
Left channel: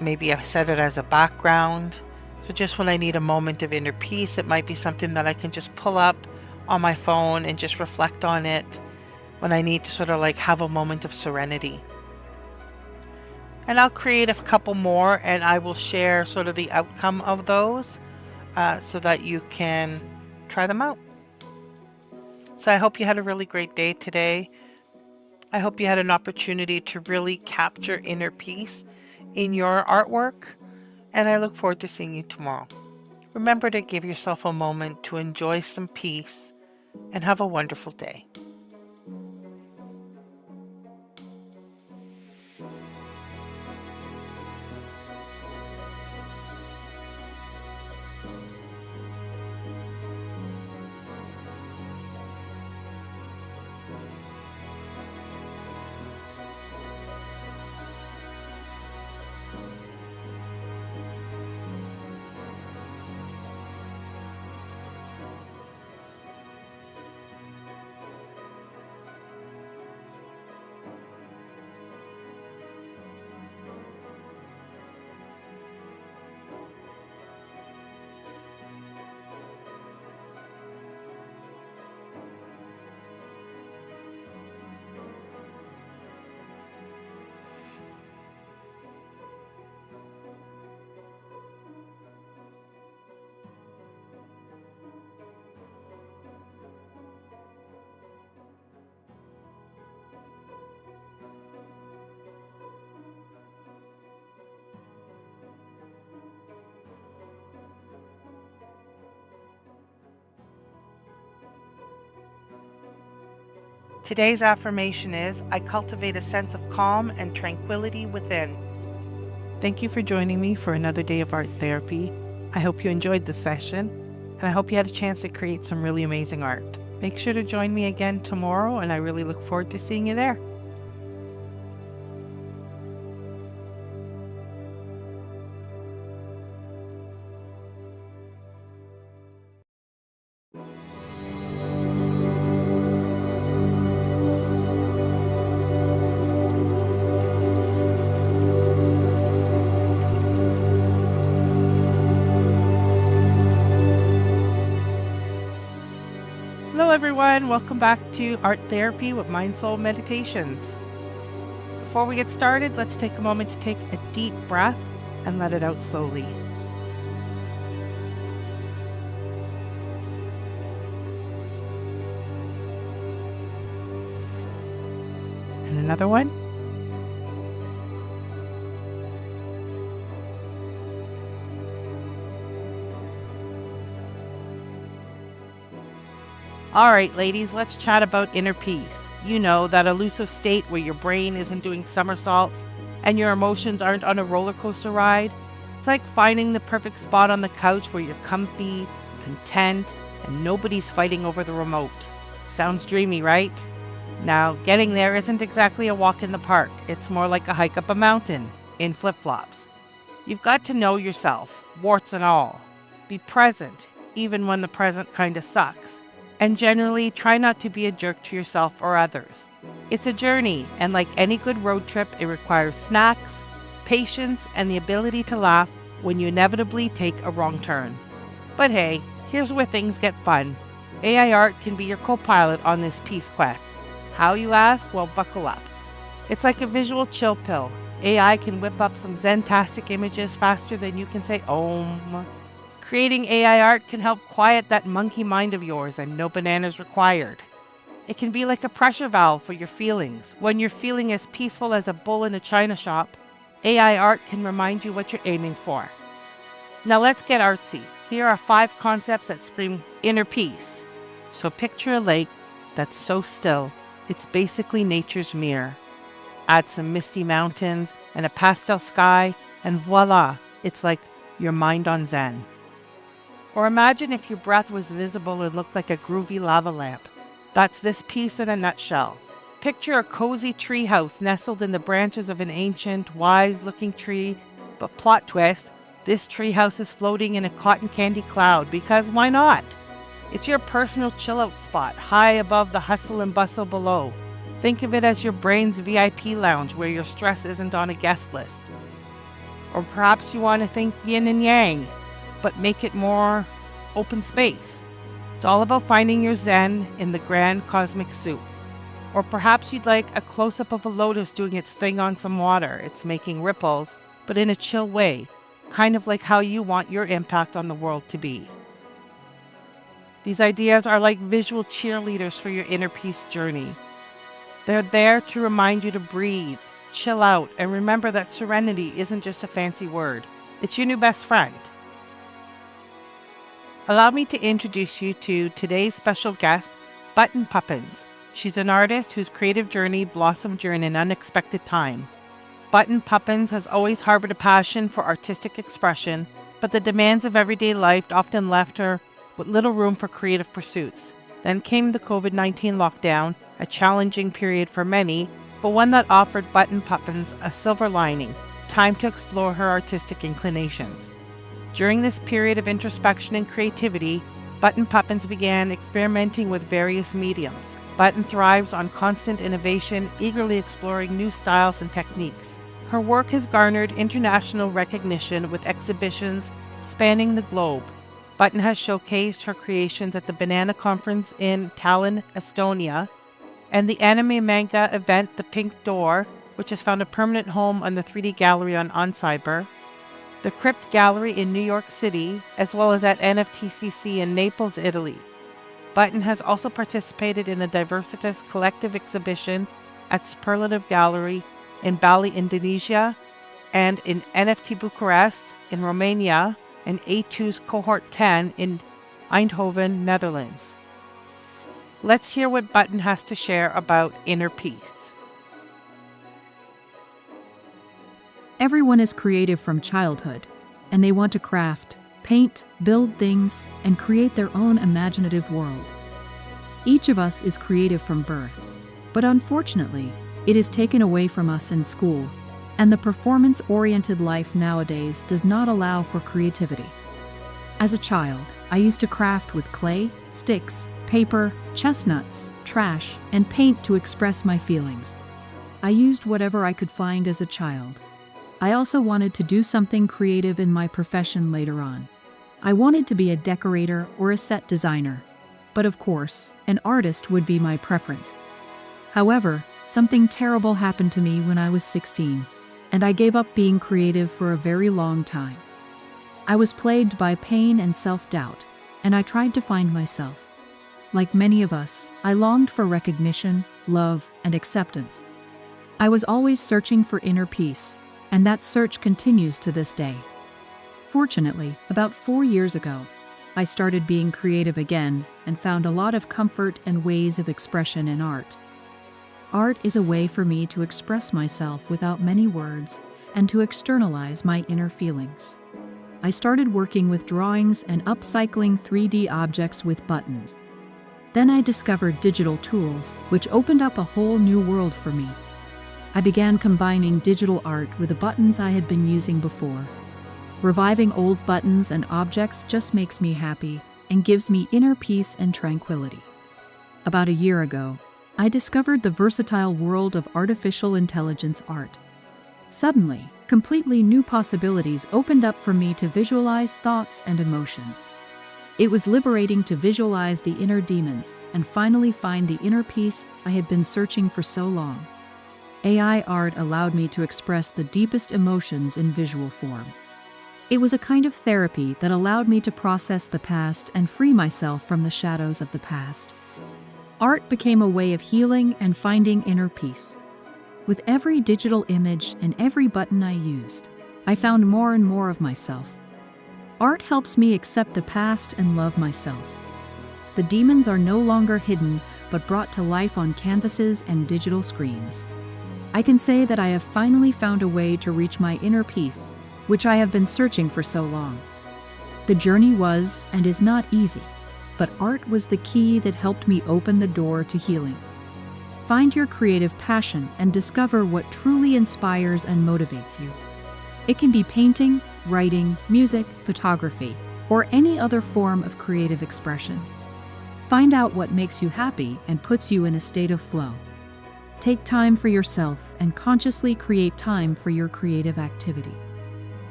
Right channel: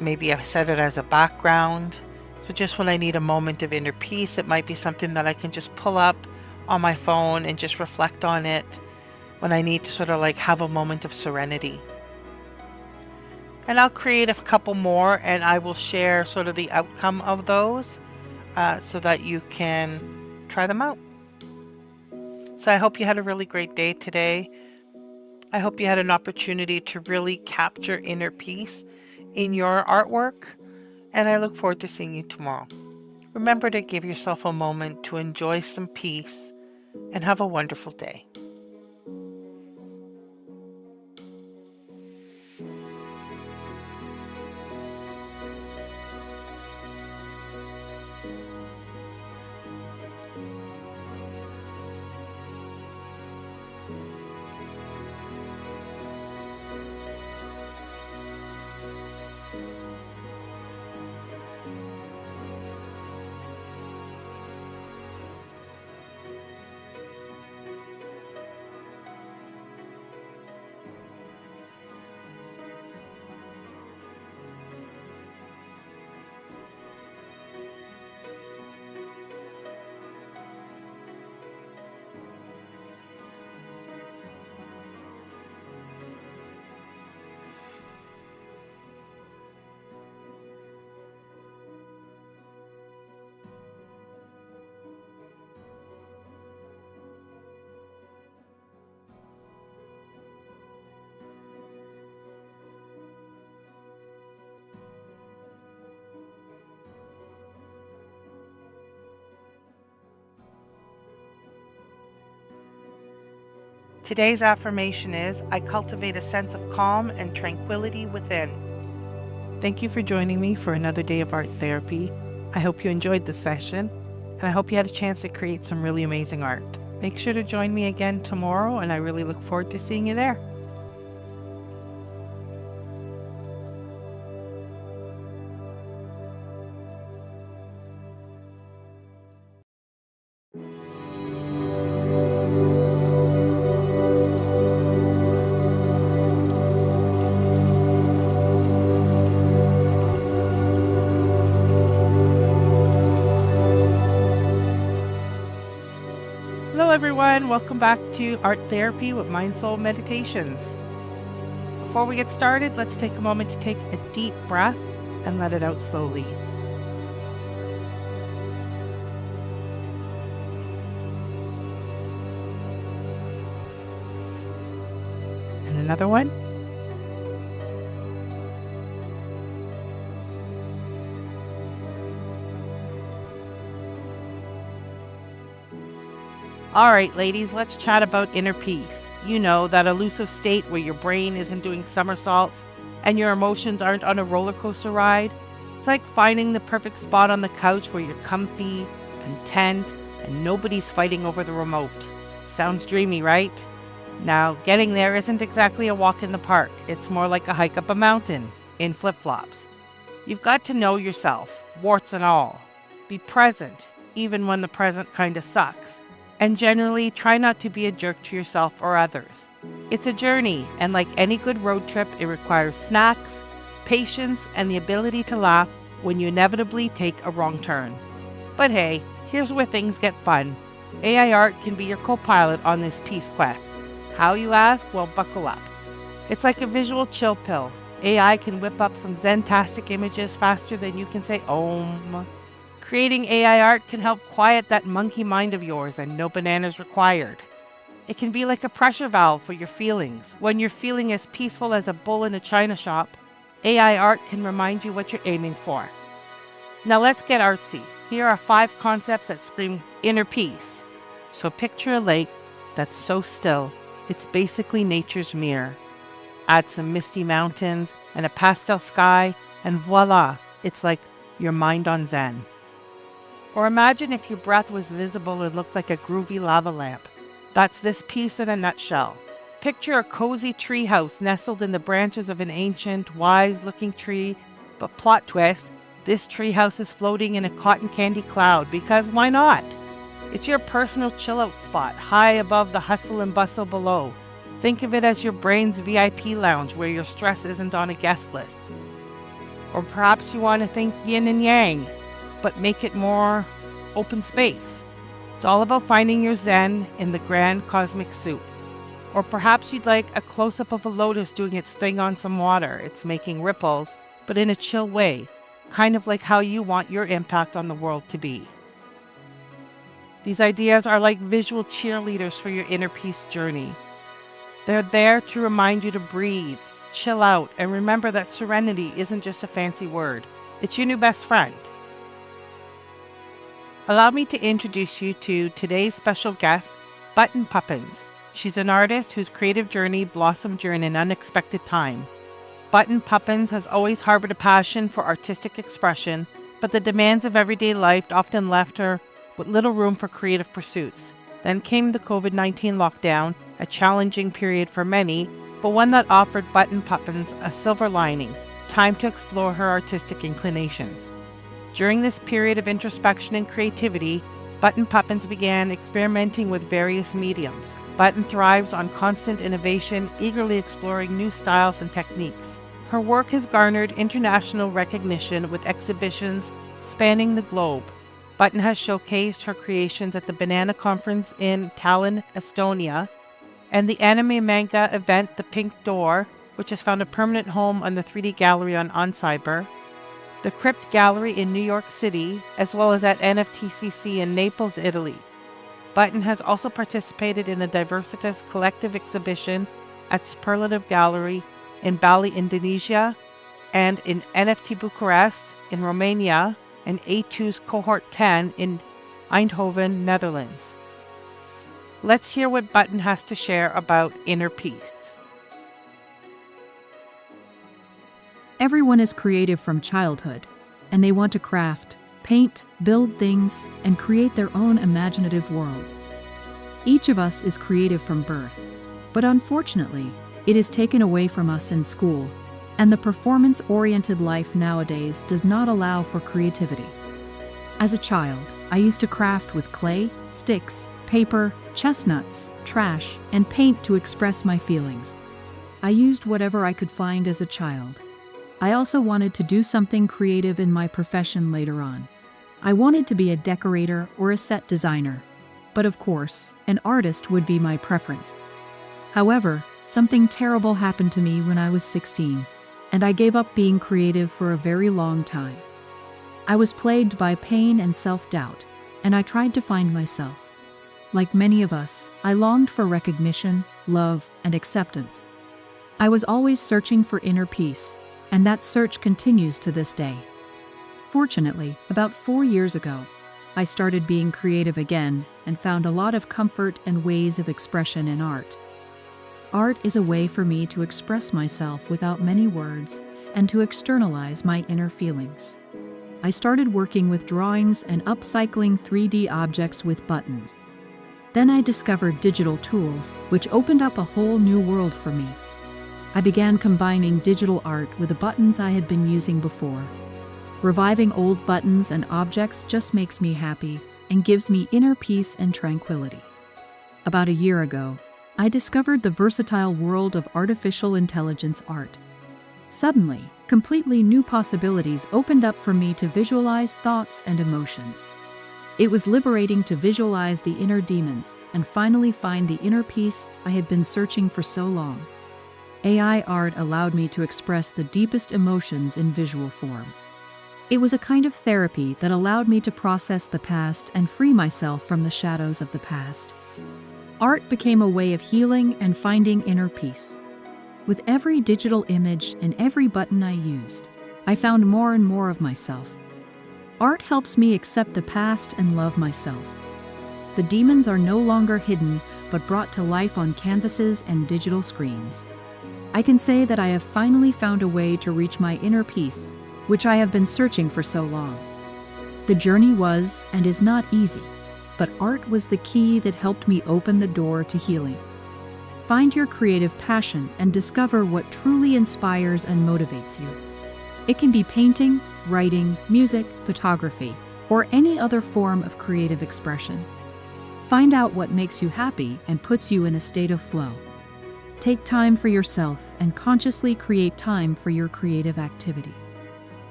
Maybe I set it as a background. So just when I need a moment of inner peace, it might be something that I can just pull up on my phone and just reflect on it when I need to sort of like have a moment of serenity. And I'll create a couple more and I will share sort of the outcome of those so that you can try them out. So I hope you had a really great day today. I hope you had an opportunity to really capture inner peace in your artwork, and I look forward to seeing you tomorrow. Remember to give yourself a moment to enjoy some peace and have a wonderful day. Today's affirmation is, I cultivate a sense of calm and tranquility within. Thank you for joining me for another day of art therapy. I hope you enjoyed the session, and I hope you had a chance to create some really amazing art. Make sure to join me again tomorrow, and I really look forward to seeing you there. Hello everyone, welcome back to Art Therapy with MindSoulMeditations. Before we get started, let's take a moment to take a deep breath and let it out slowly. And another one. All right, ladies, let's chat about inner peace. You know, that elusive state where your brain isn't doing somersaults and your emotions aren't on a roller coaster ride. It's like finding the perfect spot on the couch where you're comfy, content, and nobody's fighting over the remote. Sounds dreamy, right? Now, getting there isn't exactly a walk in the park. It's more like a hike up a mountain in flip-flops. You've got to know yourself, warts and all. Be present, even when the present kind of sucks. And generally, try not to be a jerk to yourself or others. It's a journey, and like any good road trip, it requires snacks, patience, and the ability to laugh when you inevitably take a wrong turn. But hey, here's where things get fun. AI art can be your co-pilot on this peace quest. How, you ask? Well, buckle up. It's like a visual chill pill. AI can whip up some zen-tastic images faster than you can say Om. Creating AI art can help quiet that monkey mind of yours, and no bananas required. It can be like a pressure valve for your feelings. When you're feeling as peaceful as a bull in a china shop, AI art can remind you what you're aiming for. Now let's get artsy. Here are 5 concepts that scream inner peace. So picture a lake that's so still, it's basically nature's mirror. Add some misty mountains and a pastel sky, and voila, it's like your mind on Zen. Or imagine if your breath was visible and looked like a groovy lava lamp. That's this piece in a nutshell. Picture a cozy treehouse nestled in the branches of an ancient, wise-looking tree, but plot twist, this treehouse is floating in a cotton candy cloud, because why not? It's your personal chill-out spot, high above the hustle and bustle below. Think of it as your brain's VIP lounge where your stress isn't on a guest list. Or perhaps you want to think yin and yang, but make it more open space. It's all about finding your zen in the grand cosmic soup. Or perhaps you'd like a close-up of a lotus doing its thing on some water. It's making ripples, but in a chill way, kind of like how you want your impact on the world to be. These ideas are like visual cheerleaders for your inner peace journey. They're there to remind you to breathe, chill out, and remember that serenity isn't just a fancy word. It's your new best friend. Allow me to introduce you to today's special guest, Button Puppins. She's an artist whose creative journey blossomed during an unexpected time. Button Puppins has always harbored a passion for artistic expression, but the demands of everyday life often left her with little room for creative pursuits. Then came the COVID-19 lockdown, a challenging period for many, but one that offered Button Puppins a silver lining, time to explore her artistic inclinations. During this period of introspection and creativity, Button Puppins began experimenting with various mediums. Button thrives on constant innovation, eagerly exploring new styles and techniques. Her work has garnered international recognition with exhibitions spanning the globe. Button has showcased her creations at the Banana Conference in Tallinn, Estonia, and the anime manga event The Pink Door, which has found a permanent home on the 3D Gallery on Cyber, the Crypt Gallery in New York City, as well as at NFTCC in Naples, Italy. Button has also participated in the Diversitas Collective exhibition at Superlative Gallery in Bali, Indonesia, and in NFT Bucharest in Romania, and A2's Cohort 10 in Eindhoven, Netherlands. Let's hear what Button has to share about inner peace. Everyone is creative from childhood, and they want to craft, paint, build things, and create their own imaginative worlds. Each of us is creative from birth, but unfortunately, it is taken away from us in school, and the performance-oriented life nowadays does not allow for creativity. As a child, I used to craft with clay, sticks, paper, chestnuts, trash, and paint to express my feelings. I used whatever I could find as a child. I also wanted to do something creative in my profession later on. I wanted to be a decorator or a set designer, but of course, an artist would be my preference. However, something terrible happened to me when I was 16, and I gave up being creative for a very long time. I was plagued by pain and self-doubt, and I tried to find myself. Like many of us, I longed for recognition, love, and acceptance. I was always searching for inner peace, and that search continues to this day. Fortunately, about 4 years ago, I started being creative again and found a lot of comfort and ways of expression in art. Art is a way for me to express myself without many words and to externalize my inner feelings. I started working with drawings and upcycling 3D objects with buttons. Then I discovered digital tools, which opened up a whole new world for me. I began combining digital art with the buttons I had been using before. Reviving old buttons and objects just makes me happy and gives me inner peace and tranquility. About a year ago, I discovered the versatile world of artificial intelligence art. Suddenly, completely new possibilities opened up for me to visualize thoughts and emotions. It was liberating to visualize the inner demons and finally find the inner peace I had been searching for so long. AI art allowed me to express the deepest emotions in visual form. It was a kind of therapy that allowed me to process the past and free myself from the shadows of the past. Art became a way of healing and finding inner peace. With every digital image and every button I used, I found more and more of myself. Art helps me accept the past and love myself. The demons are no longer hidden, but brought to life on canvases and digital screens. I can say that I have finally found a way to reach my inner peace, which I have been searching for so long. The journey was and is not easy, but art was the key that helped me open the door to healing. Find your creative passion and discover what truly inspires and motivates you. It can be painting, writing, music, photography, or any other form of creative expression. Find out what makes you happy and puts you in a state of flow. Take time for yourself and consciously create time for your creative activity.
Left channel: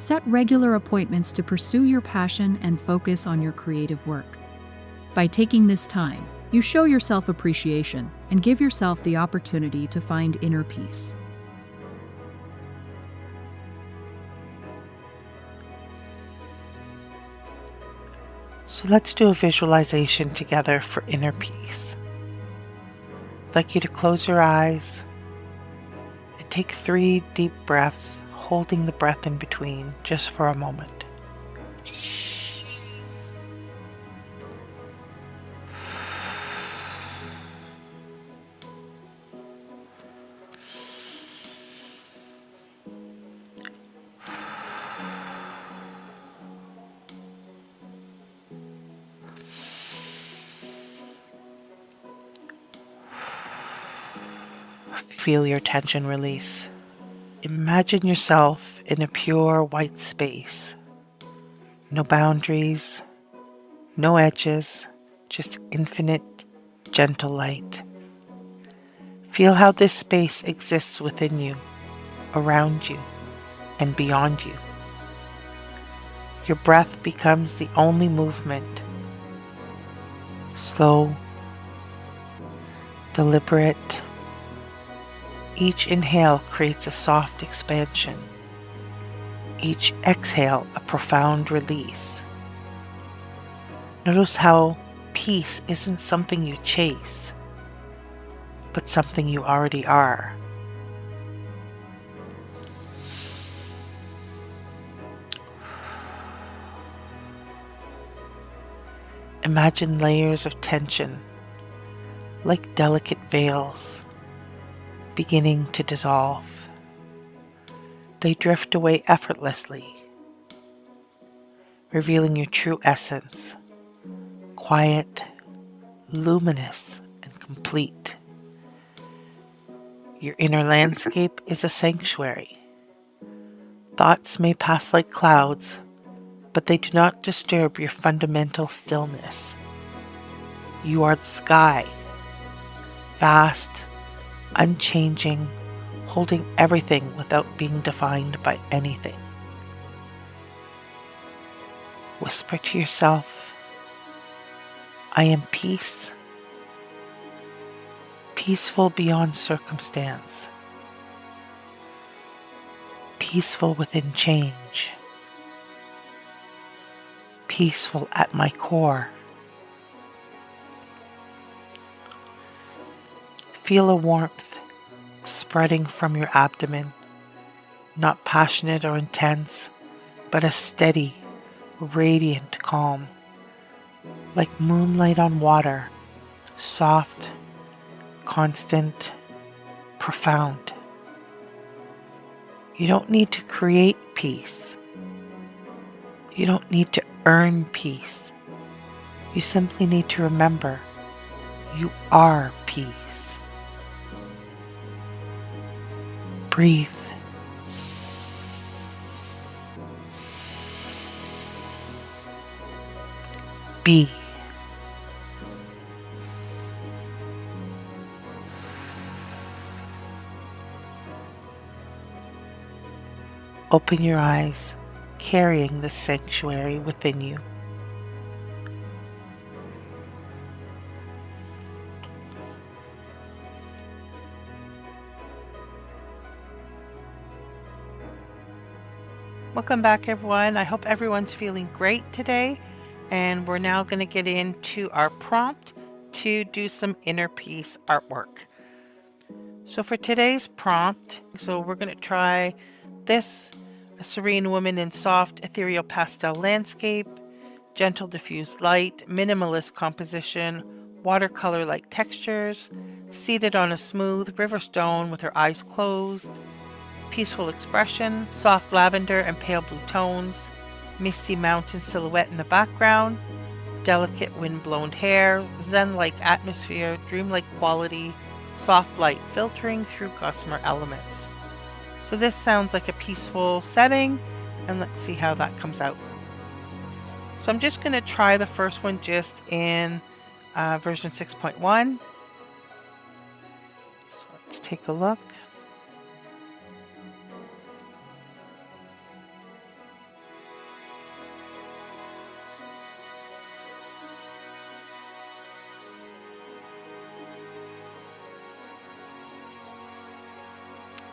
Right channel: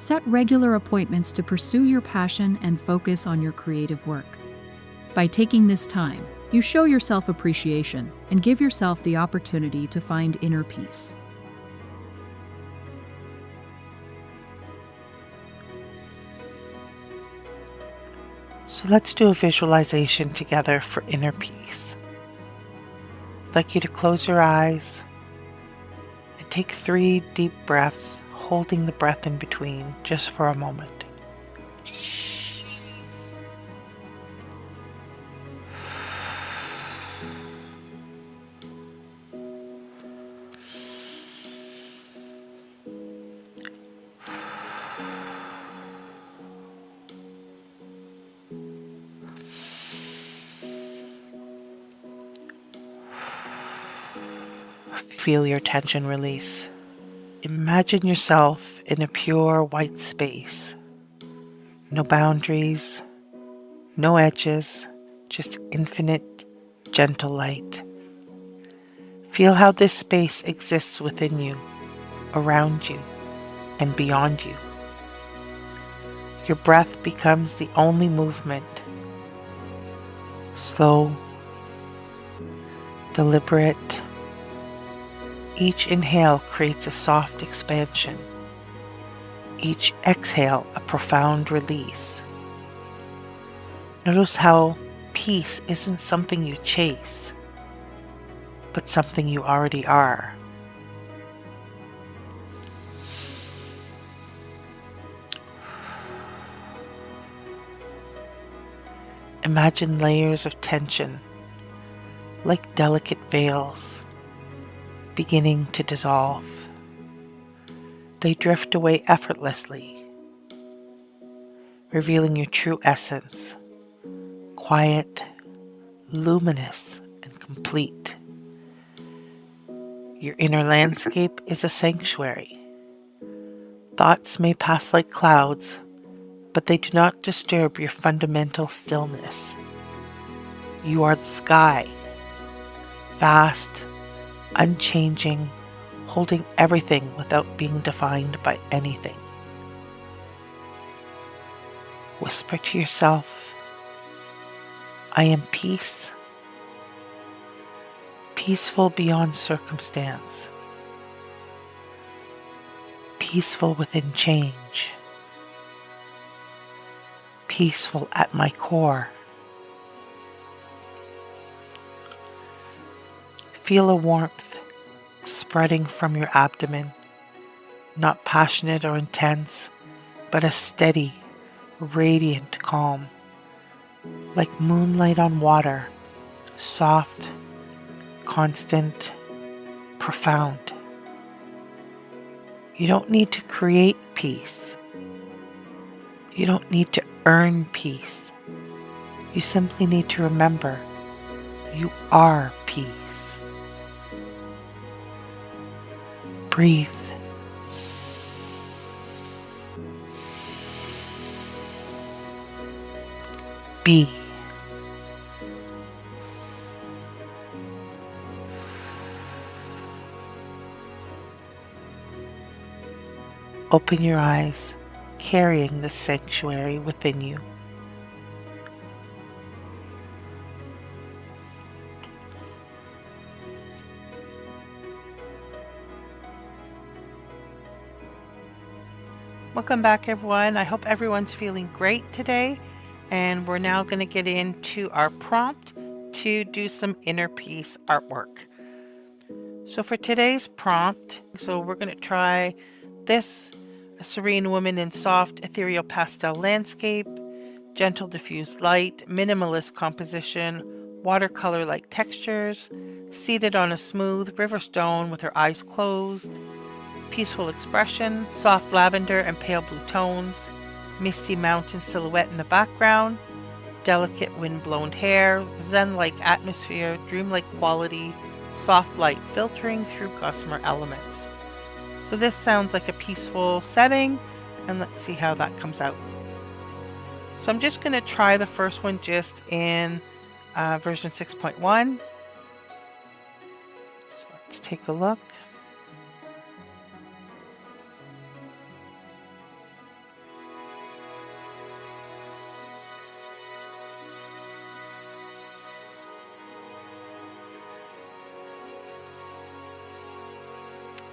Set regular appointments to pursue your passion and focus on your creative work. By taking this time, you show yourself appreciation and give yourself the opportunity to find inner peace. So let's do a visualization together for inner peace. I'd like you to close your eyes and take 3 deep breaths, holding the breath in between just for a moment. Feel your tension release. Imagine yourself in a pure white space. No boundaries, no edges, just infinite, gentle light. Feel how this space exists within you, around you, and beyond you. Your breath becomes the only movement. Slow, deliberate. Each inhale creates a soft expansion. Each exhale a profound release. Notice how peace isn't something you chase, but something you already are. Imagine layers of tension, like delicate veils, beginning to dissolve. They drift away effortlessly, revealing your true essence, quiet, luminous, and complete. Your inner landscape is a sanctuary. Thoughts may pass like clouds, but they do not disturb your fundamental stillness. You are the sky, vast, unchanging, holding everything without being defined by anything. Whisper to yourself, I am peace, peaceful beyond circumstance, peaceful within change, peaceful at my core. Feel a warmth spreading from your abdomen, not passionate or intense, but a steady, radiant calm, like moonlight on water, soft, constant, profound. You don't need to create peace. You don't need to earn peace. You simply need to remember you are peace. Breathe. Be. Open your eyes, carrying the sanctuary within you. Welcome back, everyone. I hope everyone's feeling great today. And we're now going to get into our prompt to do some inner peace artwork. So for today's prompt, we're going to try this, a serene woman in soft ethereal pastel landscape, gentle diffused light, minimalist composition, watercolor-like textures, seated on a smooth river stone with her eyes closed, peaceful expression, soft lavender and pale blue tones, misty mountain silhouette in the background, delicate wind-blown hair, zen-like atmosphere, dreamlike quality, soft light filtering through gossamer elements. So this sounds like a peaceful setting, and let's see how that comes out. So I'm just going to try the first one just in version 6.1. So let's take a look.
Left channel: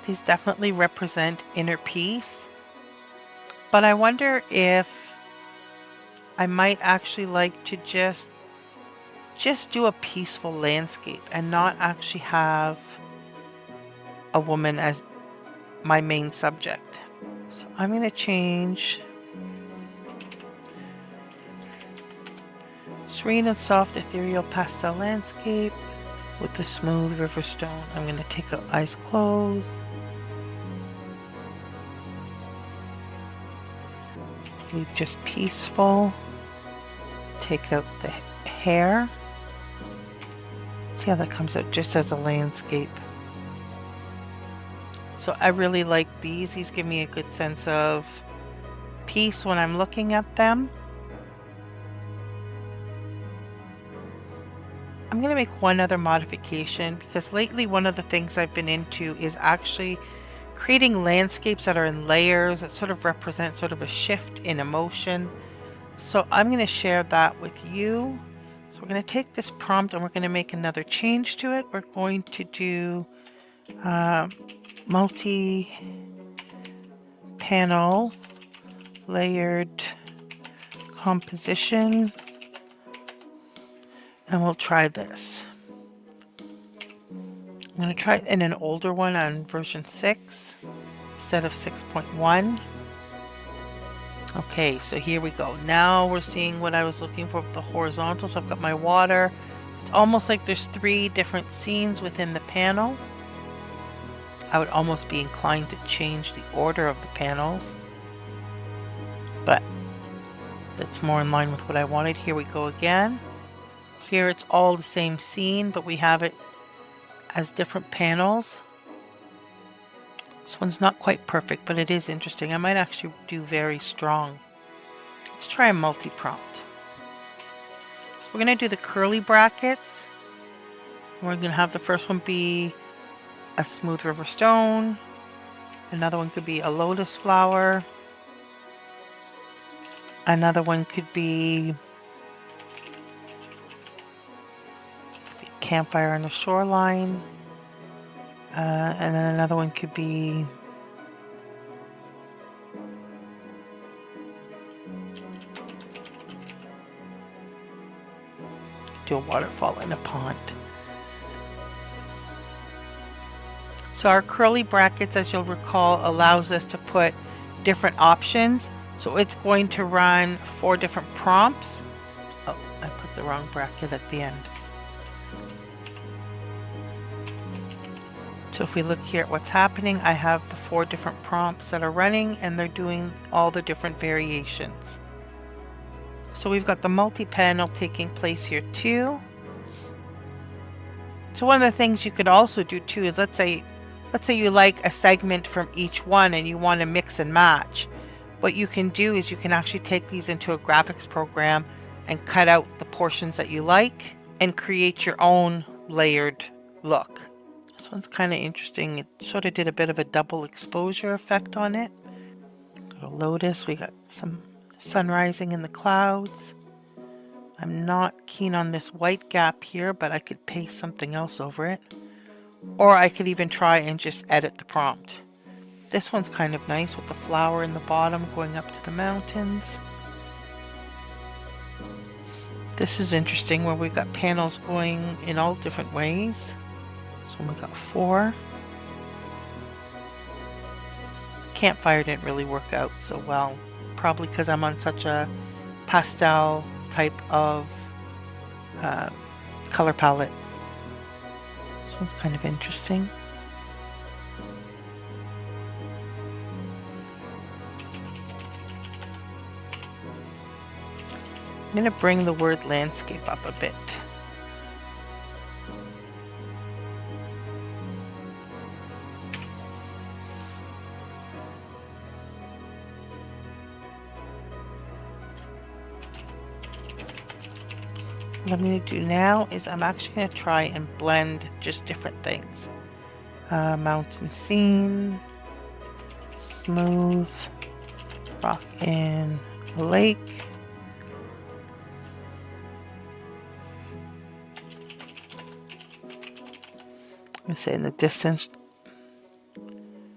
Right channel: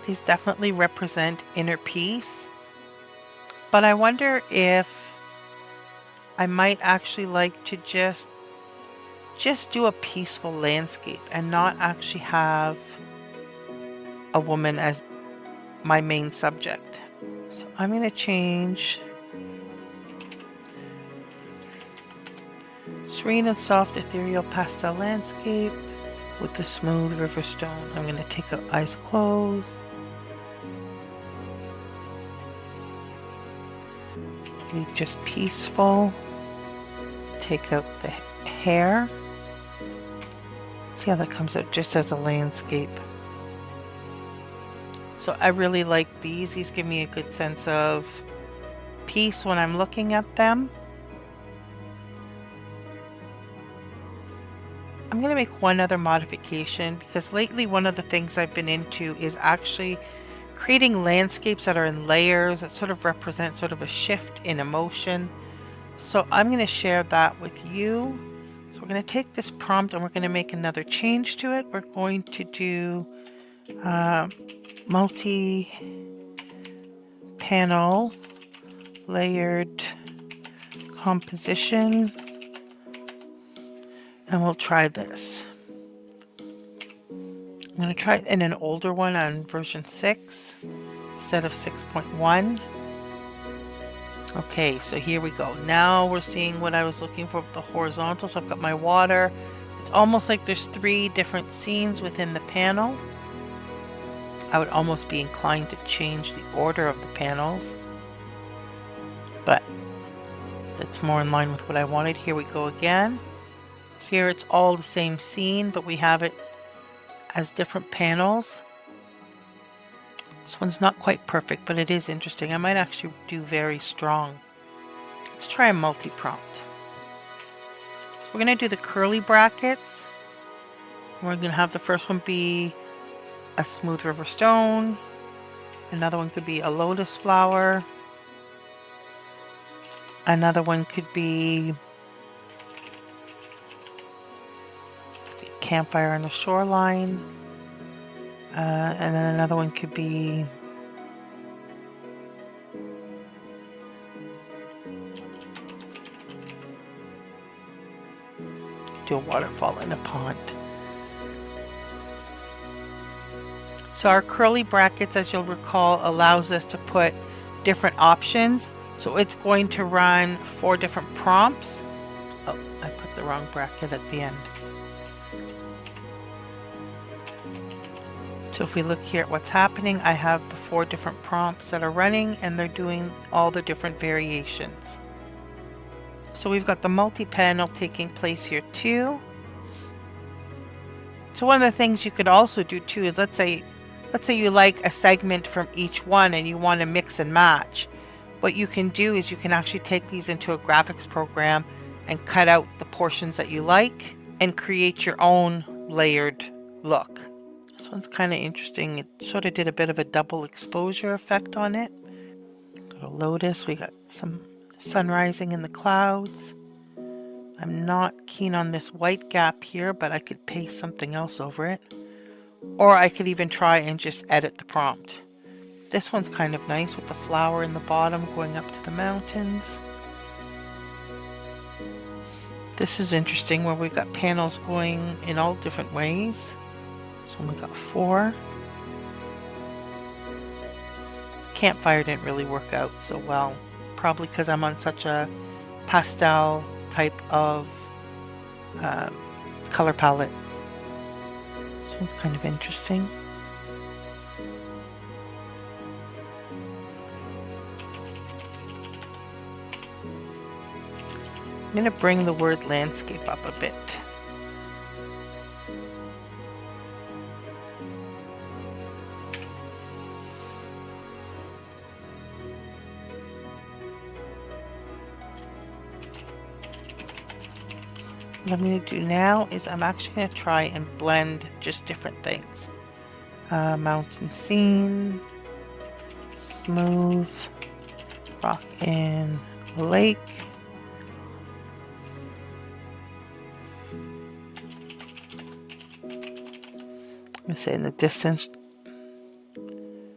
These definitely represent inner peace, but I wonder if I might actually like to just do a peaceful landscape and not actually have a woman as my main subject. So I'm going to change serene and soft ethereal pastel landscape with the smooth river stone. I'm going to take out eyes closed. Leave just peaceful. Take out the hair. See how that comes out just as a landscape. So I really like these. These give me a good sense of peace when I'm looking at them. I'm going to make one other modification because lately one of the things I've been into is actually creating landscapes that are in layers that sort of represent sort of a shift in emotion. So I'm going to share that with you. So we're going to take this prompt and we're going to make another change to it. We're going to do multi-panel layered composition, and we'll try this. I'm going to try it in an older one on version 6 instead of 6.1. Okay, so here we go. Now we're seeing what I was looking for with the horizontal. So I've got my water. It's almost like there's 3 different scenes within the panel. I would almost be inclined to change the order of the panels, but that's more in line with what I wanted. Here we go again. Here it's all the same scene, but we have it as different panels. This one's not quite perfect, but it is interesting. I might actually do very strong. Let's try a multi-prompt. So we're going to do the curly brackets. We're going to have the first one be a smooth river stone. Another one could be a lotus flower. Another one could be a campfire on the shoreline. And then another one could be do a waterfall in a pond. So our curly brackets, as you'll recall, allows us to put different options. So it's going to run 4 different prompts. Oh, I put the wrong bracket at the end. So if we look here at what's happening, I have the 4 different prompts that are running and they're doing all the different variations. So we've got the multi-panel taking place here too. So one of the things you could also do too is let's say you like a segment from each one and you want to mix and match. What you can do is you can actually take these into a graphics program and cut out the portions that you like and create your own layered look. This one's kind of interesting. It sort of did a bit of a double exposure effect on it. Got a lotus. We got some sun rising in the clouds. I'm not keen on this white gap here, but I could paste something else over it. Or I could even try and just edit the prompt. This one's kind of nice with the flower in the bottom going up to the mountains. This is interesting where we've got panels going in all different ways. So we got 4. Campfire didn't really work out so well, probably because I'm on such a pastel type of color palette. This one's kind of interesting. I'm going to bring the word landscape up a bit. What I'm going to do now is I'm actually going to try and blend just different things. Mountain scene, smooth, rock in a lake. I'm going to say in the distance,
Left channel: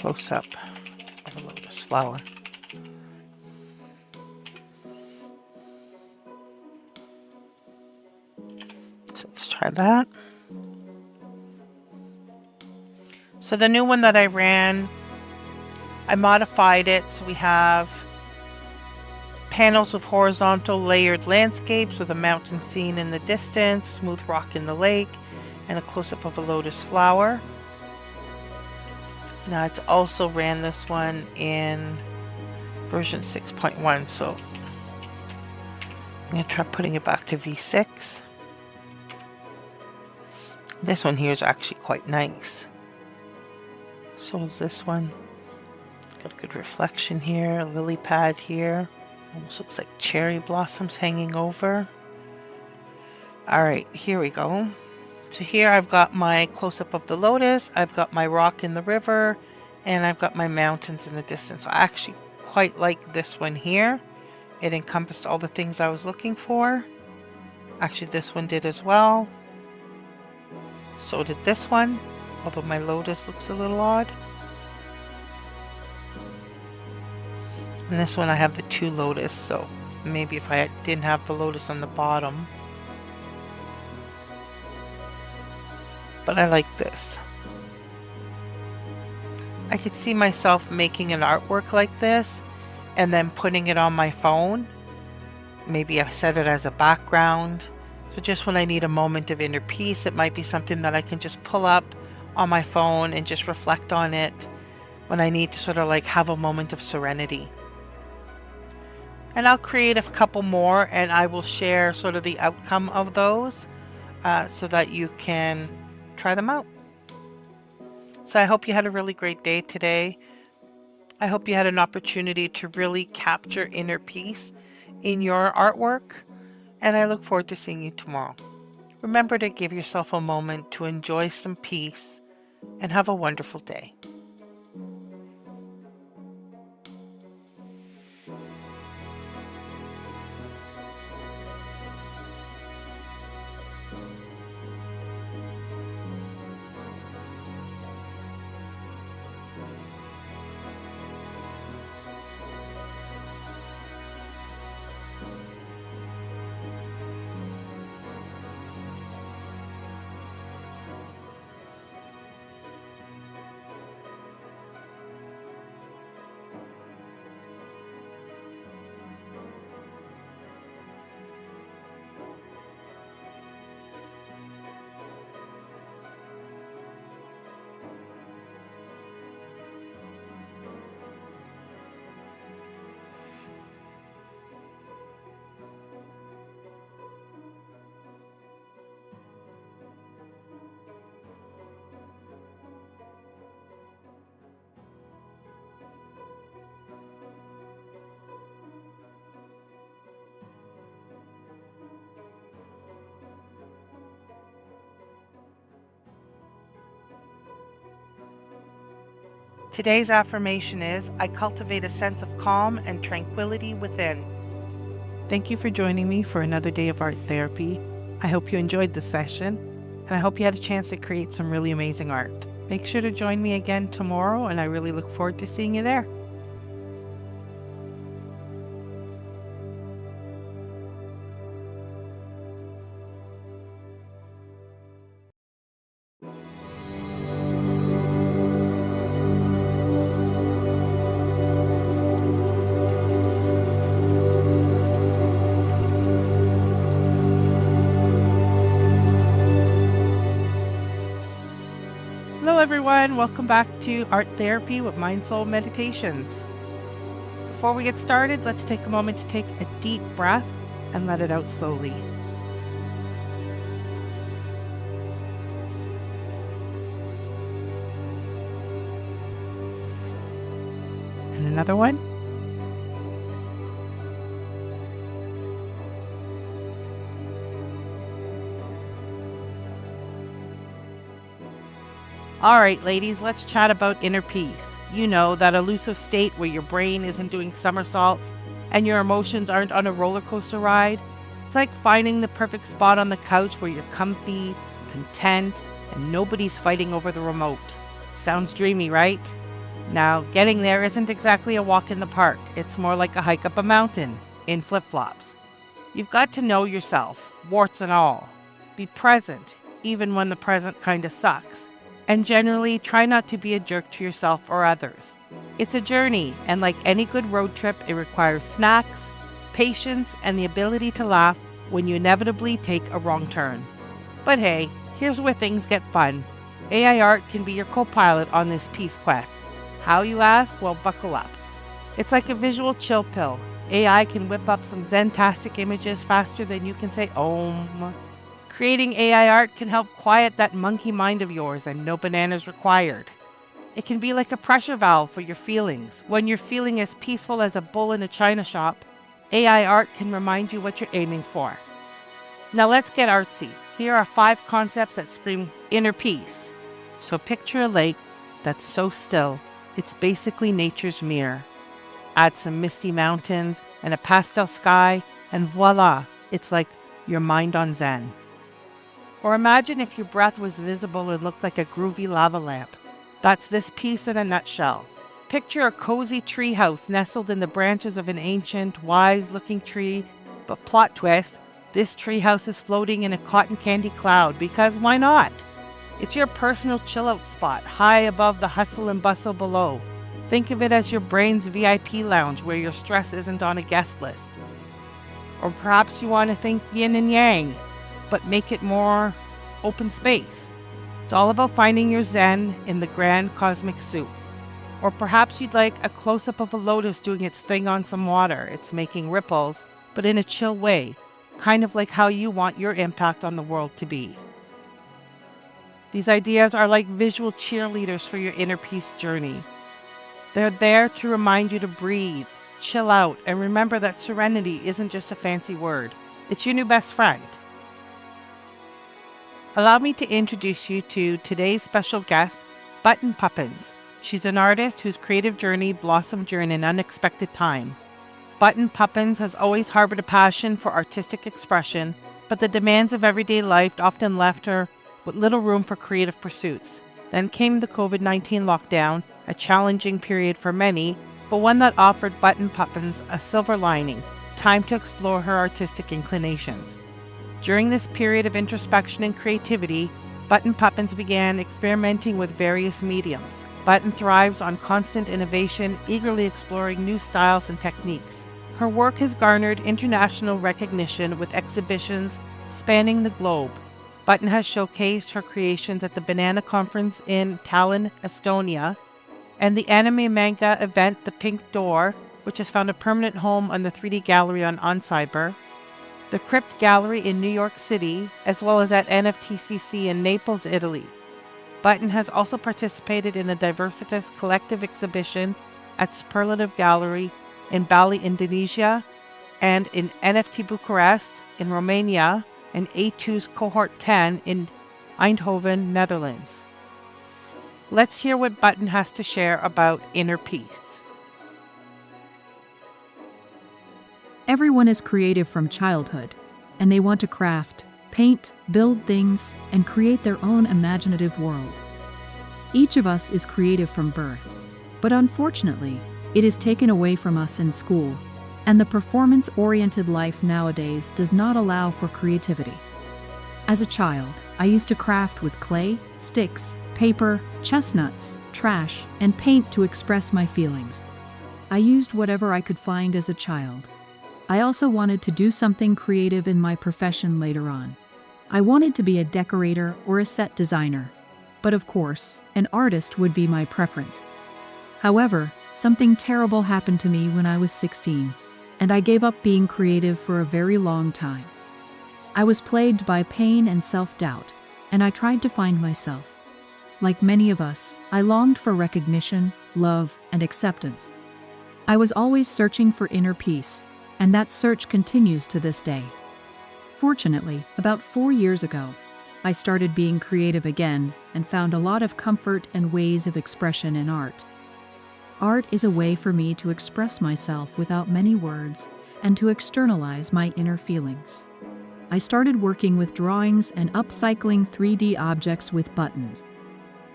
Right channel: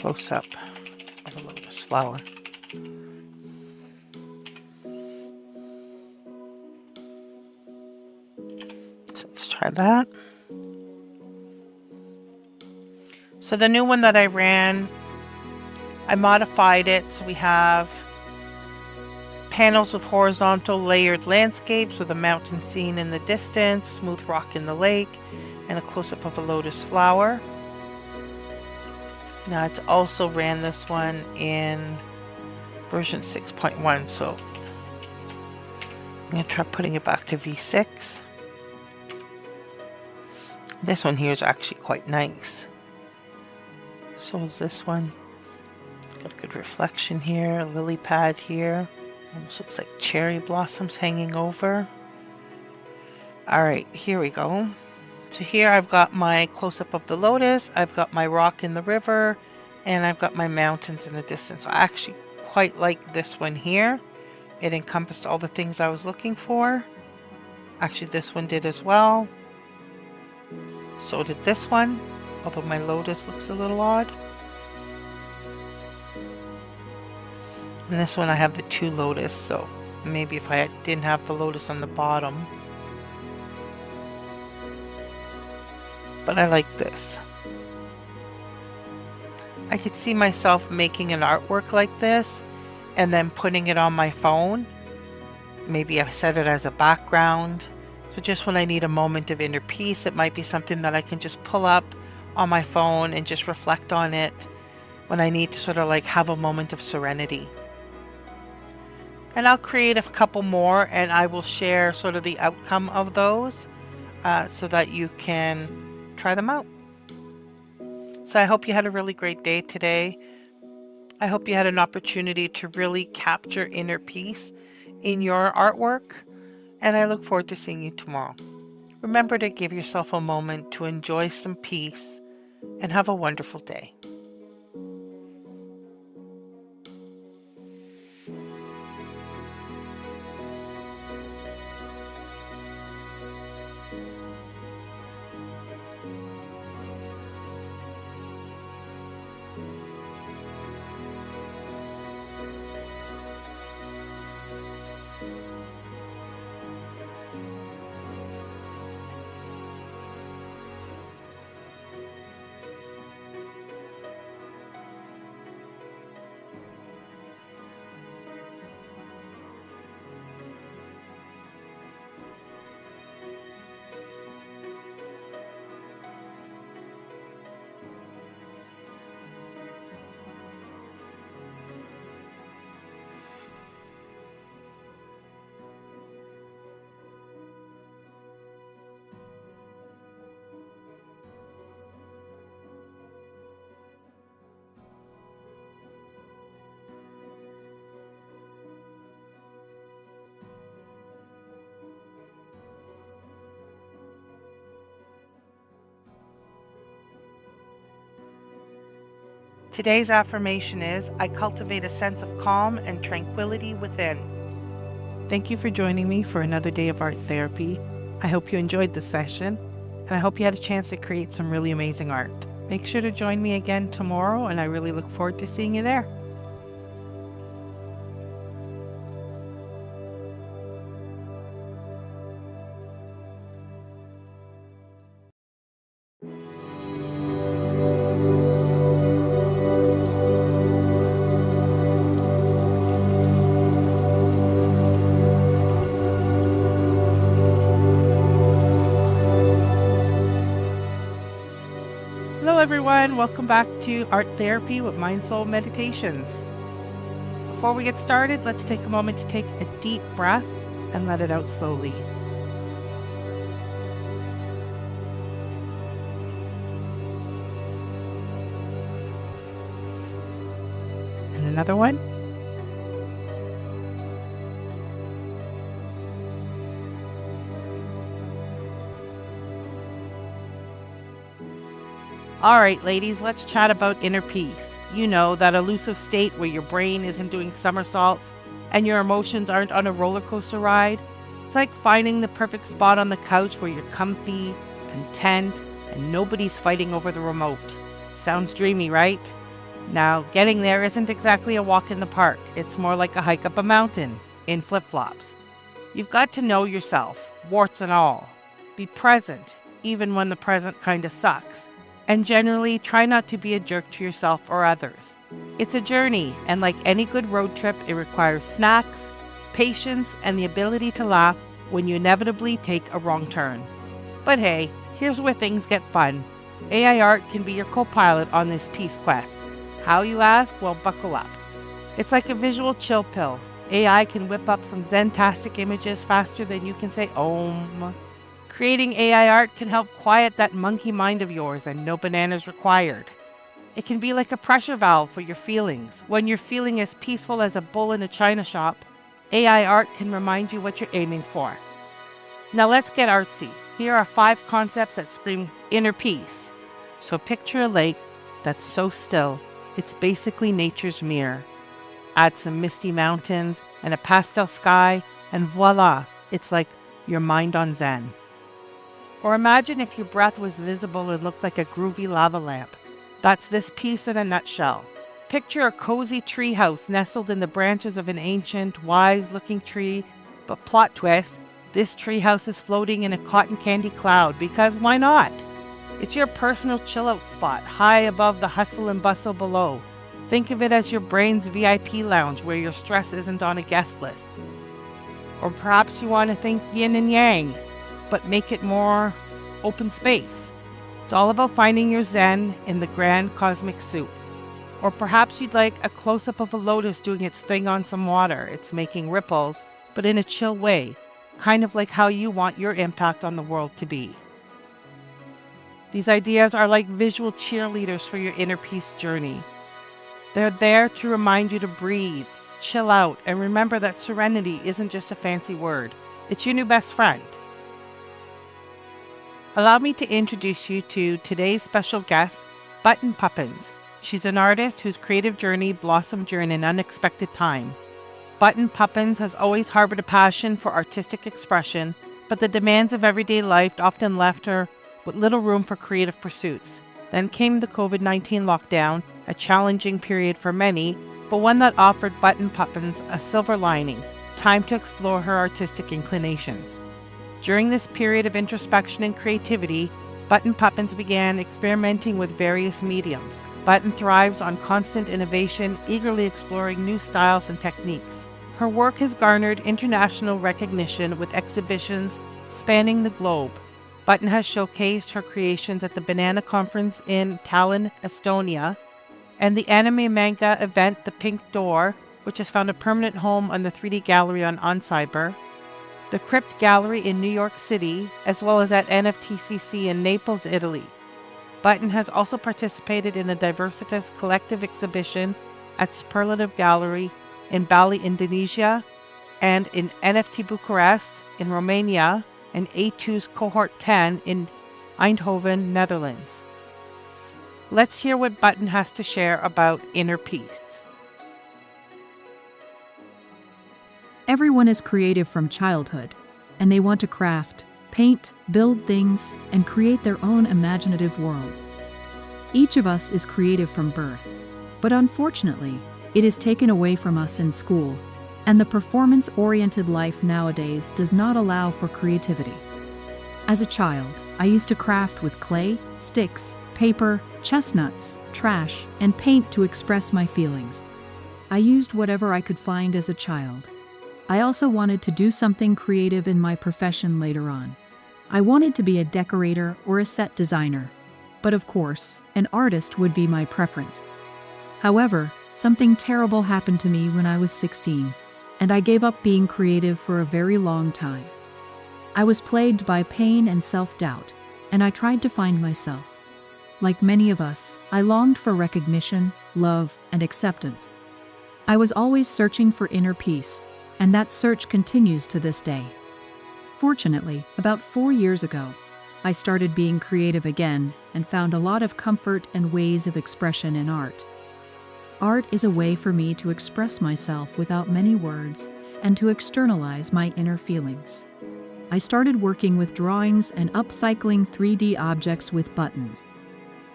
close-up of a lotus flower. So let's try that. So the new one that I ran, I modified it so we have panels of horizontal layered landscapes with a mountain scene in the distance, smooth rock in the lake, and a close-up of a lotus flower. Now it's also ran this one in version 6.1, so I'm going to try putting it back to V6. This one here is actually quite nice. So is this one. Got a good reflection here, a lily pad here. Almost looks like cherry blossoms hanging over. Alright, here we go. So here I've got my close-up of the lotus, I've got my rock in the river, and I've got my mountains in the distance. I actually quite like this one here. It encompassed all the things I was looking for. Actually, this one did as well. So did this one, although my lotus looks a little odd. And this one I have the two lotus, so maybe if I didn't have the lotus on the bottom. But I like this. I could see myself making an artwork like this and then putting it on my phone. Maybe I set it as a background. So just when I need a moment of inner peace, it might be something that I can just pull up on my phone and just reflect on it when I need to sort of like have a moment of serenity. And I'll create a couple more and I will share sort of the outcome of those so that you can try them out. So I hope you had a really great day today. I hope you had an opportunity to really capture inner peace in your artwork, and I look forward to seeing you tomorrow. Remember to give yourself a moment to enjoy some peace and have a wonderful day. Today's affirmation is, I cultivate a sense of calm and tranquility within. Thank you for joining me for another day of art therapy. I hope you enjoyed the session, and I hope you had a chance to create some really amazing art. Make sure to join me again tomorrow, and I really look forward to seeing you there. Hello everyone, welcome back to Art Therapy with MindSoulMeditations. Before we get started, let's take a moment to take a deep breath and let it out slowly. And another one. All right, ladies, let's chat about inner peace. You know, that elusive state where your brain isn't doing somersaults and your emotions aren't on a roller coaster ride. It's like finding the perfect spot on the couch where you're comfy, content, and nobody's fighting over the remote. Sounds dreamy, right? Now, getting there isn't exactly a walk in the park. It's more like a hike up a mountain in flip-flops. You've got to know yourself, warts and all. Be present, even when the present kind of sucks. And generally, try not to be a jerk to yourself or others. It's a journey, and like any good road trip, it requires snacks, patience, and the ability to laugh when you inevitably take a wrong turn. But hey, here's where things get fun. AI art can be your co-pilot on this peace quest. How, you ask? Well, buckle up. It's like a visual chill pill. AI can whip up some zen-tastic images faster than you can say Om. Creating AI art can help quiet that monkey mind of yours, and no bananas required. It can be like a pressure valve for your feelings. When you're feeling as peaceful as a bull in a china shop, AI art can remind you what you're aiming for. Now let's get artsy. Here are 5 concepts that scream inner peace. So picture a lake that's so still, it's basically nature's mirror. Add some misty mountains and a pastel sky, and voila, it's like your mind on Zen. Or imagine if your breath was visible and looked like a groovy lava lamp. That's this piece in a nutshell. Picture a cozy treehouse nestled in the branches of an ancient, wise-looking tree, but plot twist, this treehouse is floating in a cotton candy cloud, because why not? It's your personal chill-out spot, high above the hustle and bustle below. Think of it as your brain's VIP lounge where your stress isn't on a guest list. Or perhaps you want to think yin and yang, but make it more open space. It's all about finding your zen in the grand cosmic soup. Or perhaps you'd like a close-up of a lotus doing its thing on some water. It's making ripples, but in a chill way, kind of like how you want your impact on the world to be. These ideas are like visual cheerleaders for your inner peace journey. They're there to remind you to breathe, chill out, and remember that serenity isn't just a fancy word. It's your new best friend. Allow me to introduce you to today's special guest, Button Puppins. She's an artist whose creative journey blossomed during an unexpected time. Button Puppins has always harbored a passion for artistic expression, but the demands of everyday life often left her with little room for creative pursuits. Then came the COVID-19 lockdown, a challenging period for many, but one that offered Button Puppins a silver lining, time to explore her artistic inclinations. During this period of introspection and creativity, Button Puppins began experimenting with various mediums. Button thrives on constant innovation, eagerly exploring new styles and techniques. Her work has garnered international recognition with exhibitions spanning the globe. Button has showcased her creations at the Banana Conference in Tallinn, Estonia, and the anime manga event The Pink Door, which has found a permanent home on the 3D Gallery on Cyber, the Crypt Gallery in New York City, as well as at NFTCC in Naples, Italy. Button has also participated in the Diversitas Collective exhibition at Superlative Gallery in Bali, Indonesia, and in NFT Bucharest in Romania, and A2's Cohort 10 in Eindhoven, Netherlands. Let's hear what Button has to share about inner peace. Everyone is creative from childhood, and they want to craft, paint, build things, and create their own imaginative worlds. Each of us is creative from birth, but unfortunately, it is taken away from us in school, and the performance-oriented life nowadays does not allow for creativity. As a child, I used to craft with clay, sticks, paper, chestnuts, trash, and paint to express my feelings. I used whatever I could find as a child. I also wanted to do something creative in my profession later on. I wanted to be a decorator or a set designer. But of course, an artist would be my preference. However, something terrible happened to me when I was 16, and I gave up being creative for a very long time. I was plagued by pain and self-doubt, and I tried to find myself. Like many of us, I longed for recognition, love, and acceptance. I was always searching for inner peace, and that search continues to this day. Fortunately, about 4 years ago, I started being creative again and found a lot of comfort and ways of expression in art. Art is a way for me to express myself without many words and to externalize my inner feelings. I started working with drawings and upcycling 3D objects with buttons.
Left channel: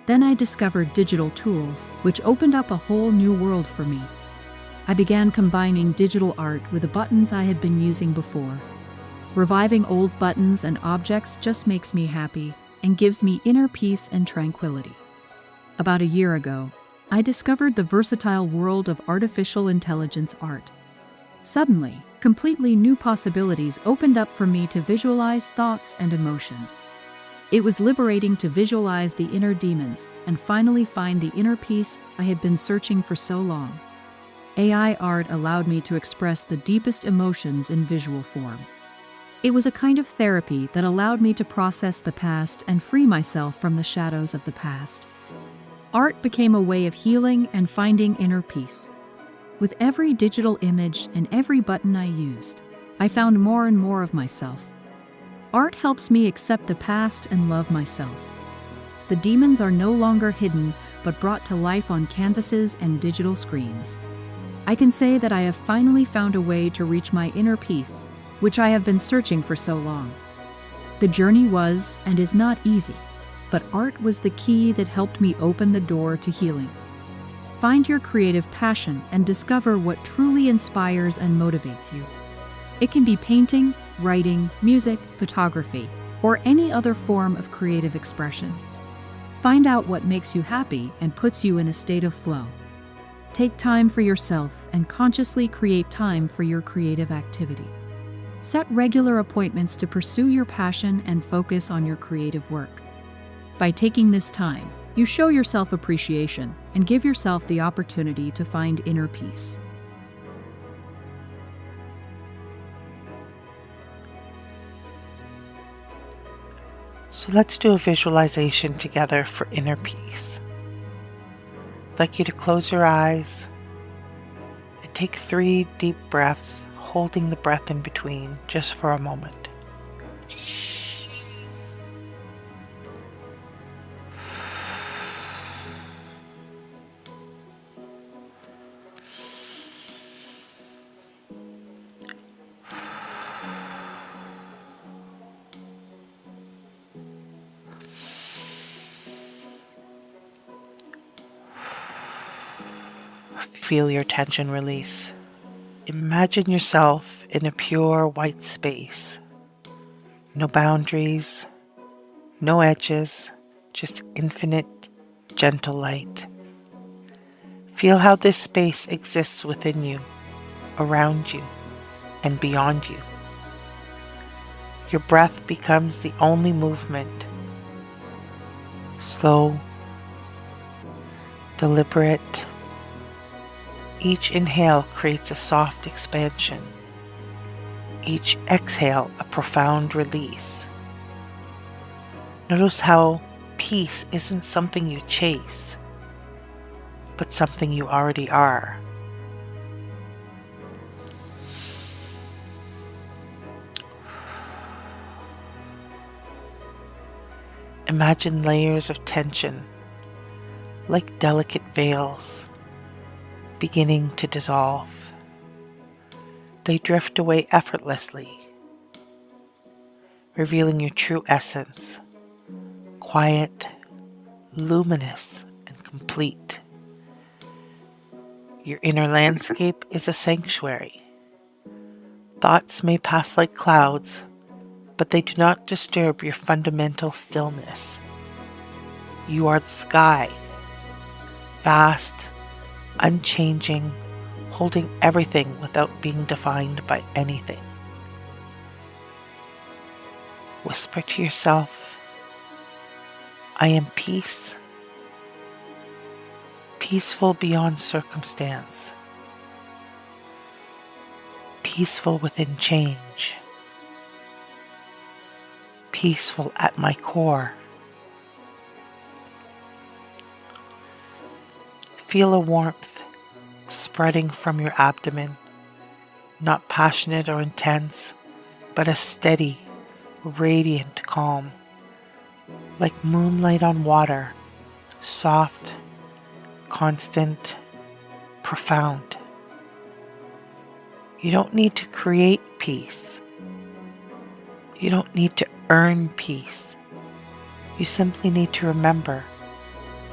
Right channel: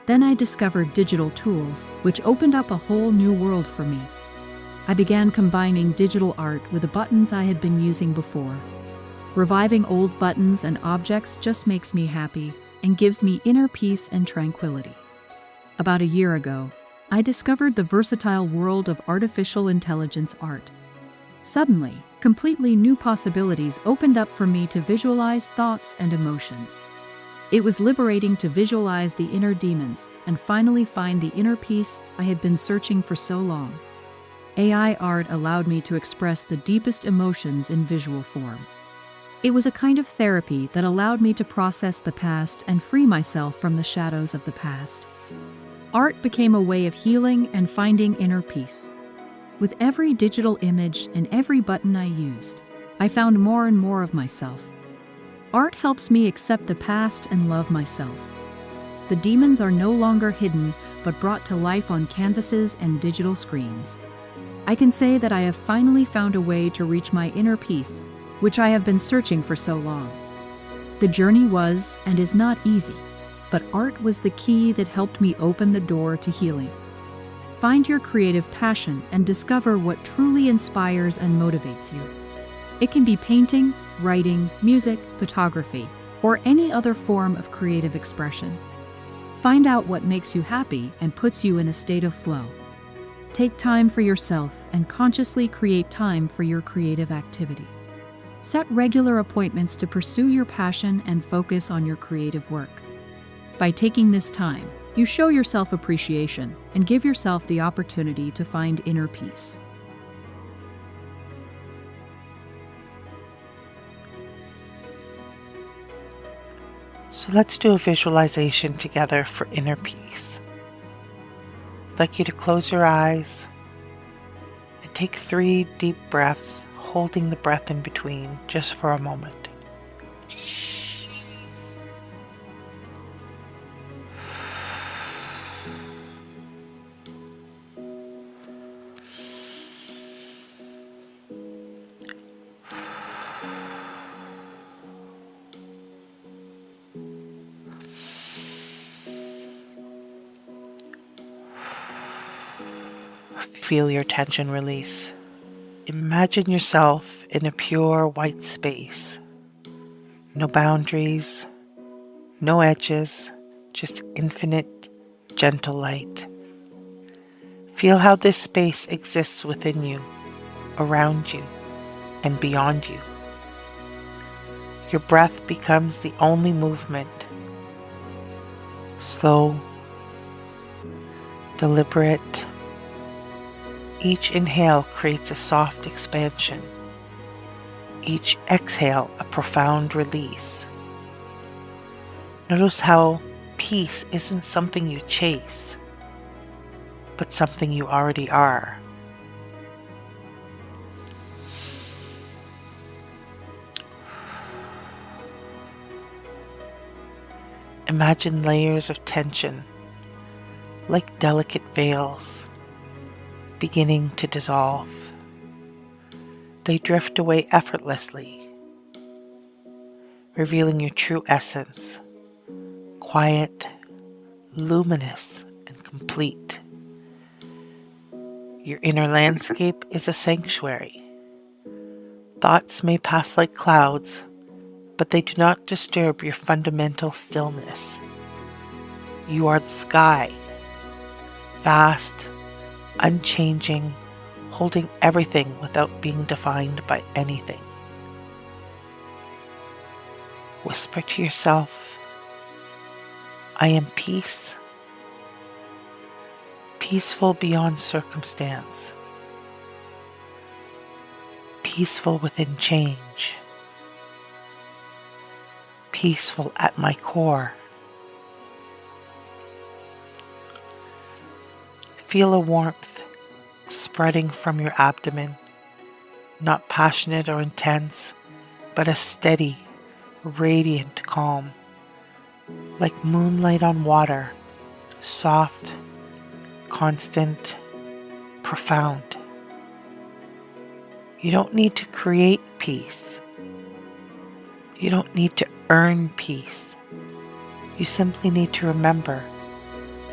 Then I discovered digital tools, which opened up a whole new world for me. I began combining digital art with the buttons I had been using before. Reviving old buttons and objects just makes me happy and gives me inner peace and tranquility. About a year ago, I discovered the versatile world of artificial intelligence art. Suddenly, completely new possibilities opened up for me to visualize thoughts and emotions. It was liberating to visualize the inner demons and finally find the inner peace I had been searching for so long. AI art allowed me to express the deepest emotions in visual form. It was a kind of therapy that allowed me to process the past and free myself from the shadows of the past. Art became a way of healing and finding inner peace. With every digital image and every button I used, I found more and more of myself. Art helps me accept the past and love myself. The demons are no longer hidden, but brought to life on canvases and digital screens. I can say that I have finally found a way to reach my inner peace, which I have been searching for so long. The journey was and is not easy, but art was the key that helped me open the door to healing. Find your creative passion and discover what truly inspires and motivates you. It can be painting, writing, music, photography, or any other form of creative expression. Find out what makes you happy and puts you in a state of flow. Take time for yourself and consciously create time for your creative activity. Set regular appointments to pursue your passion and focus on your creative work. By taking this time, you show yourself appreciation and give yourself the opportunity to find inner peace. So let's do a visualization together for inner peace. I'd like you to close your eyes and take 3 deep breaths, holding the breath in between just for a moment. Feel your tension release. Imagine yourself in a pure white space. No boundaries, no edges, just infinite, gentle light. Feel how this space exists within you, around you, and beyond you. Your breath becomes the only movement. Slow, deliberate. Each inhale creates a soft expansion. Each exhale a profound release. Notice how peace isn't something you chase, but something you already are. Imagine layers of tension, like delicate veils, beginning to dissolve. They drift away effortlessly, revealing your true essence, quiet, luminous, and complete. Your inner landscape is a sanctuary. Thoughts may pass like clouds, but they do not disturb your fundamental stillness. You are the sky, vast, unchanging, holding everything without being defined by anything. Whisper to yourself, I am peace, peaceful beyond circumstance, peaceful within change, peaceful at my core. Feel a warmth spreading from your abdomen, not passionate or intense, but a steady, radiant calm, like moonlight on water, soft, constant, profound. You don't need to create peace. You don't need to earn peace. You simply need to remember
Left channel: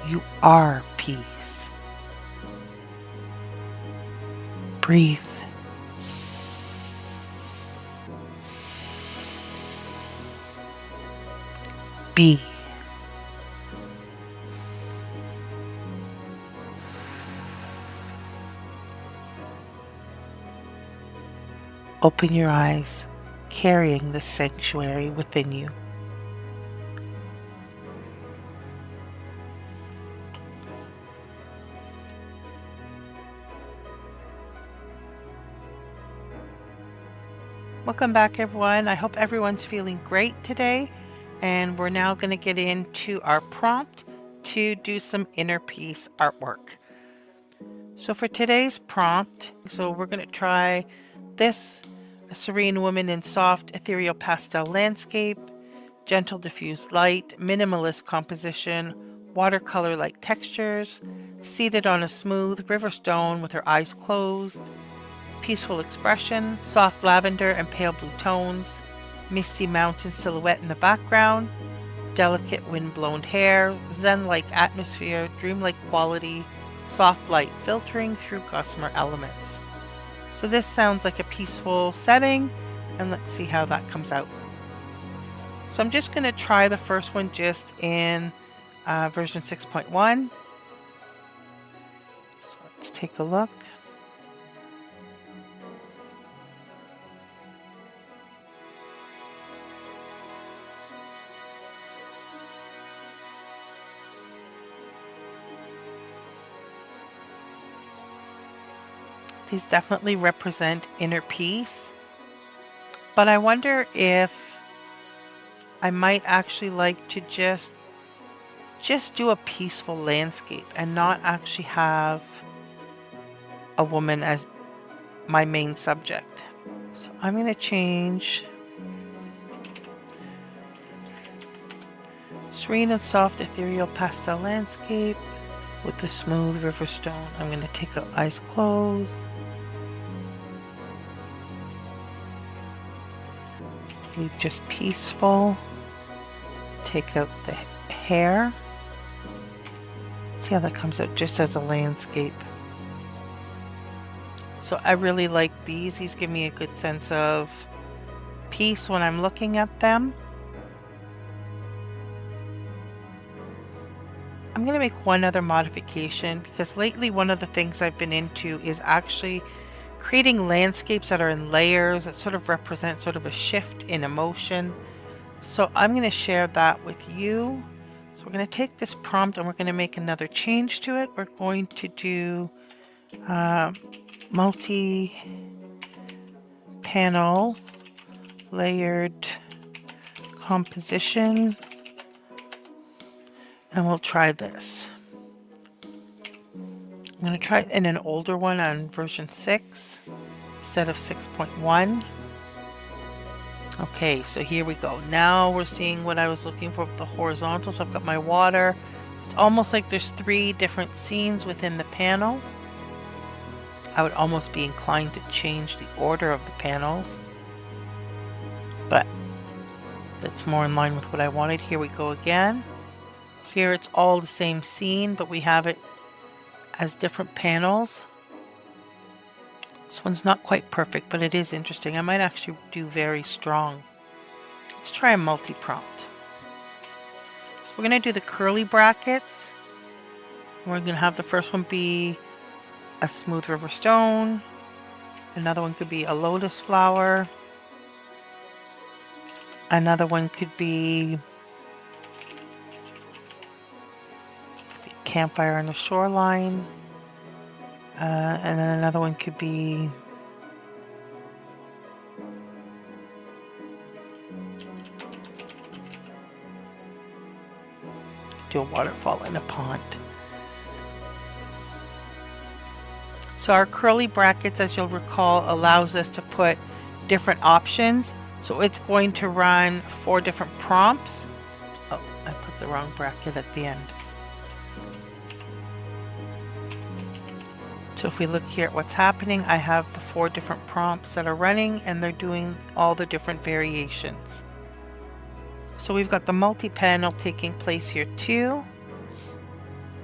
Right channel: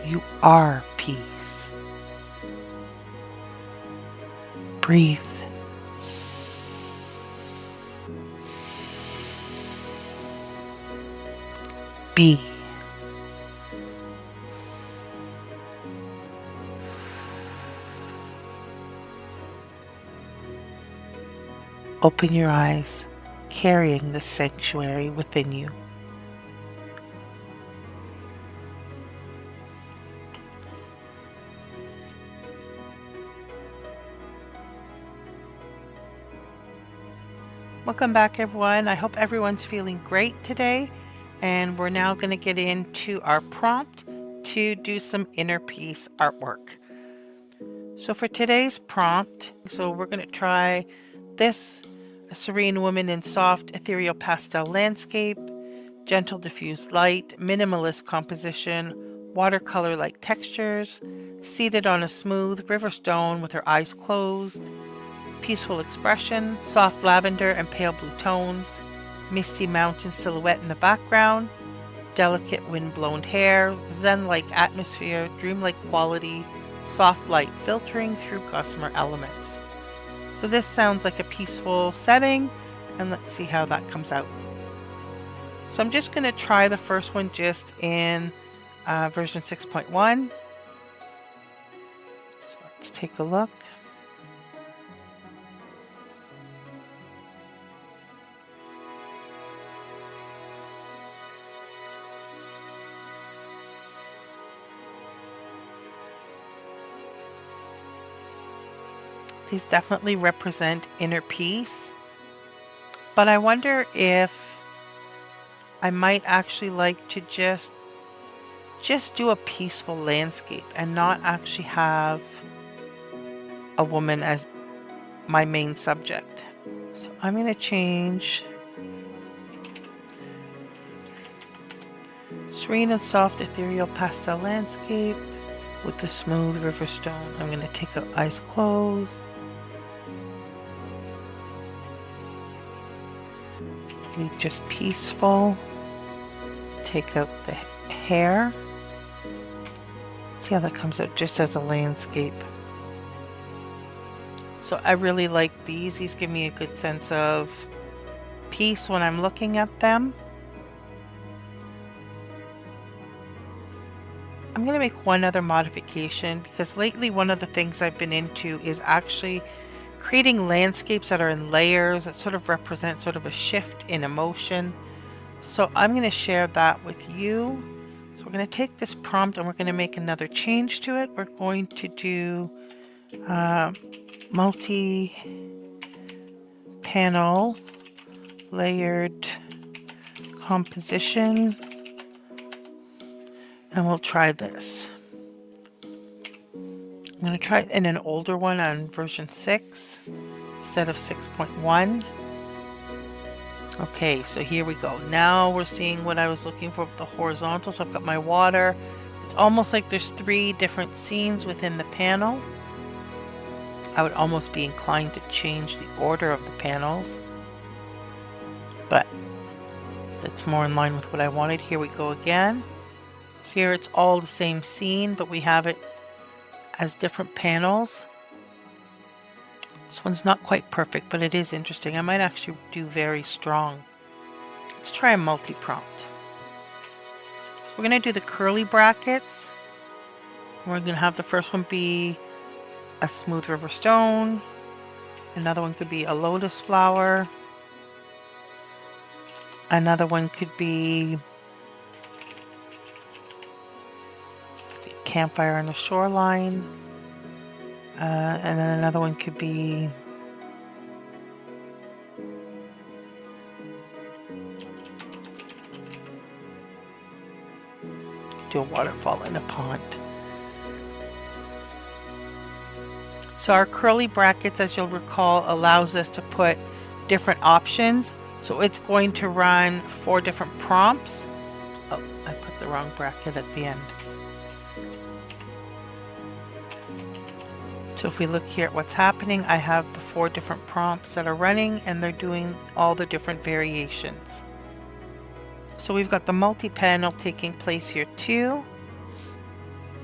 You are peace. Breathe. Be. Open your eyes, carrying the sanctuary within you. Welcome back, everyone. I hope everyone's feeling great today. And we're now going to get into our prompt to do some inner peace artwork. So for today's prompt, we're going to try this: a serene woman in soft ethereal pastel landscape, gentle diffused light, minimalist composition, watercolor-like textures, seated on a smooth river stone with her eyes closed, peaceful expression, soft lavender and pale blue tones, misty mountain silhouette in the background, delicate wind-blown hair, zen-like atmosphere, dreamlike quality, soft light filtering through gossamer elements. So this sounds like a peaceful setting, and let's see how that comes out. So I'm just going to try the first one just in version 6.1. So let's take a look. These definitely represent inner peace, but I wonder if I might actually like to just do a peaceful landscape and not actually have a woman as my main subject. So I'm going to change serene and soft ethereal pastel landscape with the smooth river stone. I'm going to take out eyes closed. Leave just peaceful. Take out the hair. See how that comes out just as a landscape. So I really like these. These give me a good sense of peace when I'm looking at them. I'm going to make one other modification because lately one of the things I've been into is actually creating landscapes that are in layers that sort of represent sort of a shift in emotion. So I'm going to share that with you. So we're going to take this prompt and we're going to make another change to it. We're going to do multi-panel layered composition, and we'll try this. I'm going to try it in an older one on version 6 instead of 6.1. Okay, so here we go. Now we're seeing what I was looking for with the horizontal. So I've got my water. It's almost like there's 3 different scenes within the panel. I would almost be inclined to change the order of the panels, but that's more in line with what I wanted. Here we go again. Here it's all the same scene, but we have it as different panels. This one's not quite perfect, but it is interesting. I might actually do very strong. Let's try a multi-prompt. So we're going to do the curly brackets. We're going to have the first one be a smooth river stone. Another one could be a lotus flower. Another one could be a campfire on the shoreline. And then another one could be do a waterfall in a pond. So our curly brackets, as you'll recall, allows us to put different options. So it's going to run 4 different prompts. Oh, I put the wrong bracket at the end. So if we look here at what's happening, I have the 4 different prompts that are running and they're doing all the different variations. So we've got the multi-panel taking place here too.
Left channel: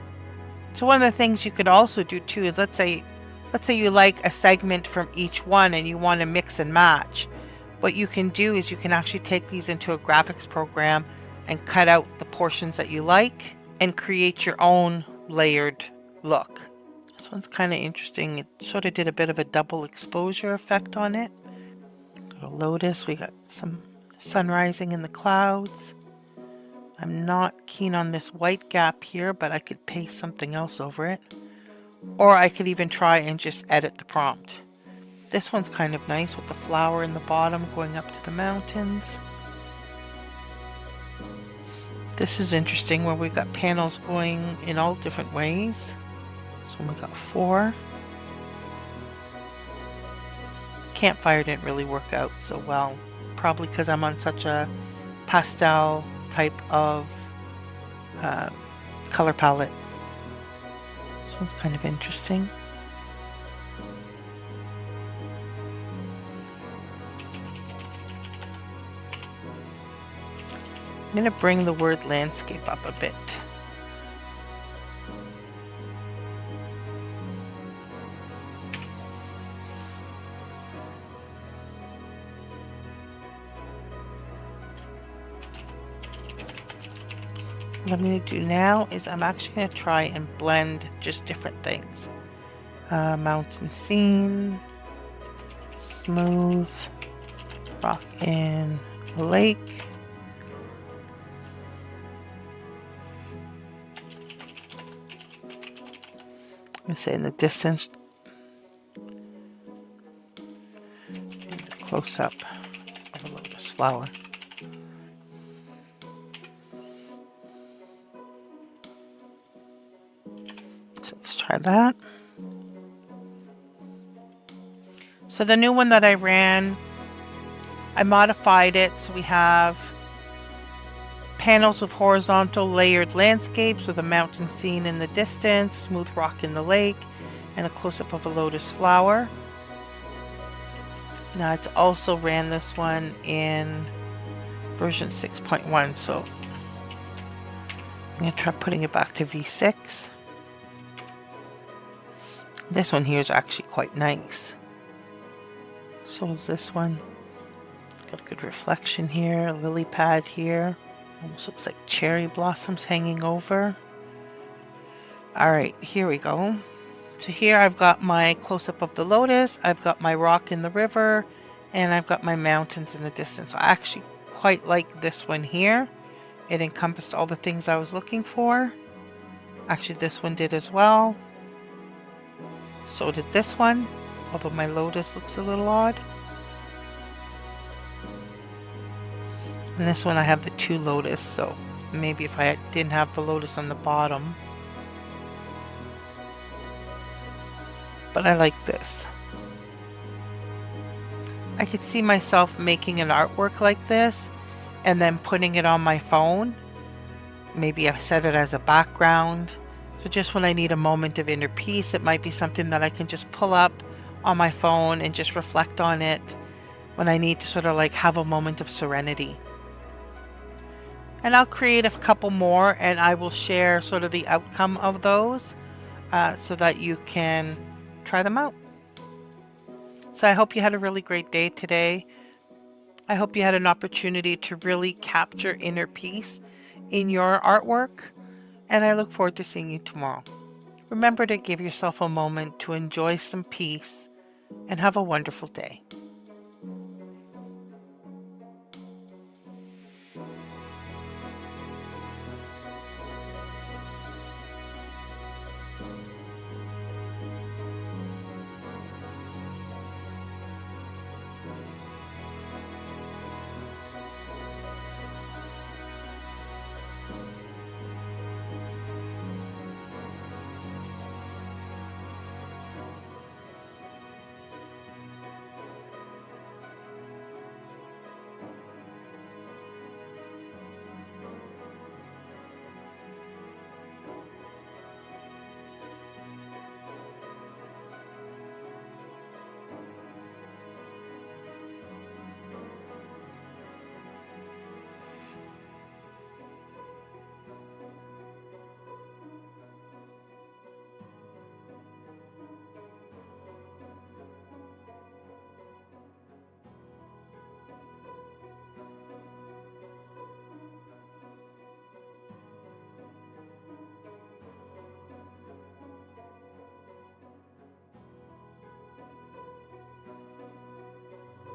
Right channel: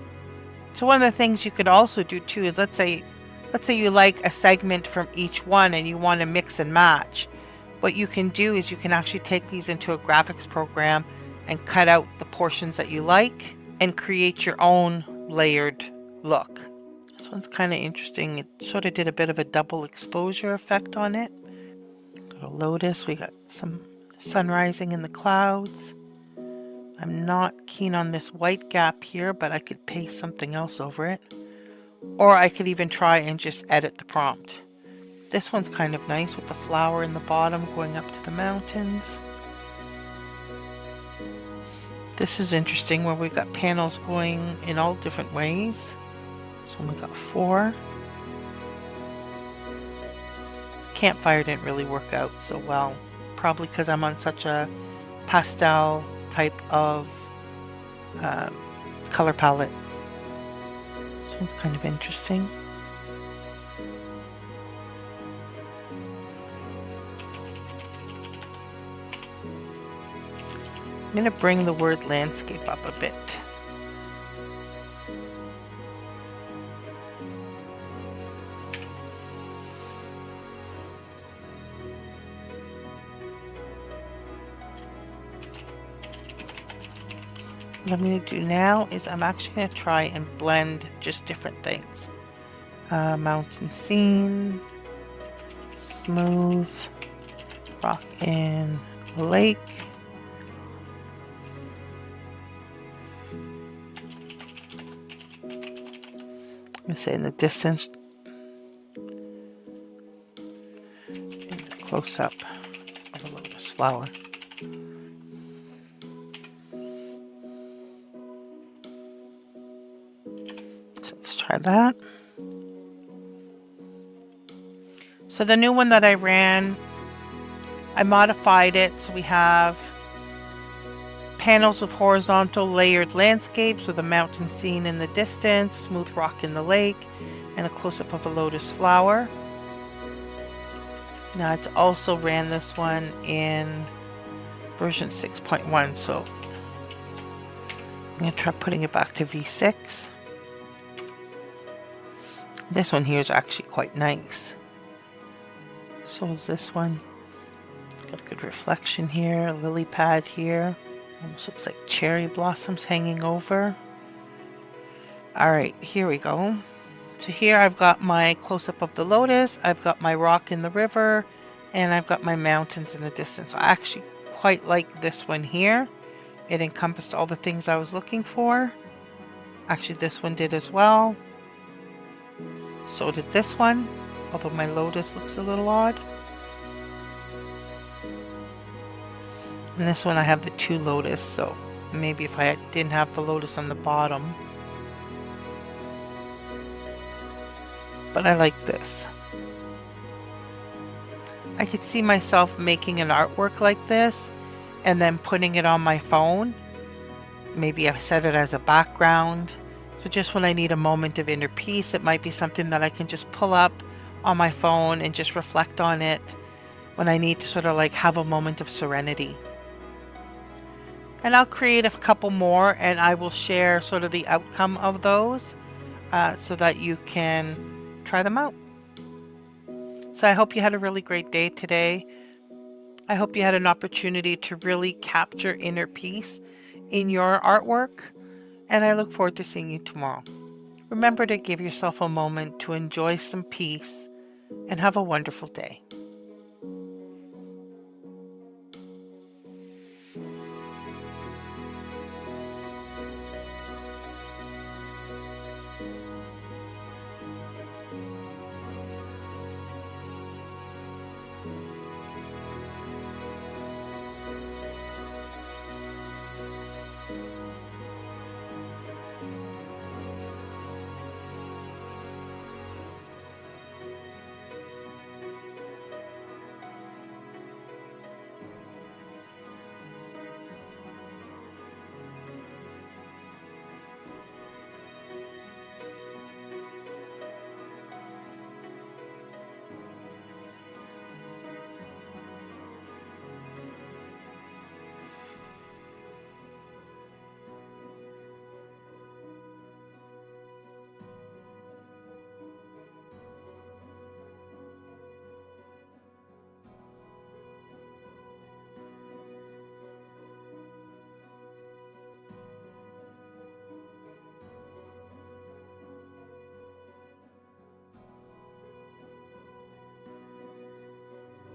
So one of the things you could also do too is let's say you like a segment from each one and you want to mix and match. What you can do is you can actually take these into a graphics program and cut out the portions that you like and create your own layered look. This one's kind of interesting. It sort of did a bit of a double exposure effect on it. Got a lotus. We got some sun rising in the clouds. I'm not keen on this white gap here, but I could paste something else over it. Or I could even try and just edit the prompt. This one's kind of nice with the flower in the bottom going up to the mountains. This is interesting where we've got panels going in all different ways. So we got 4. Campfire didn't really work out so well. Probably because I'm on such a pastel type of color palette. This one's kind of interesting. I'm going to bring the word landscape up a bit. What I'm going to do now is I'm actually going to try and blend just different things. Mountain scene, smooth, rock in a lake. I'm going to say in the distance, and a close-up of a lotus flower. So let's try that. So the new one that I ran, I modified it so we have panels of horizontal layered landscapes with a mountain scene in the distance, smooth rock in the lake, and a close-up of a lotus flower. Now it's also ran this one in version 6.1, so I'm going to try putting it back to V6. This one here is actually quite nice. So is this one. Got a good reflection here, a lily pad here. Almost looks like cherry blossoms hanging over. Alright, here we go. So here I've got my close-up of the lotus, I've got my rock in the river, and I've got my mountains in the distance. I actually quite like this one here. It encompassed all the things I was looking for. Actually, this one did as well. So did this one, although my lotus looks a little odd. And this one I have the 2 lotus, so maybe if I didn't have the lotus on the bottom. But I like this. I could see myself making an artwork like this and then putting it on my phone. Maybe I set it as a background. So just when I need a moment of inner peace, it might be something that I can just pull up on my phone and just reflect on it when I need to sort of like have a moment of serenity. And I'll create a couple more and I will share sort of the outcome of those so that you can try them out. So I hope you had a really great day today. I hope you had an opportunity to really capture inner peace in your artwork, and I look forward to seeing you tomorrow. Remember to give yourself a moment to enjoy some peace and have a wonderful day.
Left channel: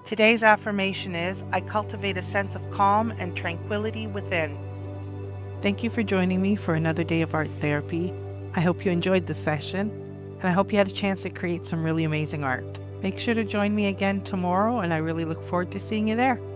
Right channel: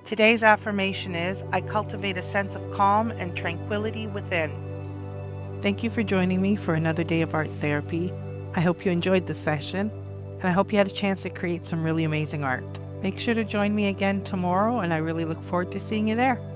Today's affirmation is, I cultivate a sense of calm and tranquility within. Thank you for joining me for another day of art therapy. I hope you enjoyed the session, and I hope you had a chance to create some really amazing art. Make sure to join me again tomorrow, and I really look forward to seeing you there.